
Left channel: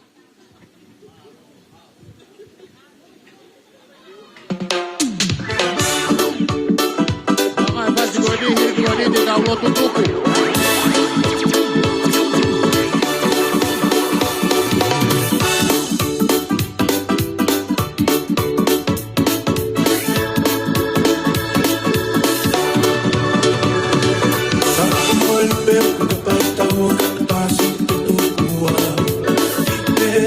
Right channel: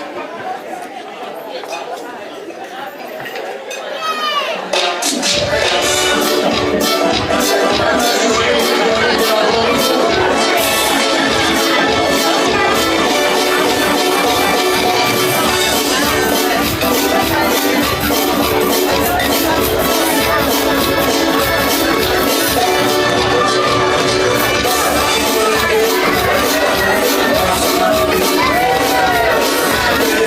Thank you.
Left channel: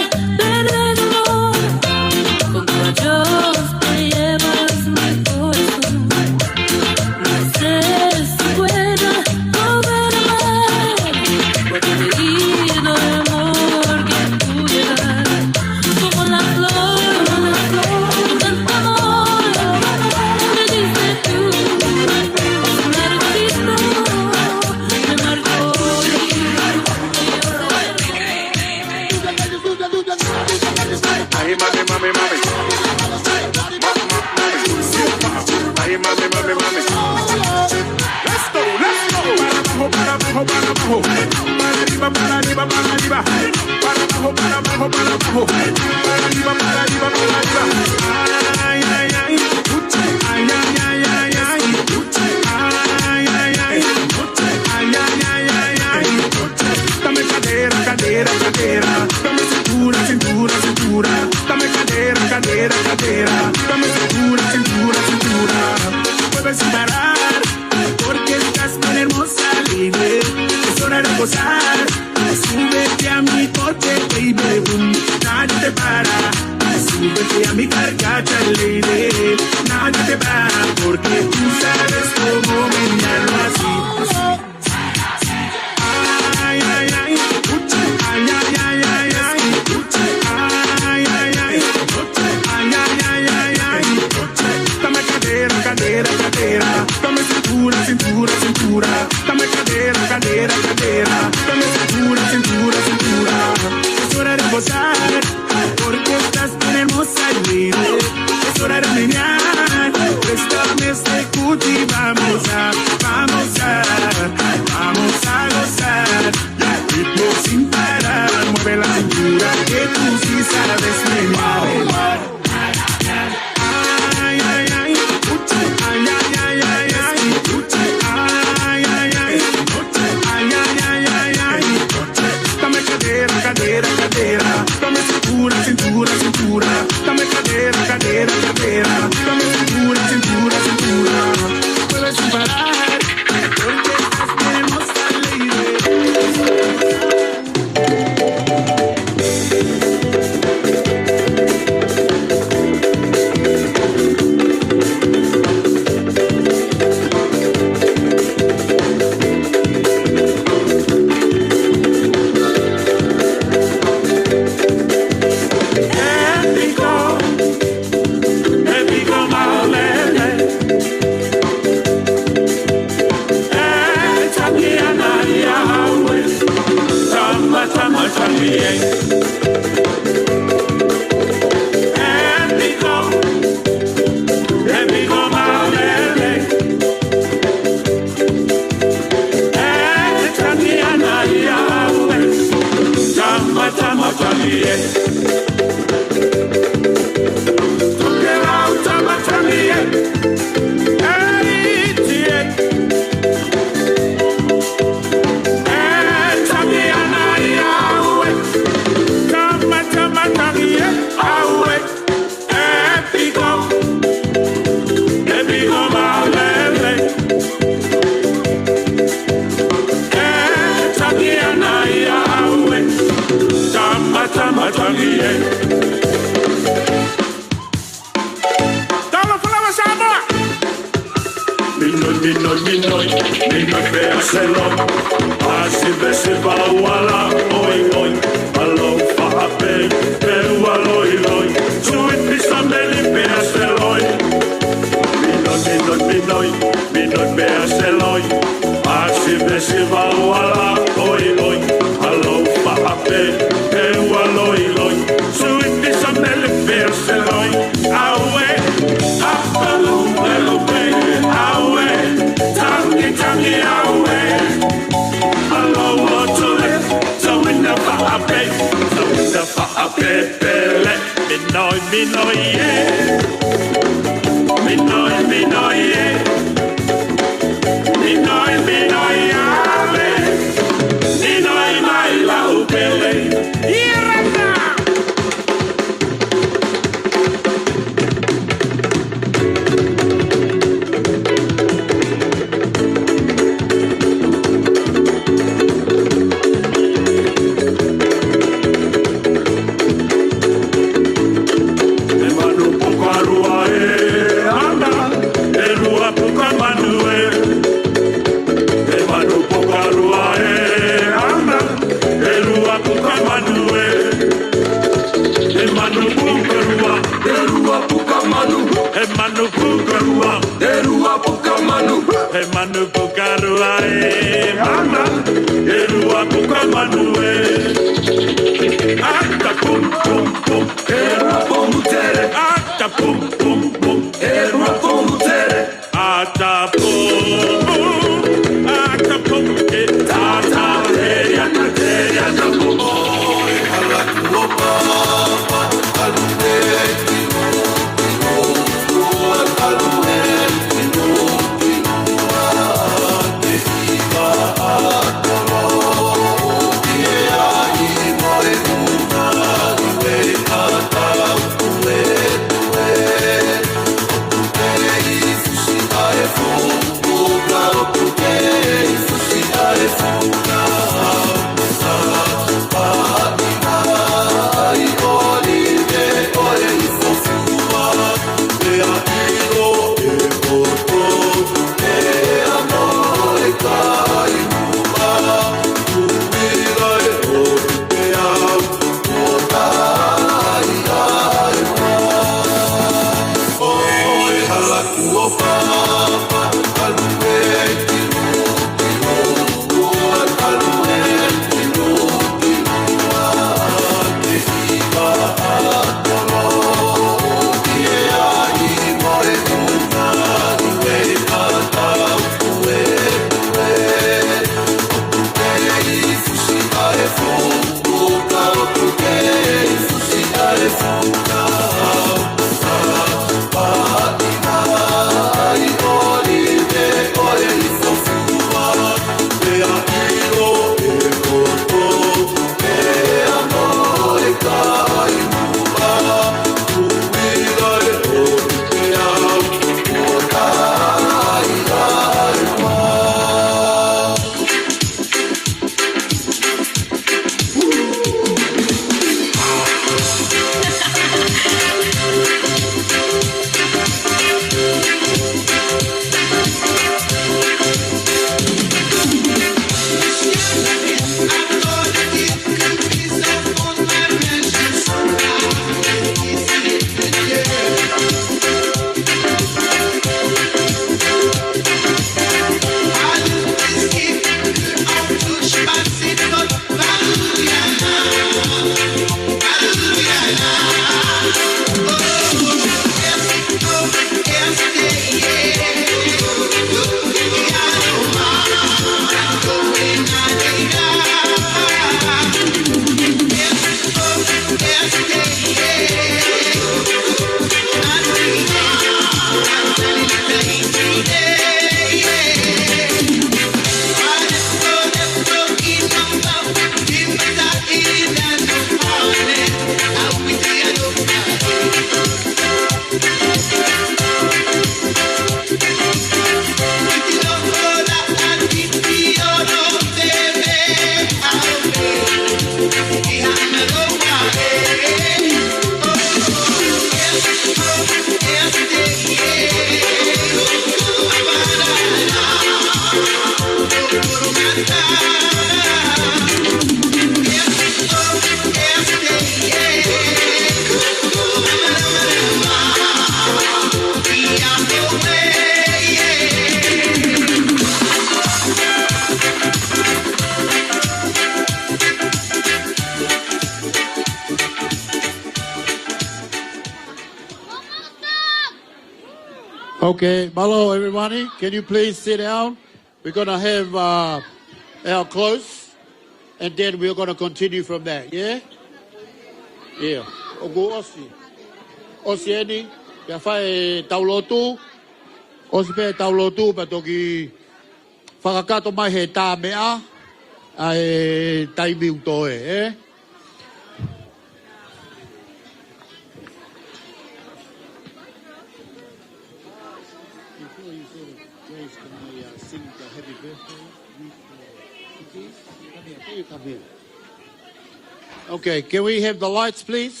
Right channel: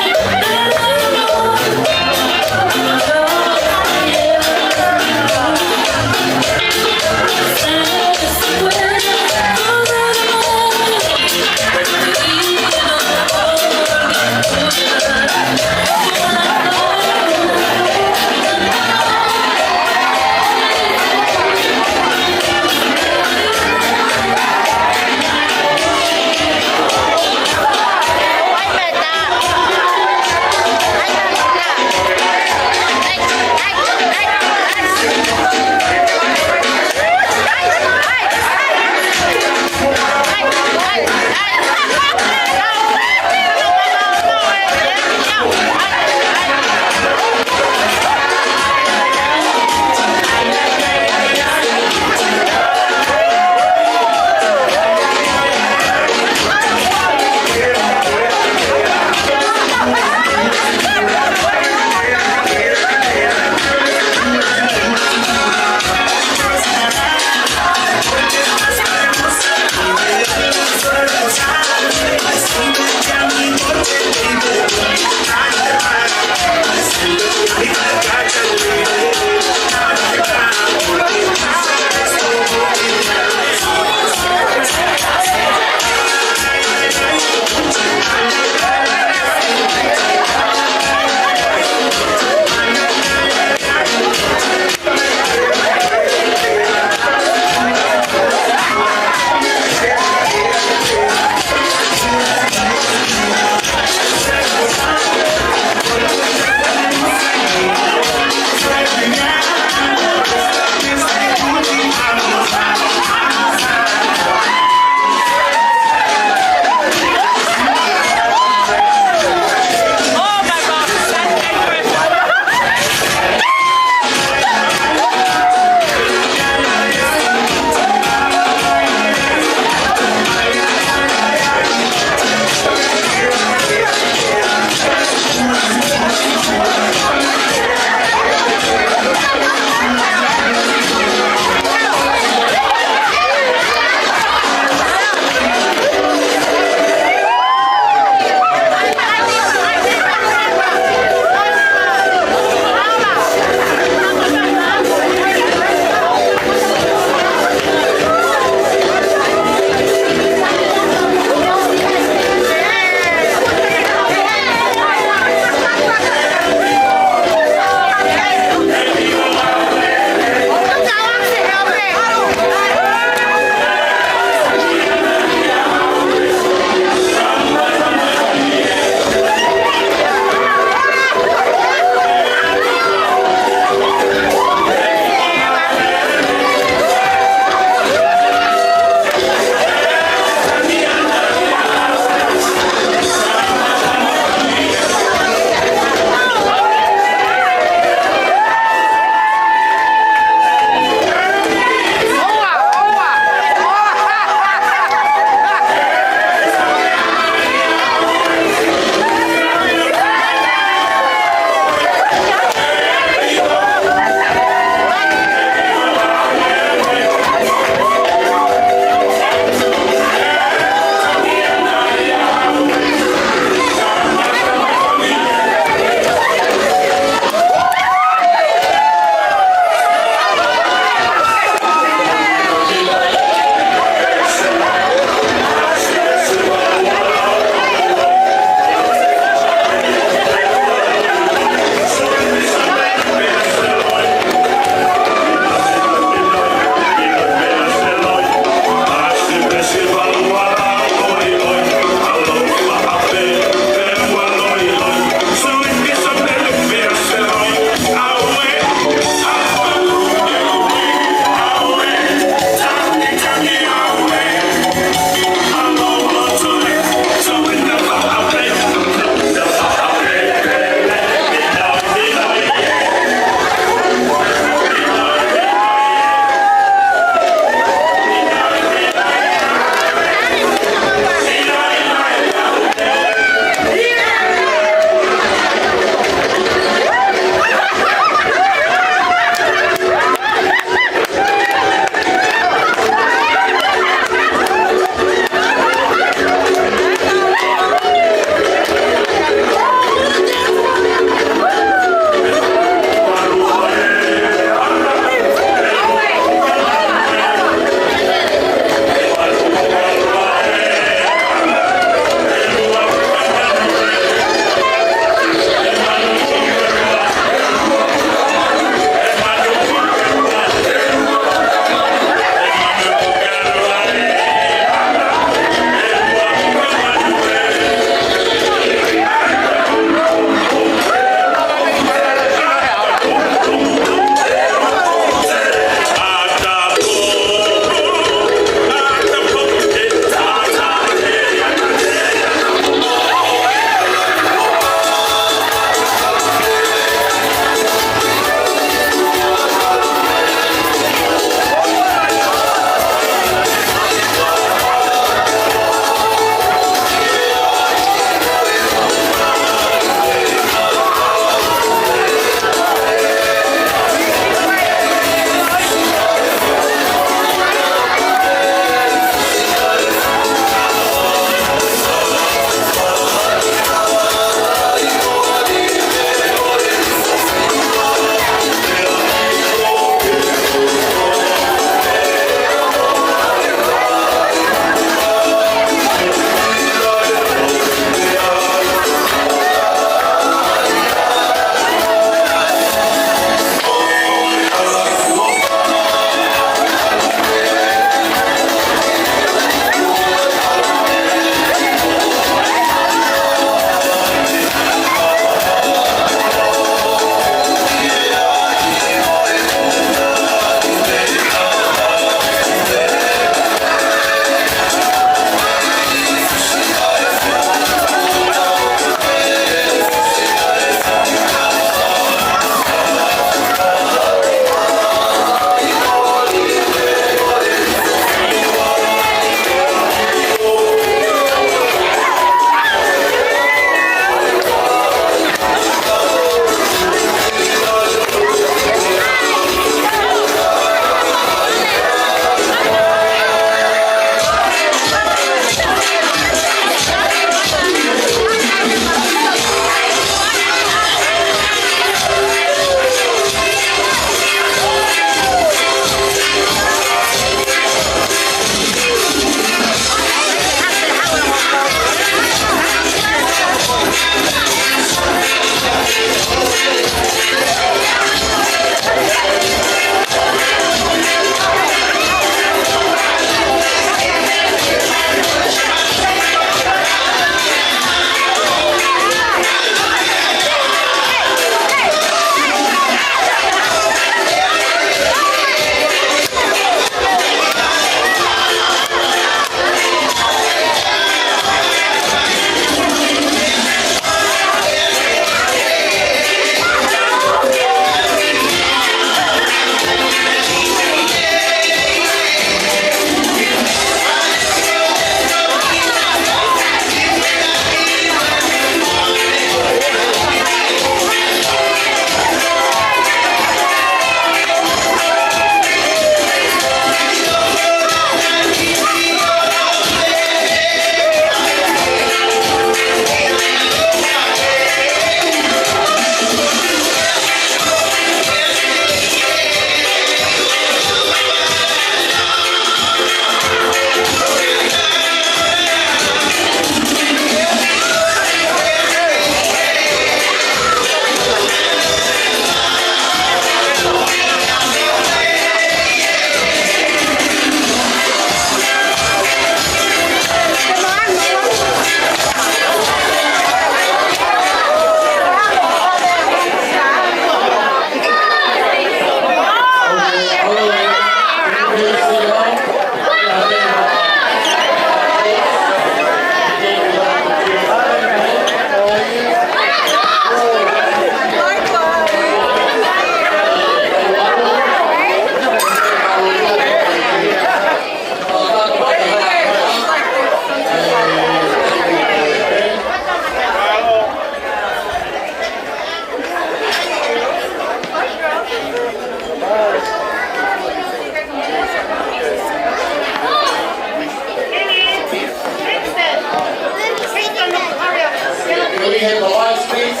Can we have the lights, please?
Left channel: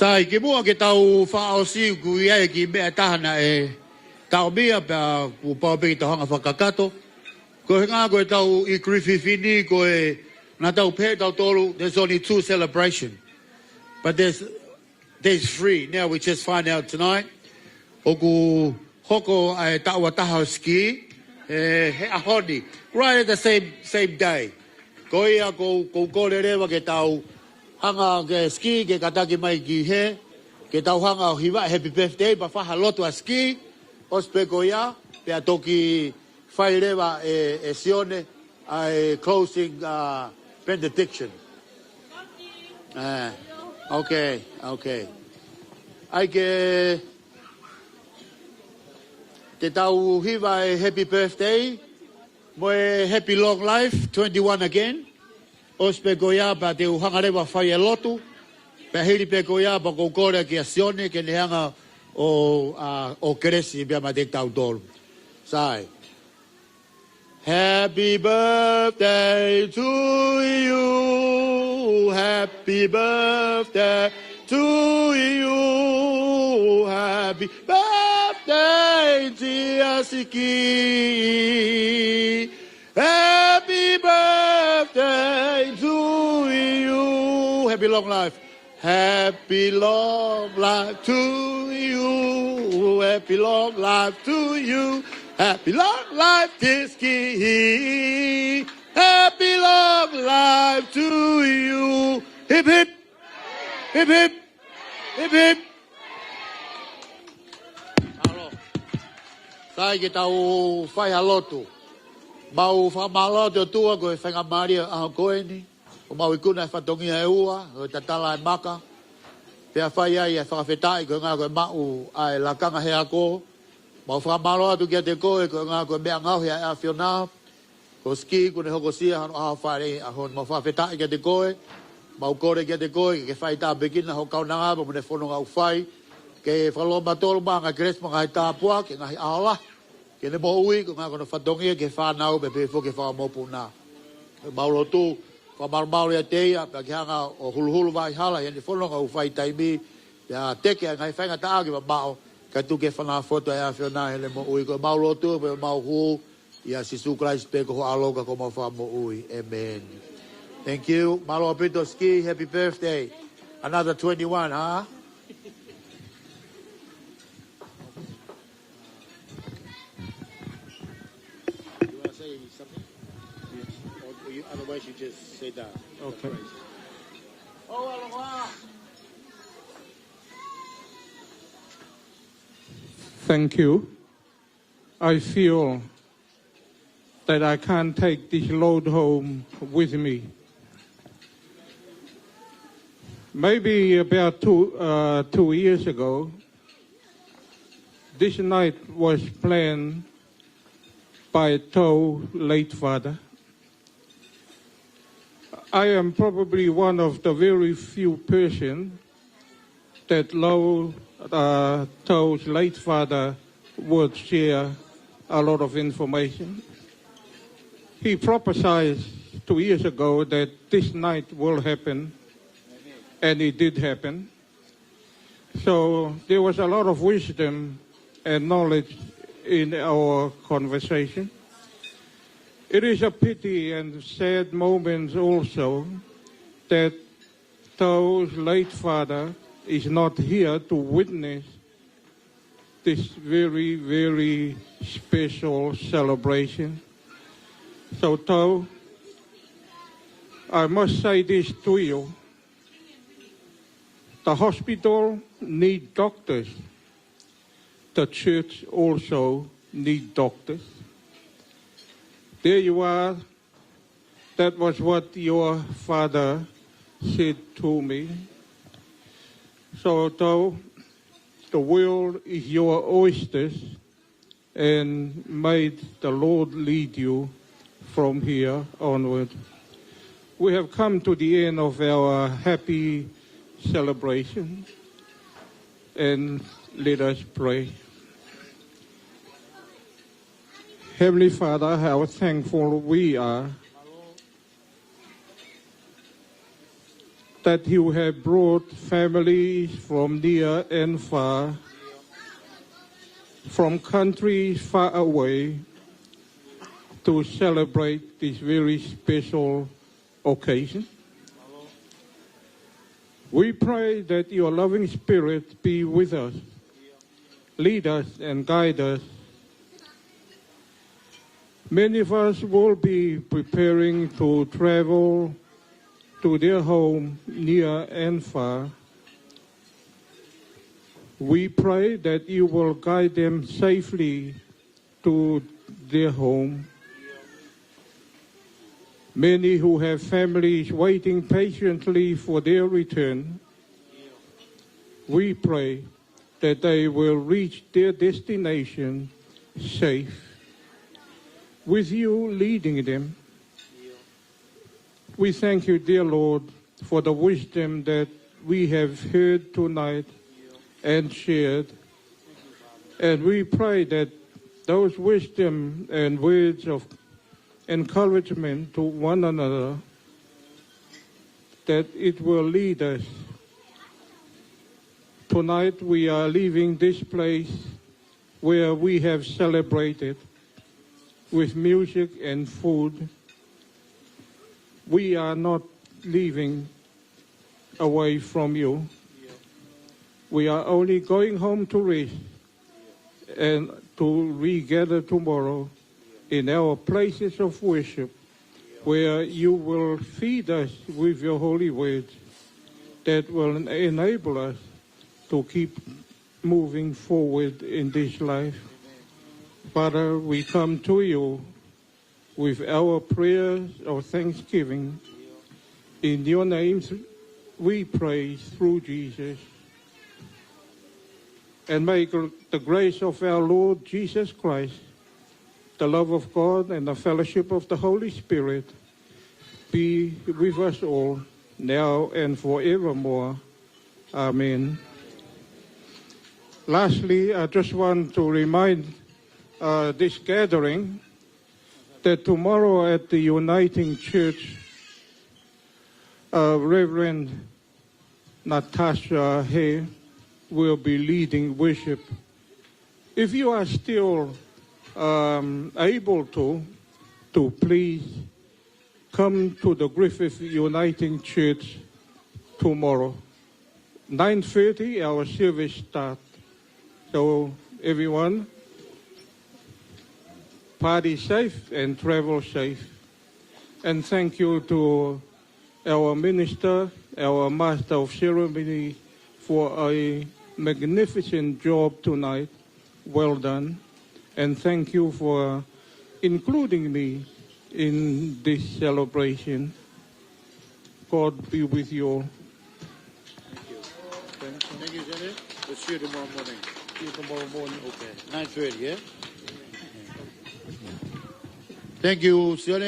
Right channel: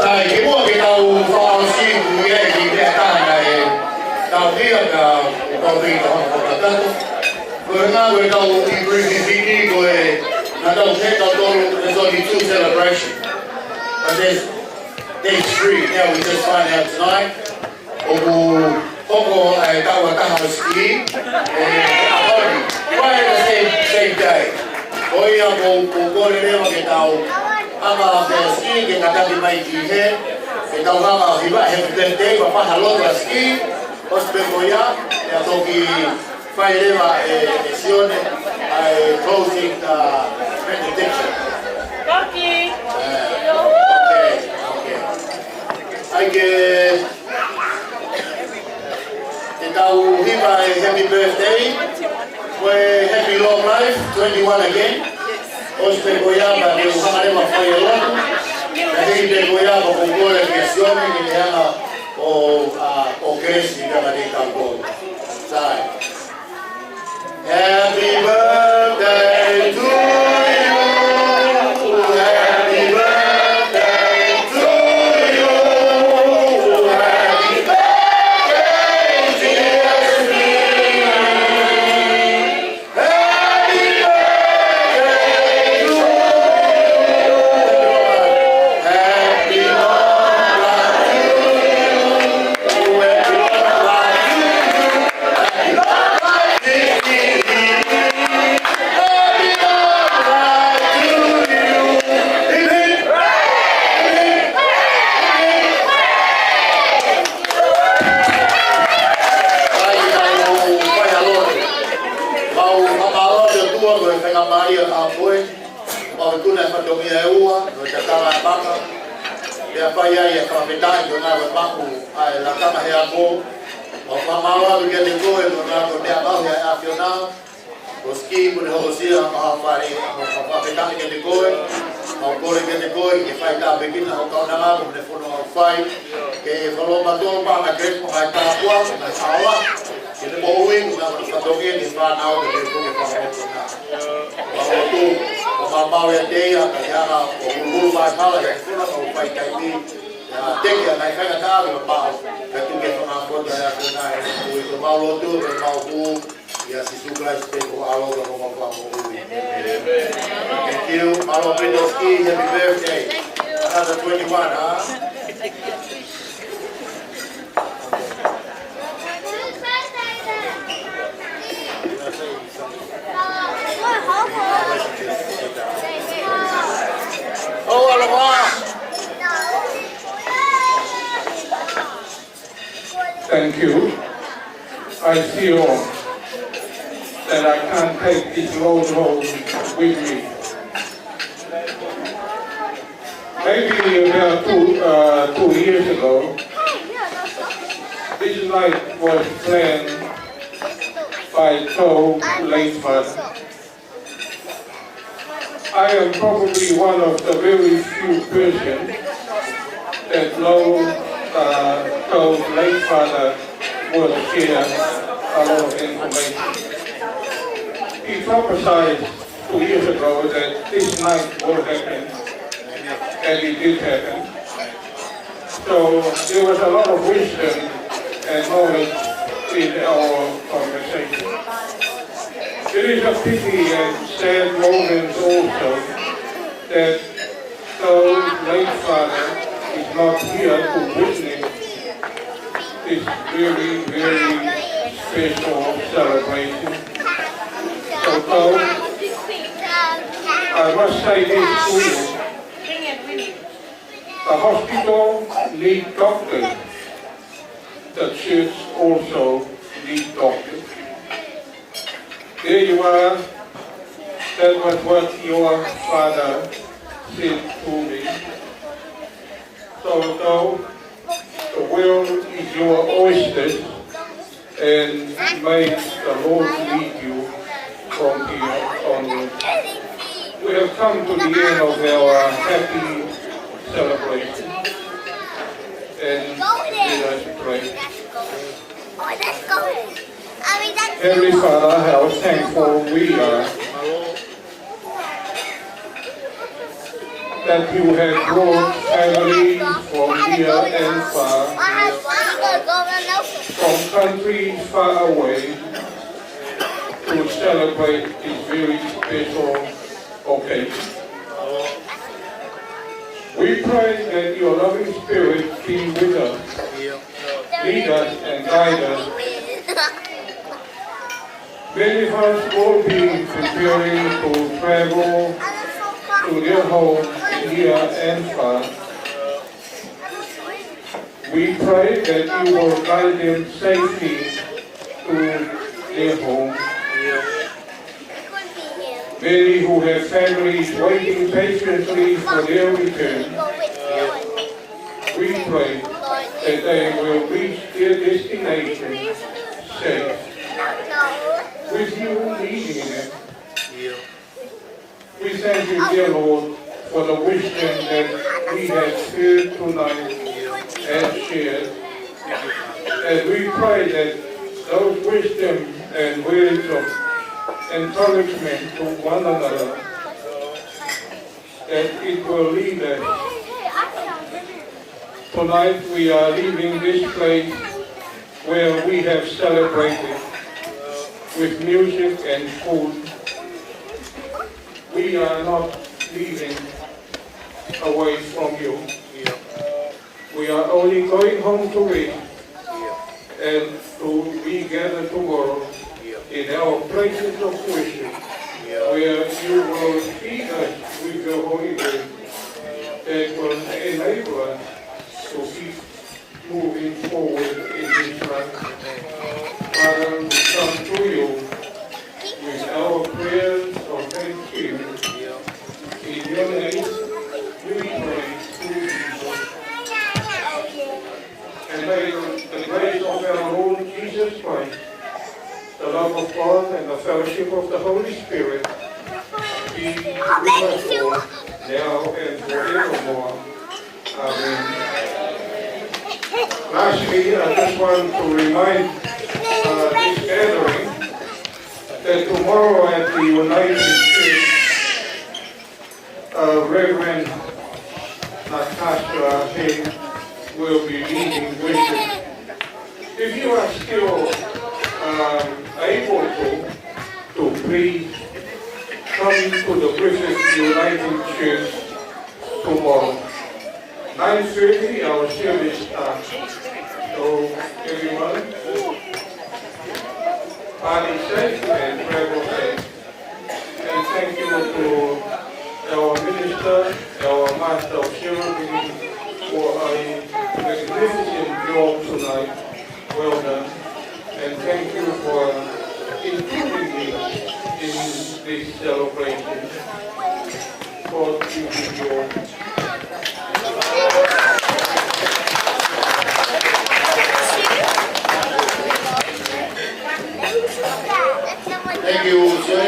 Sai ke mua ke tau whao si ku e ki te atahana e tau mia ka tau pei ka hama whakatato. Ko he ngā koe tau i Griffith Vini ko e nā tau te tau tolu, there's only 2 celebrations. But there's day 3, now we just find out tonight. Koku hoko e tau ataha ski e aponi. Right at the same day. Ko ia ko kore rewa ke tau anga ke ski ke kataki mai ki he. Ke tau hanga hiwa happy birthday pa paha loto a ski. Ospe ko ia e toki whai rewa e sione ai closing benediction. Okay. Ai ke tau hiwa e happy birthday. Well, happy long life, 21 again. Ospe goiaba ke uhangarewa whai e loto. Ka hei te goiaba ko kore ke sione ke neanga o kresi ka mati tau kore. Sai. Happy birthday to you. Happy birthday to you. Happy birthday, dear Steve. Happy birthday to you. Happy long life to you. Happy long life to you. Happy long life to you. Happy long life to you. Hip hip. Hip hip. Hip hip. Ai tau whai aloto. Mau whamaloto tua ko e whenga Maria a koe. Mau i tuna e whatongia e ua, no te tala e maka. Pea whai ai e whawhetai ko ngā koe maku ai la kama he a ko. Mau whamaloto kia te koe ko ngā koe mea mau hea e a whionao. Ko ski ko ne hokosia maha whare a whawhetai kia te koe. Mau kore kia te koe ke whai tā pekina ho kau nanga ko ne whono au whai. Ke whaloma tōru maa ngā krespo ngai tāpua, ngai aola. Ke te moui ko ngā koe whatongia ke whanau ke te koe ke whamoto nā. Mau o tū, o mau e teia, ka hianga o hulu mai mala, e whono ngau whai taimi. Ia teke a ngai whainga tāru a mau, ka tu ke whanga whoto e a whiona he mo ui. Ko mau lo tū, ke mau hū, ia si Christ pe ko aloga ko mau whamo ui. Thank you. Malo Brito Ski, happy birthday. Another 21, huh? Oh, Thank you. I feel that I can't take this load home with me. Maybe about 2 years ago, this night was planned by To's late father. I am probably one of the very few persons that know To's late father would share a lot of information. He prophesied 2 years ago that this night will happen, and it did happen. So there was a lot of wisdom and knowledge in our conversation. It is a pity and sad moment also that To's late father is not here to witness this very, very special celebration. So To, I must say this to you. The hospital needs doctors. The church also needs doctors. There you are. That was what your father said to me. So though the world is your oyster, and may the Lord lead you from here onward. We have come to the end of our happy celebration, and let us pray. Heavenly Father, how thankful we are that you have brought family from near and far, from countries far away, to celebrate this very special occasion. We pray that your loving Spirit be with us, lead us and guide us. Many of us will be preparing to travel to their home near and far. We pray that you will guide them safely to their home. Many who have families waiting patiently for their return, we pray that they will reach their destination safe, with you leading them. We thank you, dear Lord, for the wisdom that we have heard tonight and shared. And we pray that those wisdom and words of encouragement to one another, that it will lead us. Tonight we are leaving this place where we have celebrated with music and food. We are not leaving away from you. We are only going home to rest and to regather tomorrow in our places of worship, where you will feed us with your holy word that will enable us to keep moving forward in this life. Father, we come to you with our prayers of thanksgiving. In your name we pray through Jesus. And may the grace of our Lord Jesus Christ, the love of God and the fellowship of the Holy Spirit be with us all, now and forevermore. Amen. Lastly, I just want to remind this gathering that tomorrow at the United Church, Reverend Natasha Hay will be leading worship. If you are still able to please come to the Griffith United Church tomorrow. 9:30 our service starts. So everyone, party safe and travel safe. And thank you to our minister, our master of ceremony for a magnificent job tonight. Well done. And thank you for including me in this celebration. God be with you all. Thank you, sir.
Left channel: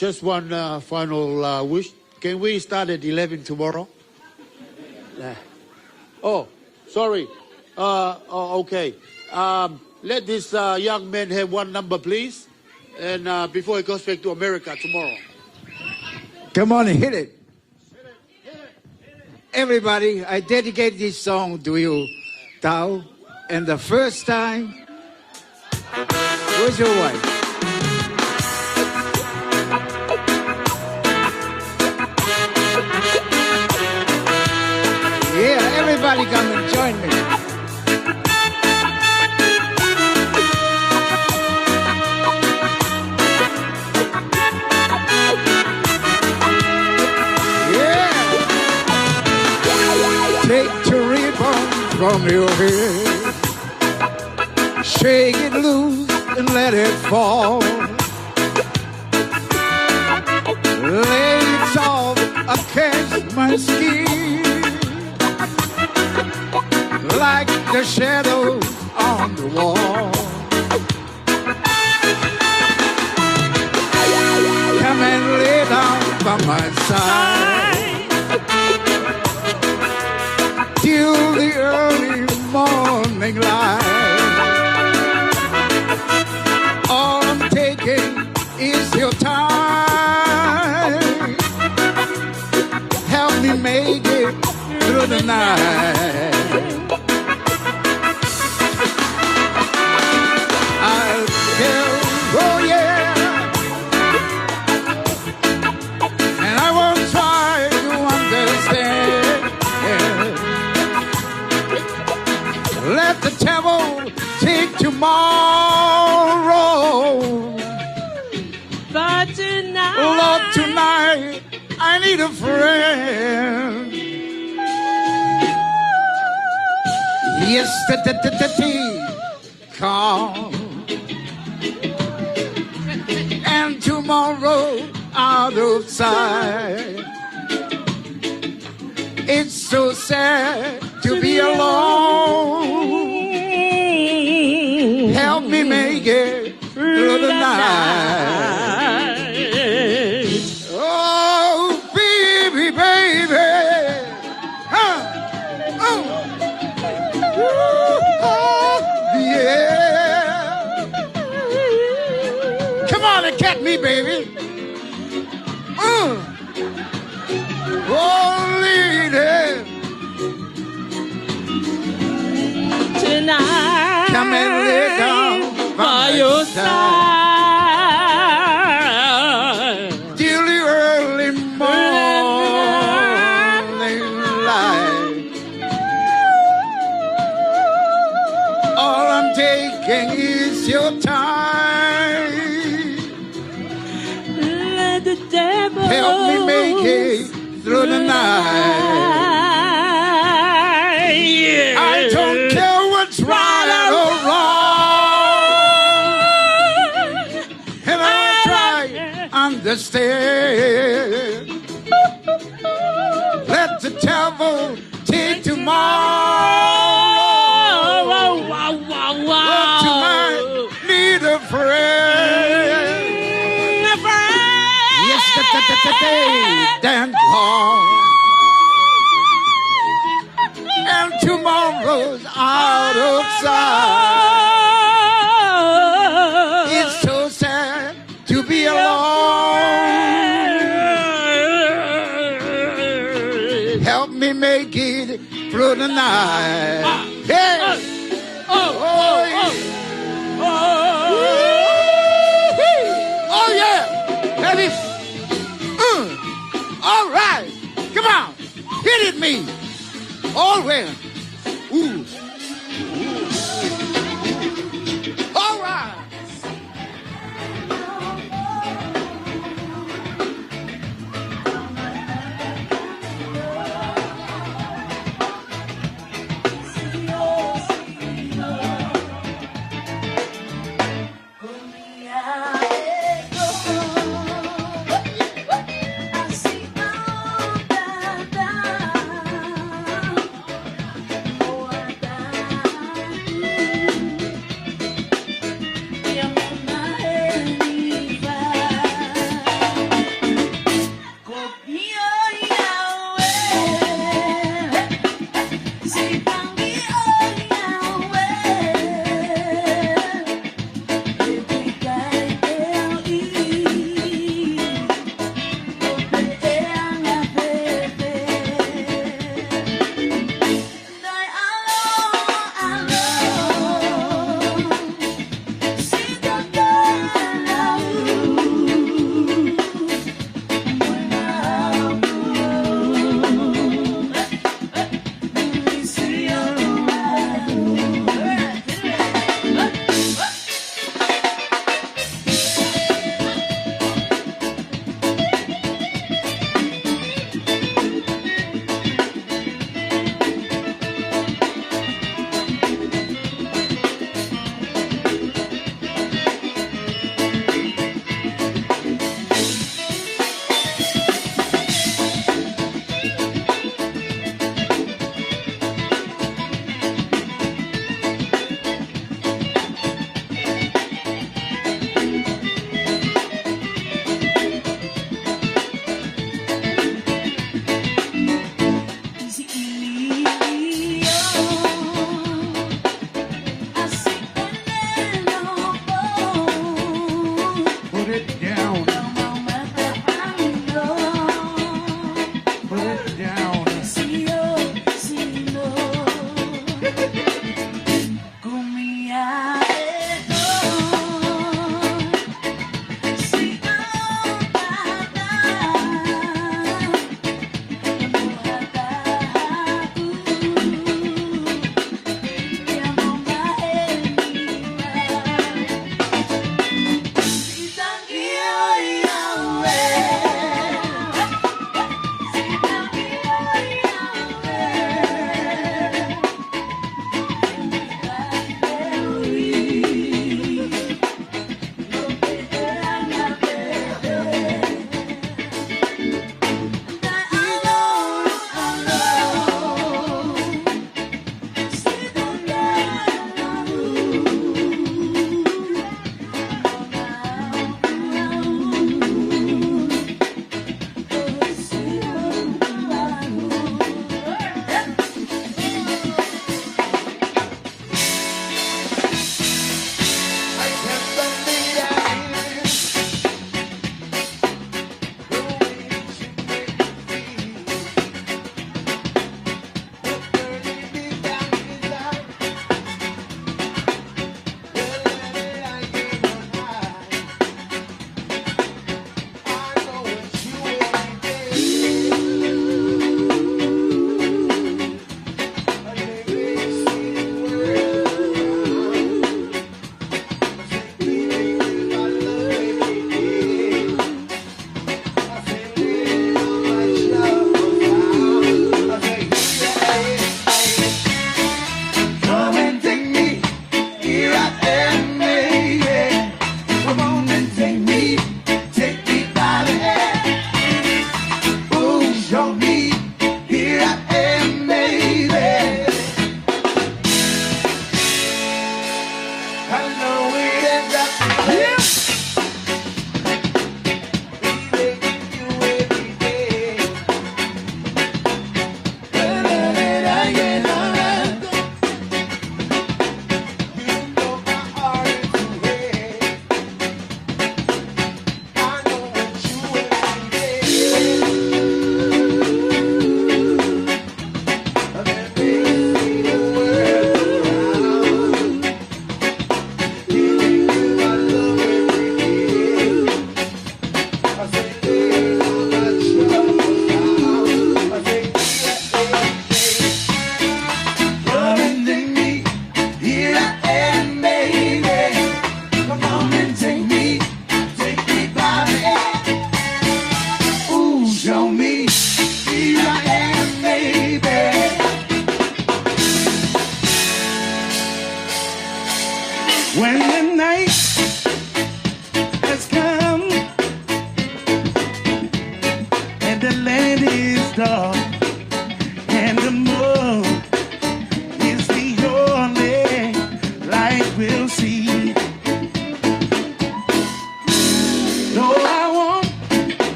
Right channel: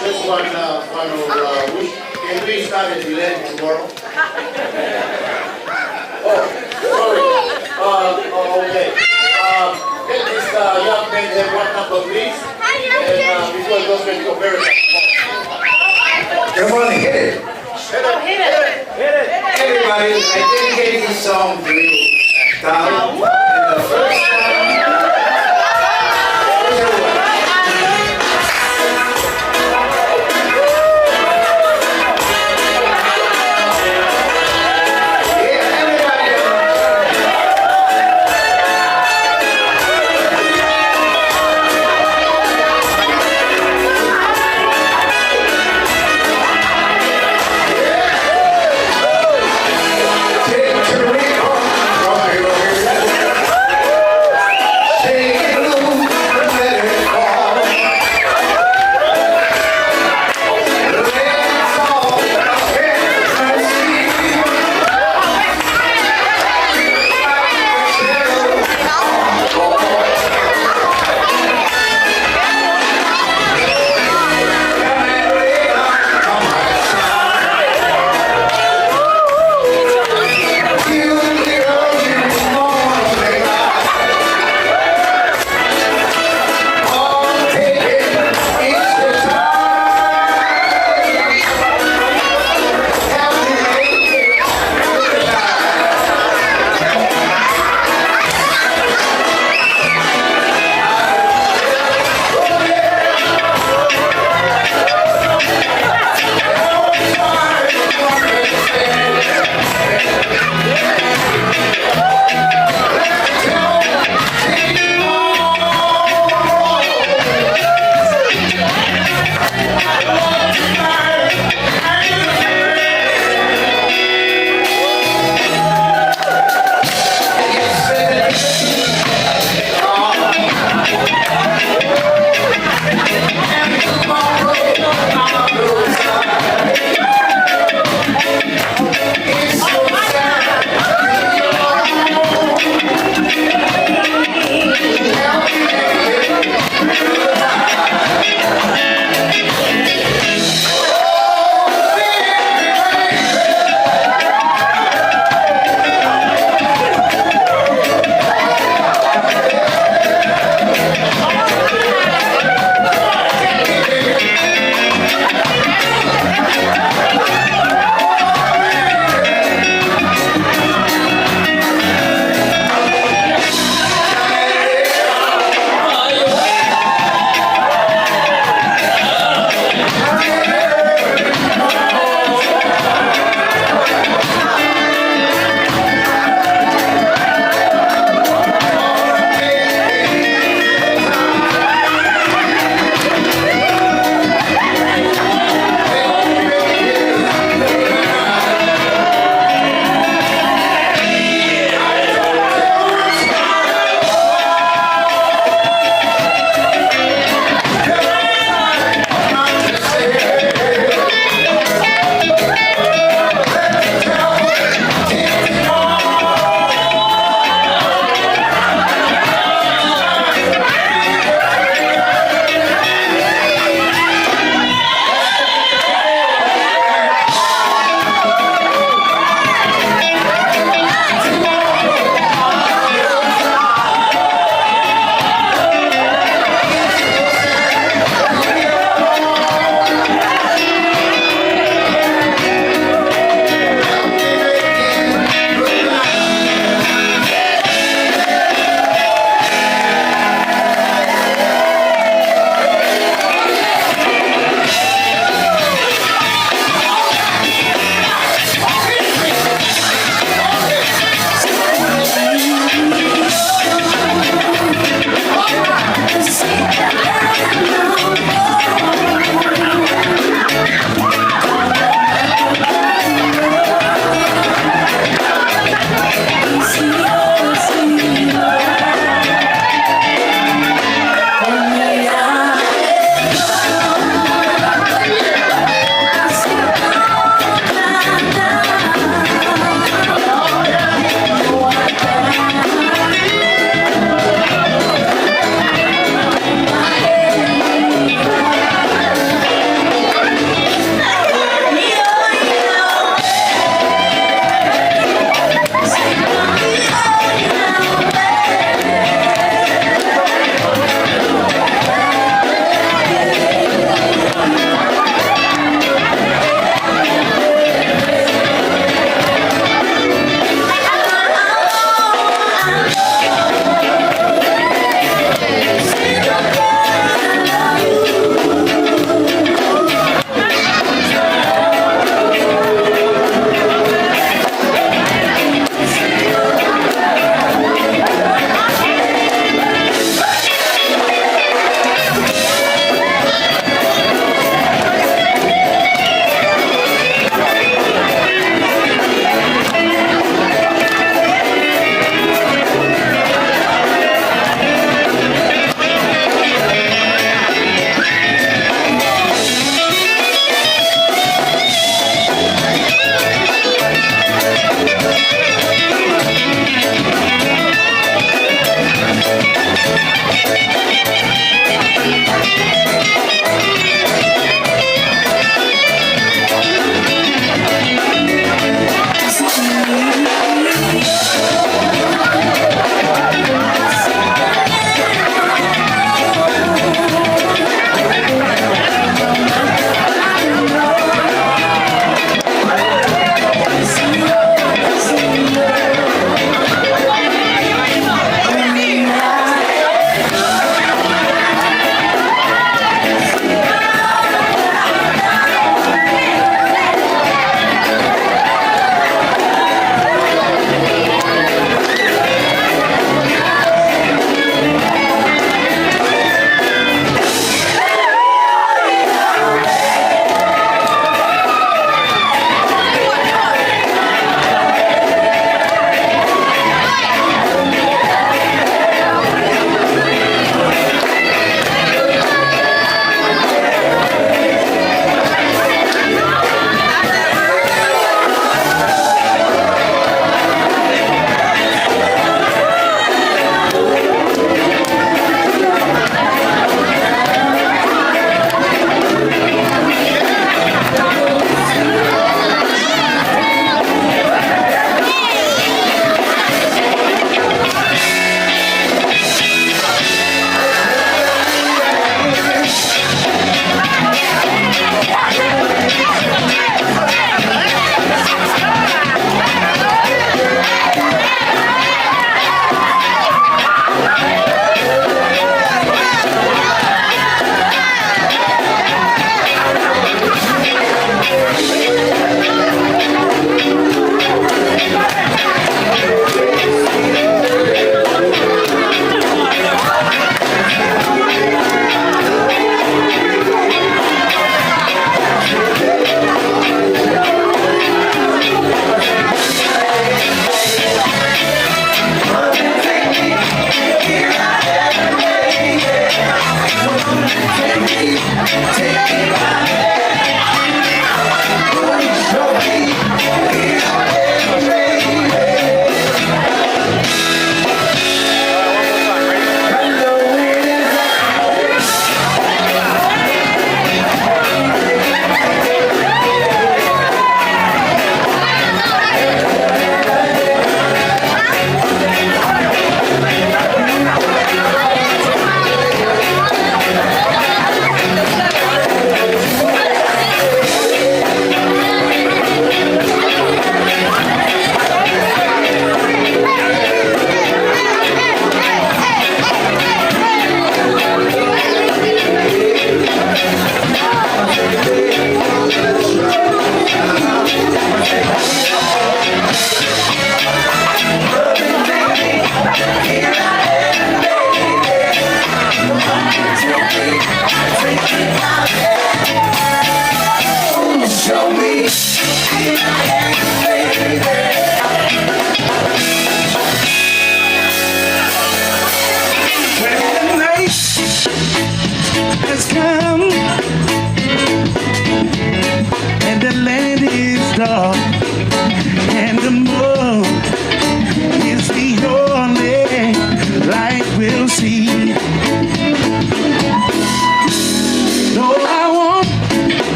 Just one final wish. Can we start at 11 tomorrow? Oh, sorry. Okay. Let this young man have one number, please. And before he goes back to America tomorrow. Come on, hit it. Hit it. Everybody, I dedicate this song to you, Tal. And the first time, where's your wife?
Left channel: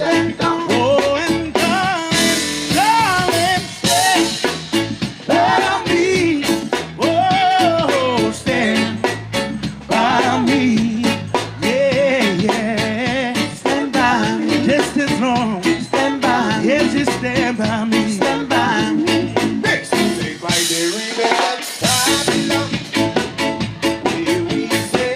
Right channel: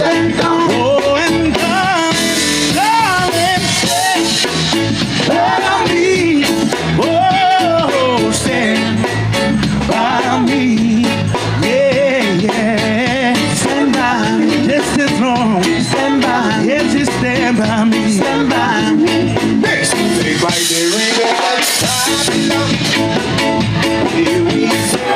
Oh, and darling, stay by me. Oh, stand by me. Yeah, yeah. Stand by me just as long. Stand by me. Yes, just stand by me. Stand by me. Next, say right there in that time. Here we say.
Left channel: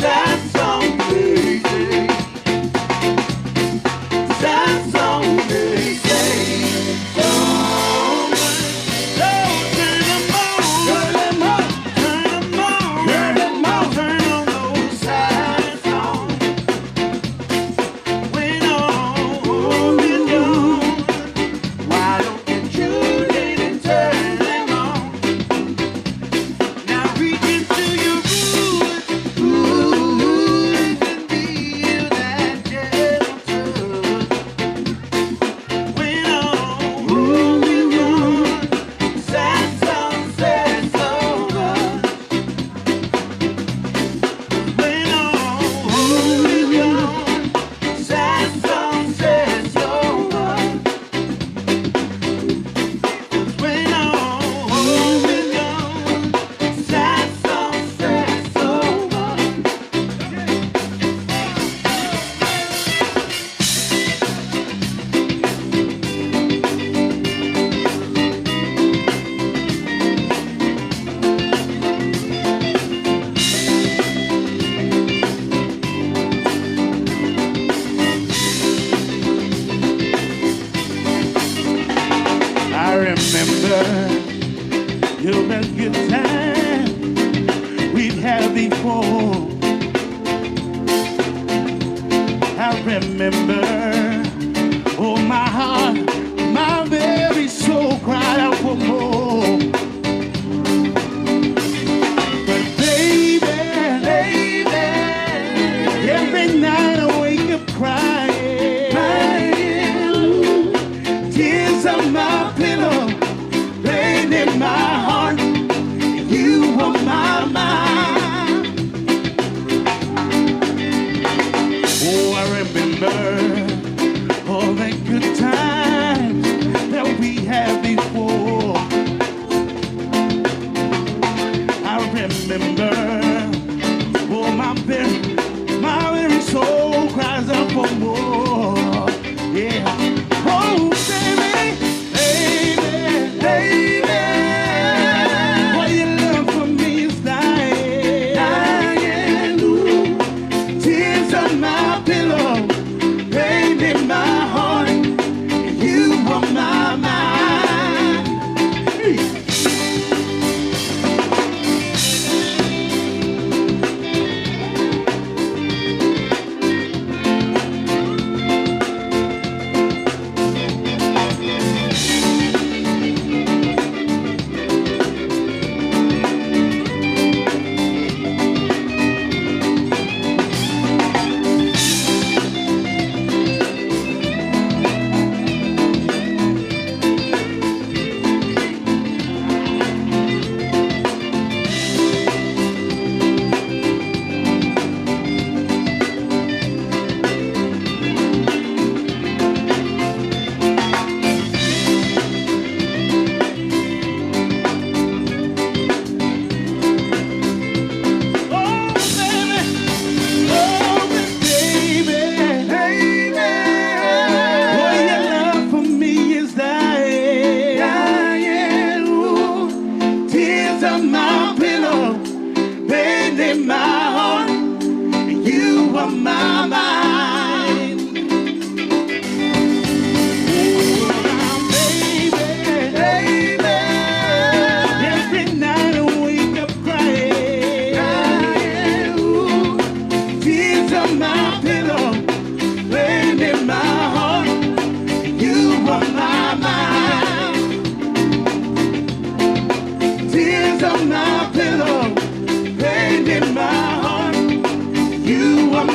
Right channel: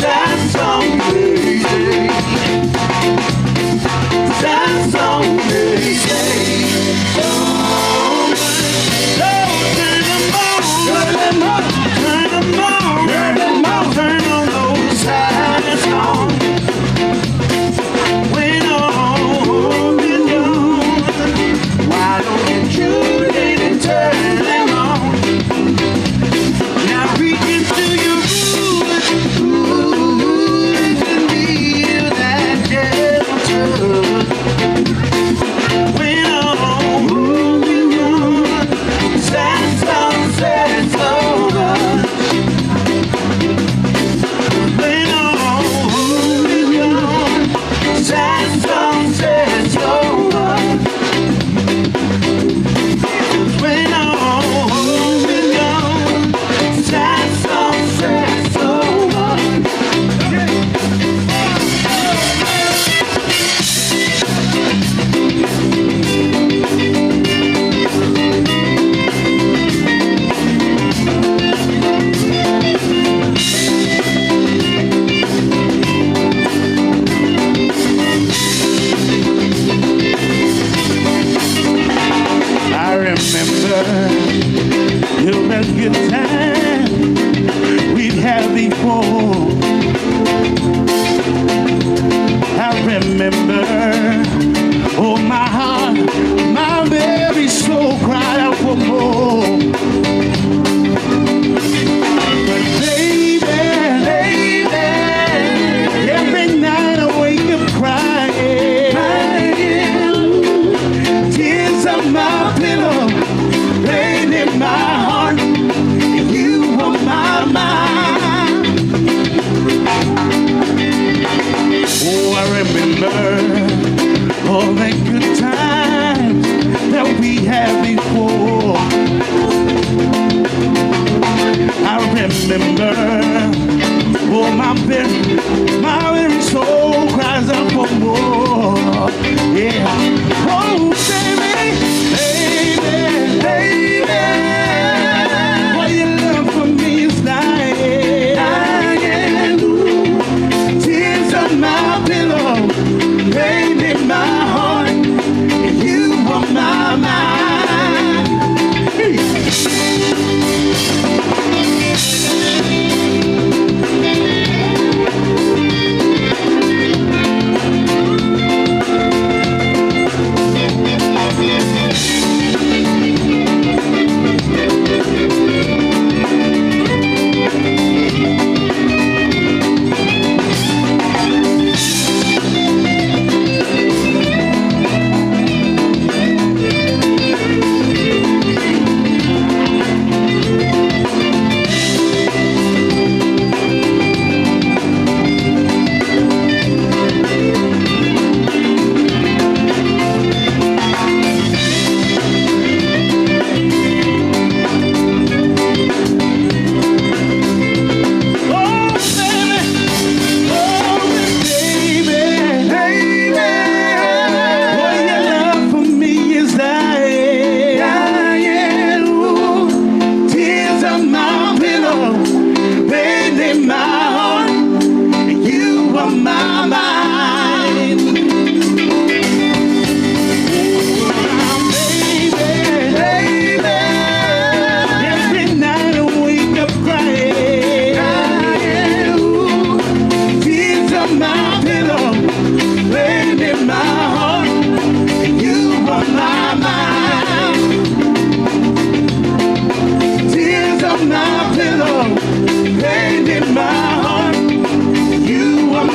Sad song, baby. Sad song, baby.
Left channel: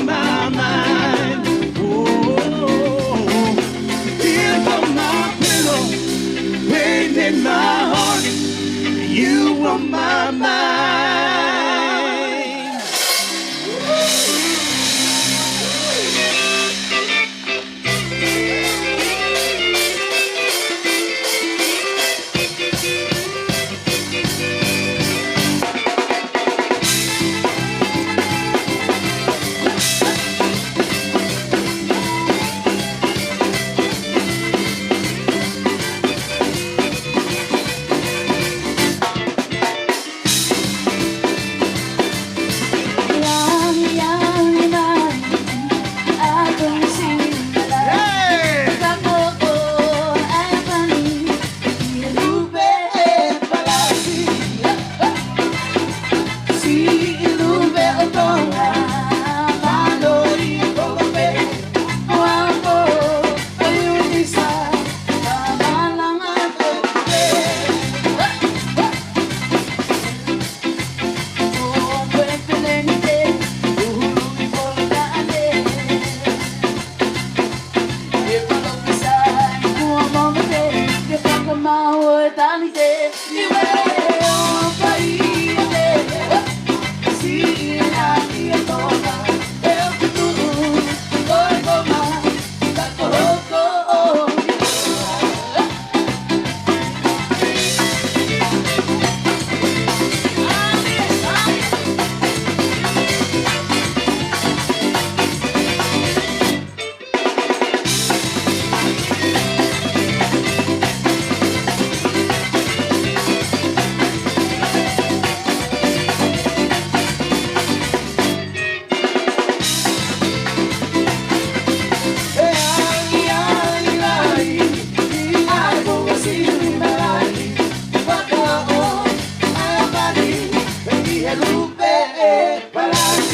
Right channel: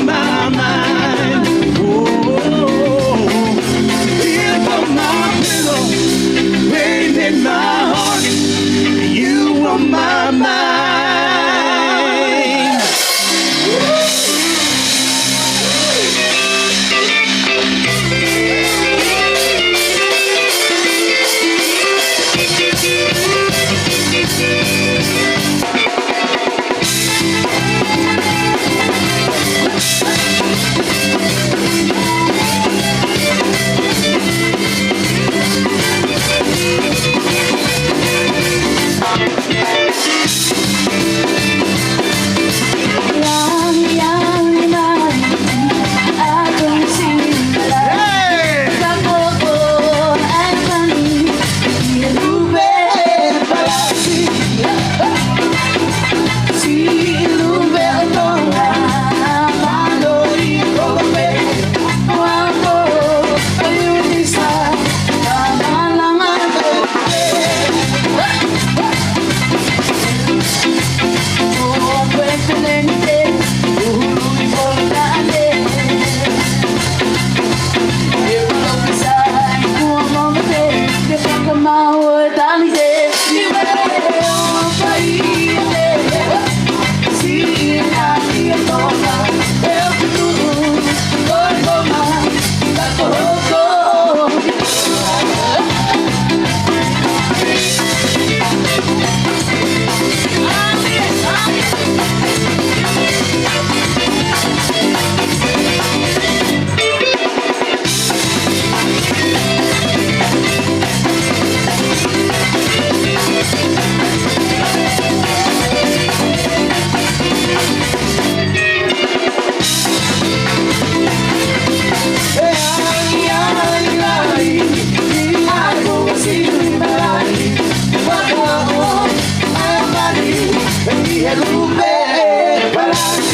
My mind. Yeah.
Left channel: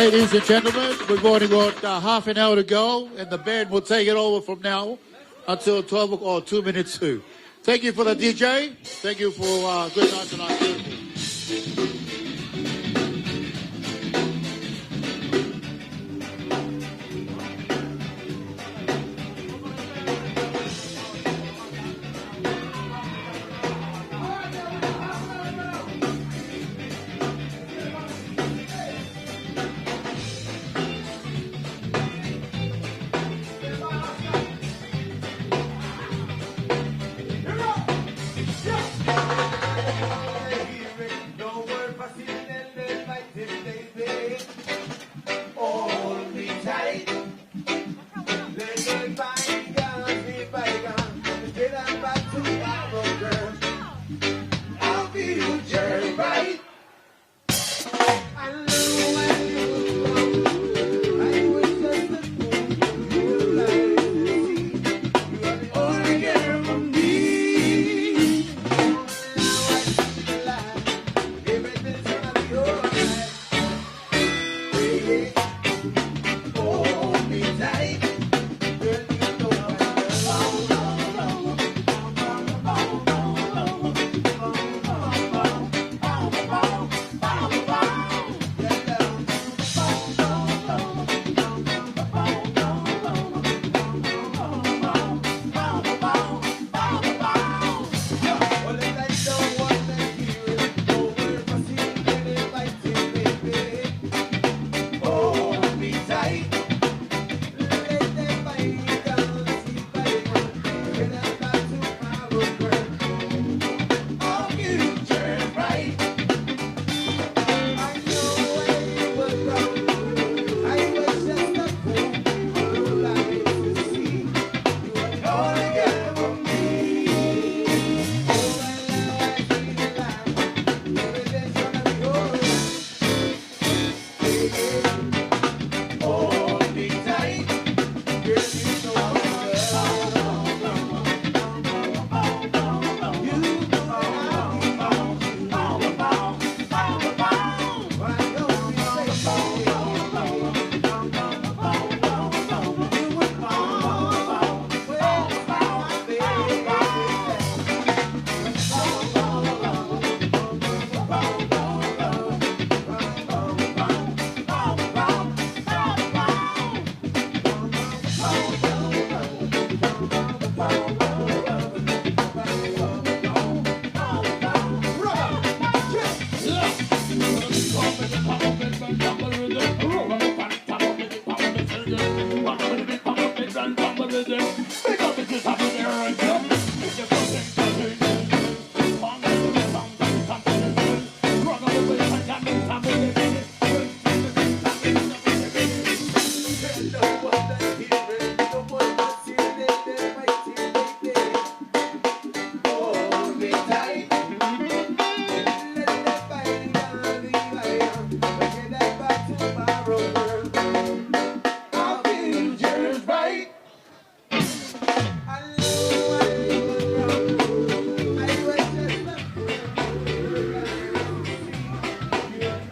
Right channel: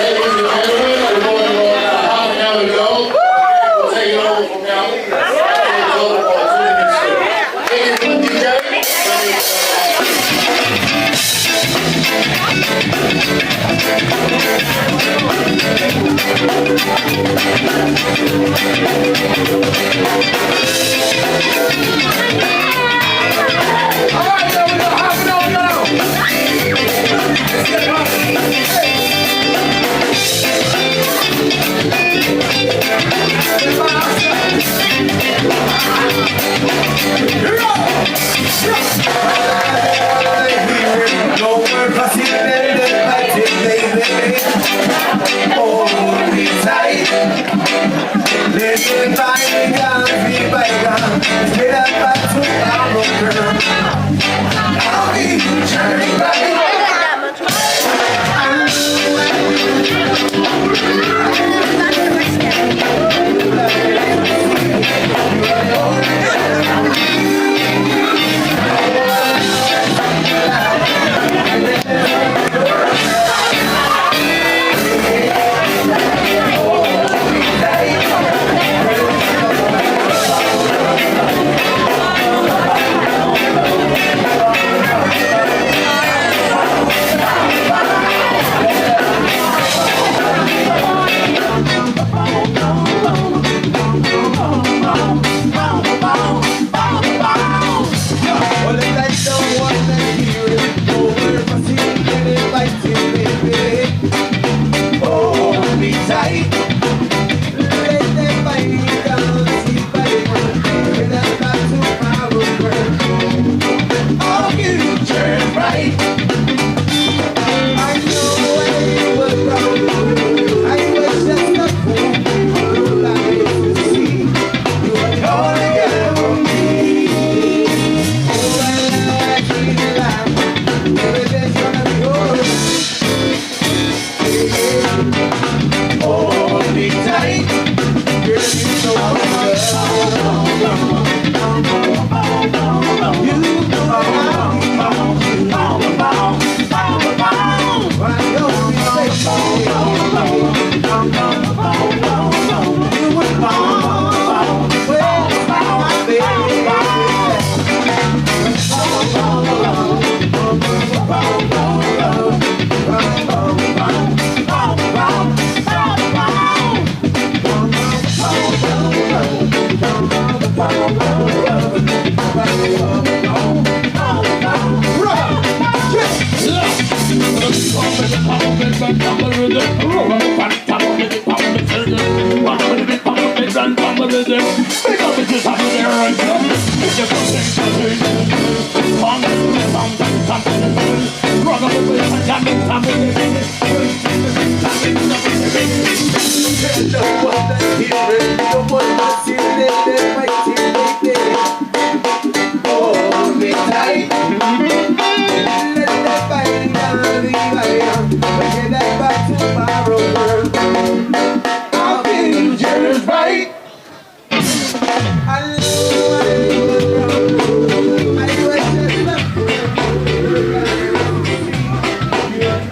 Ladies and gentlemen, we're going to half an hour ago. The band will take it over from now until a total of 2 minutes straight. Thank you for the DJ. Thank you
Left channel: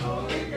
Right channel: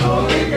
Oh,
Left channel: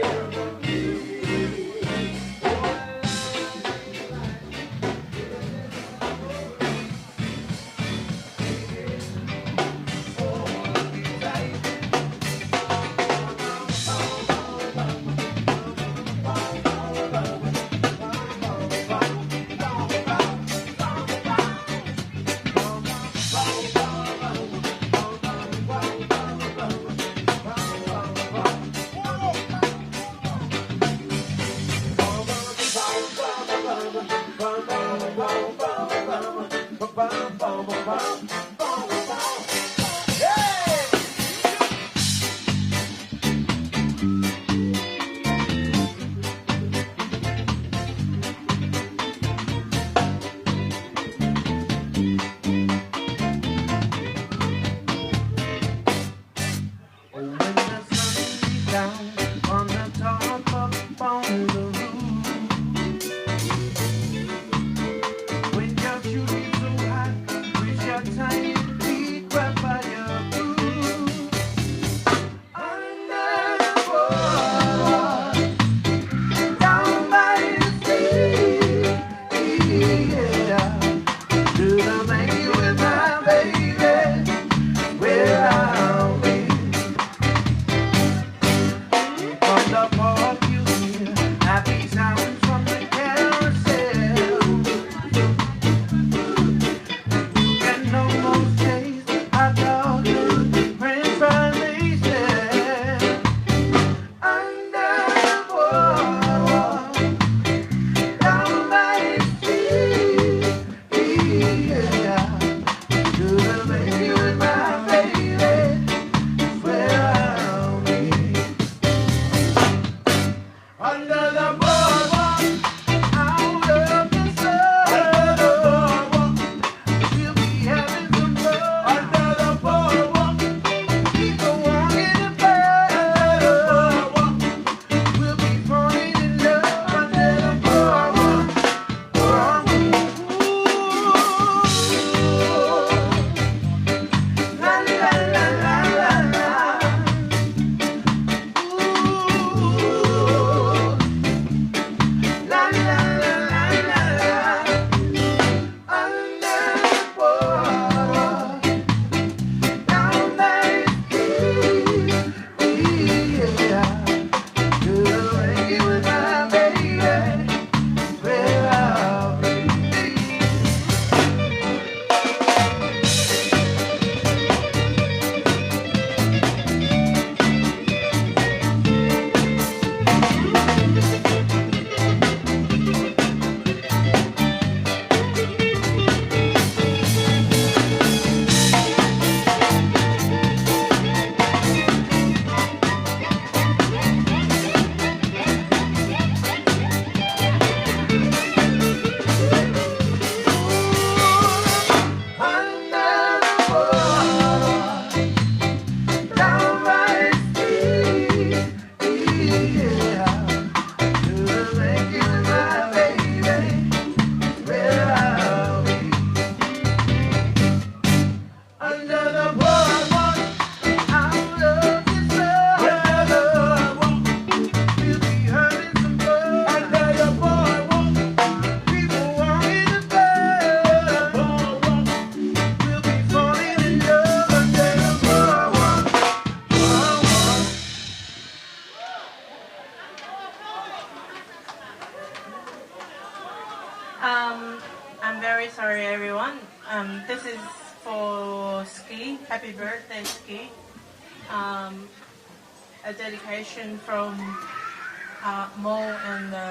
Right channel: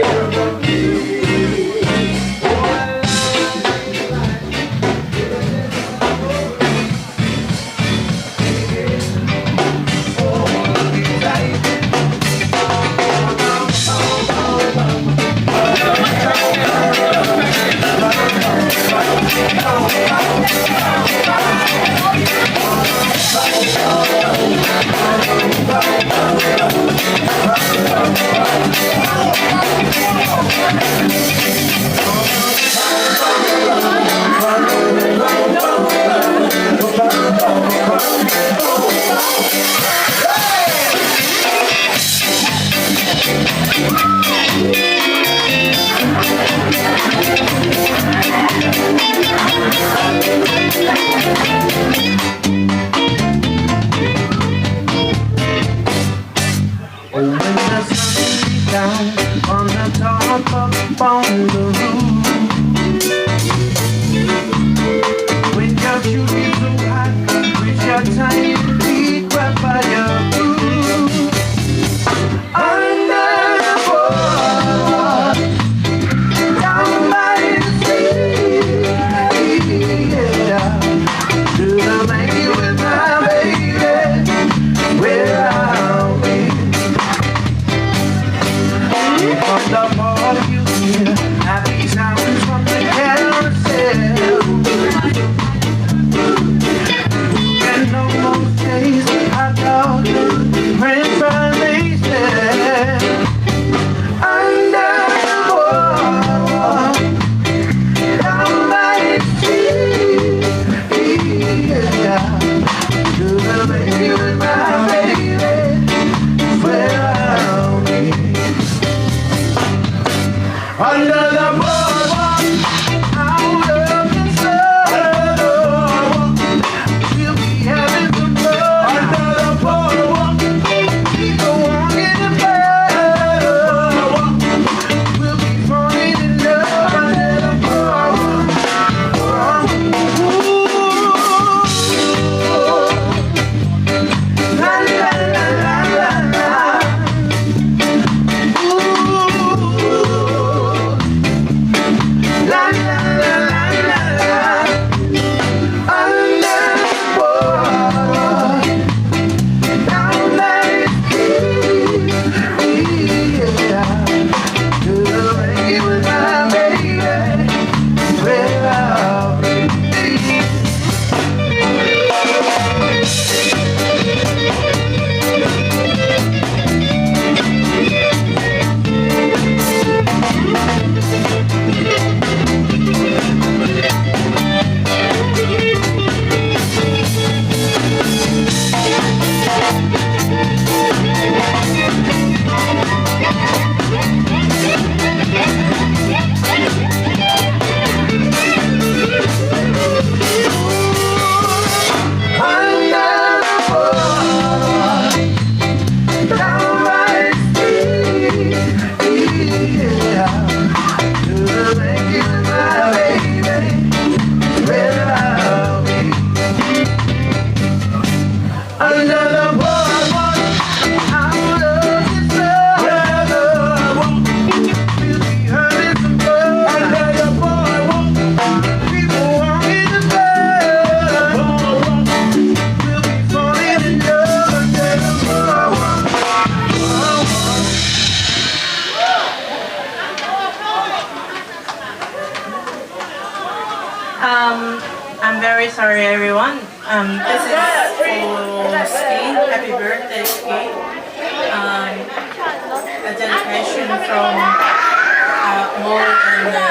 Under the boardwalk, out of the sun. Under the boardwalk, we'll be having some fun. Under the boardwalk, people walking in bed. Under the boardwalk, we'll be falling in love. Under the boardwalk, la la la la la la. La la la la la la. Under the boardwalk, down by the sea, yeah. To make it with my baby, where I'll be. I'm very sorry, everyone. This is for Ski. Happy birthday, Ski. A dedication from Mo and La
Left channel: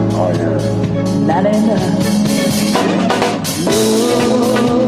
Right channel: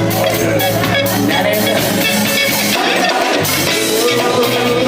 Oh, yes. Not enough. Ooh.